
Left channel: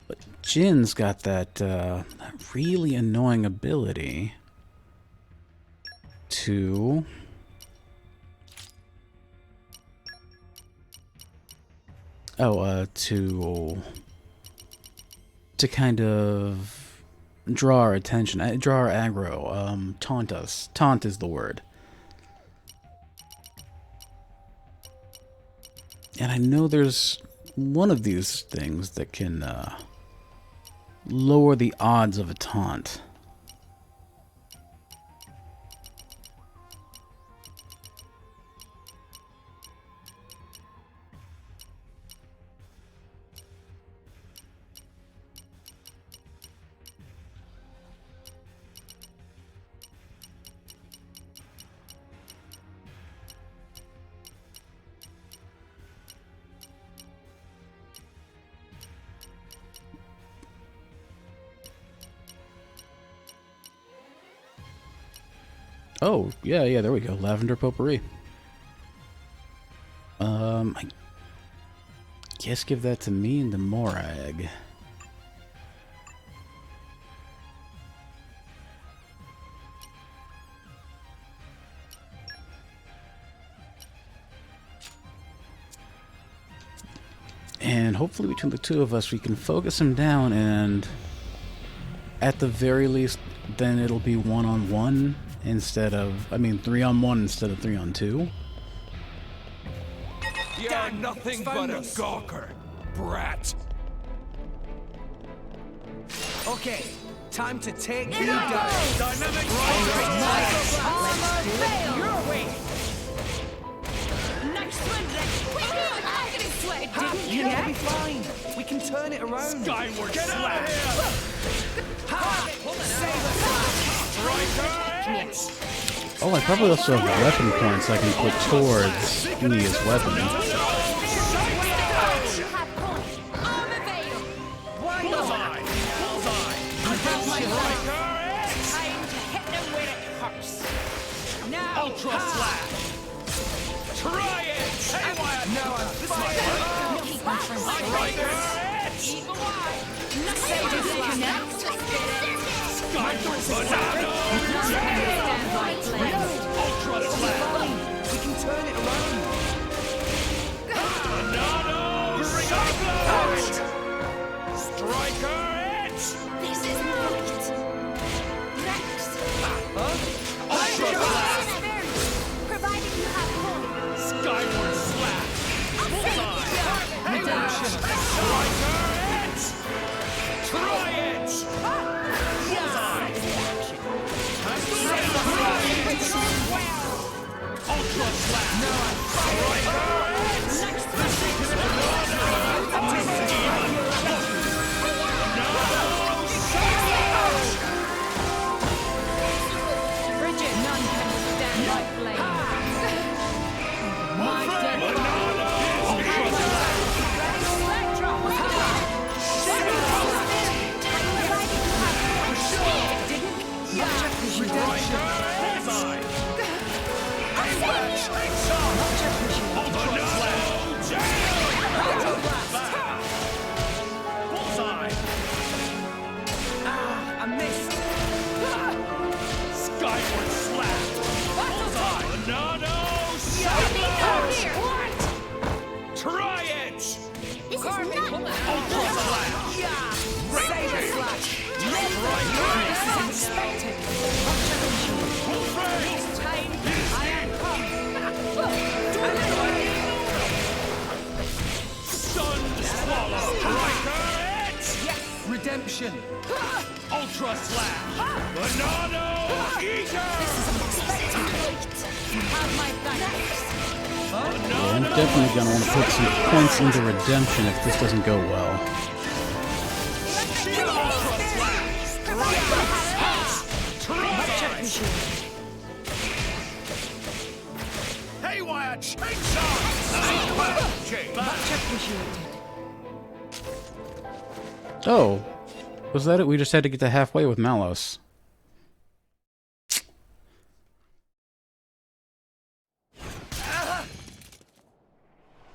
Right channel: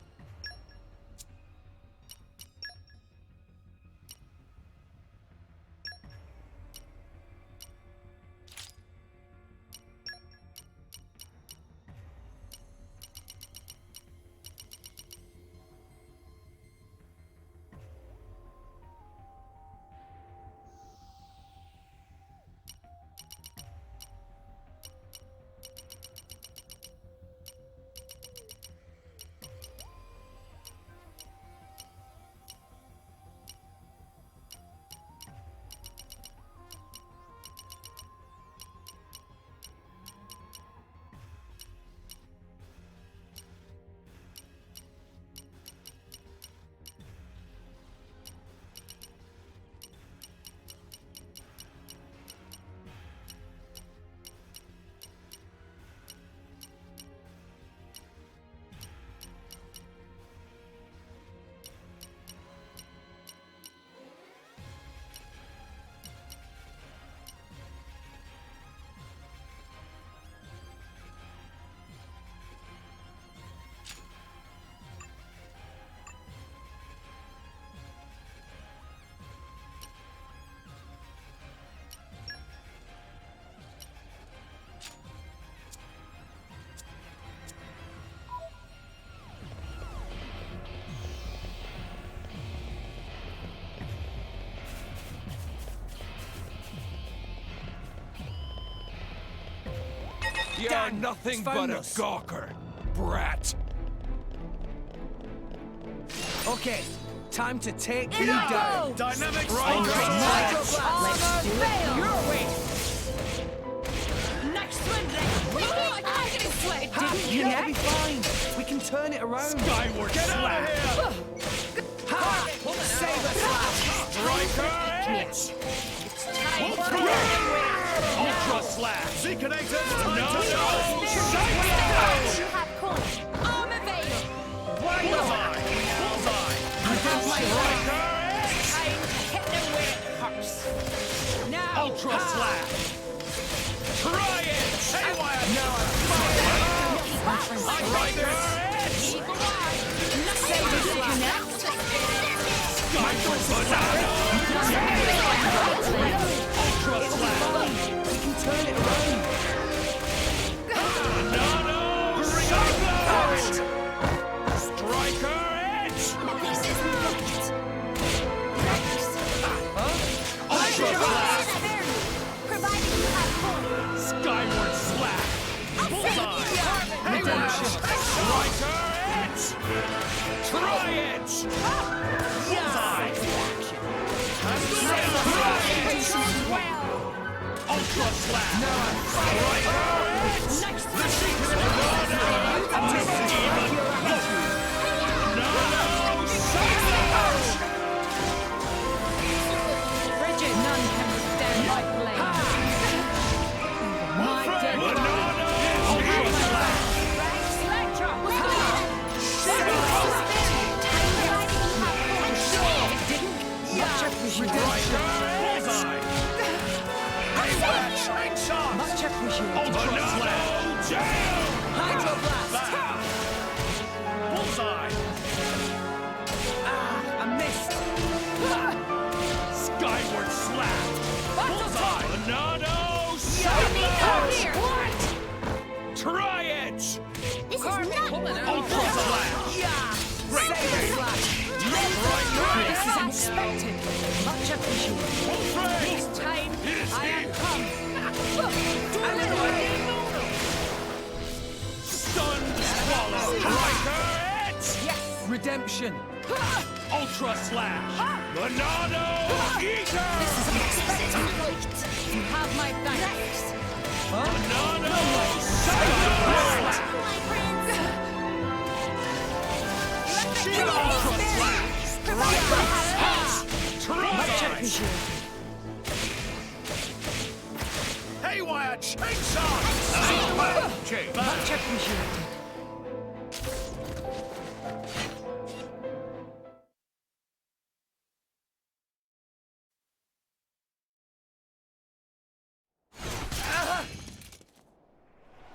But Jin's got that really annoying ability to... to kind of draw our attention, draw our aggro, taunt us. Taunt is the word. And I know there's one of these things that can lower the odds of a taunt. Oh, yeah, there we go. Lavender Potpourri. I guess give that to me and to Morag. And hopefully between the two of us we can focus him down, and at the very least then it'll be 1-on-1 instead of, 3-on-1 instead of 3-on-2. You're nothing but a gawker, brat. Okay, time to take you down. Dynamic Let's do it Your way. Next one, Rex. Quick, I'm gonna It didn't connect. It'll be fine. We can turn it around. Skyward Get slash. out of here! Ha! Saber slash! Striker X! Oh, I probably left some weapon points I can put towards using this weapon. Armor veil. Bullseye! Bullseye! Time to hit them where it hurts. Now, Ultra slash! Try it! Haywire! No, I'm Striker X! eagle eye. Saber slash! Skyward banana! Ultra slash! We can turn it around. Banana! Cyclone! Striker Edge! This is not. Rex. Ultra slash! Provided you have points. Skyward slash! Bullseye! Haywire! Striker Edge! Try Edge! Bullseye! Ultra slash! Striker Edge! Bridget, none can withstand my flame. My dead Banana! Ultra slash! Striker! Bullseye! Haywire! Slingshot! Ultra slash! Jam! Bullseye! I missed. Skyward slap! Bullseye! Banana! What? Try Edge! This is not. Ultra slash! Saber slash! This is unexpected. Much appreciated. Full frame! This time, I am come. Stunned swallow! Striker Edge! Yes! Redemption! Ultra slash! Banana! Eater! You have my thanks. Banana! Definitely gonna want to put points into redemption if this doesn't go well. Ultra slash! Try! Haywire chainsaw! Much appreciated. Oh, was that it? We just had to get to halfway with Malos.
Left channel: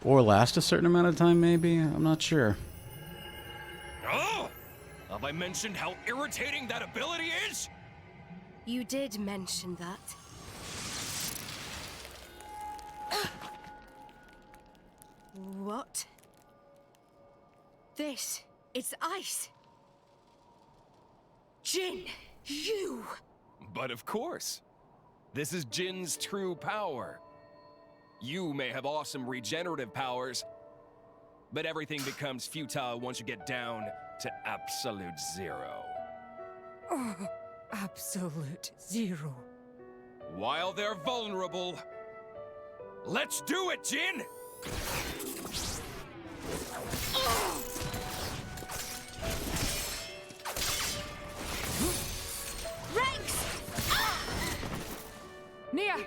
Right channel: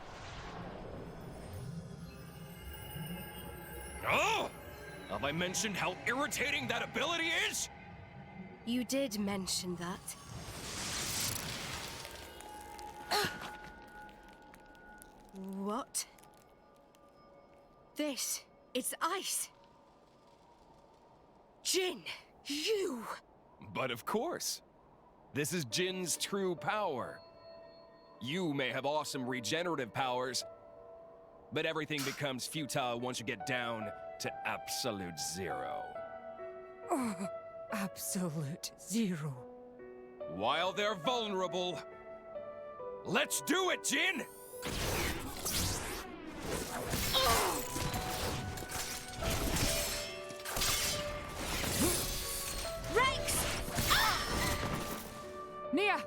Or last a certain amount of time, maybe? I'm not sure. Oh! Have I mentioned how irritating that ability is? You did mention that. What? This is ice. Jin, you! But of course. This is Jin's true power. You may have awesome regenerative powers, but everything becomes futile once you get down to absolute zero. Oh, absolute zero. While they're vulnerable, let's do it, Jin! Rex! Nia!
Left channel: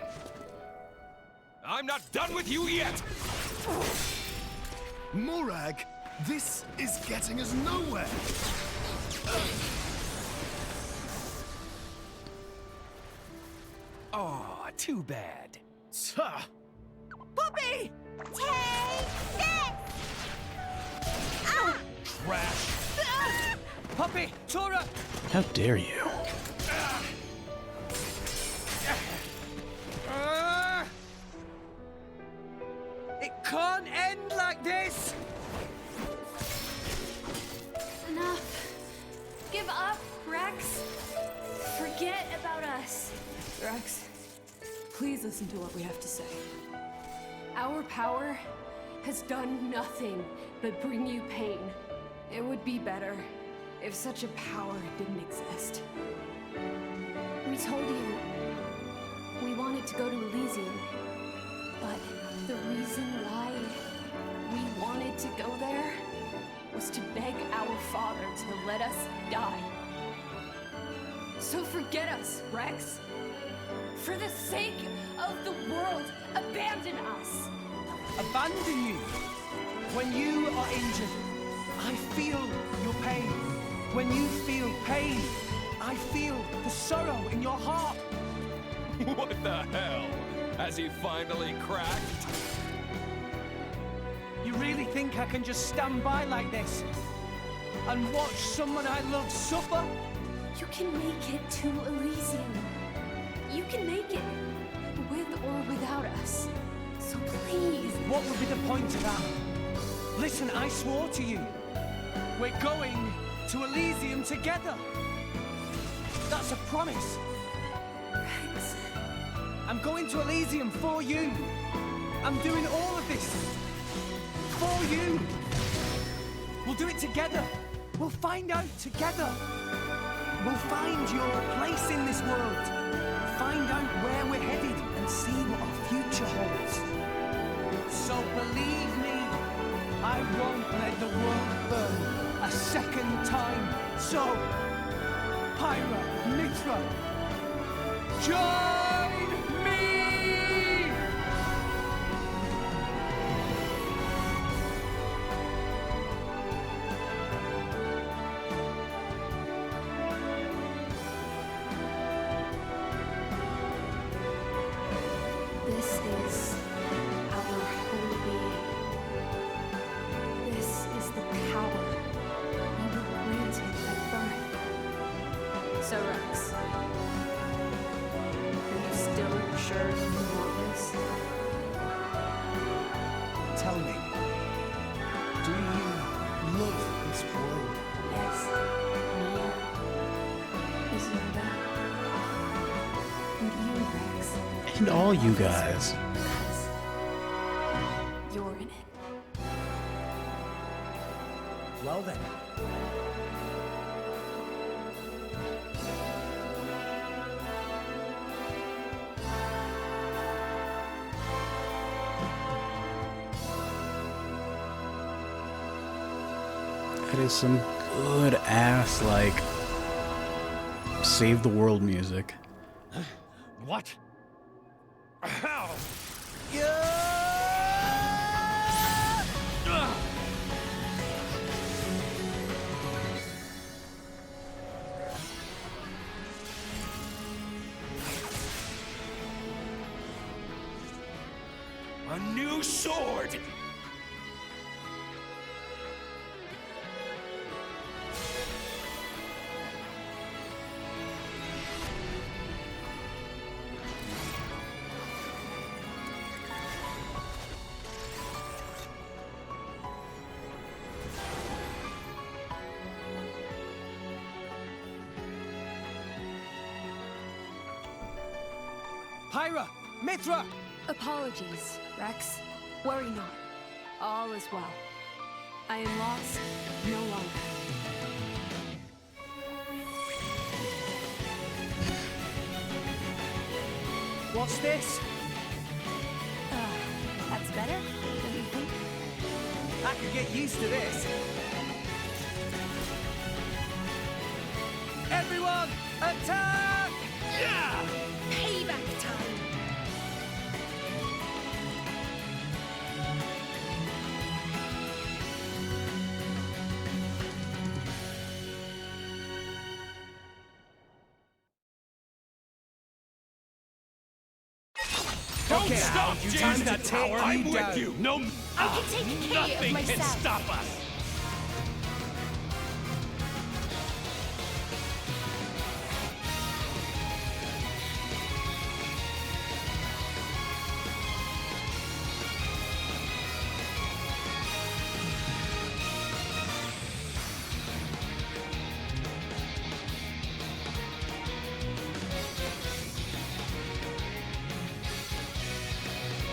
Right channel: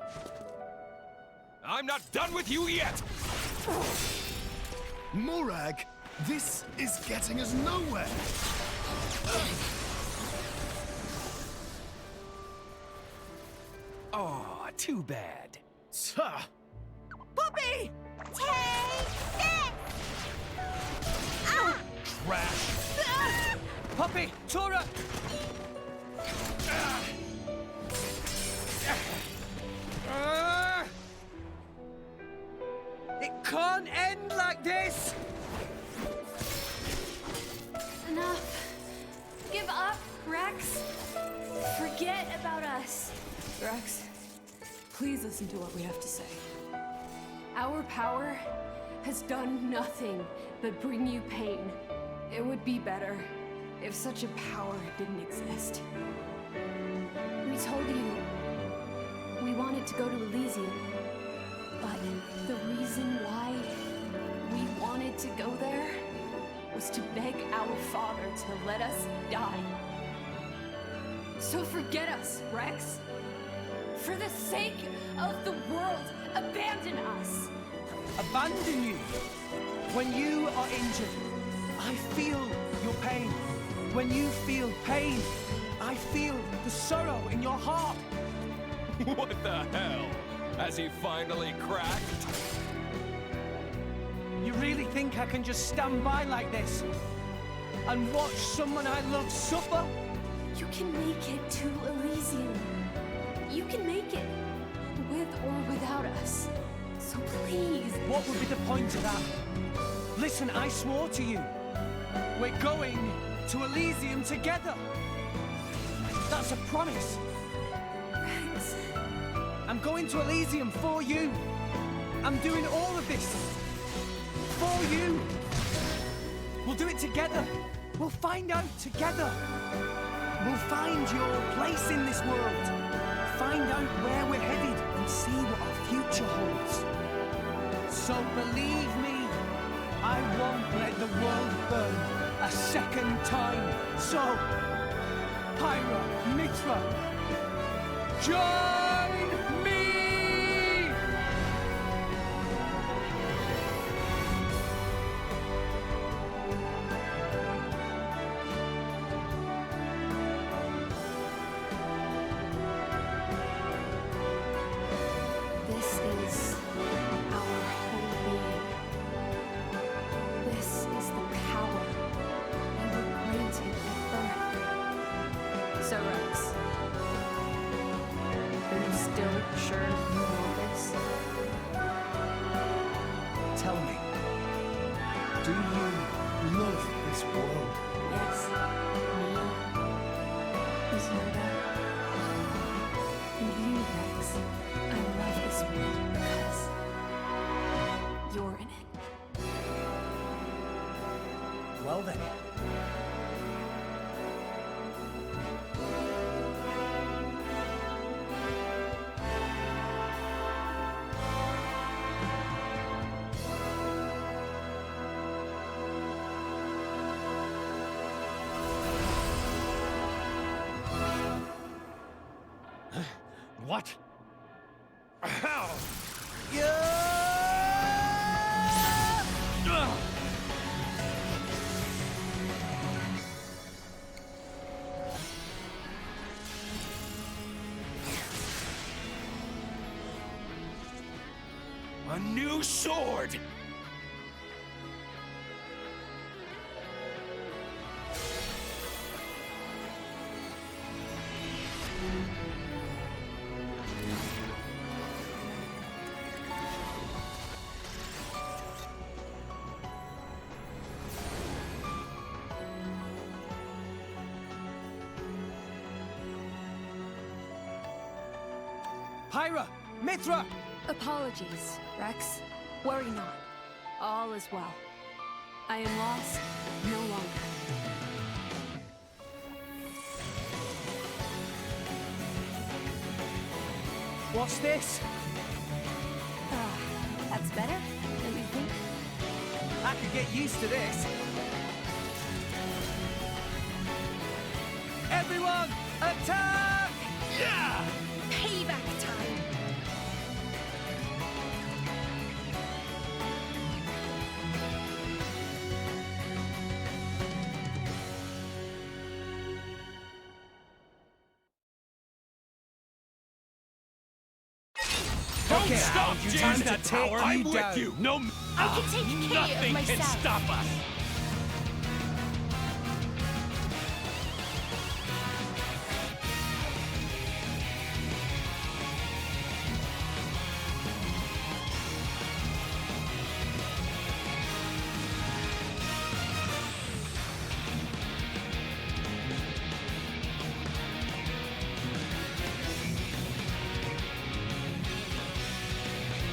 I'm not done with you yet! Morag, this is getting us nowhere. Oh, too bad. Puppy! Take this! Ah! Trash. Puppy! Tora! How dare you? It can't end like this! Enough. Give up, Rex. Forget about us. Rex, please listen to what we have to say. Our power has done nothing but bring you pain. It would be better if such a power didn't exist. We told you we wanted to go to Elysium, but the reason why we wanted to go there was to beg our father to let us die. So forget us, Rex. For the sake of the world, abandon us. Abandon you? When you are injured, I feel your pain. When you feel pain, I feel the sorrow in your heart. What the hell? Has he finally cracked? You really think I can just stand by like this and watch someone I love suffer? You can make it to Elysium. You can make it, with or without us. So please. What would be the point of that? Listen, I swore to you. We're going to Elysium together. That's a promise. Rex. I'm going to Elysium for you. I'm doing all of this for you. We'll do it together. We'll find out together. We'll find your place in this world. Find out where we're headed and see what our future holds. So believe me, I won't let the world burn a second time. So, Pyra, Mithra, join me! This is our whole being. This is the power we were granted at birth. So, Rex, are you still sure you want this? Tell me, do you love this world? Yes. Me, Isolda, and you, Rex. And all you love this guys. world because you're in it. Well then. That is some good ass, like, save the world music. What? How? A new sword! Pyra! Mithra! Apologies, Rex. Worry not. All is well. I am lost no longer. What's this? That's better, don't you think? I could get used to this. Everyone, attack! Yeah! Payback time. Don't Okay, stop, you James! time to That take tower! you I'm down. with you! No, I can take care of nothing can myself. stop us!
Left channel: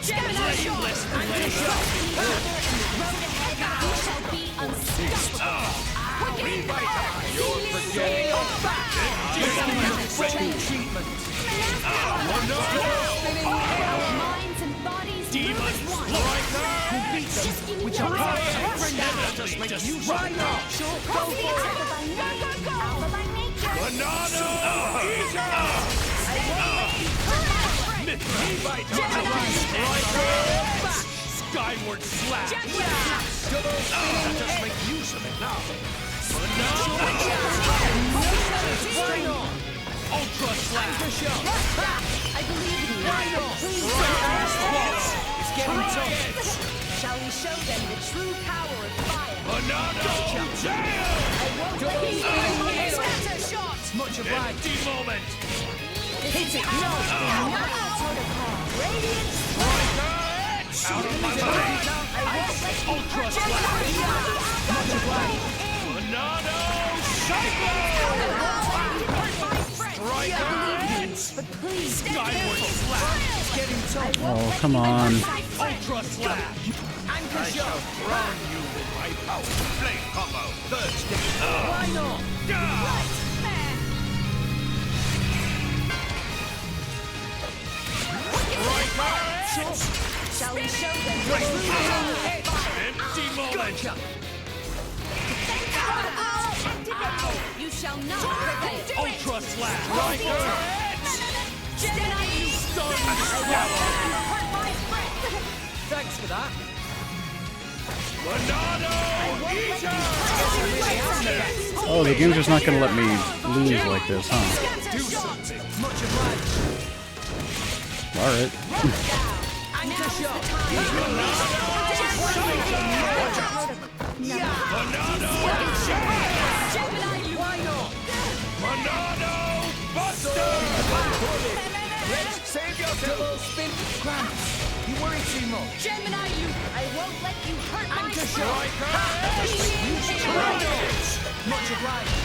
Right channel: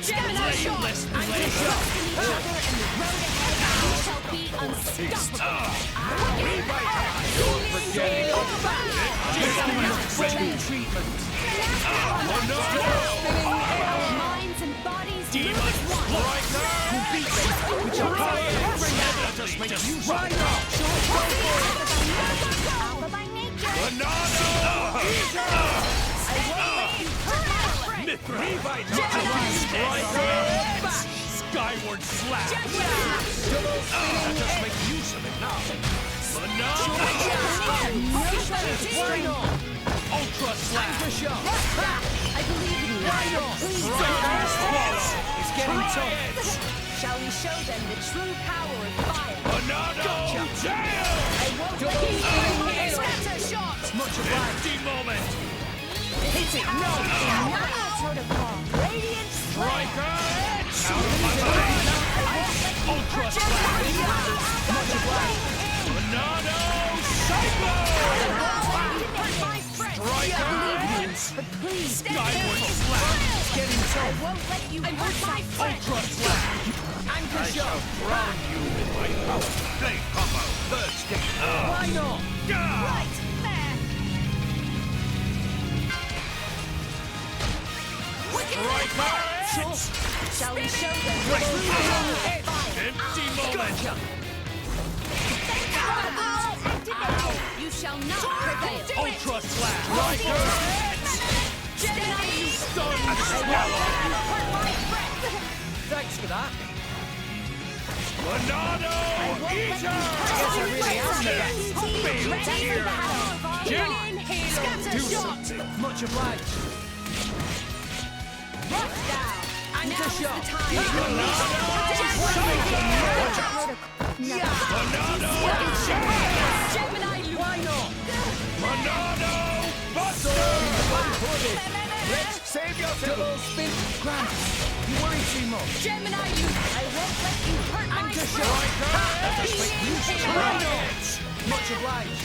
Gemini shot! I'm gonna trust in each other and the road ahead. We shall be unstoppable. You're forgetting Special treatment. Minds and bodies move as one. We'll beat them with the Try it! Let us make use of it. Alpha by nature. Monado! Levite! Skyward slap! Let us make use of it now! Monado! Ultra slap! I believe in you. Please It's getting tough! Shall we show them the true power of fire? Monado! Jail! I won't let you scatter shot! Much obliged! Empty moment! Hit it! No! Protocol! Radiant Striker! Out of my way! Ultra slap! Much obliged! Monado! Cyclone! Striker! But please, Skyward slap! Getting tough. Oh, come on. Ultra slap! Anchor I shall drown you with my power! Blade combo! Third stage! Why not? right there! Striker! Shall we show them Empty moment! You shall not prevail! Ultra slap! Striker! Gemini, you Stun swallow! Thanks for that. Monado! Eater! Oh, the dude is not gonna let me leave like this, huh? Do something! Much obliged. Alright. Anchor shot. Monado! Why not? Monado! Buster! Let's save yourself. Double spin. Grant, you worry too much. Gemini, you! I won't let you hurt my Anchor friend! shot. Much obliged.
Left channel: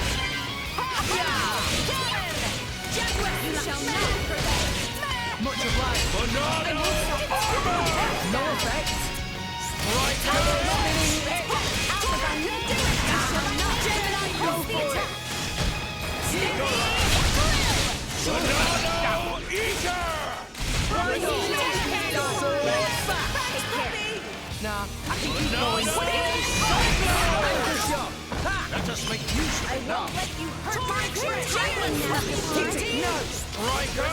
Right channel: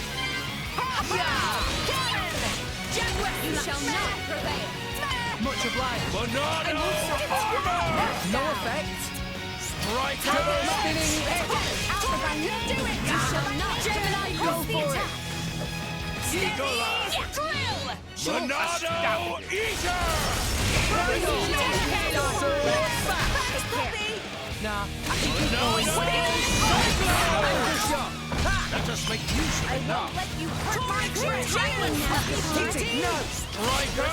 You shall not prevail! Much obliged. Monado! Armor! No effect. Striker! You shall not! Gemini, Go for it. Monado! Eater! Nah, I can keep going. Anchor shot. Let us make use of it now! Let you hurt my friend! No. Striker!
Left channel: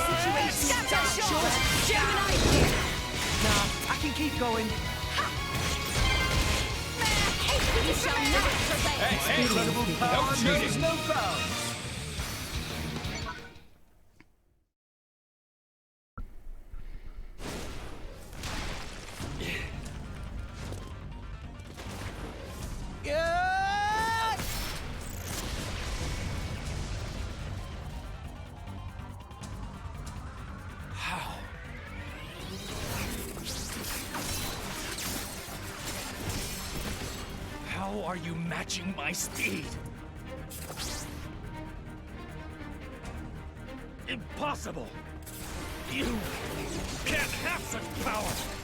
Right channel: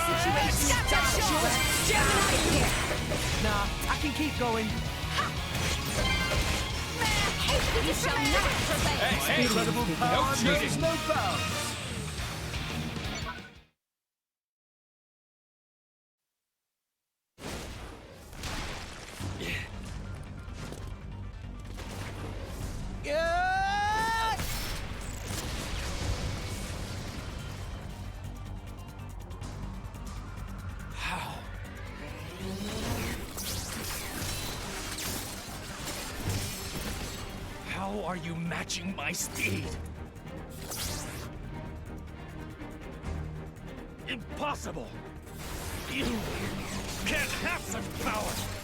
Gemini! Nah, I can keep going. You shall not prevail! Incredible power knows no bounds. Yeah! How? How are you matching my speed? Impossible! You can't have such power!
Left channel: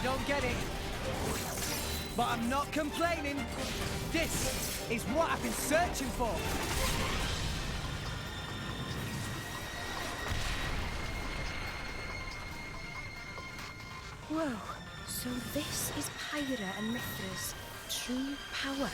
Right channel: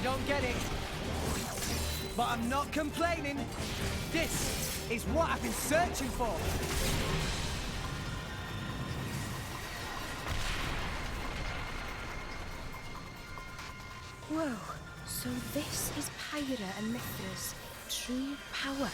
I don't get it. But I'm not complaining. This is what I've been searching for. Whoa, so this is Pyra and Mithra's true power.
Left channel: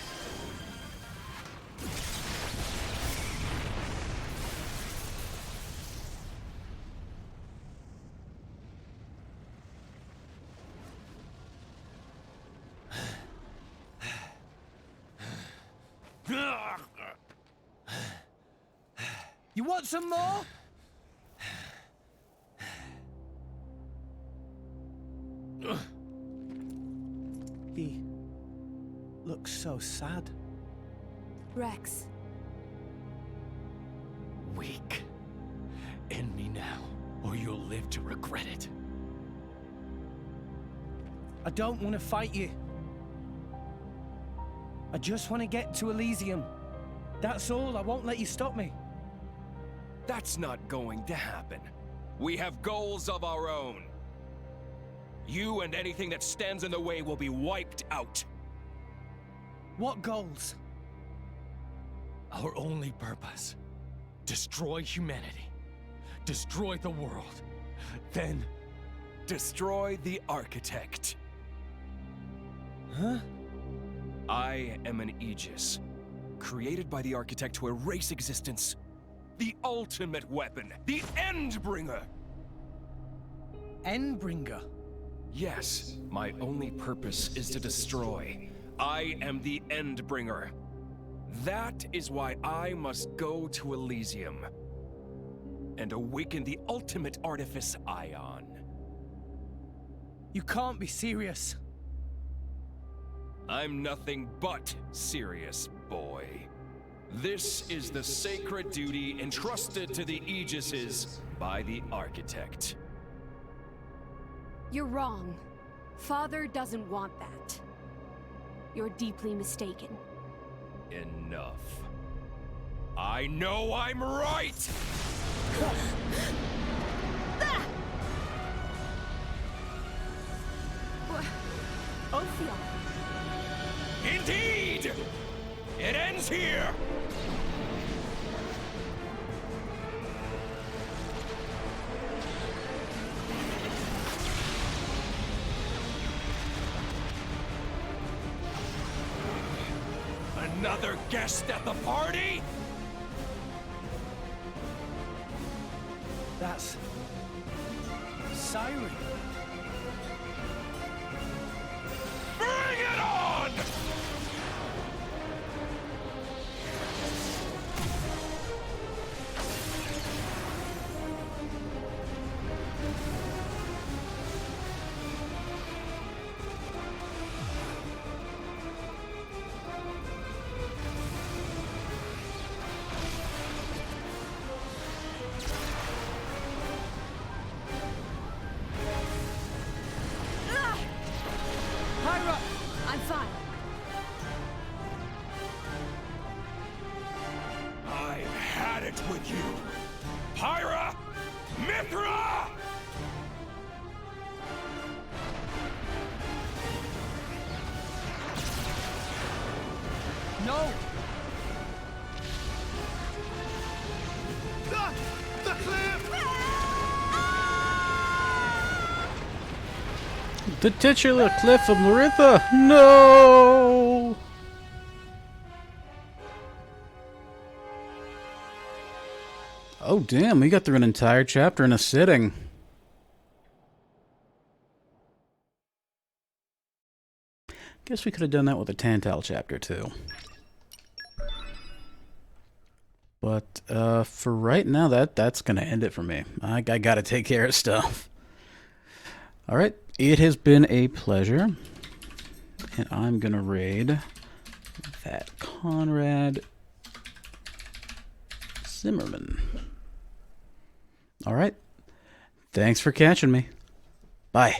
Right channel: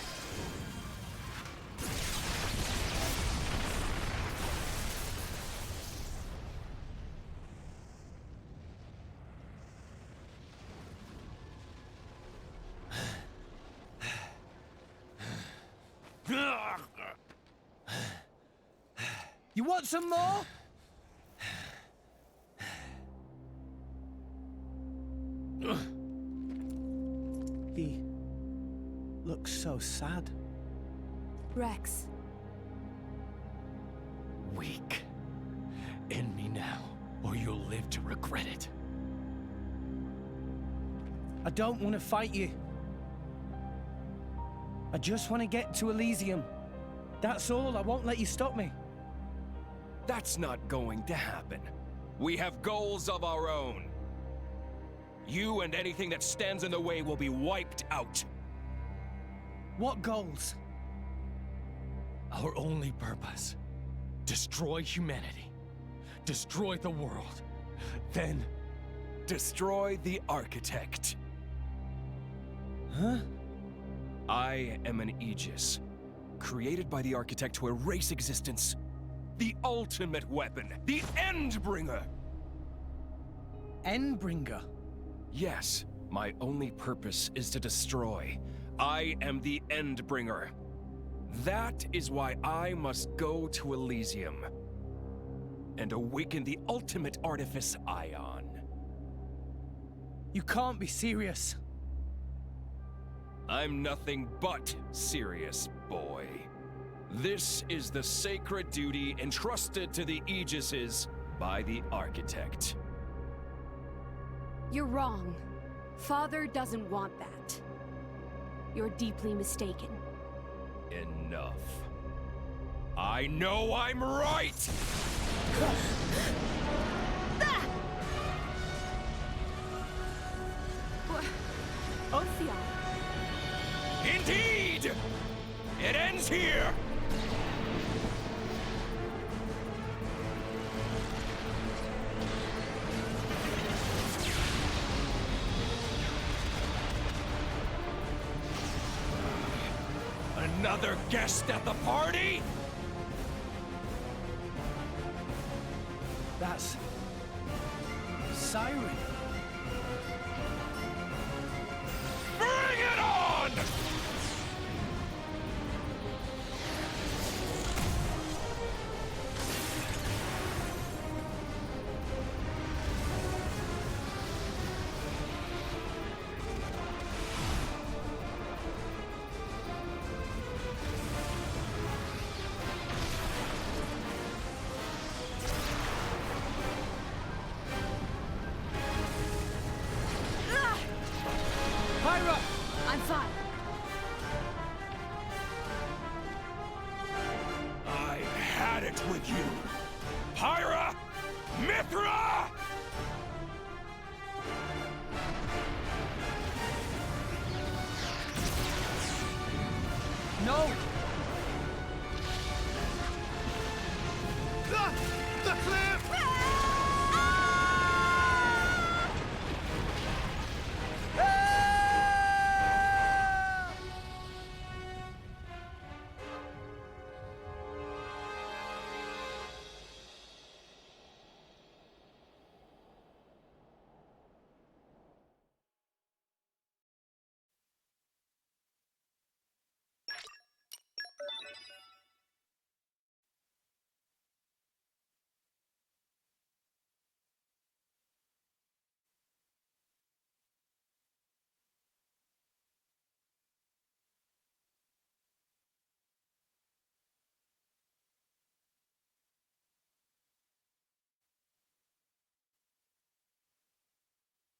You want some more? He looks so sad. Rex. Weak. End me now, or you'll live to regret it. I don't want to fight you. I just want to get to Elysium. That's all. I won't let you stop me. That's not going to happen. We have goals of our own. You and anything that stands in the way will be wiped out. What goals? Our only purpose. Destroy humanity. Destroy the world. Then, Destroy the architect. Huh? I am an Aegis, created by the architect to erase existence. The ultimate weapon, the Endbringer. Endbringer? Yes, my only purpose is to destroy. I am the Endbringer. That is why I must go to Elysium and awaken the ultimate artifice Ion. You can't be serious. I'm nothing but serious, boy. This is the sacred duty entrusted to the Aegises by the architect. You're wrong. Father doesn't want that. You're deeply mistaken. Enough. I know I'm right! Ophion. Indeed! It ends here! Another guest at the party? That's... Siren. Bring it on! Pyra! I'm fine. I've had it with you! Pyra! Mithra! No! The cliff! The titular cliff of Meritha! No! Oh damn, we got through an entire chapter in a sitting. Guess we could have done that with a Tantal chapter too. But for right now, that's gonna end it for me. I gotta take care of stuff. All right, it has been a pleasure, and I'm gonna raid that Conrad Zimmerman. All right, thanks for catching me. Bye.